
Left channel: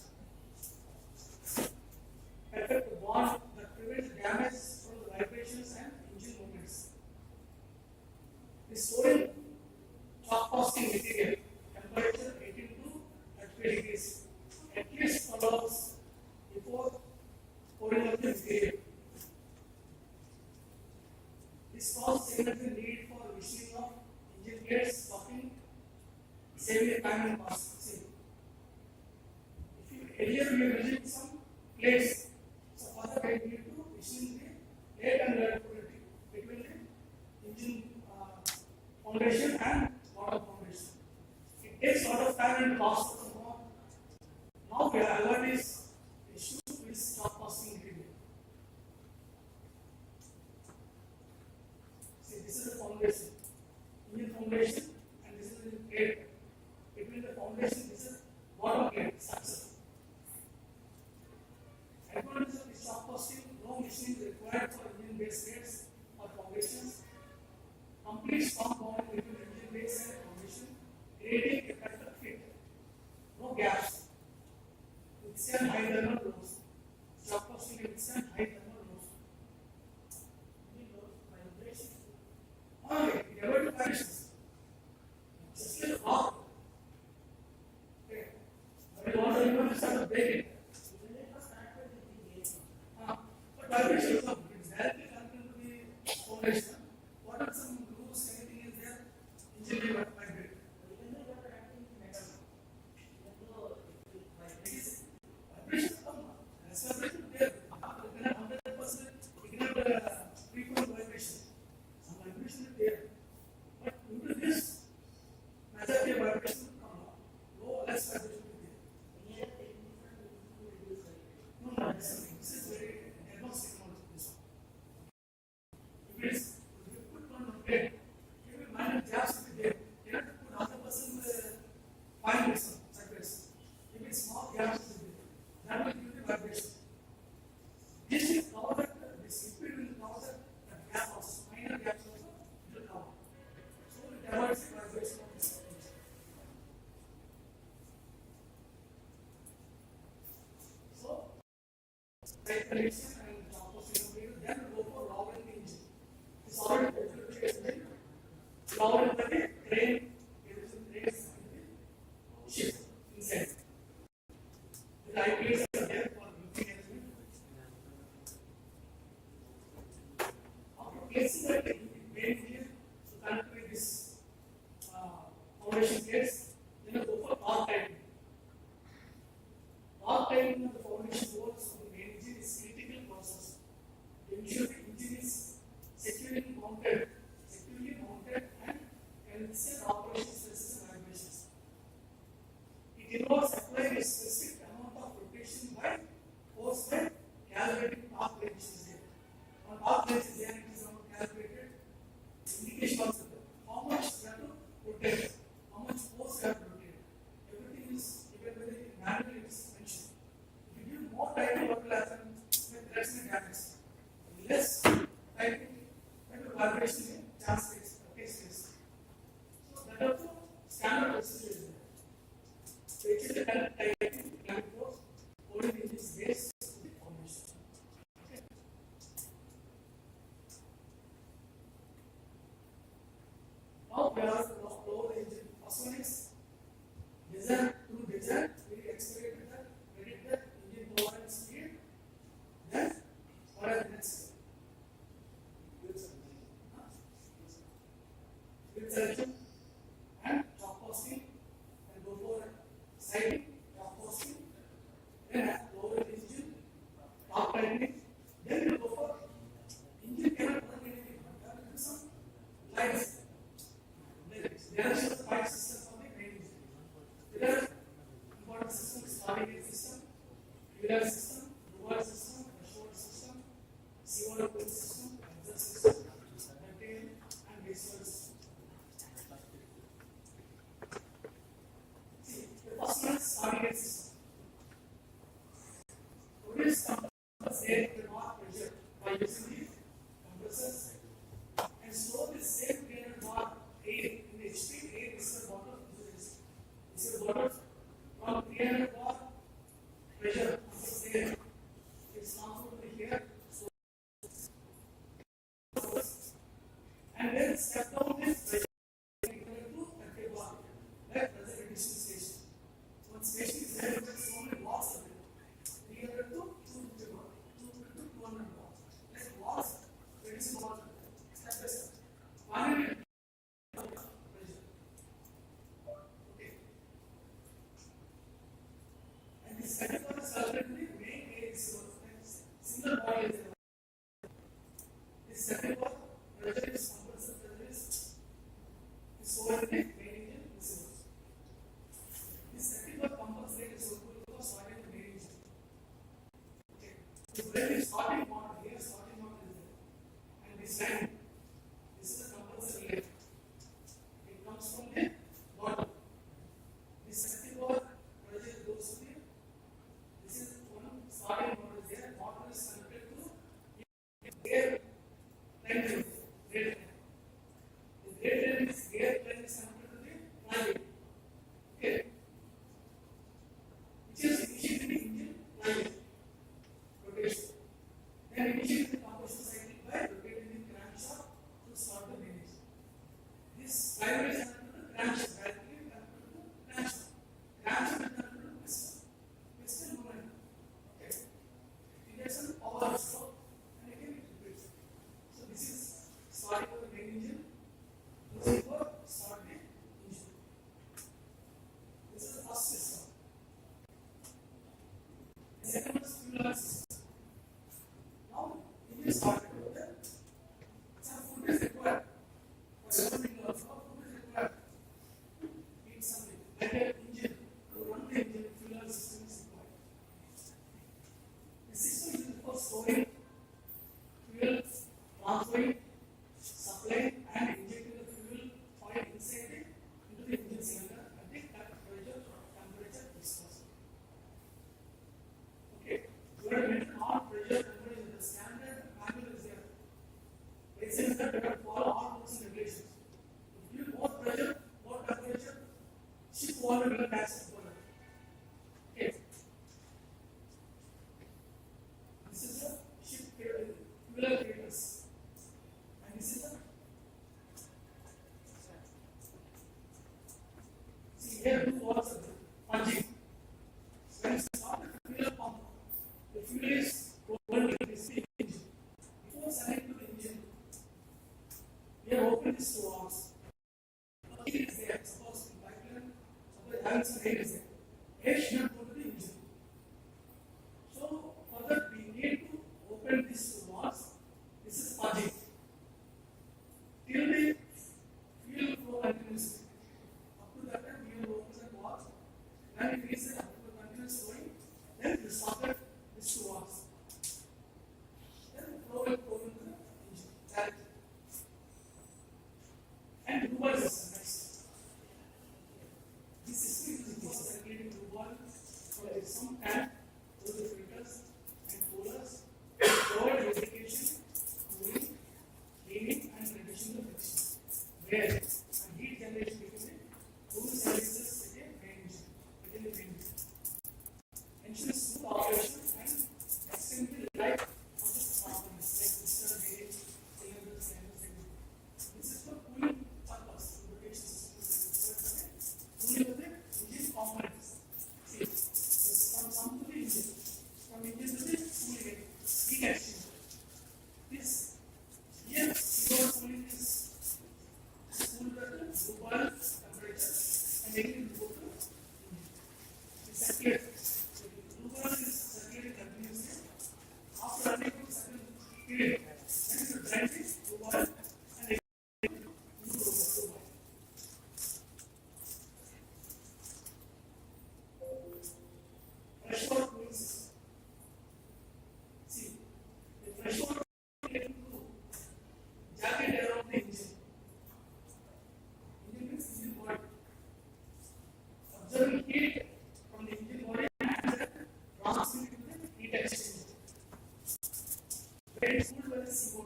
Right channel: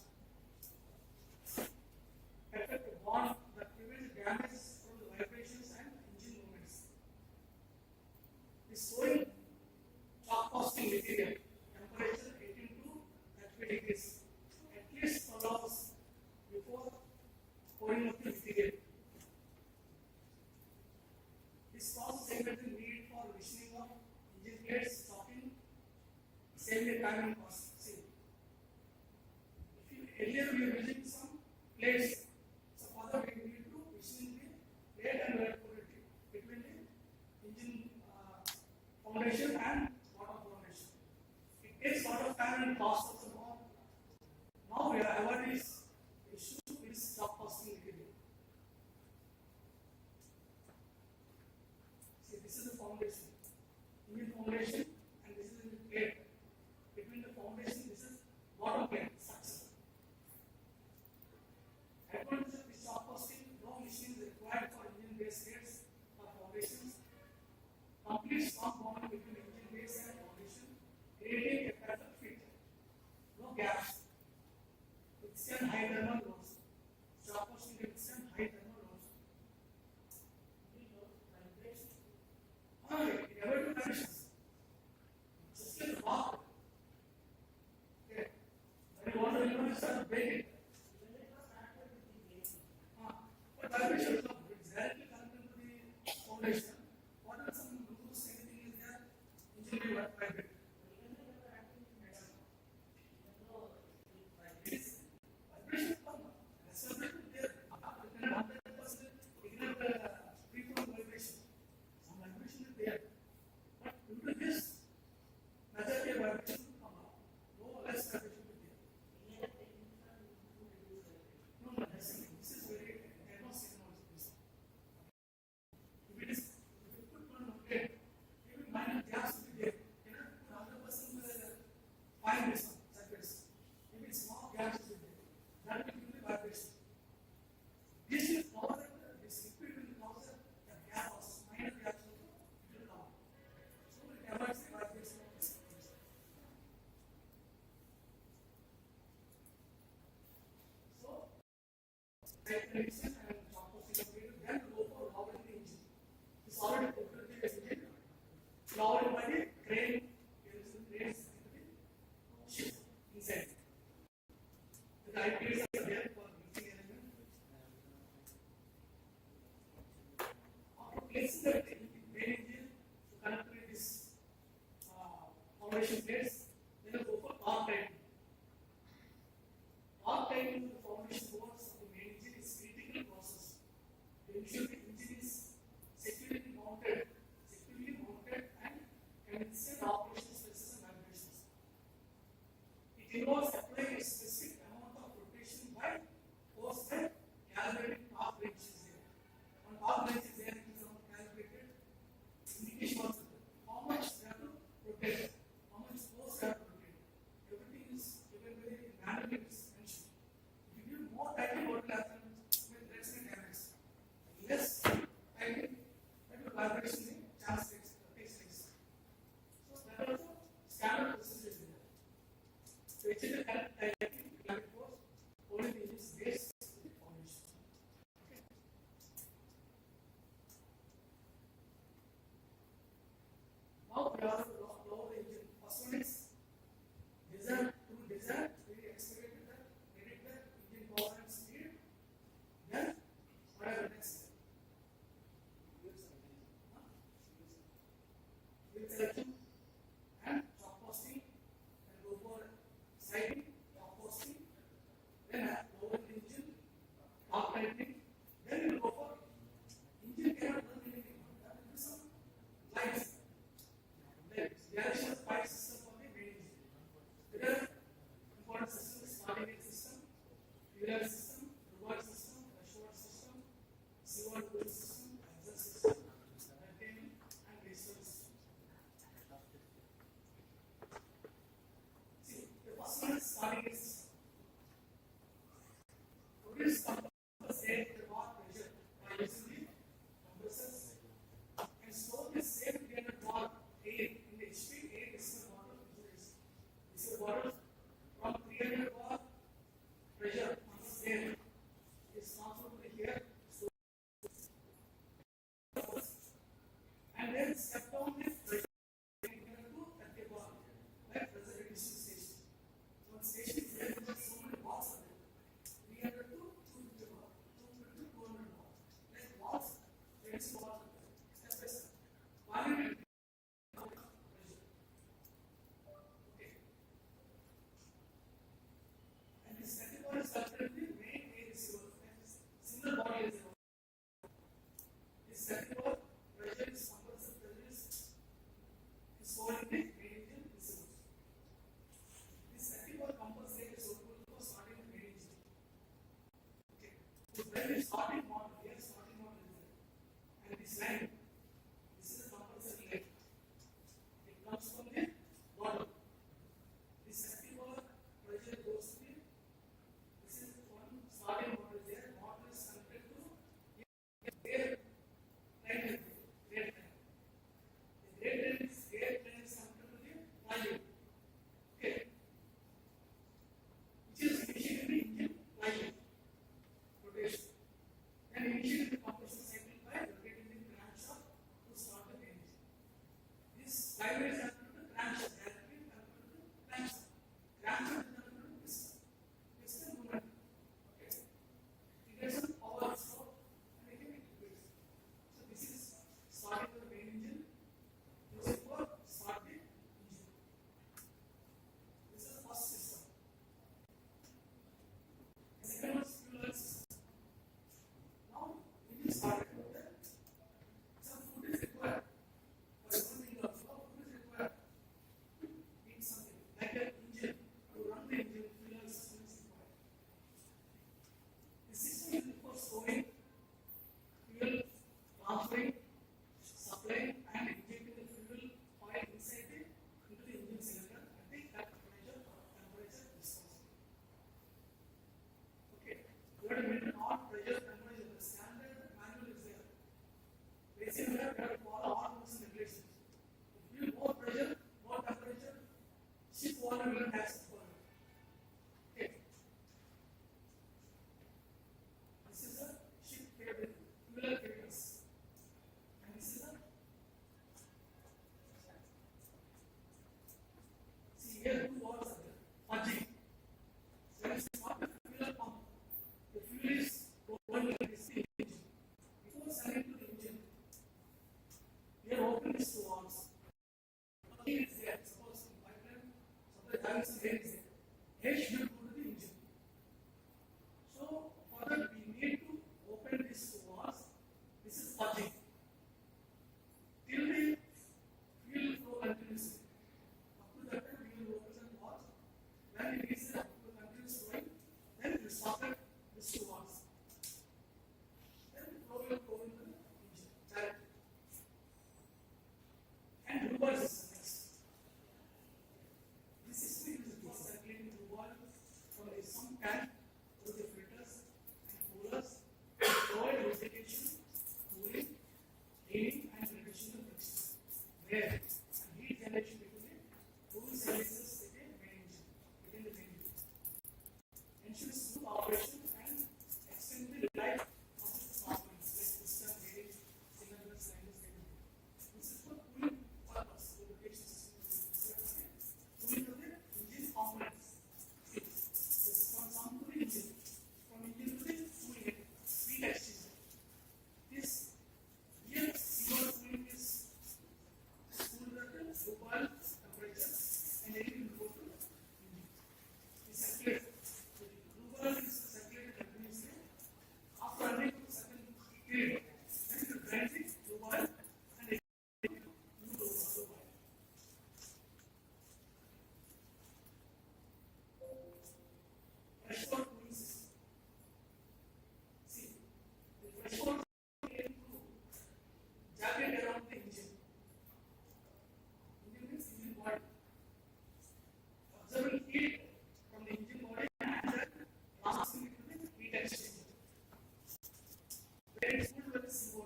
Perfect bond that prevents damage from the vibrations and engine movements. The soil chalk posting material, temperature 18 to 30 degrees, at least follows before pouring of the material. This causes energy needed for machining of engine blades, stocking, saving time and cost. See, if you earlier we were using some plates, so for that we need to machine the plate and weld between the engine foundation and bottom foundation. It takes a lot of time and cost of the more. Now we have avoided this issue with chalk posting material. See, this is the foundation, engine foundation, and this is the plate. Between the foundation, this is bottom plate structure. According to this chalk posting, no machine is required for engine base plates or foundations. Complete strong bond between engine base and foundation, creating a perfect fit. No gaps. Withstand high thermal loads. Chalk posting can withstand high thermal loads. Okay, never do conditions. Just like a rock. Okay. But you want to even start to break it. But vibration is not good. It's directly connected to the foundation. What are some rules, anything is there? Engine will vibrate. Vibration come. That's vibration there. You cannot 100%, you cannot frequent vibration. Some vibration is there. But due to this, majority of vibration will come down. Low, less vibration will be there. No, this is very diagnostic knowledge. If it is, if you put one plate, maybe minor gaps will be there. You have to put 100% fine with some surface. Maybe small gaps will be there. That will give you the vibration. This will cover this liquid will cover the gap also, minor gaps also it will cover. So it avoids the vibration of this. So, tight connection and composite material, then go for lowering the engine. It's already engine, lowered by the crane, using cranes and the ship inside. The IPs are there for lifting element. After placing the main engine to connect with this foundation plates, then go for arc timing. Arc timing of the foundation bolts of the main engine is critical process to ensure the engine is securely mounted and can withstand operation stresses and vibrations. It involves applying a specific amount of rotation by force by calibrating arc wrenches there. On arc wrenches there it is not calibrated indication of how much you have to rotate, how much force you when the main engine receives. This circuit was compensated so for starting the main engine. Okay. So when the starting model, here starting model is there. And this line, this is a compulsory line. It comes from the bottom. This circuit was pressure goes to the, this is one starting model there. Model is connected to air line. The red line is air line is connected to the flywheel. Okay. Which is initiating the engine flywheel rotation. Then initiate the combustion cycle by rotating the crankshaft to start the main engine. This flywheel is connected to the crankshaft, directly connected to the crankshaft. Crankshaft is connected to piston. Piston movement. Okay. It gets some power stroke and again it repeats. So this is starting the main engine. This is for start the engine. This is the first system. The second one is fuel oil system. Now, engine started. Some food is required. For running of food is required. Eat something like an engine. To run the engine, fuel oil system is required. The system is used for storing fuel, transferring, supplying, and injecting the fuel oil inside into the engine cylinder at the temperature discussed. Okay, we have mentioned all pressure temperature. The standard manual is there. Basically, that we have to follow all rules and regulations. If you more pressure, more temperature, ship volume will tax the volume. Okay. This is a ship fuel filters. And this is a see here two walls are there. Punching. When you start the fuel pump, the fuel is going to this engine. Before sending to the engine, we have opened these two valves. Air is there. Suppose in pipeline, suppose having some air is there. Air should not go to the engine. So for that we need to open these two valves. This is purging. Till the fuel flow continues. Up to that time we will open the valves. Then it is up to the continuous flowing. Then you stop at these two valves. Then the flow will go into the engine directly. And reverse system next. This system is for circulating reverse for some tank with the filters and coolers, provide lubrication, cooling, cleaning, and reducing the friction. Where and heat generation between the two services within the main engine. Ensure smooth operation and extend the life of the components like piston, gauge, cylinders, and this is for cooling purpose. Lubrication system is cooling of the engine components. See, this from to the engine, from engine to the cooling heat exchanger. This here your cooling is cooled at a lower temperature and again it will go to engine. The circulate. So the lower is circulating continuously. After running to certain period, then you drive the lower and again move to lower. Freshwater cooling system. See, the freshwater cooling to jacket around the engine. Engine means engine body. Observing heat from the engine body and then transmitting to the heat exchanger. Where it is cooled by the CO2.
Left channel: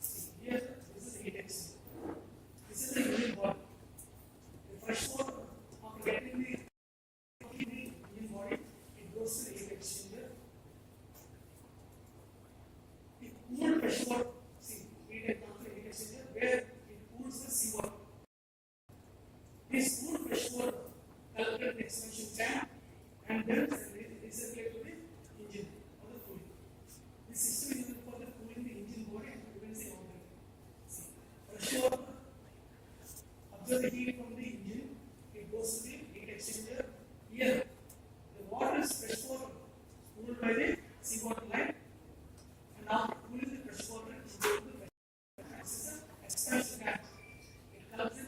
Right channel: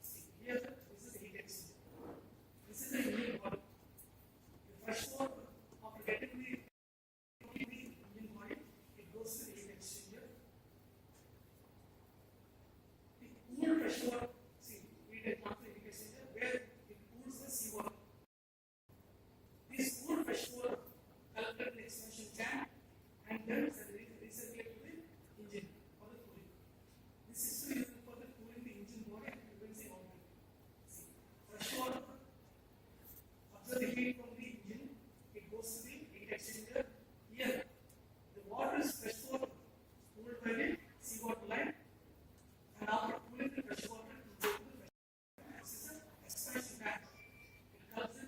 See, here this is the heat exchanger. This is the engine body. The freshwater after getting the engine body, it goes to the heat exchanger. The cooled freshwater, see, heat and comes to the heat exchanger where it cools the seawater. This cooled freshwater collected in the expansion tank and then recirculate to the engine or the cooling. This system is used for the cooling the engine body and prevents the overheating. See, freshwater absorb the heat from the engine, it goes to the heat exchanger. Here, the water is freshwater cooled by the seawater line, and after cooling the freshwater, it goes to the expansion tank. It helps in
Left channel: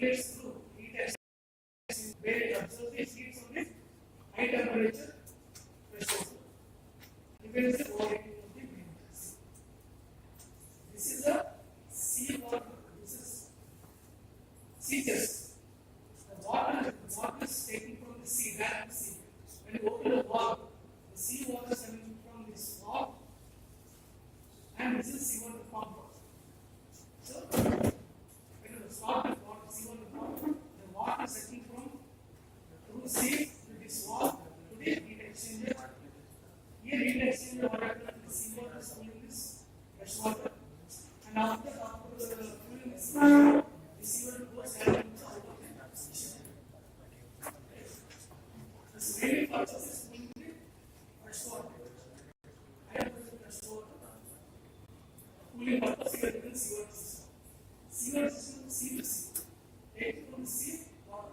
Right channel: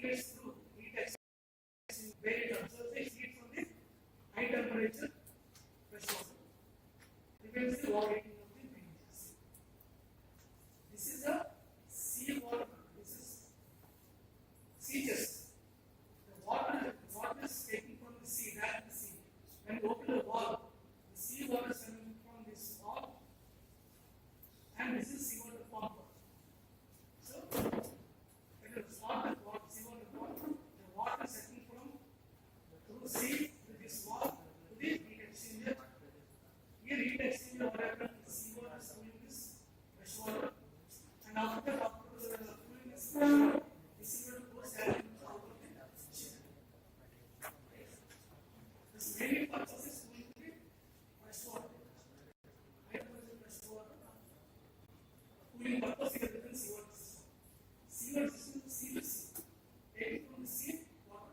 circulates through heat exchange where it absorbs the heat from the high temperature threshold. Depends the overheating of the greenhouse. This is a sea water. This is sea chest. The water is taken from the sea, direct sea. When you open the valve, the sea water is coming from this valve, and this is seawater pump. So, when you start with seawater pump, the water is taken from through sea to this valve to the heat exchanger. Here, heat exchanger, what happens? The seawater is cooling this fresh water, and after cooling this water, the seawater goes out into the atmosphere. This mainly purpose is cooling the fresh water. Higher pressure fresh water. Cooling purpose is within seawater system. Seawater system is sea to sea. Take from the sea water,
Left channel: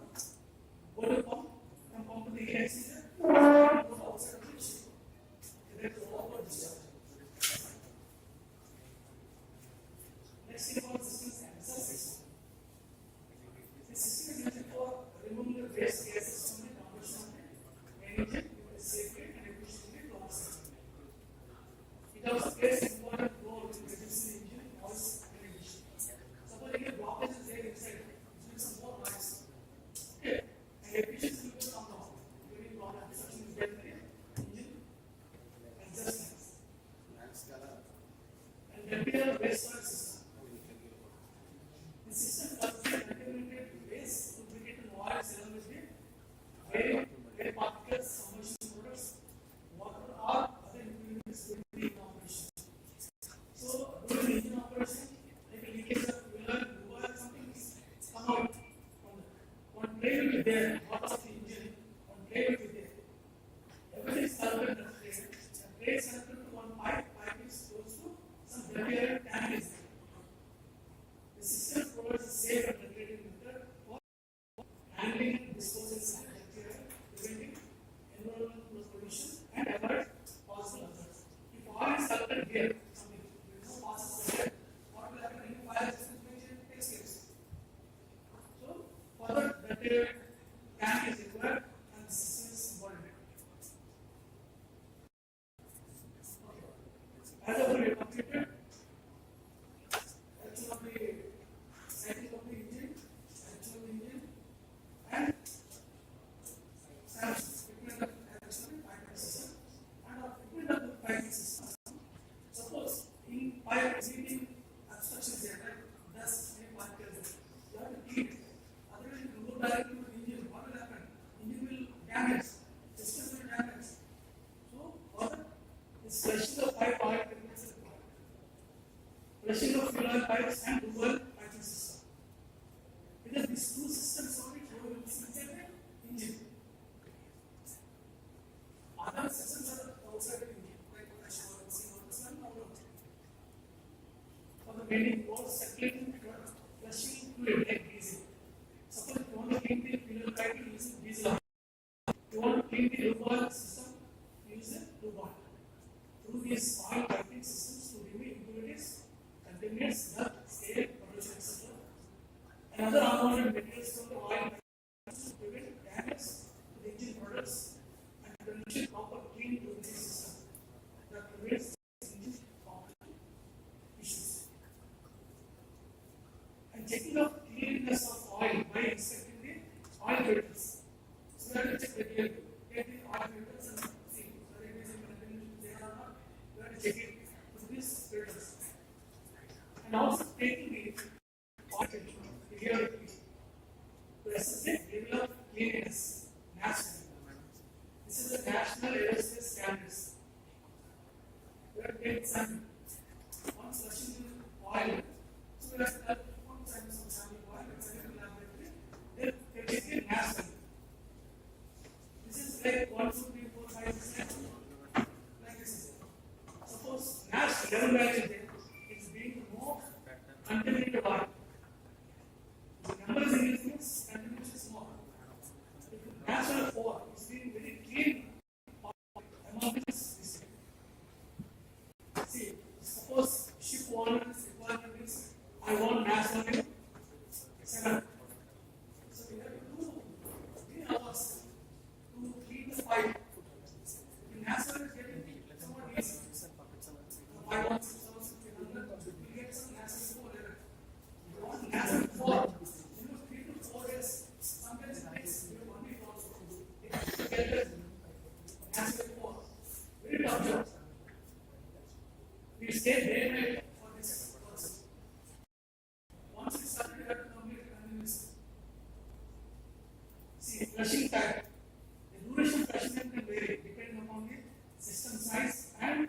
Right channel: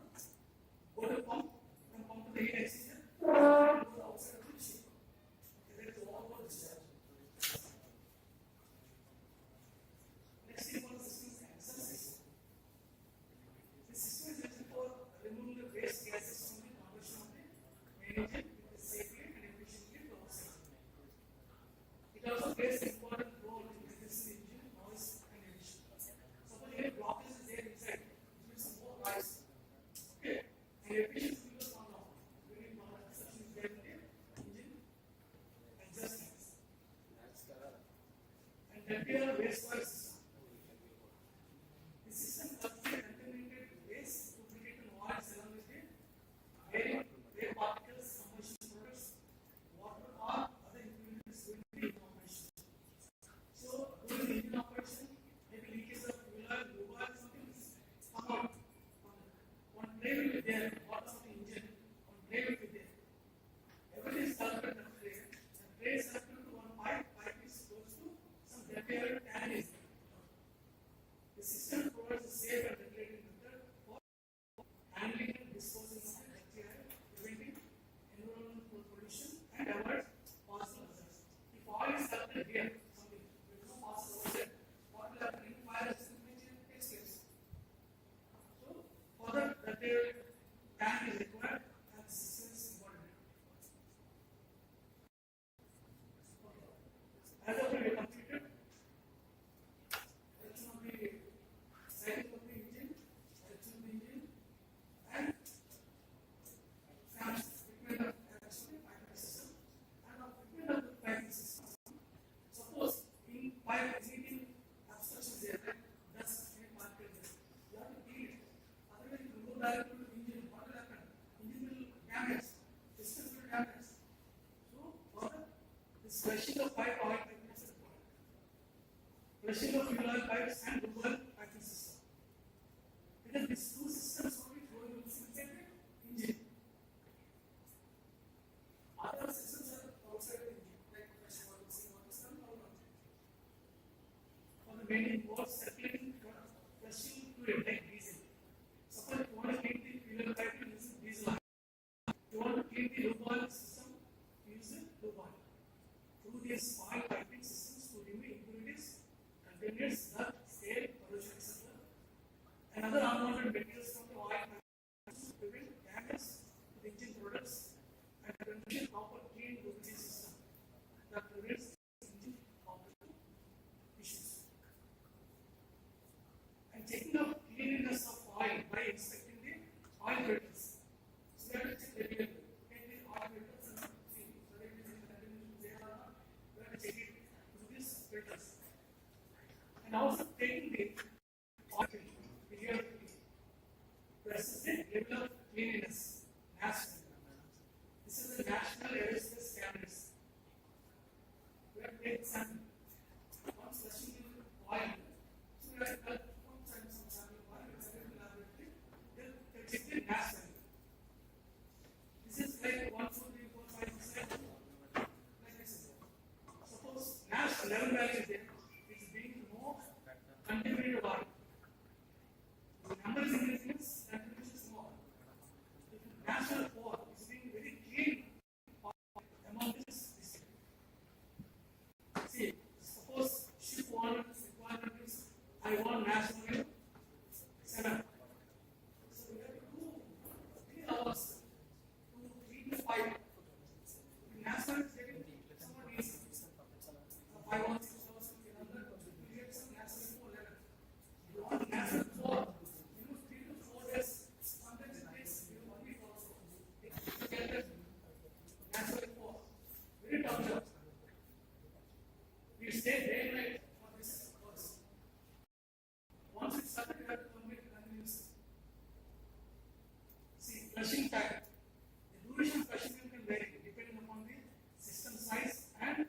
go to pump, and pump to the heat exchanger, and go outside to the ship. That's the water discharge. Let's see about systems and system. The system is used for removing the waste gases from the combustion engine safely and efficiently to offset. It also plays an important role in reducing engine noise and emissions. Suppose if a blockage is there inside, it will some more noise. Okay, and efficiency will come down during block obstruction is there in the engine adjustments. And then we have a waste storage system. The system contains contaminated waste, lubricated oil, ceramic, air particles, combustion products, water, or other impurities will be in operation. So, during the engine operation, like a leakage of fuel, lubricant, something is come out from that. One tray will be there, part of the engine, one tray will be there. Everything is connected to the tray. The tray is connected to one pipe is close to some depurated tank is there. The system provides a safe and regulated method for handling and disposing of bacteria, preventing environmental pollution, and avoid possible hazards. If oil is collected here, something there is no process there, what will happen? Any fire extinguisher takes place. So, further bacteria tank is required, and the system is involved in it. As of we completed, selection of the cycle of the engine, selection of the engine, and equipment of piping system, and of equipment of the piping system. Suppose in pipe meeting obstruction is there, right? Dust and particles, you have to clean it. Otherwise, if you go directly to the engine, what will happen? Engine will damage, system will damage. So, further, this flushing of pipe oil techniques is required. Flushing of fuel oil pipes and lubricant piping system. Because these two systems only flow inside the engine. Other systems are outside the engine, like flush oil, seal oil, for the main involves circulating flushing fluid like diesel. Suppose you want to clean the fuel pipe using diesel. You want to clean the lubricant system, use the lubricant. Through these oil piping systems to remove impurities, contaminants, dirt, scale, pollution, etc. And other unwanted materials from the oil piping to prevent damage to the engine products and ensure proper clean lubricant system that prevents engine operating issues. And checking of cleanliness of oil by inspecting the oil filters. So we have to check regularly. Take the oil filters and see whether it is in contamination there or not. We have to check it through these filters. And also taking the oil filter periodically to assess the level of cleanliness nationally. This is the national aerospace standards. We have to take some once flushing the oil. So we have to perform some sample oil and send it to laboratory. They take the national. flushing time. The duration of flushing time can vary depending upon the system size and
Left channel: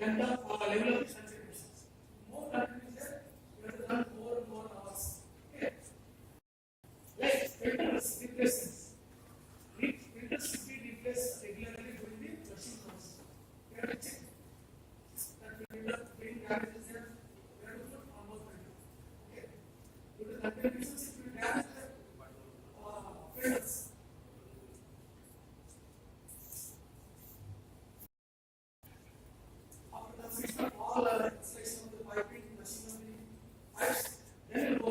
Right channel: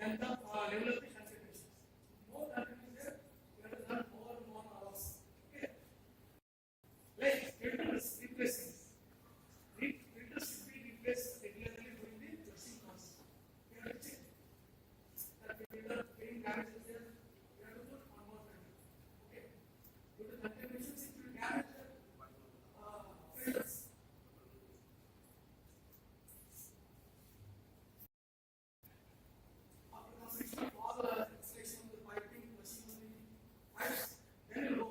length of level of the contributions. More contributions, you have to run more and more hours. Okay. Like filters, replacements. Filters should be replaced regularly during the flushing process. You have to check that filter getting damaged is there. You have to put on more filter. Okay. Due to contributions, it will damage the filters. After completion of all installation of the piping, machinery, pipes, then you go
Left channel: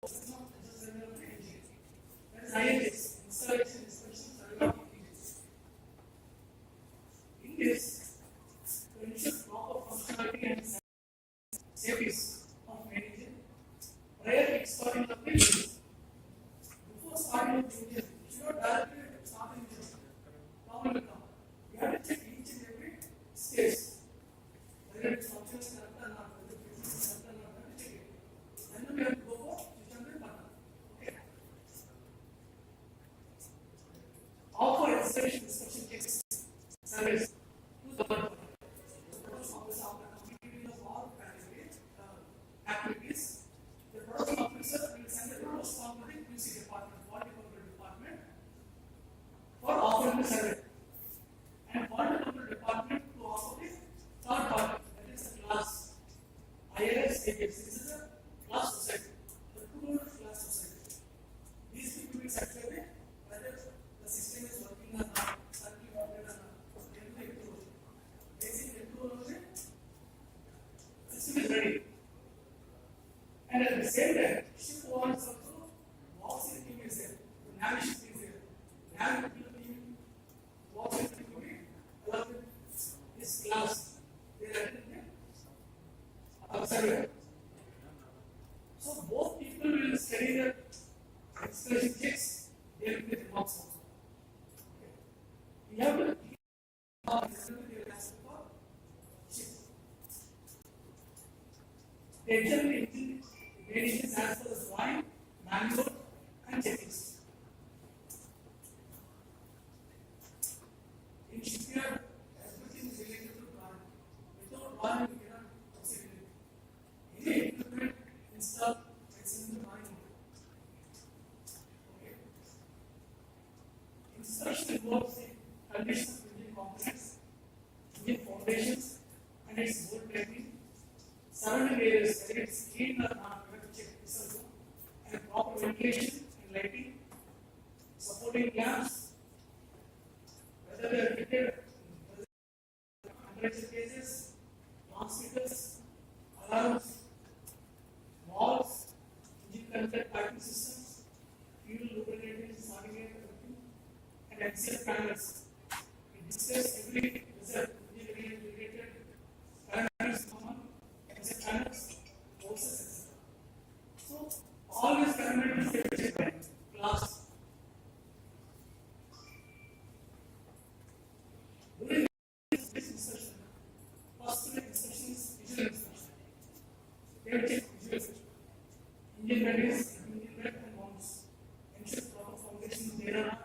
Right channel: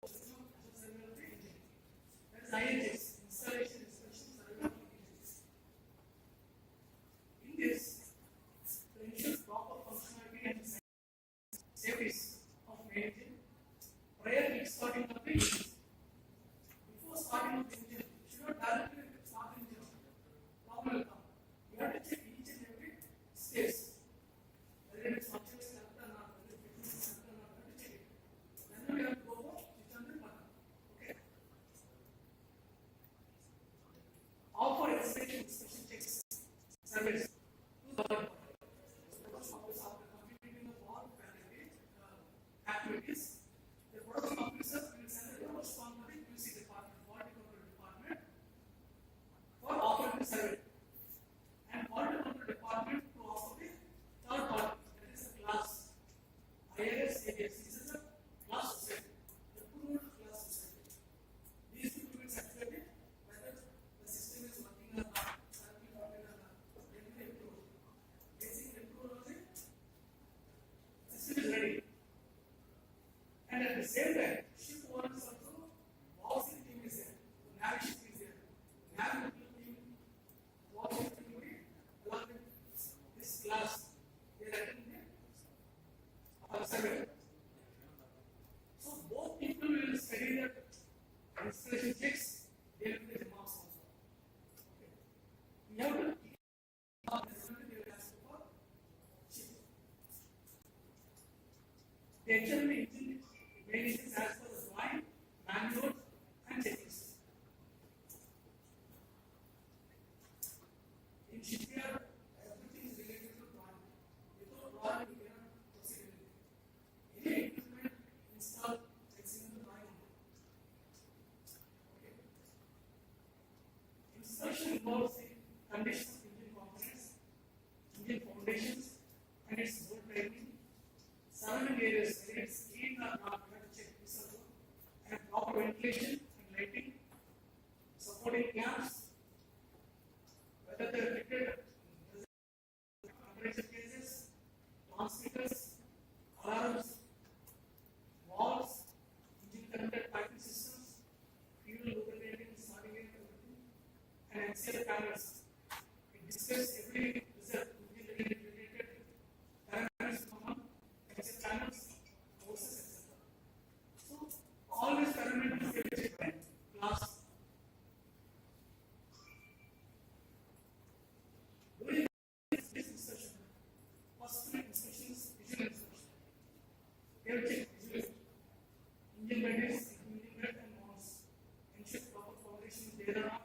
for system of assessment of the engine. That is INGs, installation, inspection, survey of engines. In this, to ensure proper functionality and safety of main engine, prior kickstarting of the engine. Before starting of the engine, you should not directly start the engine. Problem will come. You have to check each and every stage. Whether it is functioning correct or not, whether it is correct or not, you have to check it. Then we have to go for switch on the button. Okay. All for installation inspection checks, surveys, to the button. After completing of all categories, activities, the production officer will send a notice form to the QC department, quality control department, for offering the survey. And quality control department to offer the third party, that is a class. AICTE, this is a class society, the approved class society. These people will certify whether the system is working or not, circuit or not, everything approved. Basic approval of the system is ready. And at the same time, ship one is also, walking team is there, the navigation is there, navigation team, walking team will be along with this class. They are attending the survey. So both people will study the installation checks, they will get the marks also. Okay. We have to keep all the assembly they ask for chip. They examine the engine variations as per the drawing, manual, and checklist. In shipyard, everything is related to drawing. Without drawing, you cannot proceed with it. Any equipment installed, it's in the drawing. Okay. Inspection involves the condition of engine components, engine foundations, and its bolt tightening. Surrounding areas, whether it's clean or not, we have to check this also. And proper ventilation and lighting, supporting clamps, whether they are fitted, temperature cases, transmitters, alarms, valves, engine connected piping systems, fuel lubricants, starting everything, and axial panels. We discuss every result, engine related parameters common. Except channels, forces, etc. So, all these parameters they check by class. During this inspection, first inspection is visual inspection. They will check visual inspection. Engine readiness, engine red and bonds. Ensure proper foundation there are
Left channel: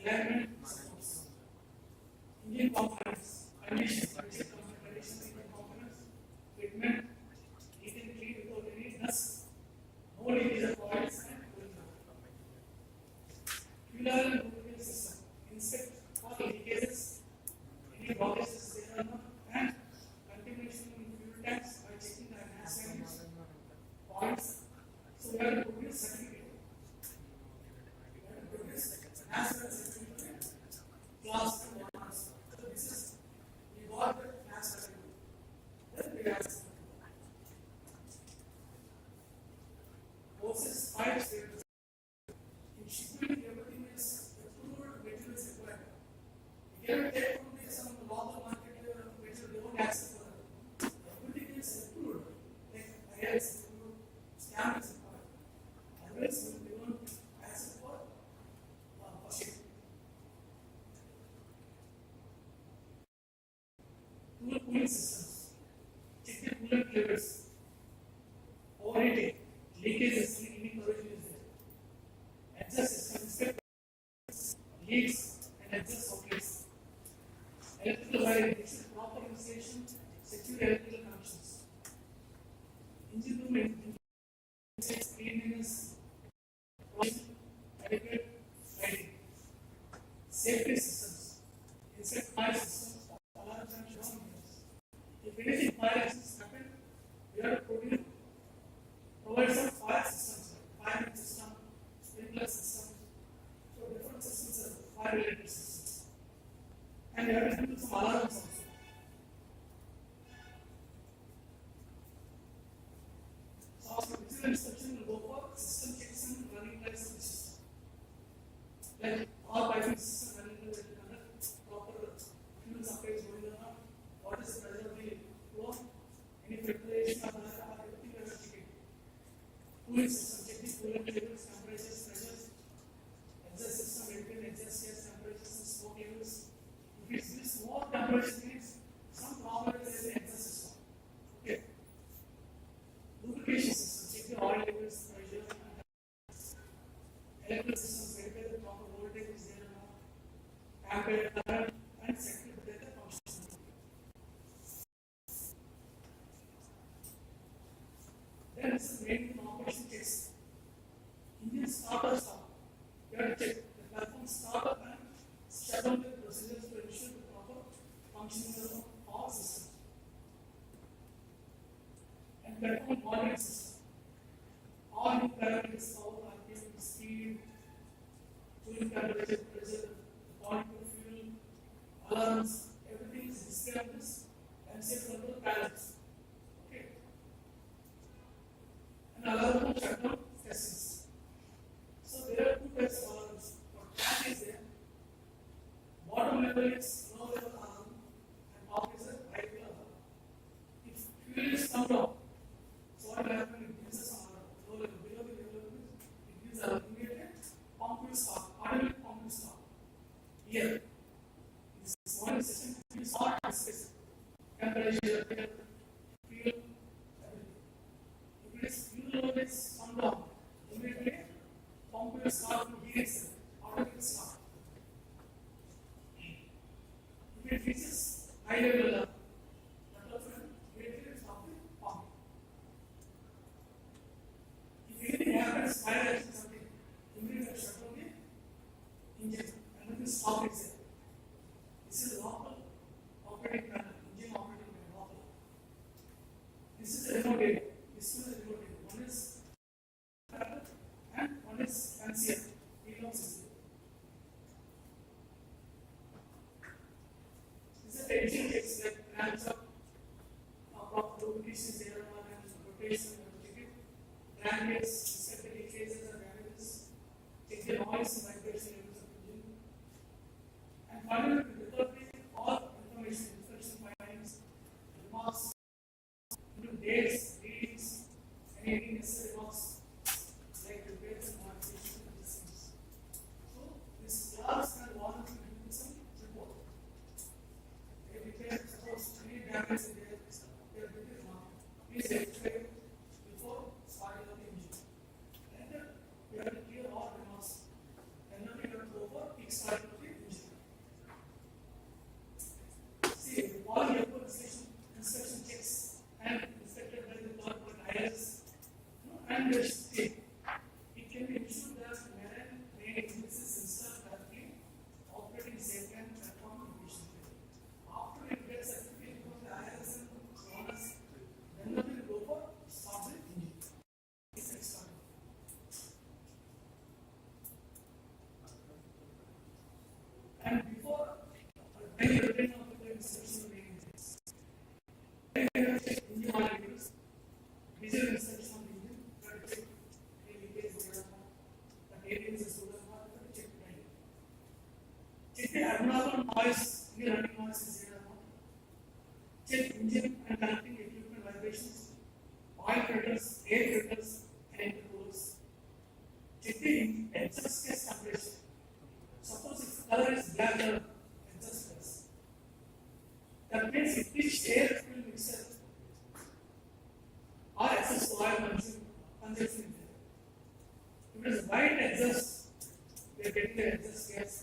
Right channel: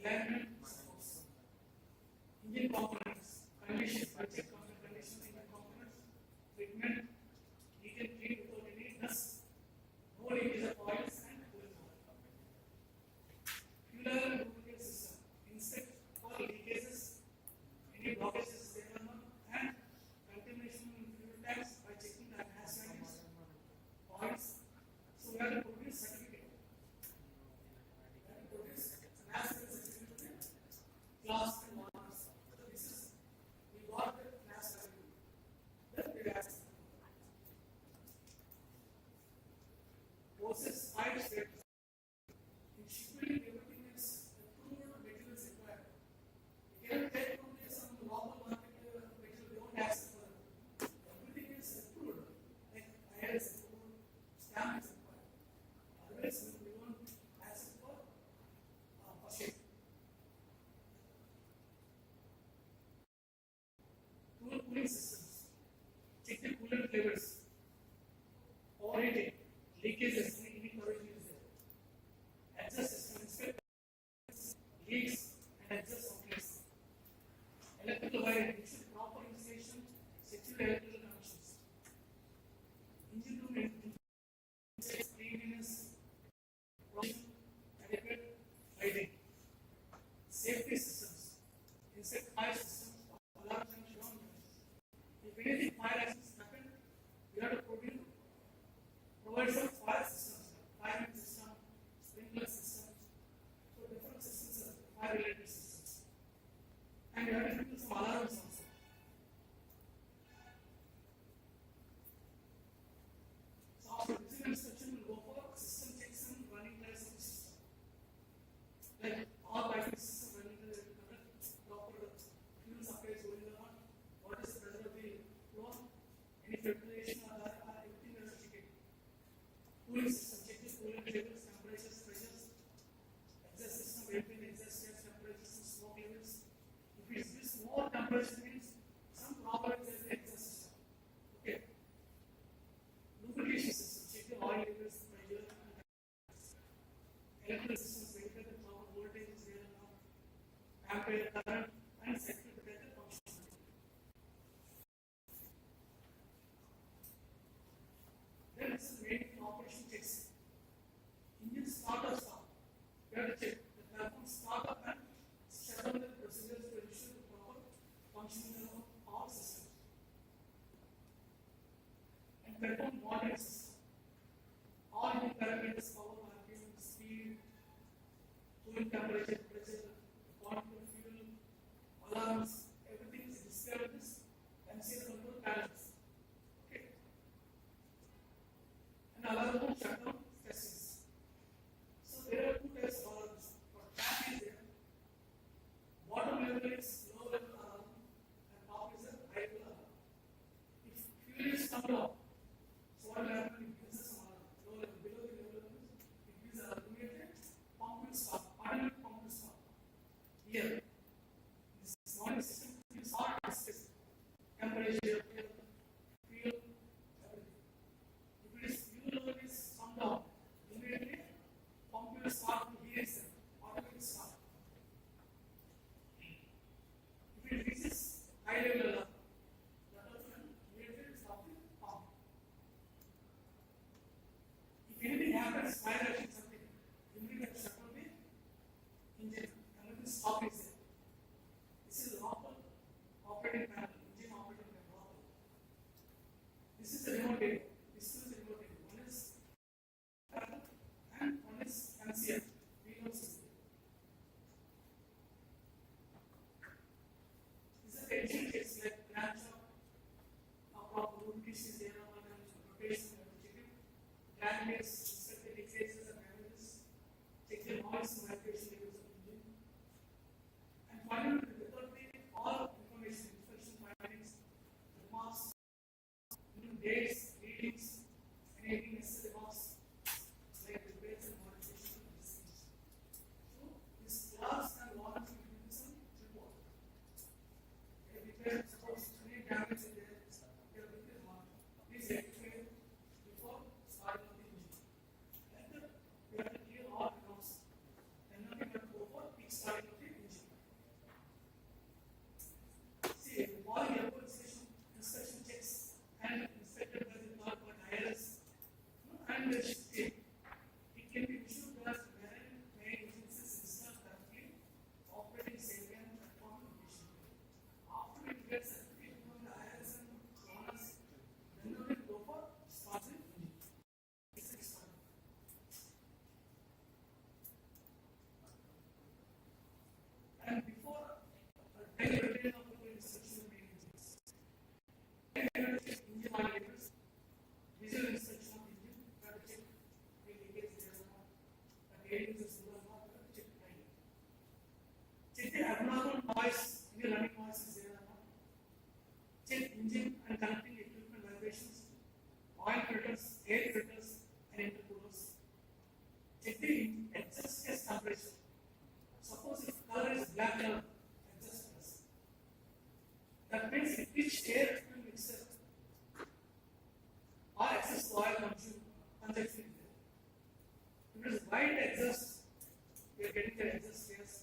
alignment supports. Engine components, conditions, check on the conditions in the components. Treatment, you can clean without any dust, no leakage of oils and cooling oil. Fuel and lubricant system, inspect for leakages, any blockages there are not, and contamination in fuel tanks by checking the gas values, points. So we have to produce certificate. We have to produce gas value certificate, class and bonus. So this is, we got the gas value. Then we have forces, pipes, in shipping, everything is approved materials required. You cannot take from this some local market material, they won't accept for that. Everything is approved. Like IR is approved, stamp is required. Otherwise, we won't accept for ship. Cooling systems. Check the coolant levels. Overheating, leakages, any corrosion is there. Adjust system, inspect leaks and exhaust outlets. Electrical wiring, this is proper installation, secure electrical connections. Engine room cleanliness, adequate lighting, safety systems, insect fire systems, alarms and shown. If anything fire accidents happen, we have to provide some fire systems, like fire system, sprinkler system, so different systems are fire related systems. And we have to do some alarms also. So after visual inspection, we'll go for system checks and running life of the system. Like all piping system running the proper fuel supply is going on, what is the pressure of the flow, any filtration or everything we have to check it. Cooling system, check the cooling levels, temperatures, pressures, exhaust system, maintain exhaust gas temperatures and smoke levels. If it's this more temperature means some problem is in the exhaust system. Okay. Lubrication system, check the oil levels, pressure, electrical systems, verify the proper voltage is there or not, ampere, current, and circuit breaker function. Then this is main operation checks. Engine start or stop. You have to check the platform startup and shutdown the procedures to ensure the proper functioning of all systems. And perform monitoring system. All new parameters, power, RPM, speed, fuel temperature, pressure, quantity of fuel, alarms, everything is displayed on this MCS control panels. Okay. And alarm shutdown testings. So there are two types of alarms. What cat is there? Bottom level is low level alarm and top is a high level alarm. If fuel is come down, so what will happen? It gives us alarm. Low level, below the level, it gives alarm. Immediately, pump will stop. Automatic pump will stop. Here, this warning system is all specific. Temperature, fuel, everything. If it is fuel level is come down, immediately pump will start to heat itself. Automatic start. If it reaches high level alarm, that was when immediately stop the pump. If anything happens, fire action something, immediately shut down the engine and it will stop itself. This is local operating panel, engine operating panel local. This is the remote area. This is the remote area. One is panel and one is MCF. Remote system. These are the engine checks like ramps up, proper lubrication is there or not, and rotation, check it. Ram gates, inspect the leakages or damages, check the noise and vibration levels of engine. And finally, to record all information, inspection findings, remarks, into dates, readings, and any necessary remarks, like repairs and modifications and adjustments. So, this labs and warranty will some report. If repair, suppose any damage is there, your repair mark, please rectify before starting on the engine. And we have to clear all remarks. And now we have to go for kickstart of the engine. See, all the inspection checks and inspected by the third party IRS, and the shipping. It can be ensured that marine engines is installed correctly, operating safely and performing efficiently. After it gets certificate from the IRS and owners, then we will go for start the engine. This is start. And before any return of the inspection of the engines, engine oil levels, visual inspection of the engine, try to check the leakage there or not, the areas is good or not, check the engine. Check the abnormal noise, the running noise is there or not. Check engine and connecting equipment vibrations, oil filters, air filters, and intercoolers. Check the exhaust gas temperature. Suppose if the color is black color, exhaust gas. That means if each air fuel mixture or excess oil consumption is there. If it is white exhaust, we are getting the exhaust gas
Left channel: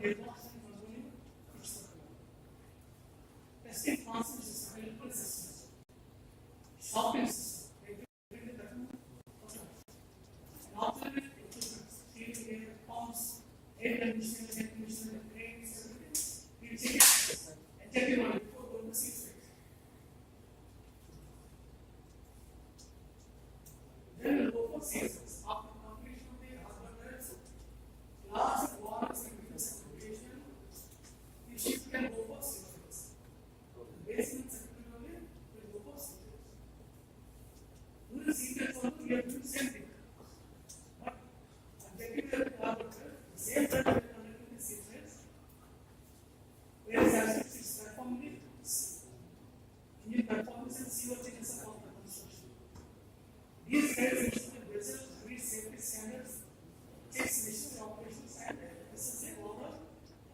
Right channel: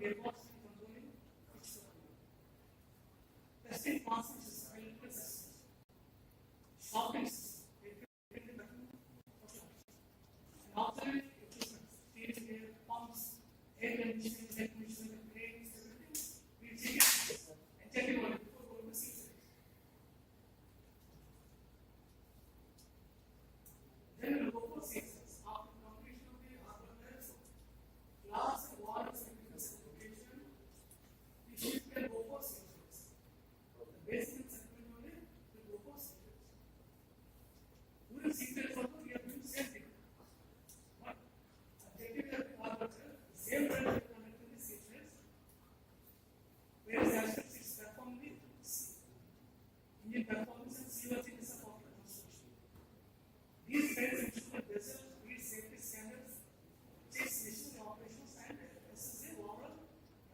gearbox and controlling pitch control. Testing concepts is electrical systems. Shocking system. Auxiliary equipment, steering gear, pumps, air conditioning, brakes, everything. We check it and check it on it before going to seat space. Then we'll go for CSS. After completion of the algorithms, class and warrants and segregation, the shift can go for CSS. The basement section only will go for CSS. During CSS also, we have to do the same thing. Same time we are connecting the sequence, whereas aspects is performing the engine performance and seaworthiness of the construction. These guys ensure vessel meet safety standards, checks mission operations, and assess the overall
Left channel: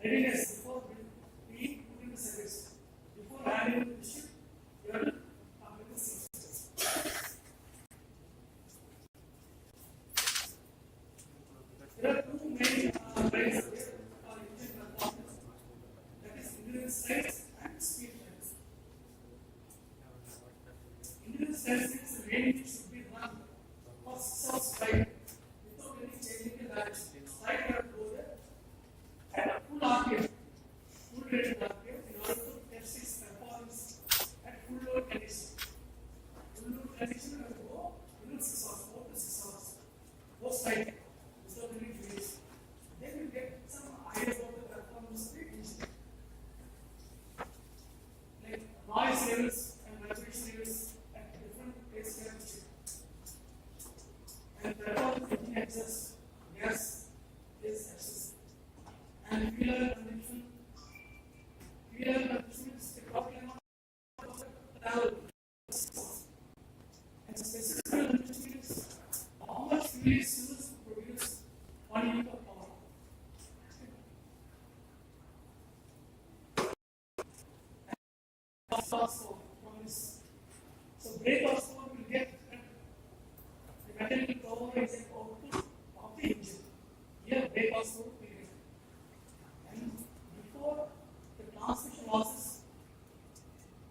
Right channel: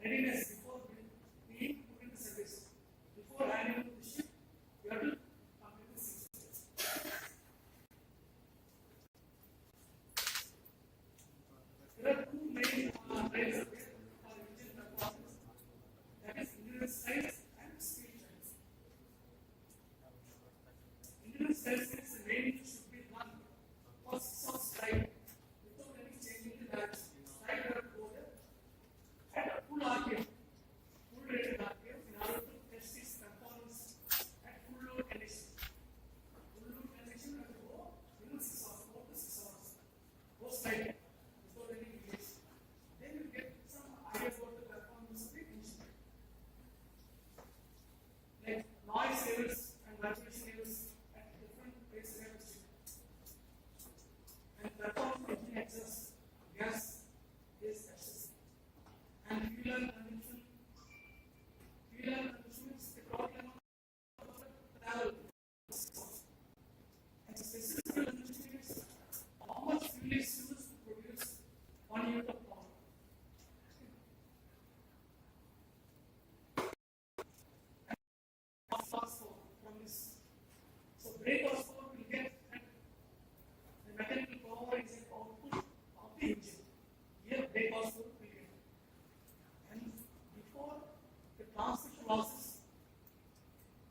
readiness before being put into service. Before handing the ship, you have to complete the sequence. There are two main trains engine performance, that is endurance trains and speed trains. Endurance trains means the range should be run for 6 hours straight without any changing the direction. Straight have to go there at full RPM, full rated RPM in order to test its performance at full load condition. Full load condition have to go within 6 hours, 4 to 6 hours. Go straight. Then you get some idea about the performance of the engine. Like noise levels and vibration levels at different places have to check. And performance engine access, gas is access. And fuel consumption is the problem of the travel. And specific consumption is how much fuel is used to produce 1 unit of power. Horsepower from this. So brake horsepower will get the mechanical power is an output of the engine. Here brake horsepower will get. And before the transmission losses,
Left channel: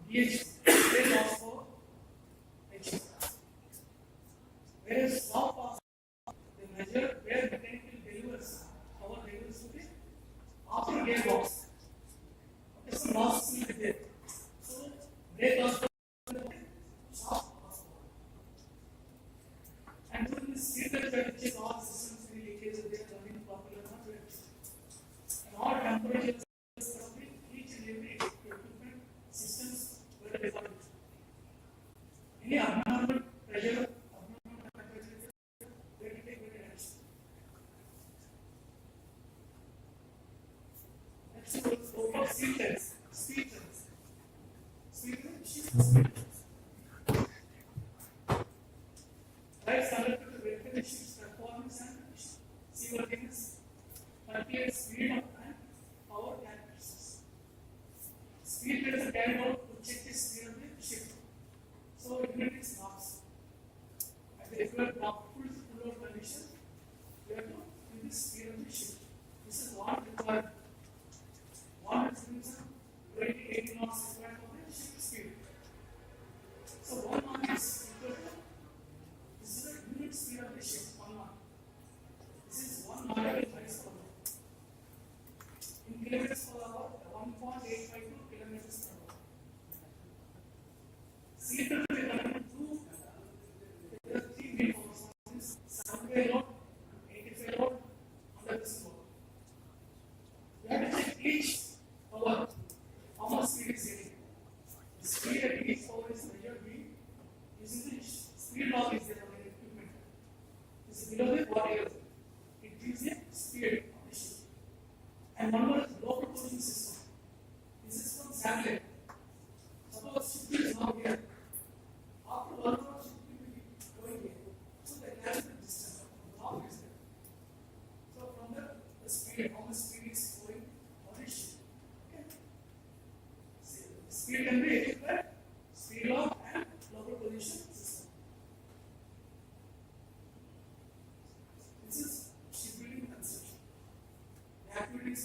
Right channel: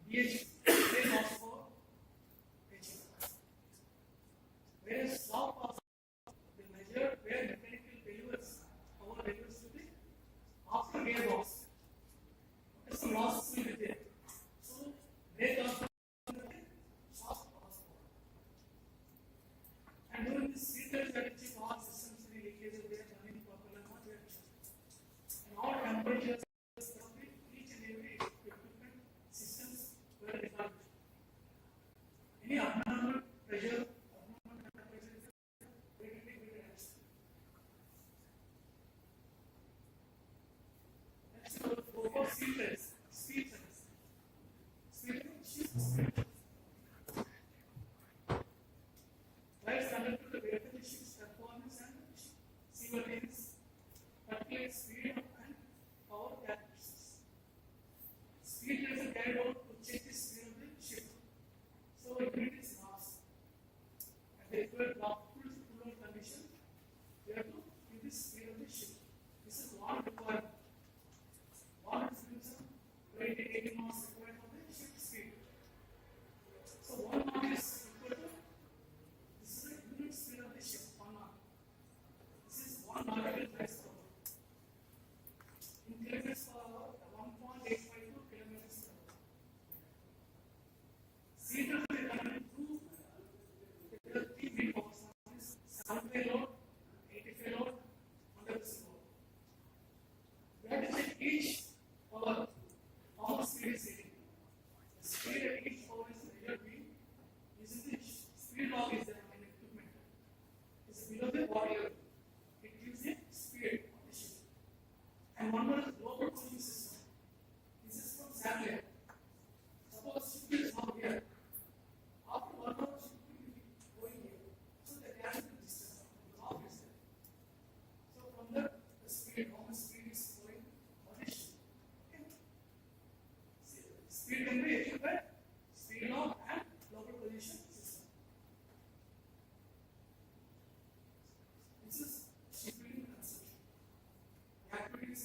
brake horsepower, HF. Whereas soft horsepower, the measure where mechanical delivers power delivers to the after gearbox. Okay, so losses will be there. Brake horsepower, soft horsepower. And during this sequence, we have to check all systems, any leakages, they are running properly or not. And all temperatures of each and every equipment systems were defined. Any abnormal pressure, abnormal temperature, we have to take better action. Next, we will go for speed trains. Right, subject to the verification ship's performance and seaworthiness, calculate speed and power characteristics. Speed trains are carried out to check the speed of the ship. So unit is marks. At the required full load condition, we have to give the speed of the ship. This is one required. One is 80 knots required for the ship speed. So 1 knot is equal to, this is the unit speed of the ship, 1 knot. This is 1 nautical miles per hour. In kilometers per hour, 1.852 kilometers per hour. Seated to the current two, there are 3 main forces. One is 7-way load, 80-way load, 100% load. We have to check each power, how much speed is getting. The speed at each power is measured using the speed log is there on the equipment. This is below the body level. It gives the speed of the ship. And one more is local cooling system. This is from satellite. Suppose ship is now here. After 1 hour, ship will be going here. So the calculated distance of the log is there. So from the speed, how much speed is going on the ship. Okay. Speed can be achieved by speed log and local position system. This is shipbuilding conception. The activities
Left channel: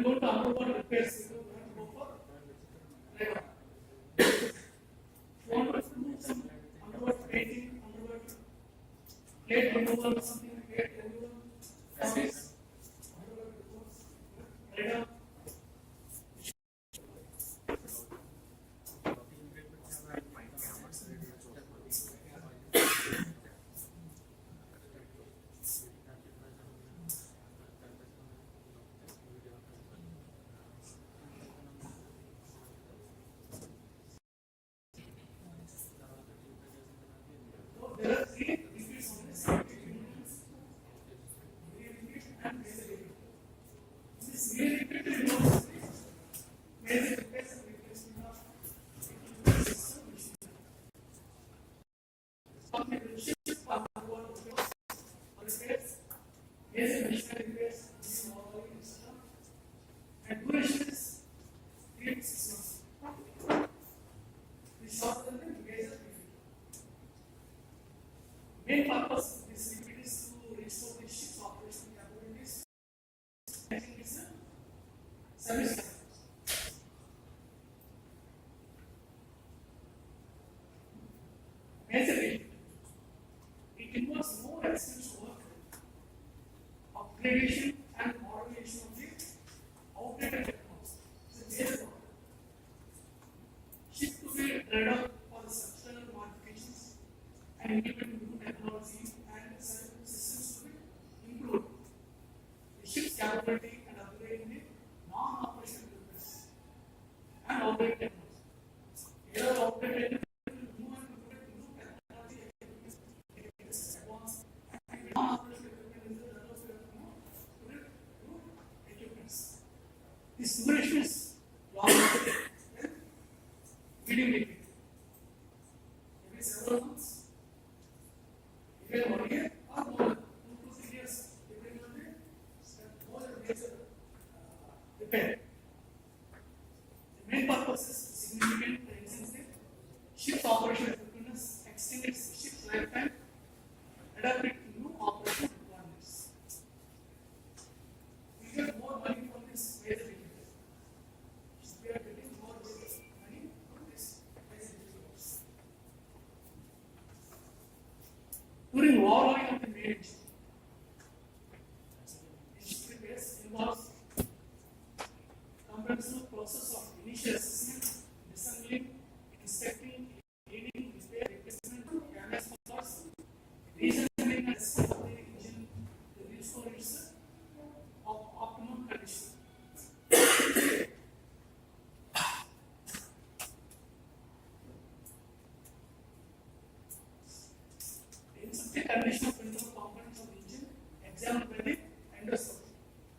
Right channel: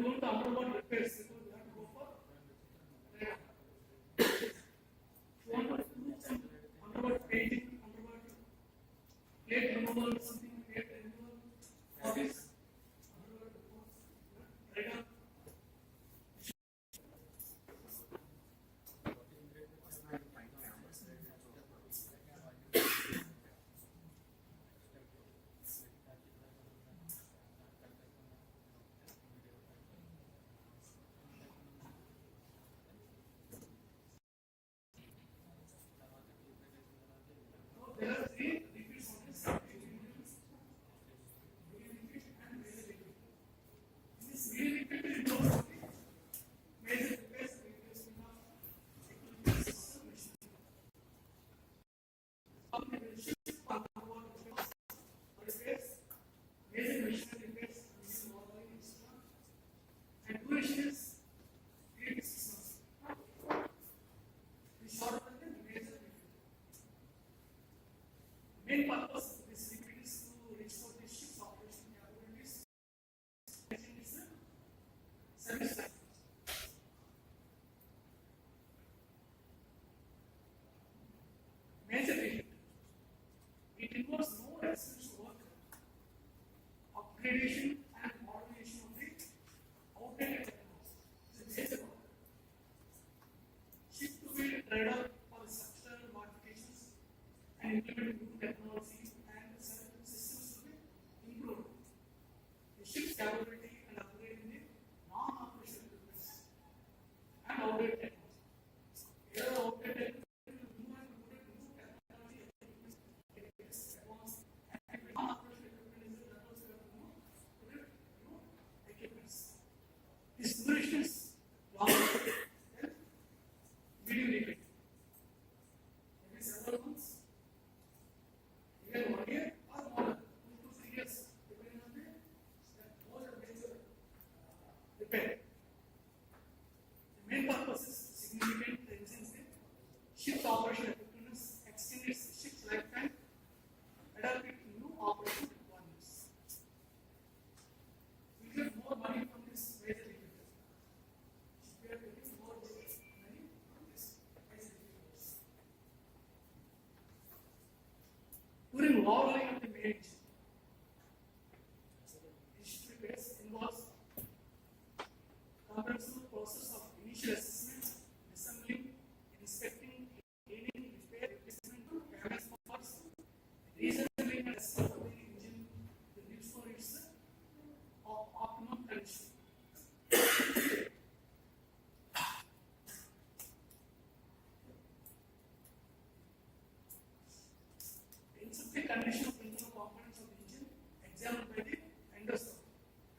you go to underwater repairs, you have to go for radar. You want to do some underwater painting, underwater plate removal or something like plate removal, office, radar. There are three repeats on this. This repeat involves major repairs and replacement of repairs, major machinery repairs, and duration is 3 to 6 months. The short term and major repeat. Main purpose of this repeat is to restore the ship's operational capabilities. I think it's a service life. Major repeat. It involves more expensive work, upgradation and modernization of the outdated technology. It's a major problem. Ship to be read out for the structural modifications and implement new technology and systems to be improved. The ship's capability and upgrading the non-operational business and outdated technology. Either outdated new and implement new technology advanced and non-operational equipment is the levels we have to know equipments. This duration is long and medium repeat. Maybe several months, even 1 year or more, 2 to 3 years, depending on the more major repair. The main purpose is significant to enhance the ship's operational effectiveness, extend its ship's lifetime, adapt it to new operational requirements. We get more money from this major repair. We are getting more money from this major repair. During warlocking of the main engine, this repairs involves comprehensive process of initial assessment, assembling, inspecting, cleaning, repair, replacement, damage parts, reassembling and assessment of the engine to restore its optimum condition. The condition of principal components of the engine examined by the endoscope.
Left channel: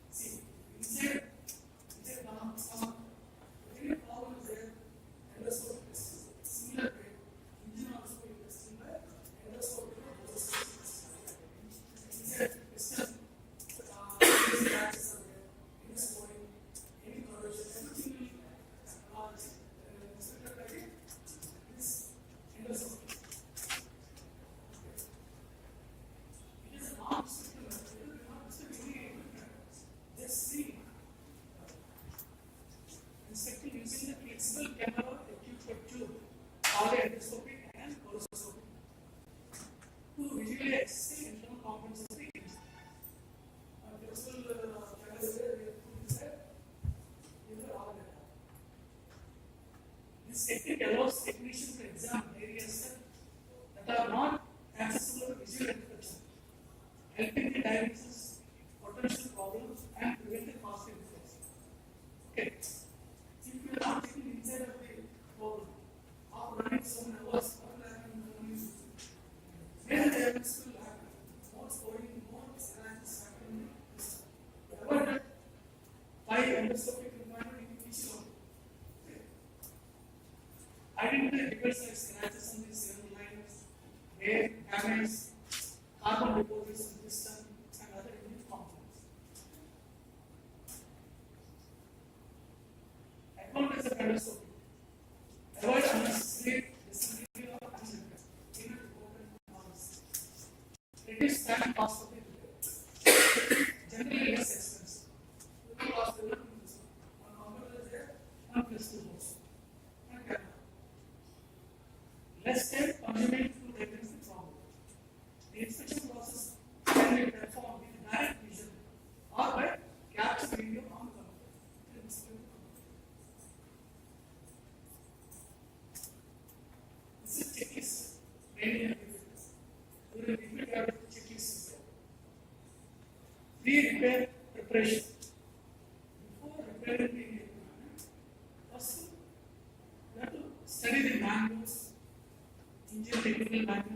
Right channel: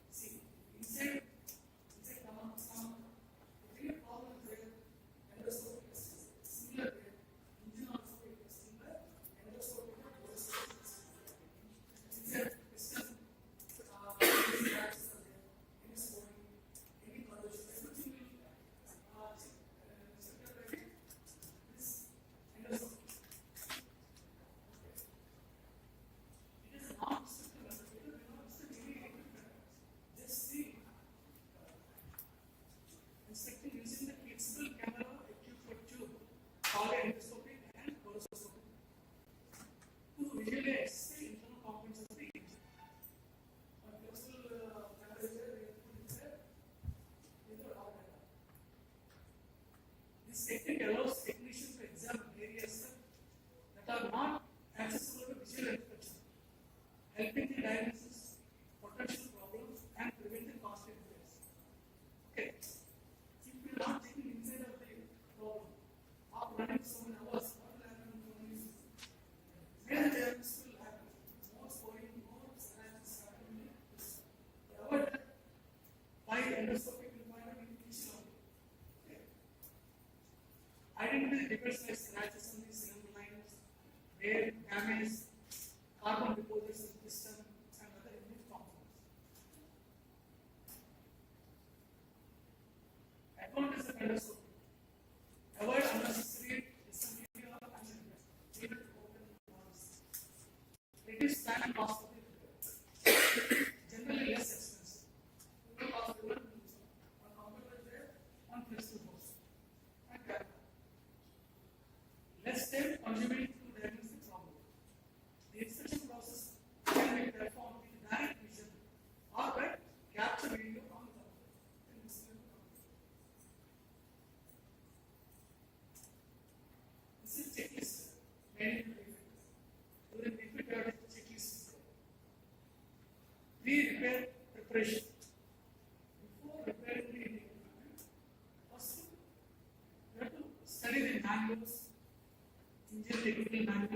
See, inside any problem is there, endoscope testing. Similar way, engine also will be tested by endoscope. Inside piston, any cracks are there, any swelling, any corrosion, everything will be inspected by this endoscope. It is a non-destructive method. It is not destructive any equipment. Just see. Inspecting using the flexible camera equipped for tube, or endoscopy and coroscopy to visually assess the internal components of the engine. Flexible camera is there, we have put inside either or data. This technique allows technicians to examine areas that are not accessible to visual inspection, helping the diagnosis potential problems and preventing past repairs. Okay. If you are not taking inside of the problem or running so many hours or lacking so many major diagnosis will happen. More spoiling, more scratches happening. Avoid that by endoscopic requirement in each one. Okay. Identify defects like scratches on the cylinder lines, wear, damage, carbon deposits in piston, and other engine components. Advantage of endoscopy. Avoid unnecessary disassembly of engine repair, even to open valves. Reduce time cost of the repair. Generally less expensive. Total cost will not be this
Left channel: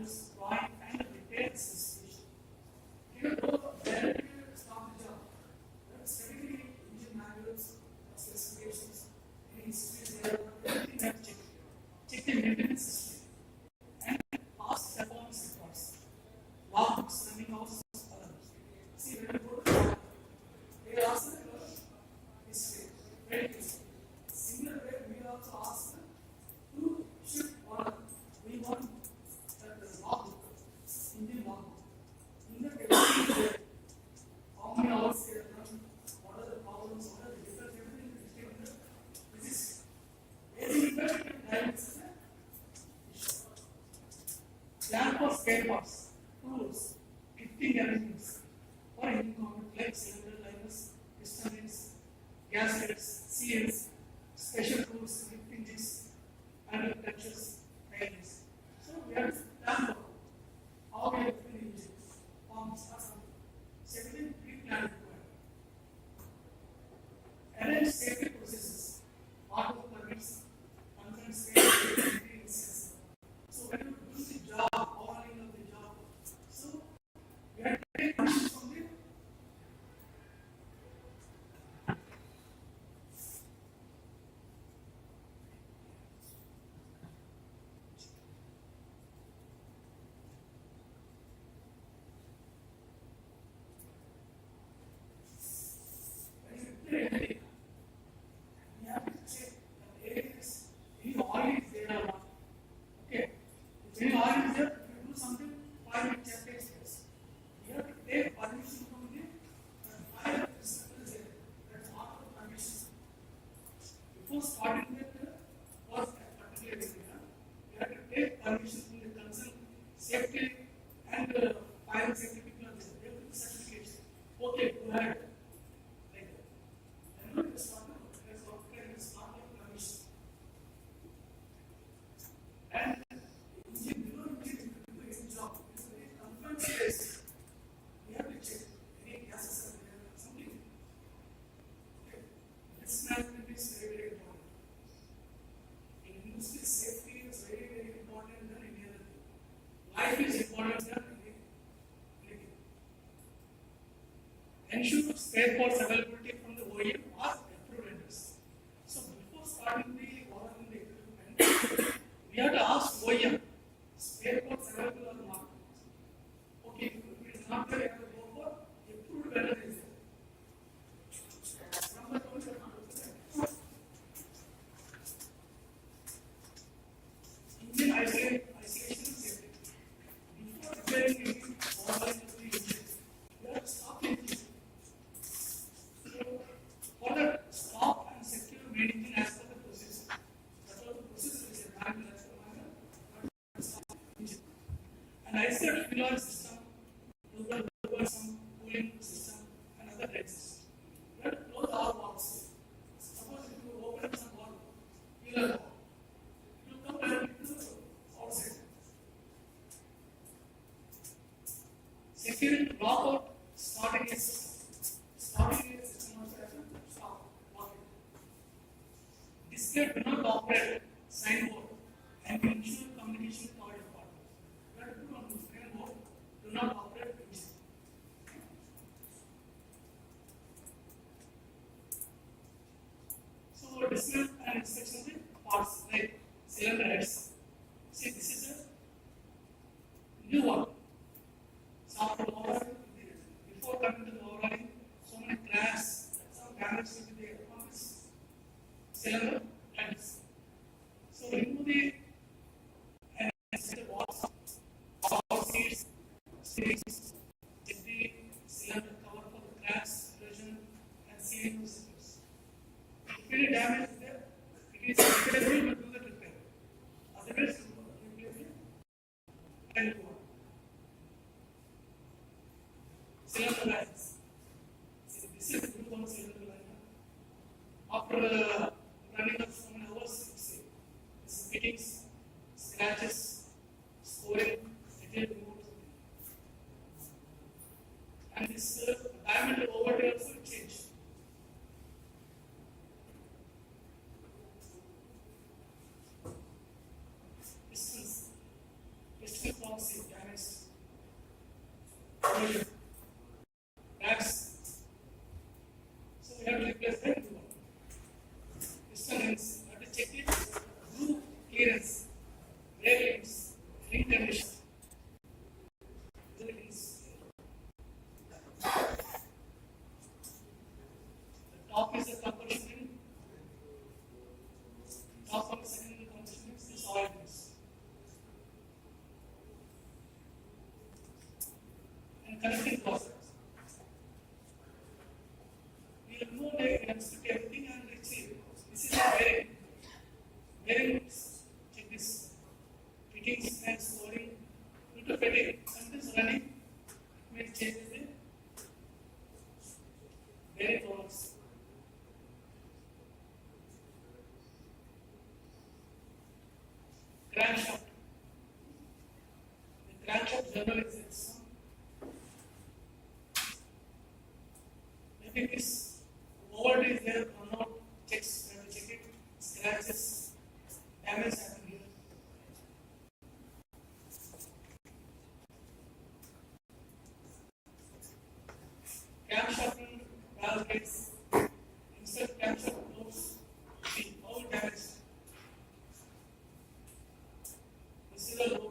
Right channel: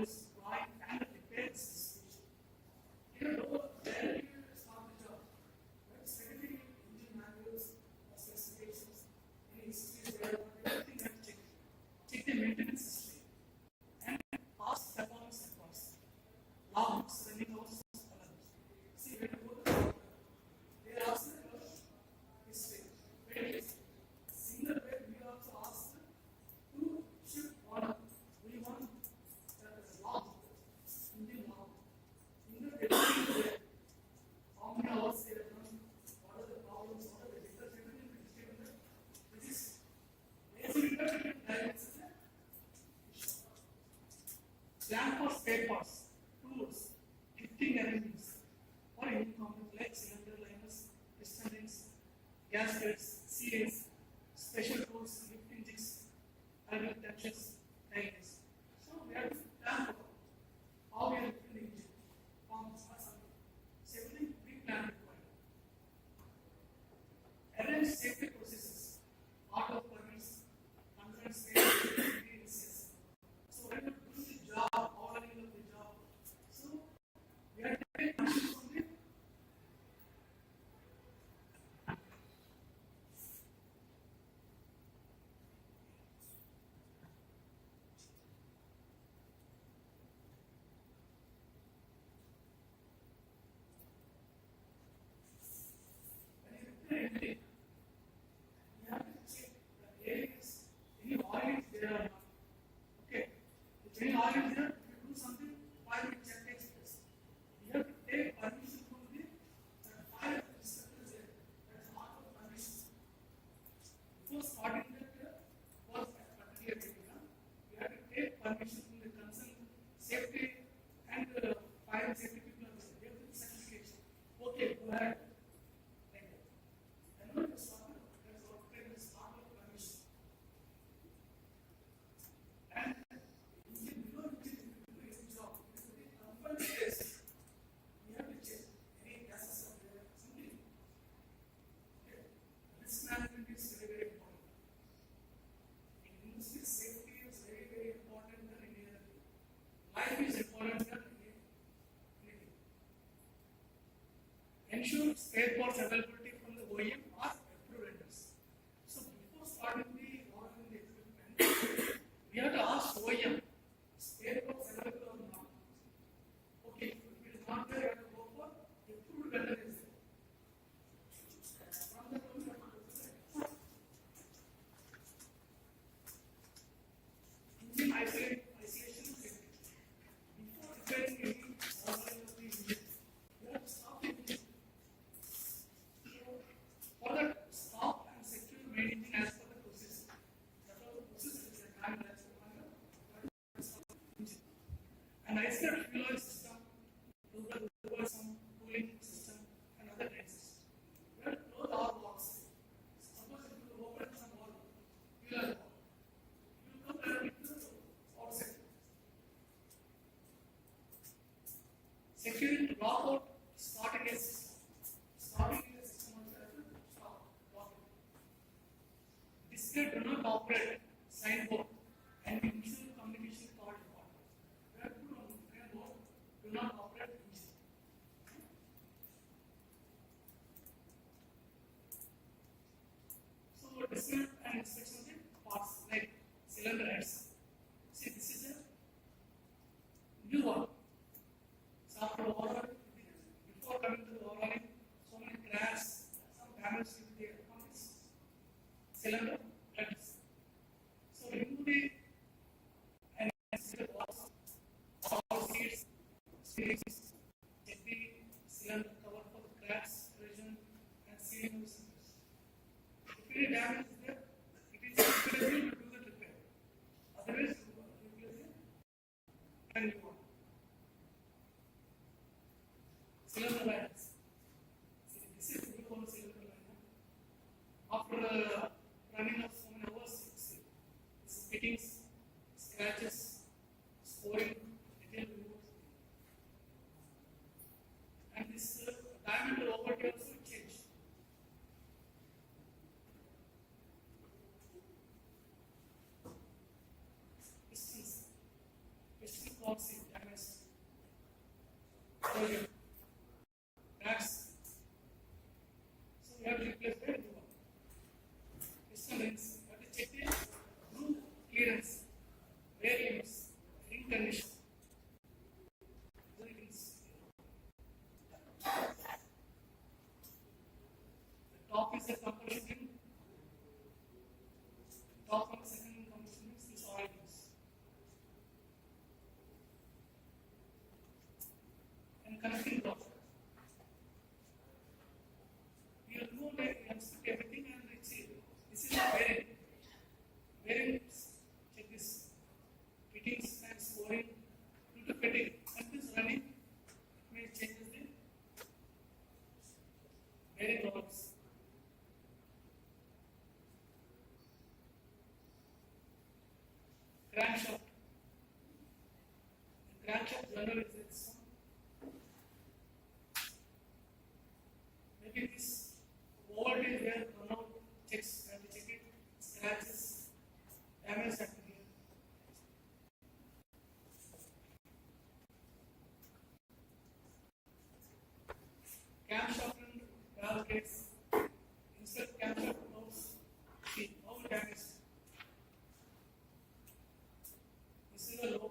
manuals, drawing, and detailed specification. Even though there is not the job, but studying engine manuals, specifications, and history, there everything has checked. Check the maintenance history and past performance records, logs, running hours, others. See, when you go to the log, they ask the history, very easy. Similar way, we also ask who should order. We want that the logbook, Indian logbook. In the everything is there. How many hours they have run, what are the problems, what are the results, everything is given there. This is basically diagrams. Plan for spare parts, tools, lifting arrangements for any component like cylinder liners, piston rings, gaskets, seals, special tools, lifting jigs, and touches, diagrams. So we have to plan for how we are lifting the engine, pumps, or something. So everything pre-plan required. Arrange safety processes, auto permits, confined space, so when you do the job, overhauling of the job, so we have to take permission from the anything. We have to check that there is any oil is there or not. Okay. If any oil is there, if you do something, 5 minutes check takes place. You have to take permission from the fire inspector is there. That's all the permission. Before starting that work at particular area, you have to take permission from the concerned safety and fire safety people are there. They will give certification. Okay, go ahead. Like that. And not just starting, that's okay, it's not like permission. And engine below engine, if you do any job, it's a very confined space. We have to check any gases are there, something. Okay. Risk management is very, very important. In industry, safety is very, very important than any other thing. Life is important than anything. Ensure spare parts availability from the OEM or approved vendors. So before starting the ordering the equipment, we have to ask OEM, spare parts available or not. Okay, if it is not there, you have to go for approved vendor is there. From the point you have to go for engine isolation and safety. Before repairing any ordering of the engine, you have to stop the engine. So for that, stop and secure main engine as per the process. That's all the process is a manual as per manual. But stop the engine. And AICTE fuel oil system, lubricant some cooling system, and other types. You have to close all valves. Suppose if you open some valve, fuel oil valve, it will come directly to the outside. Securing lockout, starting a system. Starting a system also has to stop, lock it. Display do not operate signboard and ensure communication with all departments. You have to put on the signboard, do not operate engine. So display and inspection of the parts like cylinder heads. See, this is a new one. So after overhauling, before coming to the overhauling, so many cracks, some damage will be there on this cylinder heads. So remove the and set the walls, all seats, springs, check the cylinder cover for the cracks, erosion, and sealing of cylinders. If any damage is there, it is available to do the repair. Otherwise, you replace it and go on. Cylinder lines. See, this is new one cylinder line. After running of so many hours, you see, this fittings, scratches, scoring, detailed removed. And this diameter over here also change. Piston form seal. corrosion. That's so we have to replace the new one. Piston rings, we have to check it through clearance, wear limits, ring condition. The top is the combustion ring. Top of the second combustion ring is this oil rings. And connecting process. We have no way we have to put everything and let's see. This is a bearing. Bearings, check this. Fittings and storing. Due to fitting, something is running. We will change the bearing rollers. Crankshaft. The crankshaft generally is this. Maybe this old is there, run out, checks, have to check it, scratches, damage happen here. Camshaft and valve gates, insert camshaft close, see all damage. This is a low.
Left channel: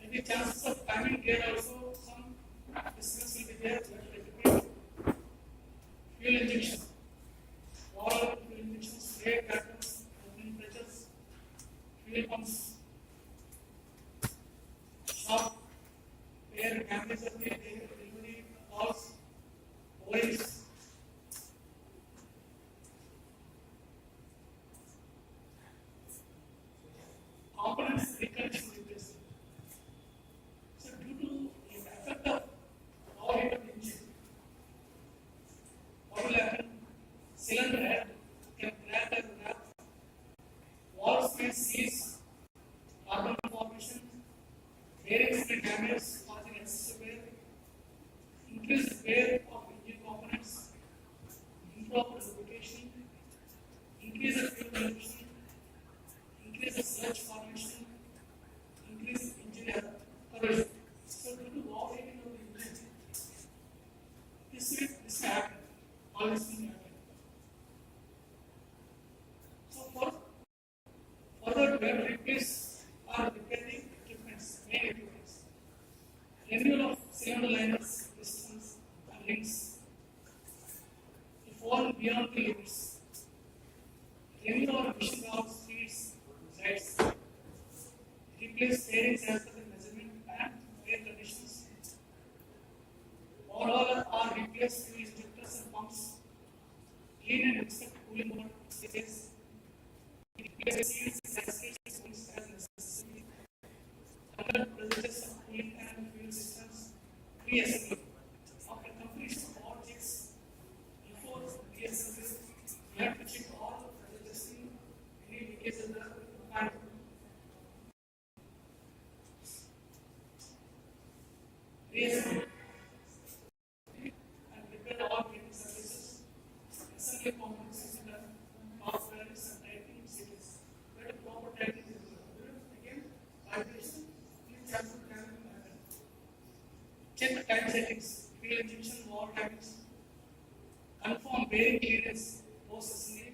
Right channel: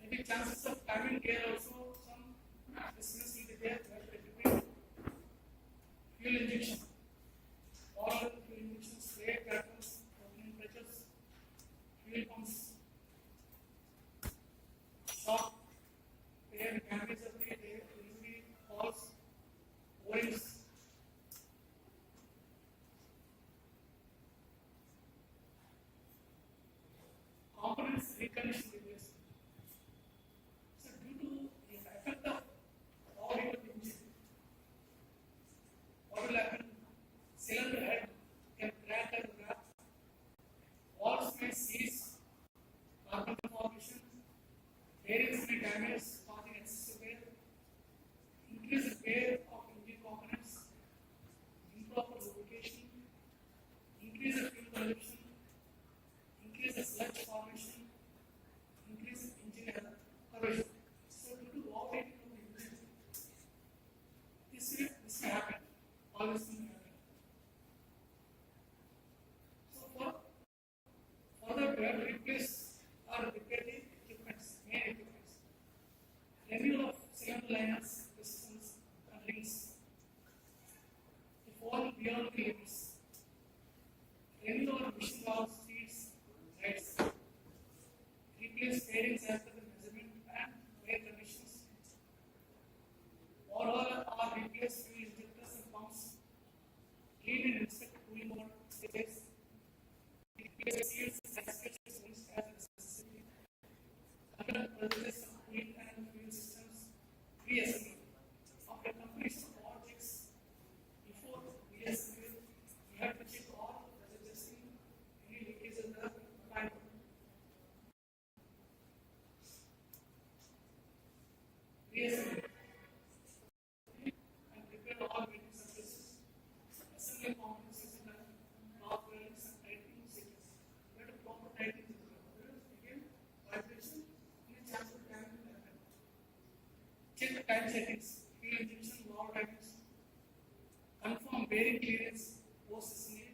Maybe chances of timing gear also some distance will be there, but fuel injection. All fuel injection, spray patterns, opening pressures, fuel pumps, shock, air damage of the delivery valves, O-rings. Components recondition replacement. So due to the effect of overheat of the engine, what will happen? Cylinder head can crack and wrap. Valves may seize, carbon formation, bearings may damage, causing excessive wear, increased wear of engine components, improper lubrication, increase the fuel consumption, increase the sludge formation, increase engine corrosion. So due to overheating of the engine, this may happen. All this may happen. So further we have to replace or repair the equipments, main equipments. Renewal of cylinder liners, pistons, and rings. If fall beyond the limits. Renewal of machine valves, speeds, heads. Replace bearings as per the measurement and wear conditions. Overall are replace fuel injectors and pumps. Clean and inspect cooling water stays. Replace seals, gaskets, springs as necessary. Conduct procedures of cooling and fuel systems. Reassembly. After completion of all checks, before reassembly, you have to check all the adjusting any leakage in the pipe. Reassembly. And prepare all main surfaces. Assembly components in the power bearings and tightening series. Where the proper tightening is done. Again, vibration, each sample can happen. Check the time settings, fuel injection, valve timings. Confirm bearing clearance, post assembly.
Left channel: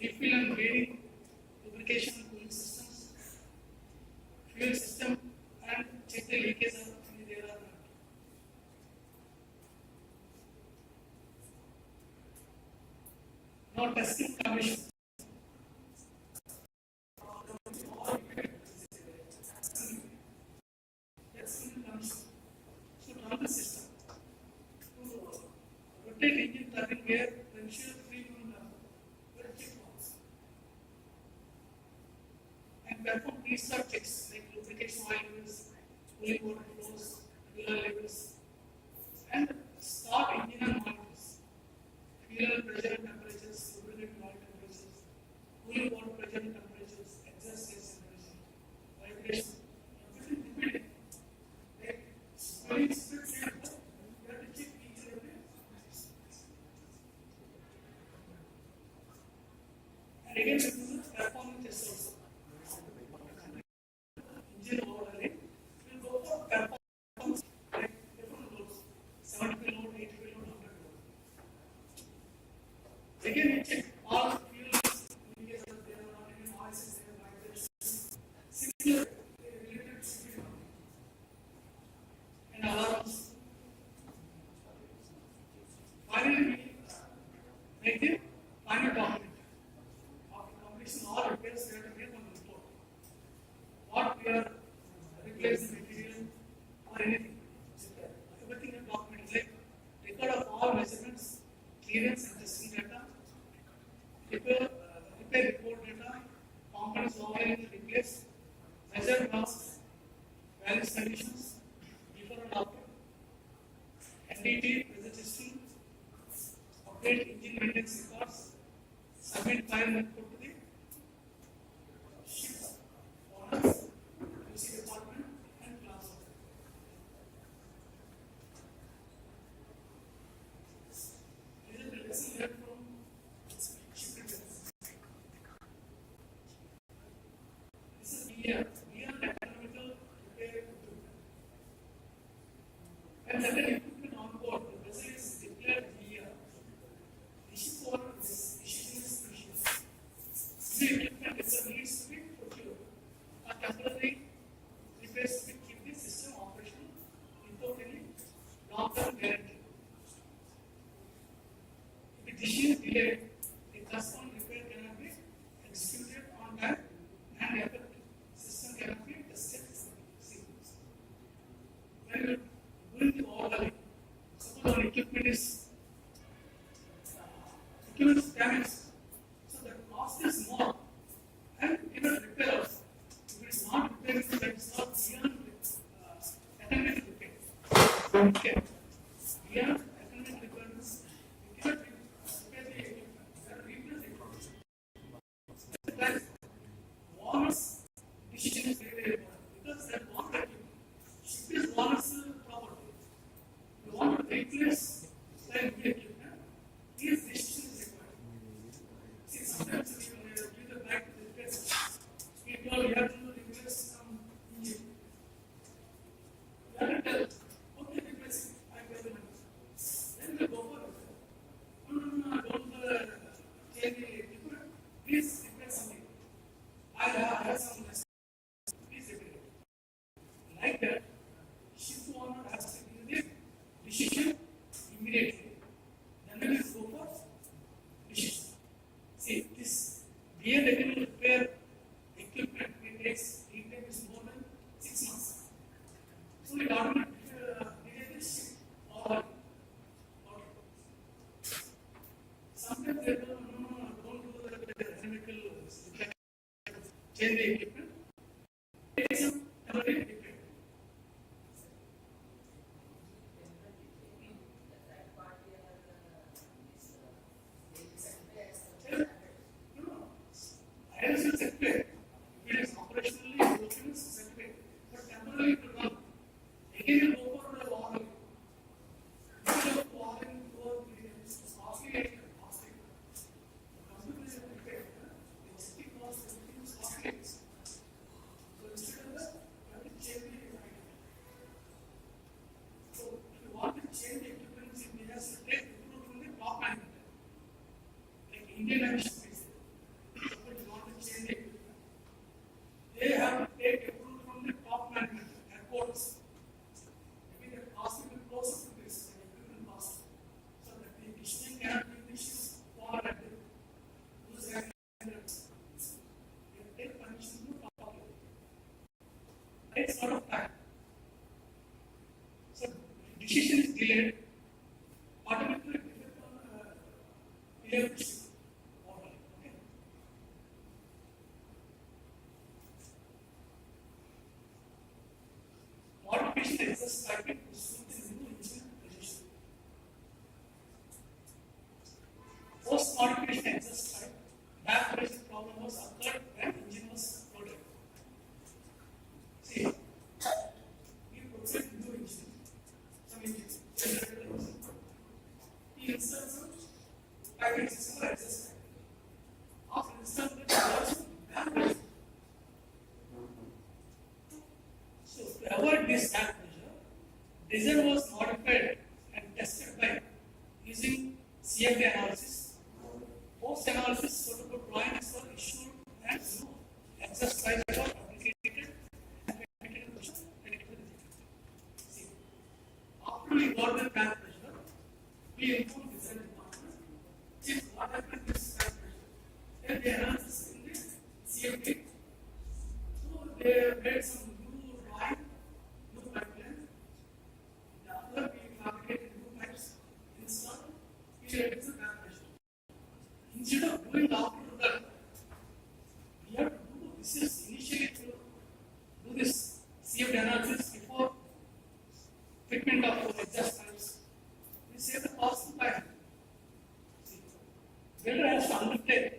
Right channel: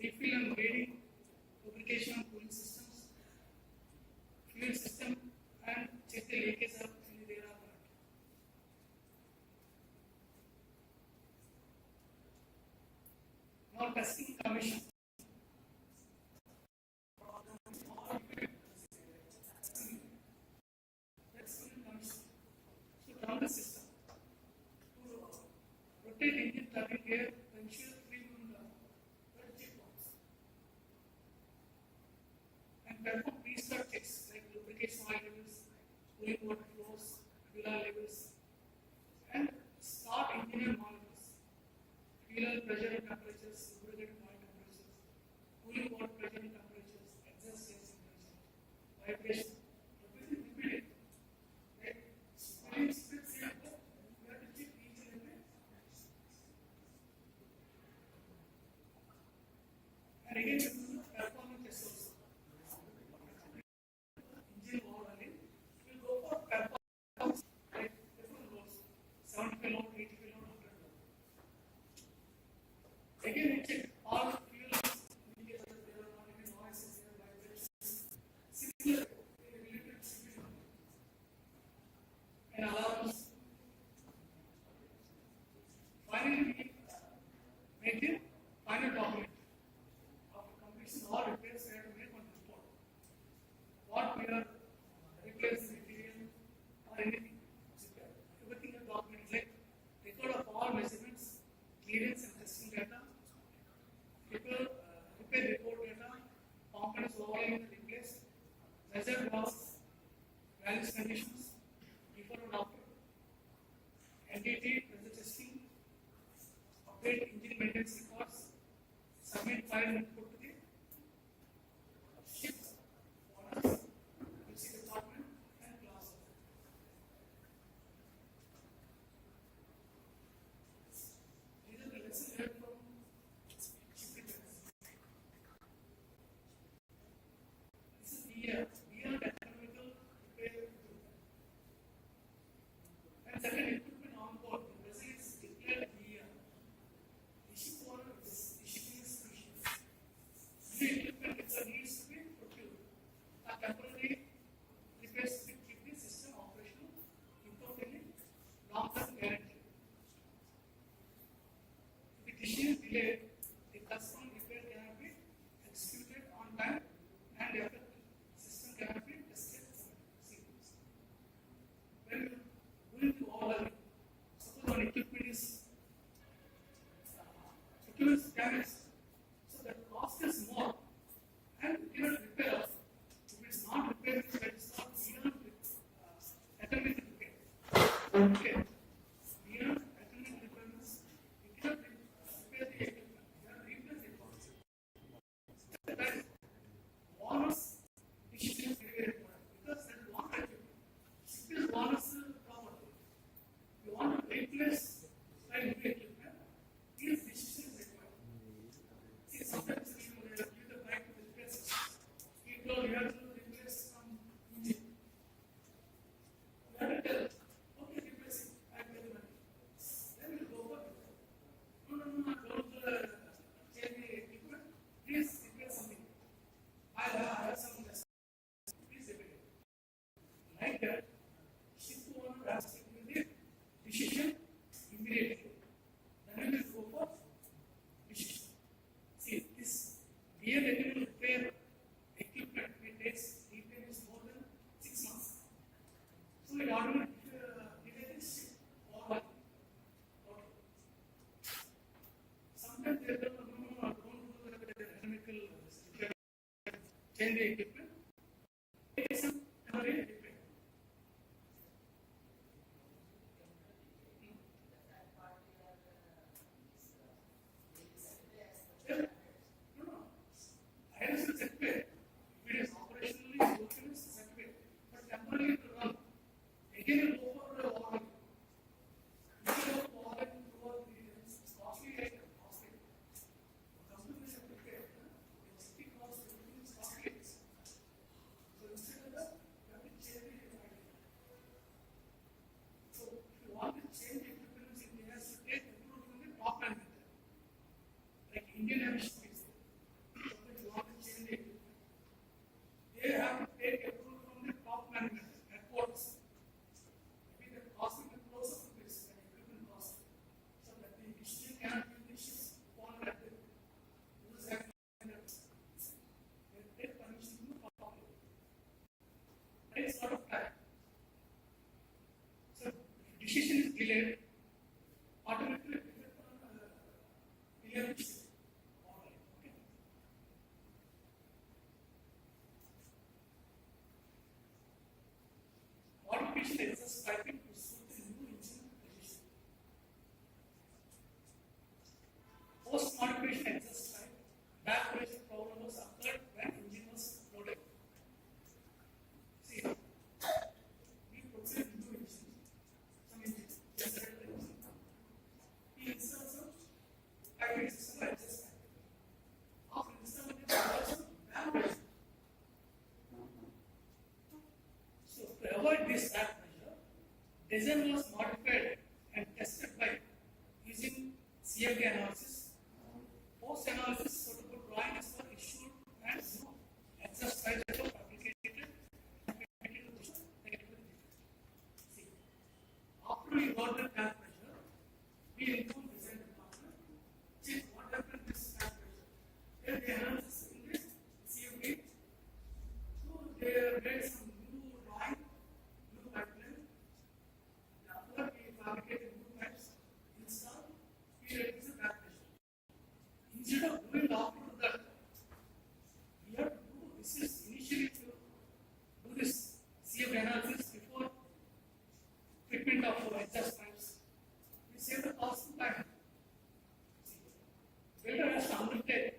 Refill and bearing, lubrication and cooling systems. Fuel system and check the leakage of any there are not. Now testing commission. Testing commission. So run the system. To rotate engine turning gear, ensure free movement of check box. And perform restart checks like lubrication oil levels, cooling water flows, fuel levels, and start engine and monitors. Fuel pressure and temperatures, lubricant oil temperatures, cooling water pressure and temperatures, exhaust gas temperature, vibration, everything repeated. Right? Only split second, you have to check each and every. And again, we do the performance test also. update engine maintenance records, submit file input to the ship owners, QC department, and class owner. These are the lessons learned from ship repairs. This is BR, BR economical repair equipment. And certain equipment on board, the vessel is declared BR. The ship owner is issuing a species. The equipment itself needs to be procured. A temporary repairs to keep the system operational without any long-term guarantee. If the issue is delayed, the corresponding repair cannot be executed on time and the affected system cannot be tested sequence. When you are going to overhaul, suppose our equipment is damaged, so the cost is more and even repair also. If it's not repaired, then it's not beyond economic repair. Okay. Beyond economic repair means you cannot repair the equipment, you have to replace the equipment. That owner's decision is very, very important because that owner equipment, ship is owner's property. You want to replace the equipment, these decisions is required. See, sometimes we give the back to the repair center. We told you have to replace some engine. You have to tell, okay, replace it, I tell the money. Then we go for it. No, don't change the equipment. Please replace something. I have some less. Please repair it. Like that, ship owner has to give the decision immediately. Then we will go for decision. See, this beer repair equipment, it takes more than 6 months. So we automatically delay this ship or sometimes they tell, no, don't do the chemical repair. Change the equipment. Take some temporary repair. I will certificate. If it is operationally working, it's certificate. But temporarily it will not. Again, it will go for the warning. Instead of warning, it's costly and costly. Come to the repair. The safety cost, everything is costly. So instead of that, you have to change the design. So if you want to change the equipment, it has to take approval from the top management. Like Indian Airlines. They have to take approval from the top management airports. Maybe the cost will be closer to this equipment cost. So that the machine cannot be machines for at those standards. They take permission to top level. It takes a lot of time. So if decision is delayed, automatically it will delay the ship. Modification exercise typing to suit the new engine position. Post modification exercise type, back pressure problem was occurred when engine was loaded. See, we proceed new engine, some engine, generator engine. He inserts a piping system or exercise type. After inserting it, back pressure. So to avoid this back pressure, design was modified and tested by using CFD analysis. Post analysis, suitable drawings were issued and exercise were applicated and connected to the See, after we got the back pressure, we informed design department. See what happened this back pressure. Then the analysis in the CFD. So they made some new drawing, new pipeline. After we fabricated new pipes, installed, we reduced the back pressure. Instead of doing after that, we have to do this is initially to do this CFD analysis before fitment of exhaust pipes. We save the cost of time. today,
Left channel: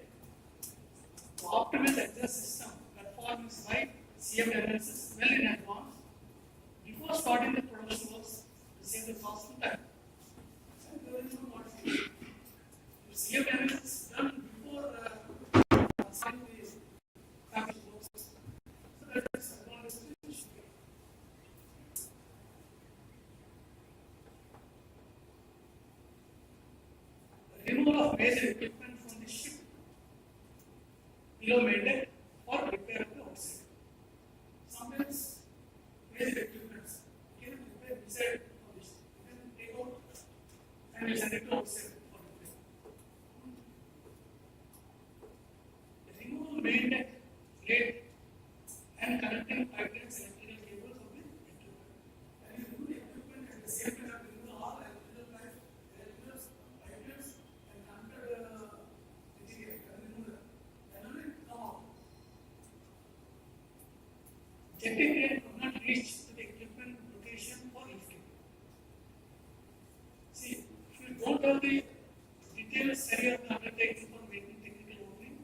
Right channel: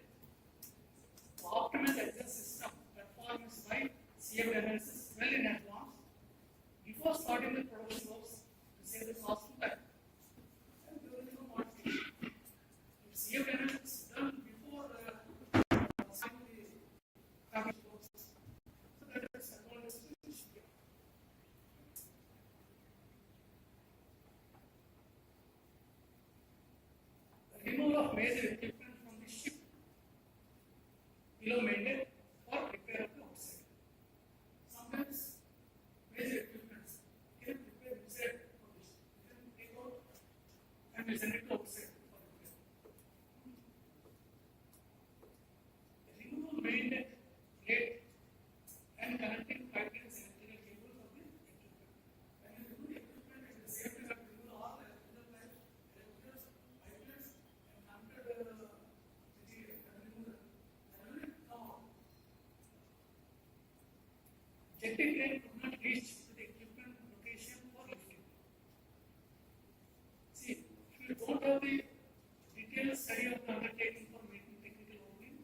the optimal exhaust system platform is by CFD analysis well in advance before starting the production works to save the cost and time. And there is no modification. If CFD analysis is done before starting the fabrication works, so that is advantage of the shipyard. The removal of major equipment from the ship below maintain or repair of the outside. Sometimes major equipment can repair inside of the ship. You can take out and you send it to outside for repair. The removal main deck, plate, and connecting pipelines and electrical cables of the equipment. And you remove the equipment at the same time, you remove all the electrical lines, electrical pipelines, and connected material. And remove them. And only come out. Jetting crane could not reach to the equipment location for lifting. See, if you don't have the detailed study of the undertaking for making technical opening,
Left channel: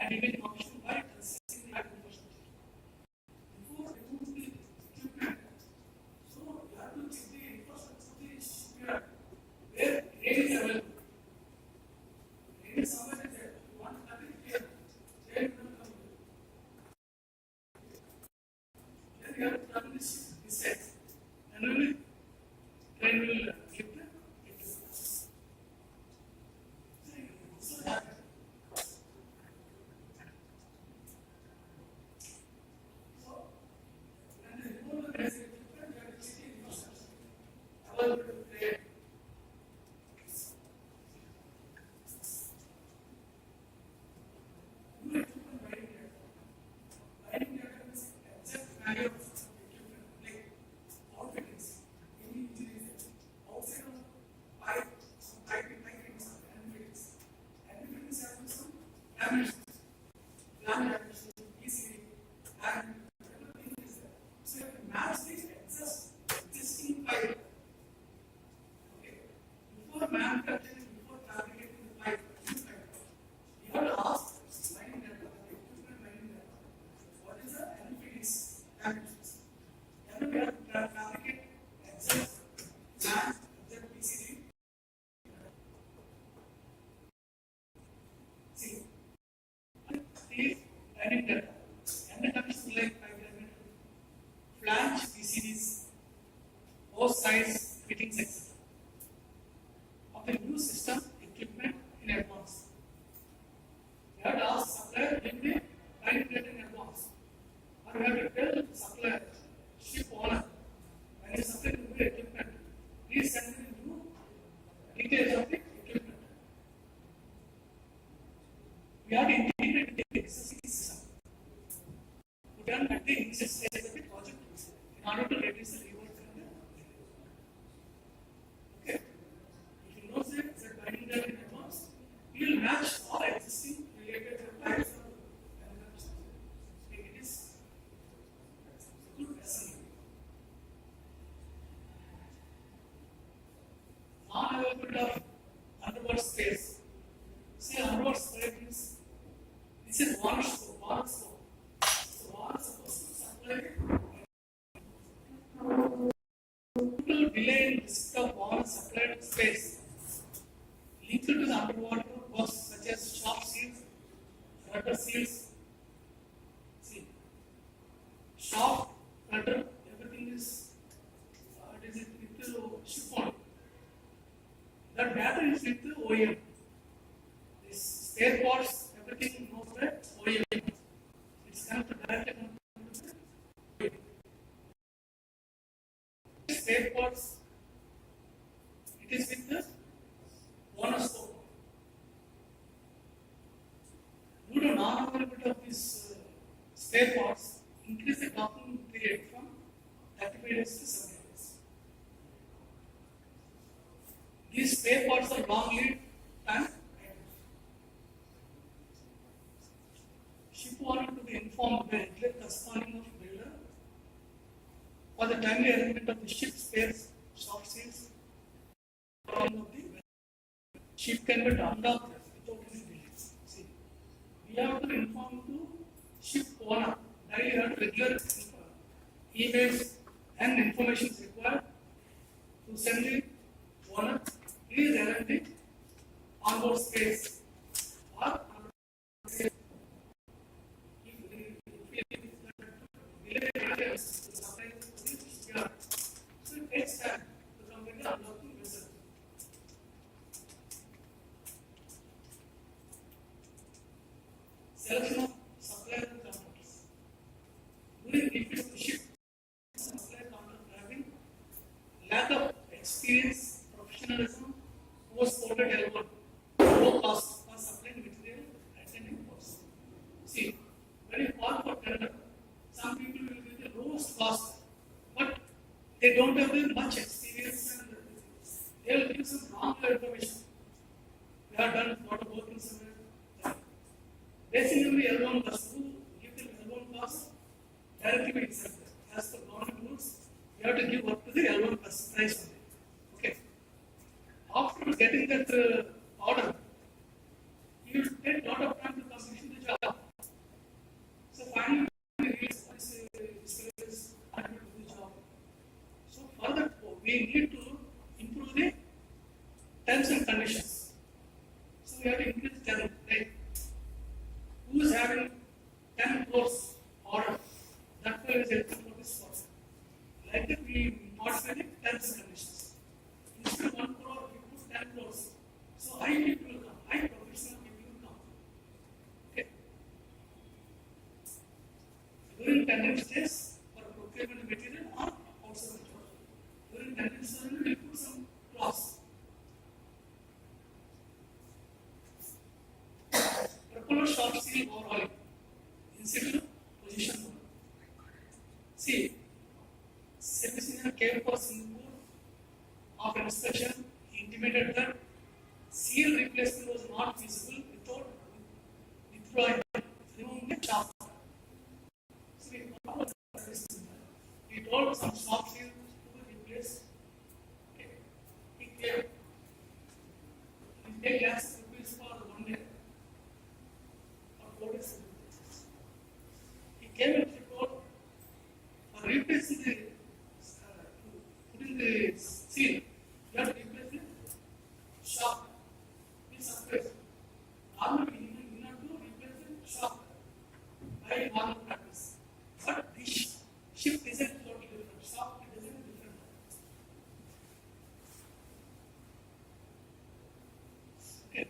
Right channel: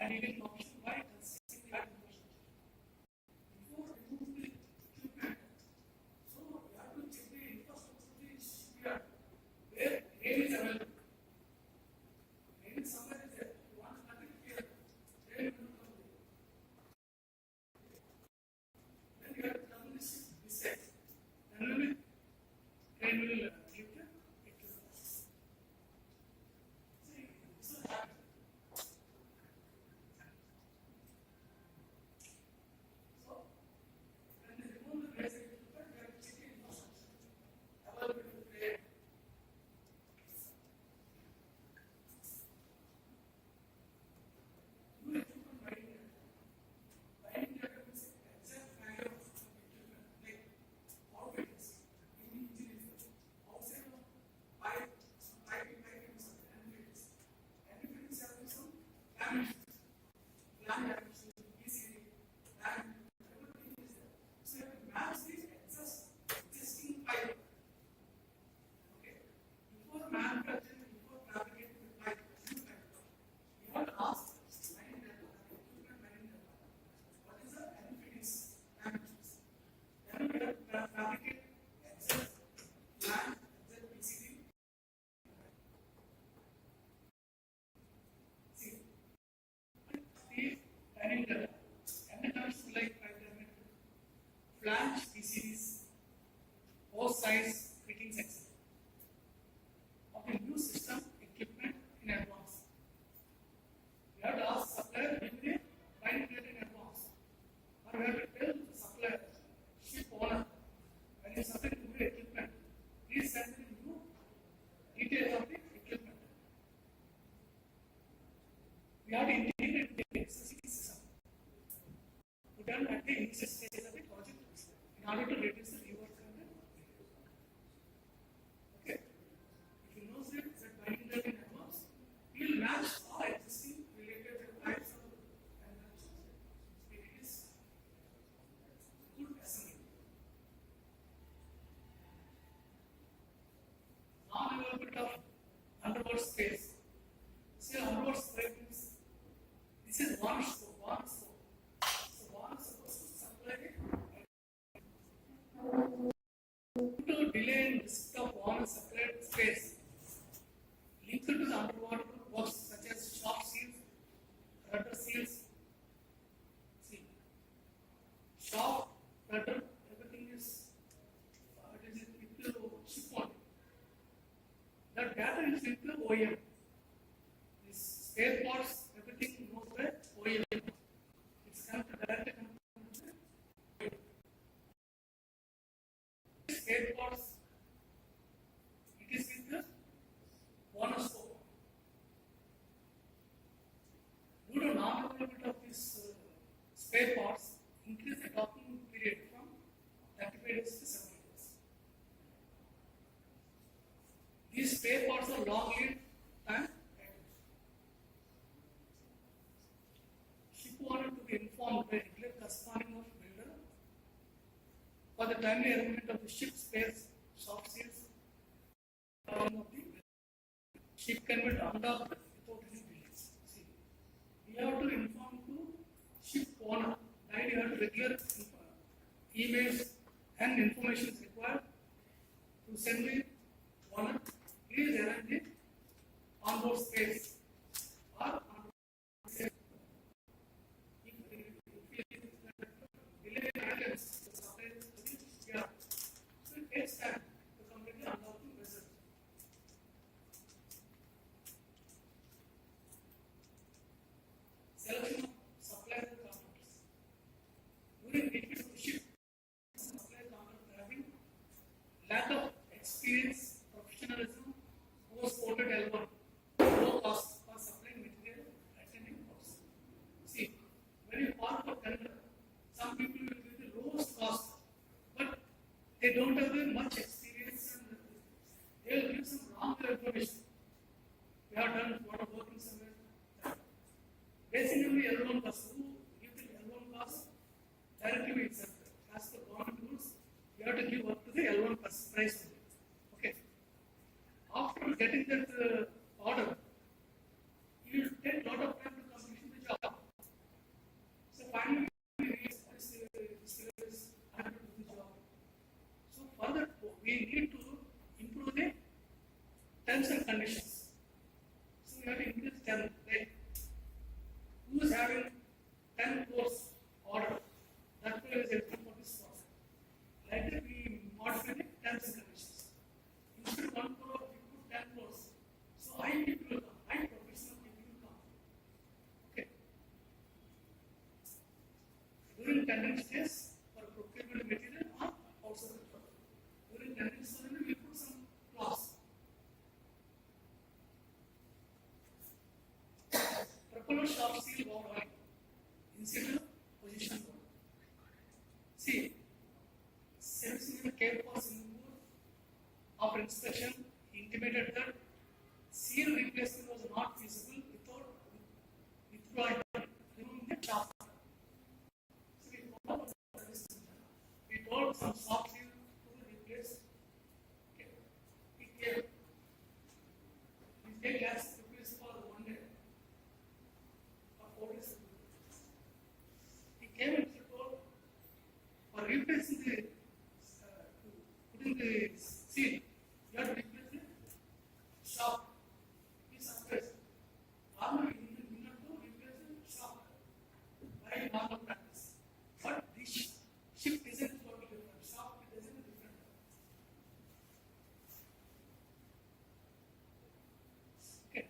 and you can function by constructing the lab infrastructure. Before remove the equipment, so you have to check the infrastructure of the shipyard where crane is available. Crane is somewhere there. You want to have it here. Crane will come here. Then you have to come this side. And only crane will lift the equipment. So that. So, when they remove the basic equipment, you have to check the infrastructure. Available to crane. New equipment binding diagram. Binding diagram is exact value of equipment, like outfittings, any injuries, outside of pipe, some piping fittings, and fittings. And fittings have some laminations, laminations, PCB, and everything is there. So you have to match the existing pipe. Okay. Before manufacturing, before fabricating the pipe, new pipe, you have to ask mining data, the equipment mining data, what is the NPD's damages? Then we have to fabricate exact plan, exact PCD. See, these mining data, and the conditions like pipeline, flange PCDs, hose size, fittings, etc. Of the new system equipment in advance. You have to ask supplier when they mining data in advance. Or you have to tell supplier, ship owner, when you supply the new equipment, please send me the new details of the equipment. We have to integrate the existing system. Put on at the initial stage of the project in order to reduce the rework and the okay. If you know that binding data in advance, we will match all existing related pipes and it is good assembly. Non-availability of underwater space. See, underwater space means this is one scope, one scope. So one is supposed to supply to delay in risk of one supplied space linked to the underwater works such as shop seals, rudder seals. See, shop, rudder, everything is it is with the ship only. That data is with the OEM. This spare parts, everything goes by OEM. It's connected directly to the OEM. Spare parts, it is with the owner scope. Due to non-availability of these spare parts, increase the docking period from 35 days to 70 days. These spare parts are long lead time items. Ship owner to be informed by regular corresponding of builder for the timely arrangement of the ship spares, shop seals, of the ship can be docked without any delays. have to inform to ship owner. Daily you have to regular emails and information is required to send the owner. Please arrange the onboard space or onboard space. So it takes time to complete the unlocking vessel. Selection of supplier contractors. During refit of the ship, supplier contractor having lack of experience, professionalism, was quoted L1, low cost for supplying material at any cost. See, when you call for tender, some people will give the lowest cost, but they don't have much experience and they will give some wrong information. We have done a lot of work in somewhere. Basically, L1 cost, who give them L1 cost directly be accepted. As per government rules, you have to give up to the L1 price only. Okay. After getting that order, you will take a lot of time to complete the job. So finally, we realize this is unable to do the job. So further, we need to improve the terms and conditions. So we have to increase the term, like who is having 10 crores order, that fellow is eligible for this course. Like that, we modify the terms and conditions. Instead of 1 crore, we put 10 crores. So high people will come, high professional people will come. Okay. During tendering stage for procurement material or outside the job. During tendering stage, we will put some clause. Propeller short seal overhauling. In situ position one. See, service engineer came for Singapore after inspection, he intimated that seal replacement was not feasible without withdrawing removing the shaft. So we told some soft seal to be replaced. Okay. He came. He paid lakhs of rupees for 1 day. He came and report for replacing the putting the seal, you have to replace the shaft. This surface. Normally, you have to replace the shaft by normal practice. But this shift isn't totally different. Shaft is isn't different. Okay.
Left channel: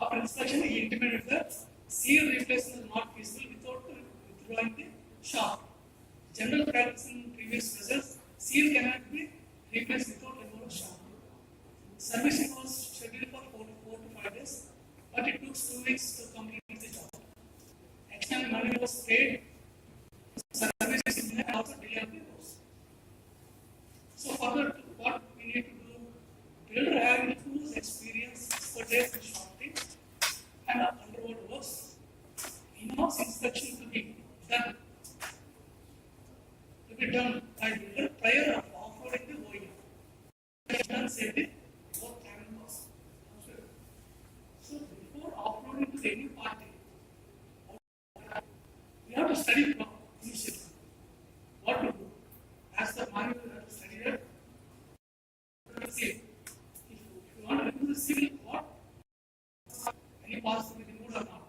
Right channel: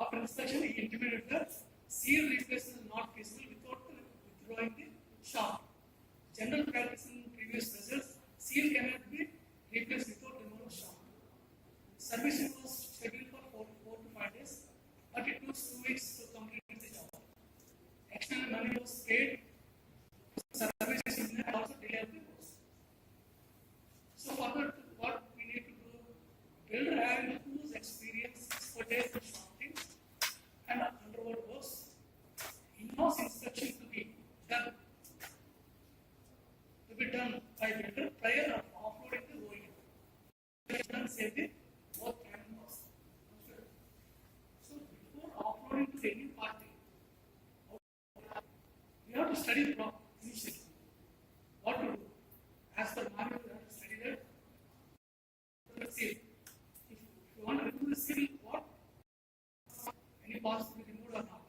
After inspection, he intimated that seal replacement is not feasible without withdrawing the shaft. General practice in previous vessels, seal cannot be replaced without removing shaft. Servicing was scheduled for 4 to 5 days, but it took 2 weeks to complete the job. External money was paid. Service engineer also delayed the course. So further, what we need to do, builder having whose experience, expertise in shafting and underwater works, in-house inspection to be done by builder prior of offloading the OEM. Done safety, both time and cost. So before offloading to any party, we have to study from initially what to do. As per manual, we have to study that. See, if you want to remove the seal, what any parts to be removed or not.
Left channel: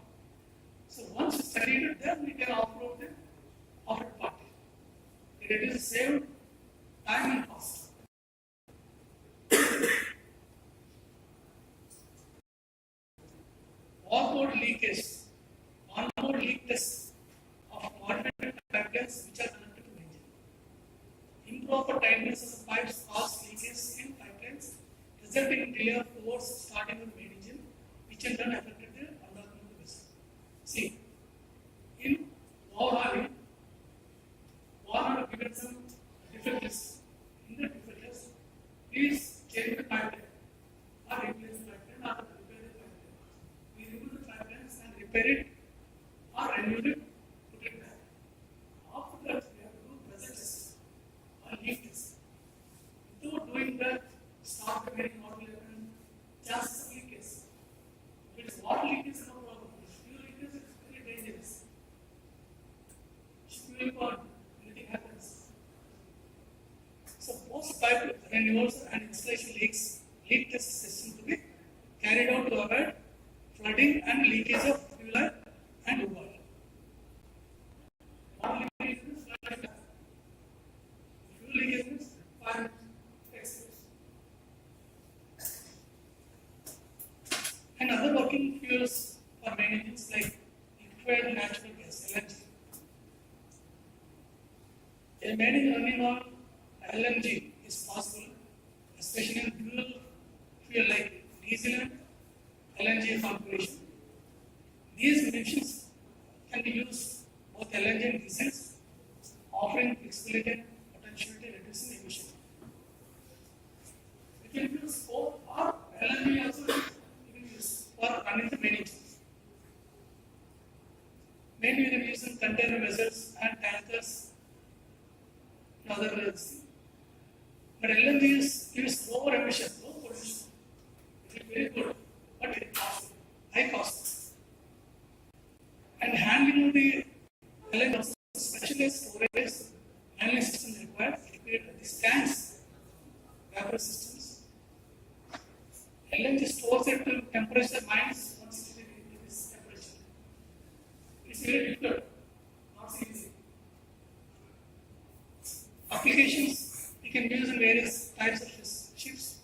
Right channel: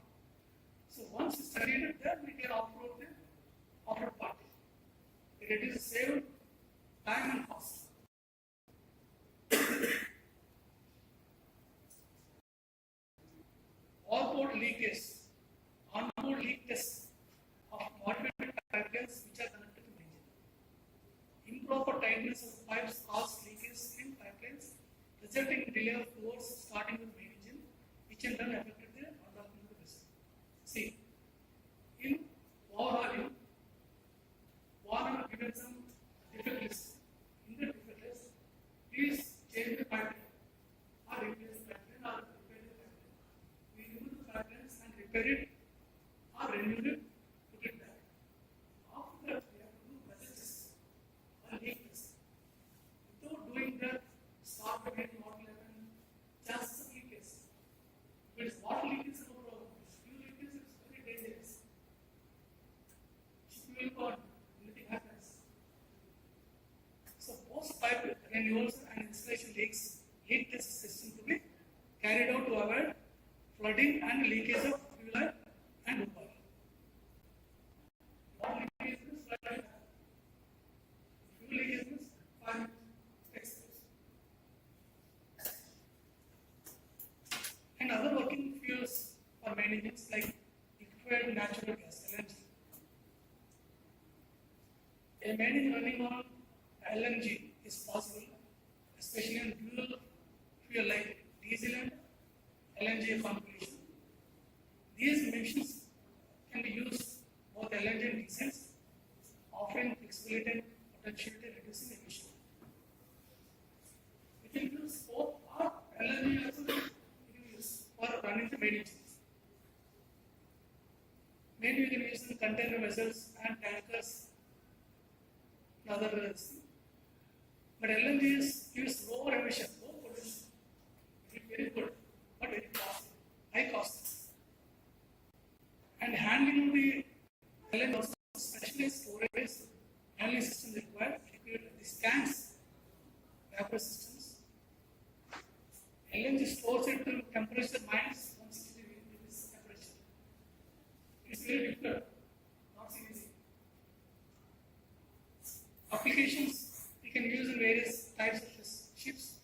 So once you study it, then we can offload the offered party. It is save time and cost. Onboard leakage, onboard leak tests of automated pipelines which are connected to the engine. Improper tightness of pipes cause leakage in pipelines, resulting in delay of towards starting with main engine, which in turn affected the unlocking of the vessel. See, in overhauling, one of given some difficulties. In the difficulties, please change the pipeline or replace the pipeline or repair the pipeline. We remove the pipelines and repair it or remove it, put it back. After that, we have to do pressure tests or leak tests. Without doing that, start preparing what will happen, chances of leakage. If it's water leakage, no problem. leak test system to be carried out to avoid flooding and leakage of fuel and water. Water leakage means flood. Fuel leakage means fire exposure. And other working fuels for many engines like liquefied natural gas, LNG. A main running on LNG is possible, especially in dual fuel like diesel and LNG configuration. These machines can be used both LNG and diesel, offering flexibility and potentiality reducing emission. You can use both or LNG also you can use for running the main engines. Mainly you can use in container vessels and tankers and other things. But LNG gives lower emission, low pollution. It is very good, but it costs high cost. And handling the LNG also specialized storage handling systems required to create these tanks, vapor systems. LNG stores it to temperature minus 160 degrees temperature. It's very difficult, not so easy. Applications you can use in various types of ships,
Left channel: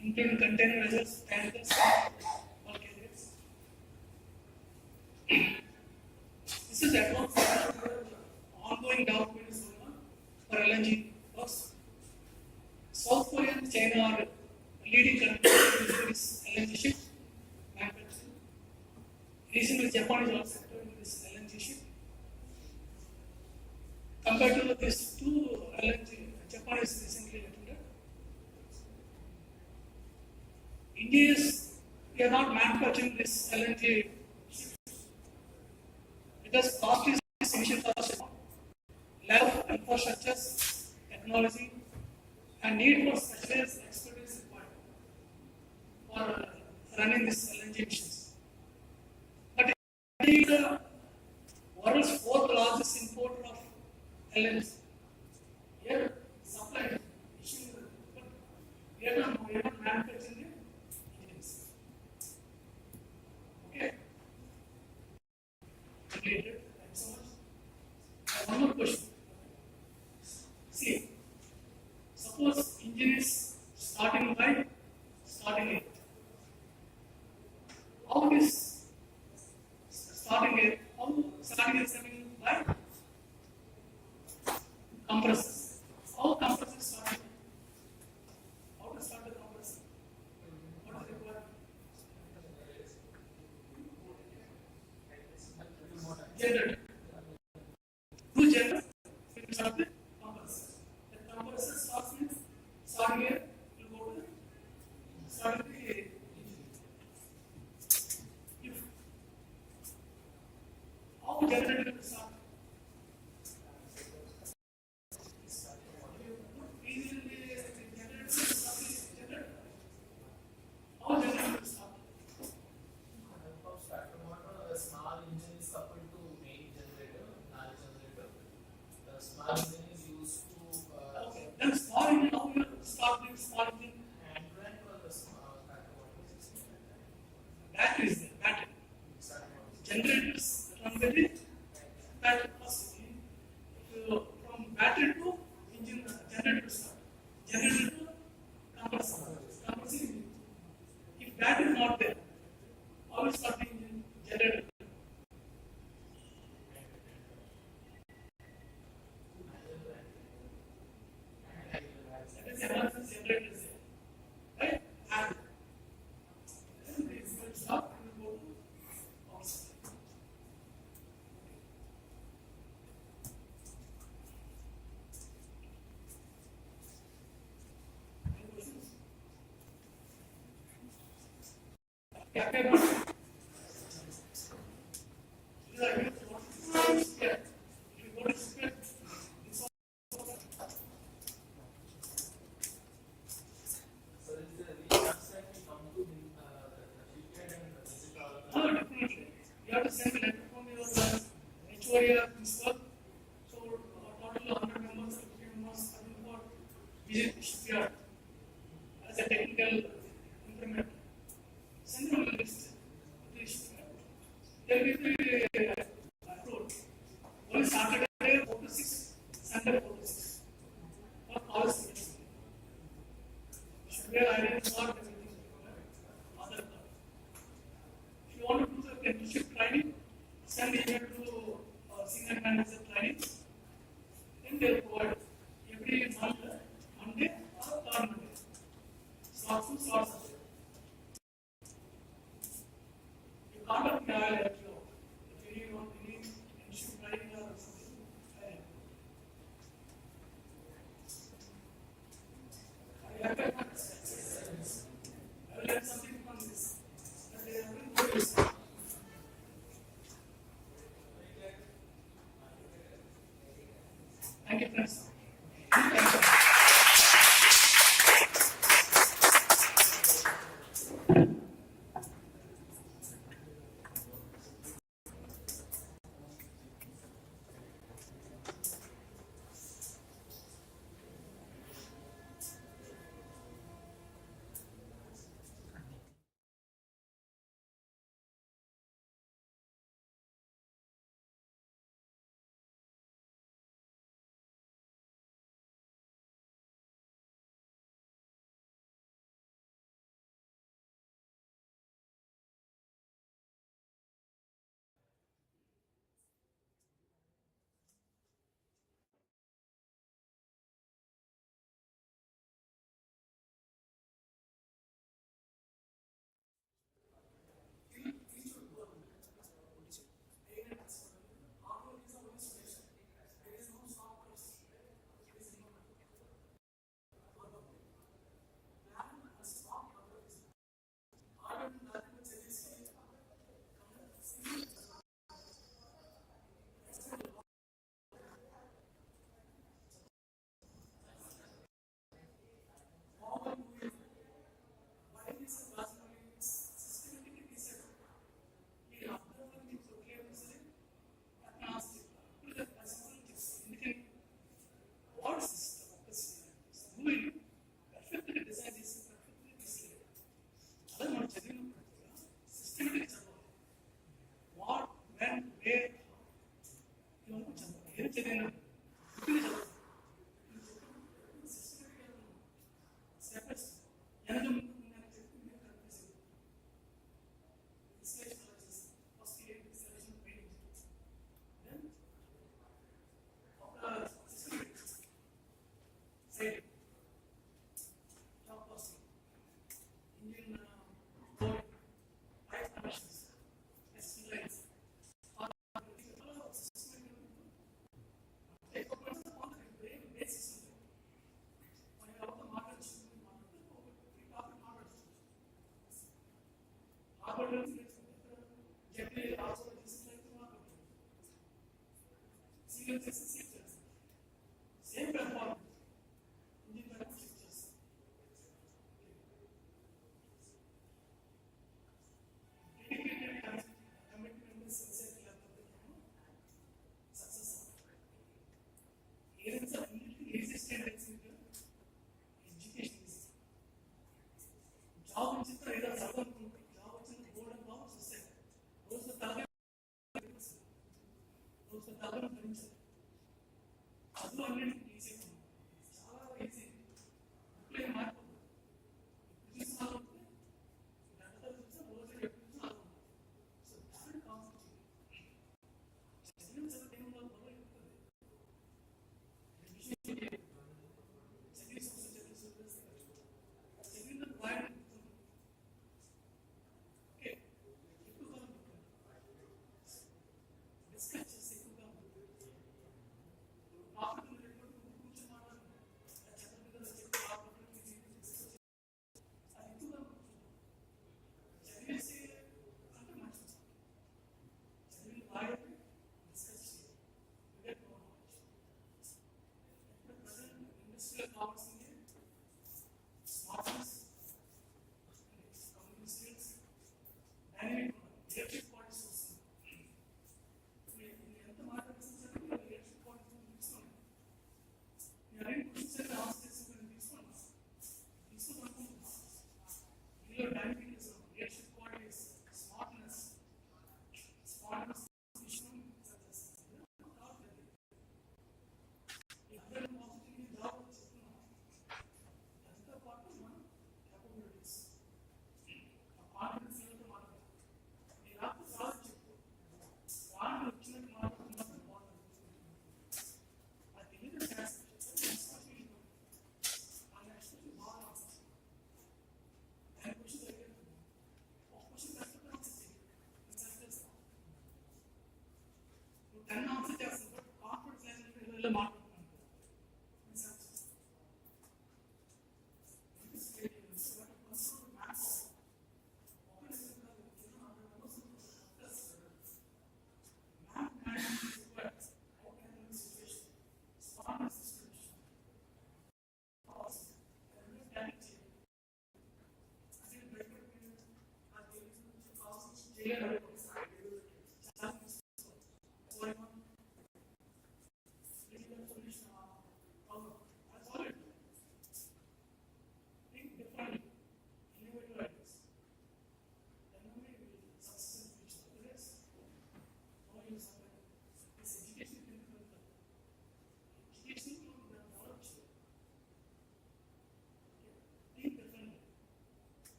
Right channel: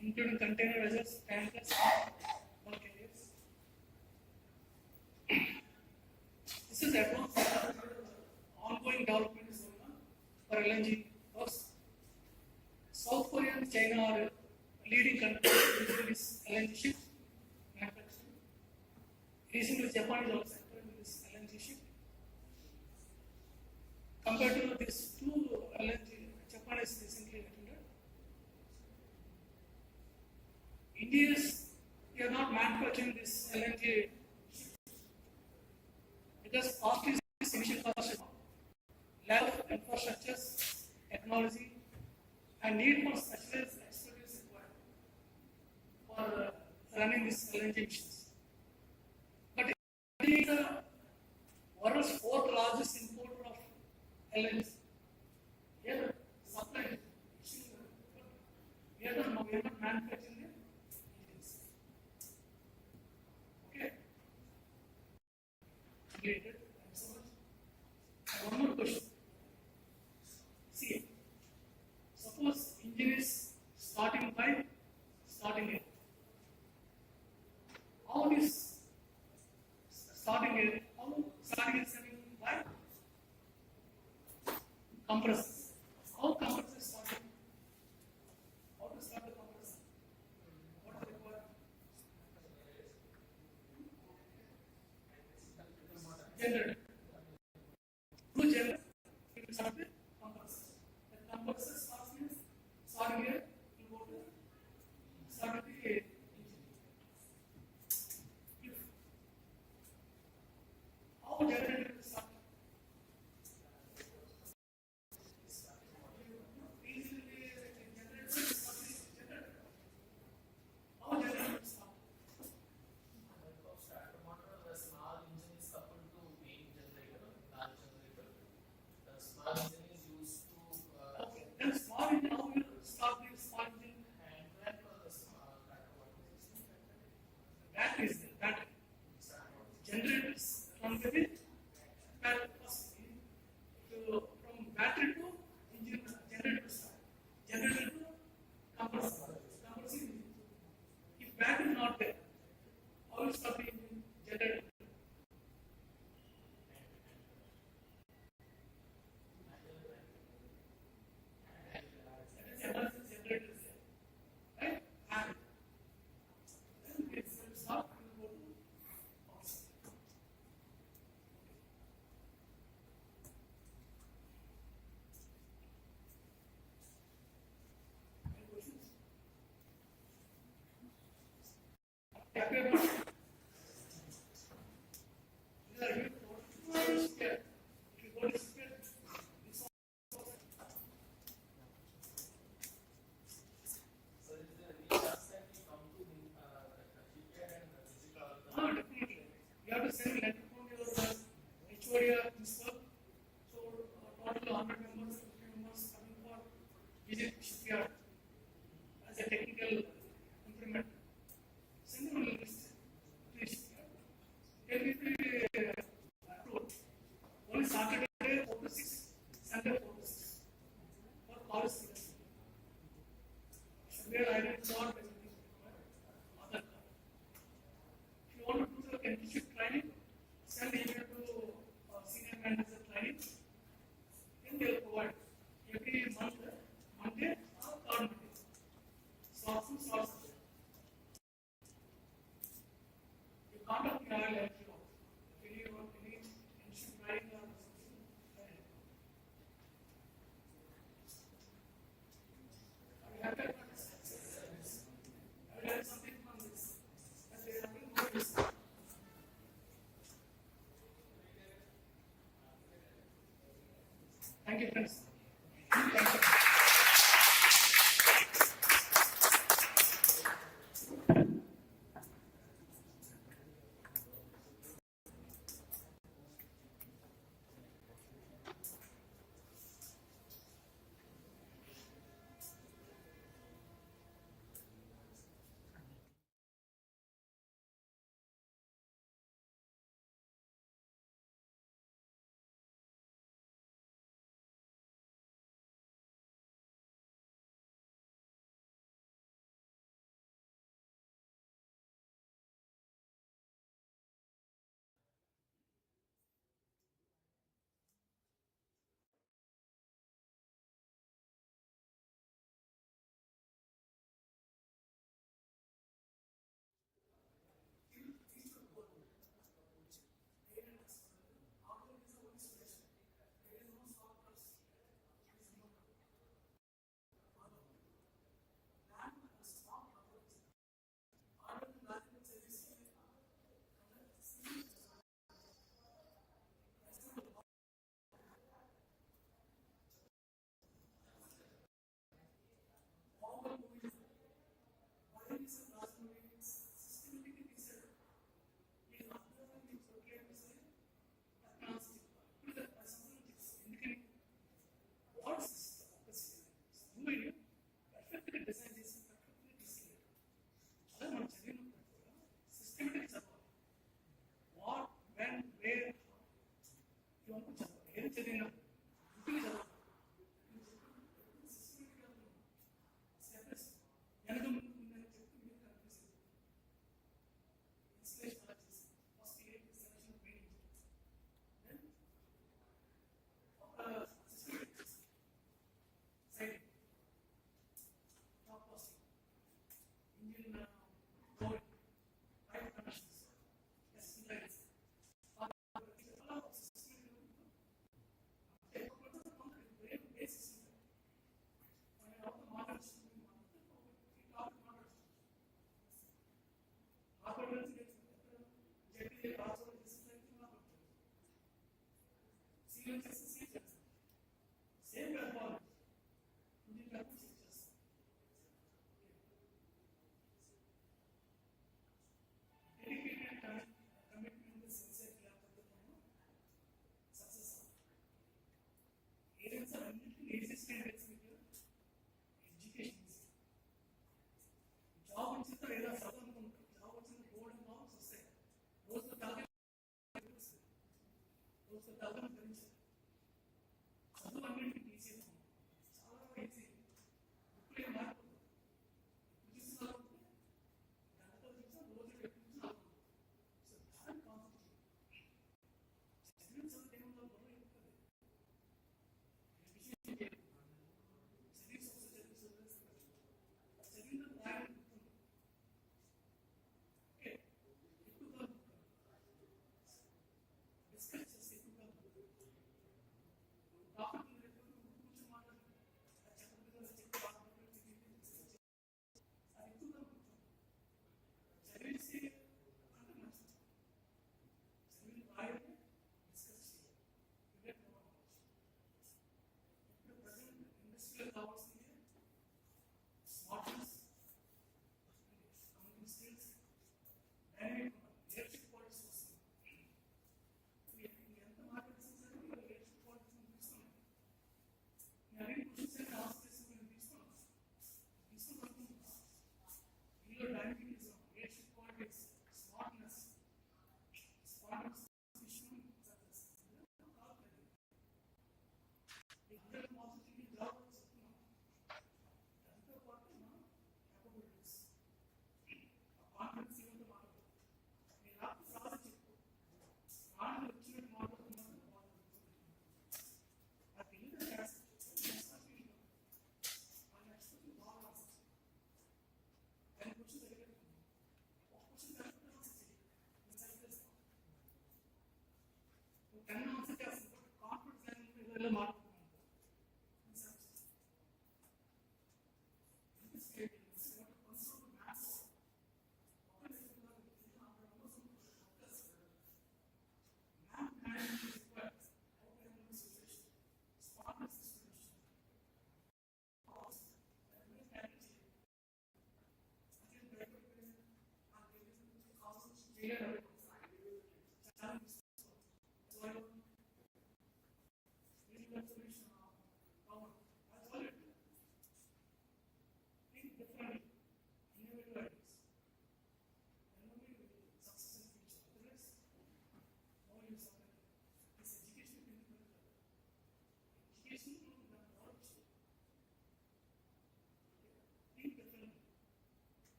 including container vessels, tankers, or carriers. This is advanced ongoing development is going on for LNG works. South Korea and China are leading countries in this LNG ship manufacturing. Recently, Japan is also entering this LNG ship. Compared to these two LNG, Japan is recently attended. India is, we are not manufacturing this LNG ships because cost is initial cost, lack of infrastructures, technology, and need for specialized expertise required for running these LNG missions. But India is the world's fourth largest importer of LNG. Here, supply issue, but we are not manufacturing the engines. Okay. Completed. Thanks so much. One more question. See, suppose engine is starting it. How is starting it? How starting is coming by compressors. How compressors starting? How to start the compressor? What is required? Generator. Two generators will start the compressor. The compressor starts with starting here, will go to starting the engine. How generator will start? Then small engine, how will start with small engine? Battery is there, battery. Generators run with it. Battery first. From battery to engine, generator start. Generator to compressor. Compressor engine. If battery is not there, how will start the engine? Generator. That is emergency generator is there. Right? And then it will stop and will go to outside. Any questions? Happy about it? These are used for spare. If you go to spare, it's all. Definitely. You have to send a letter from your HOD or principal. So, total 100 members, 50 members coming for visit shipyard as a technical electrical implement. Send them a list. Please. There will be approved. One Saturday 4 to 6, Sunday 4 to 6. For all students. Should be identified everything. Other. If you want to do the apprenticeship training, send email to senior manager training. Then they will provide every month, Monday or third Monday. Slots to slots. You contact me, I will let you know. If you want any issue training or something, I will have I will learn something from this. And they will do this. Thank you, friends. Thank you. Same performance. Those are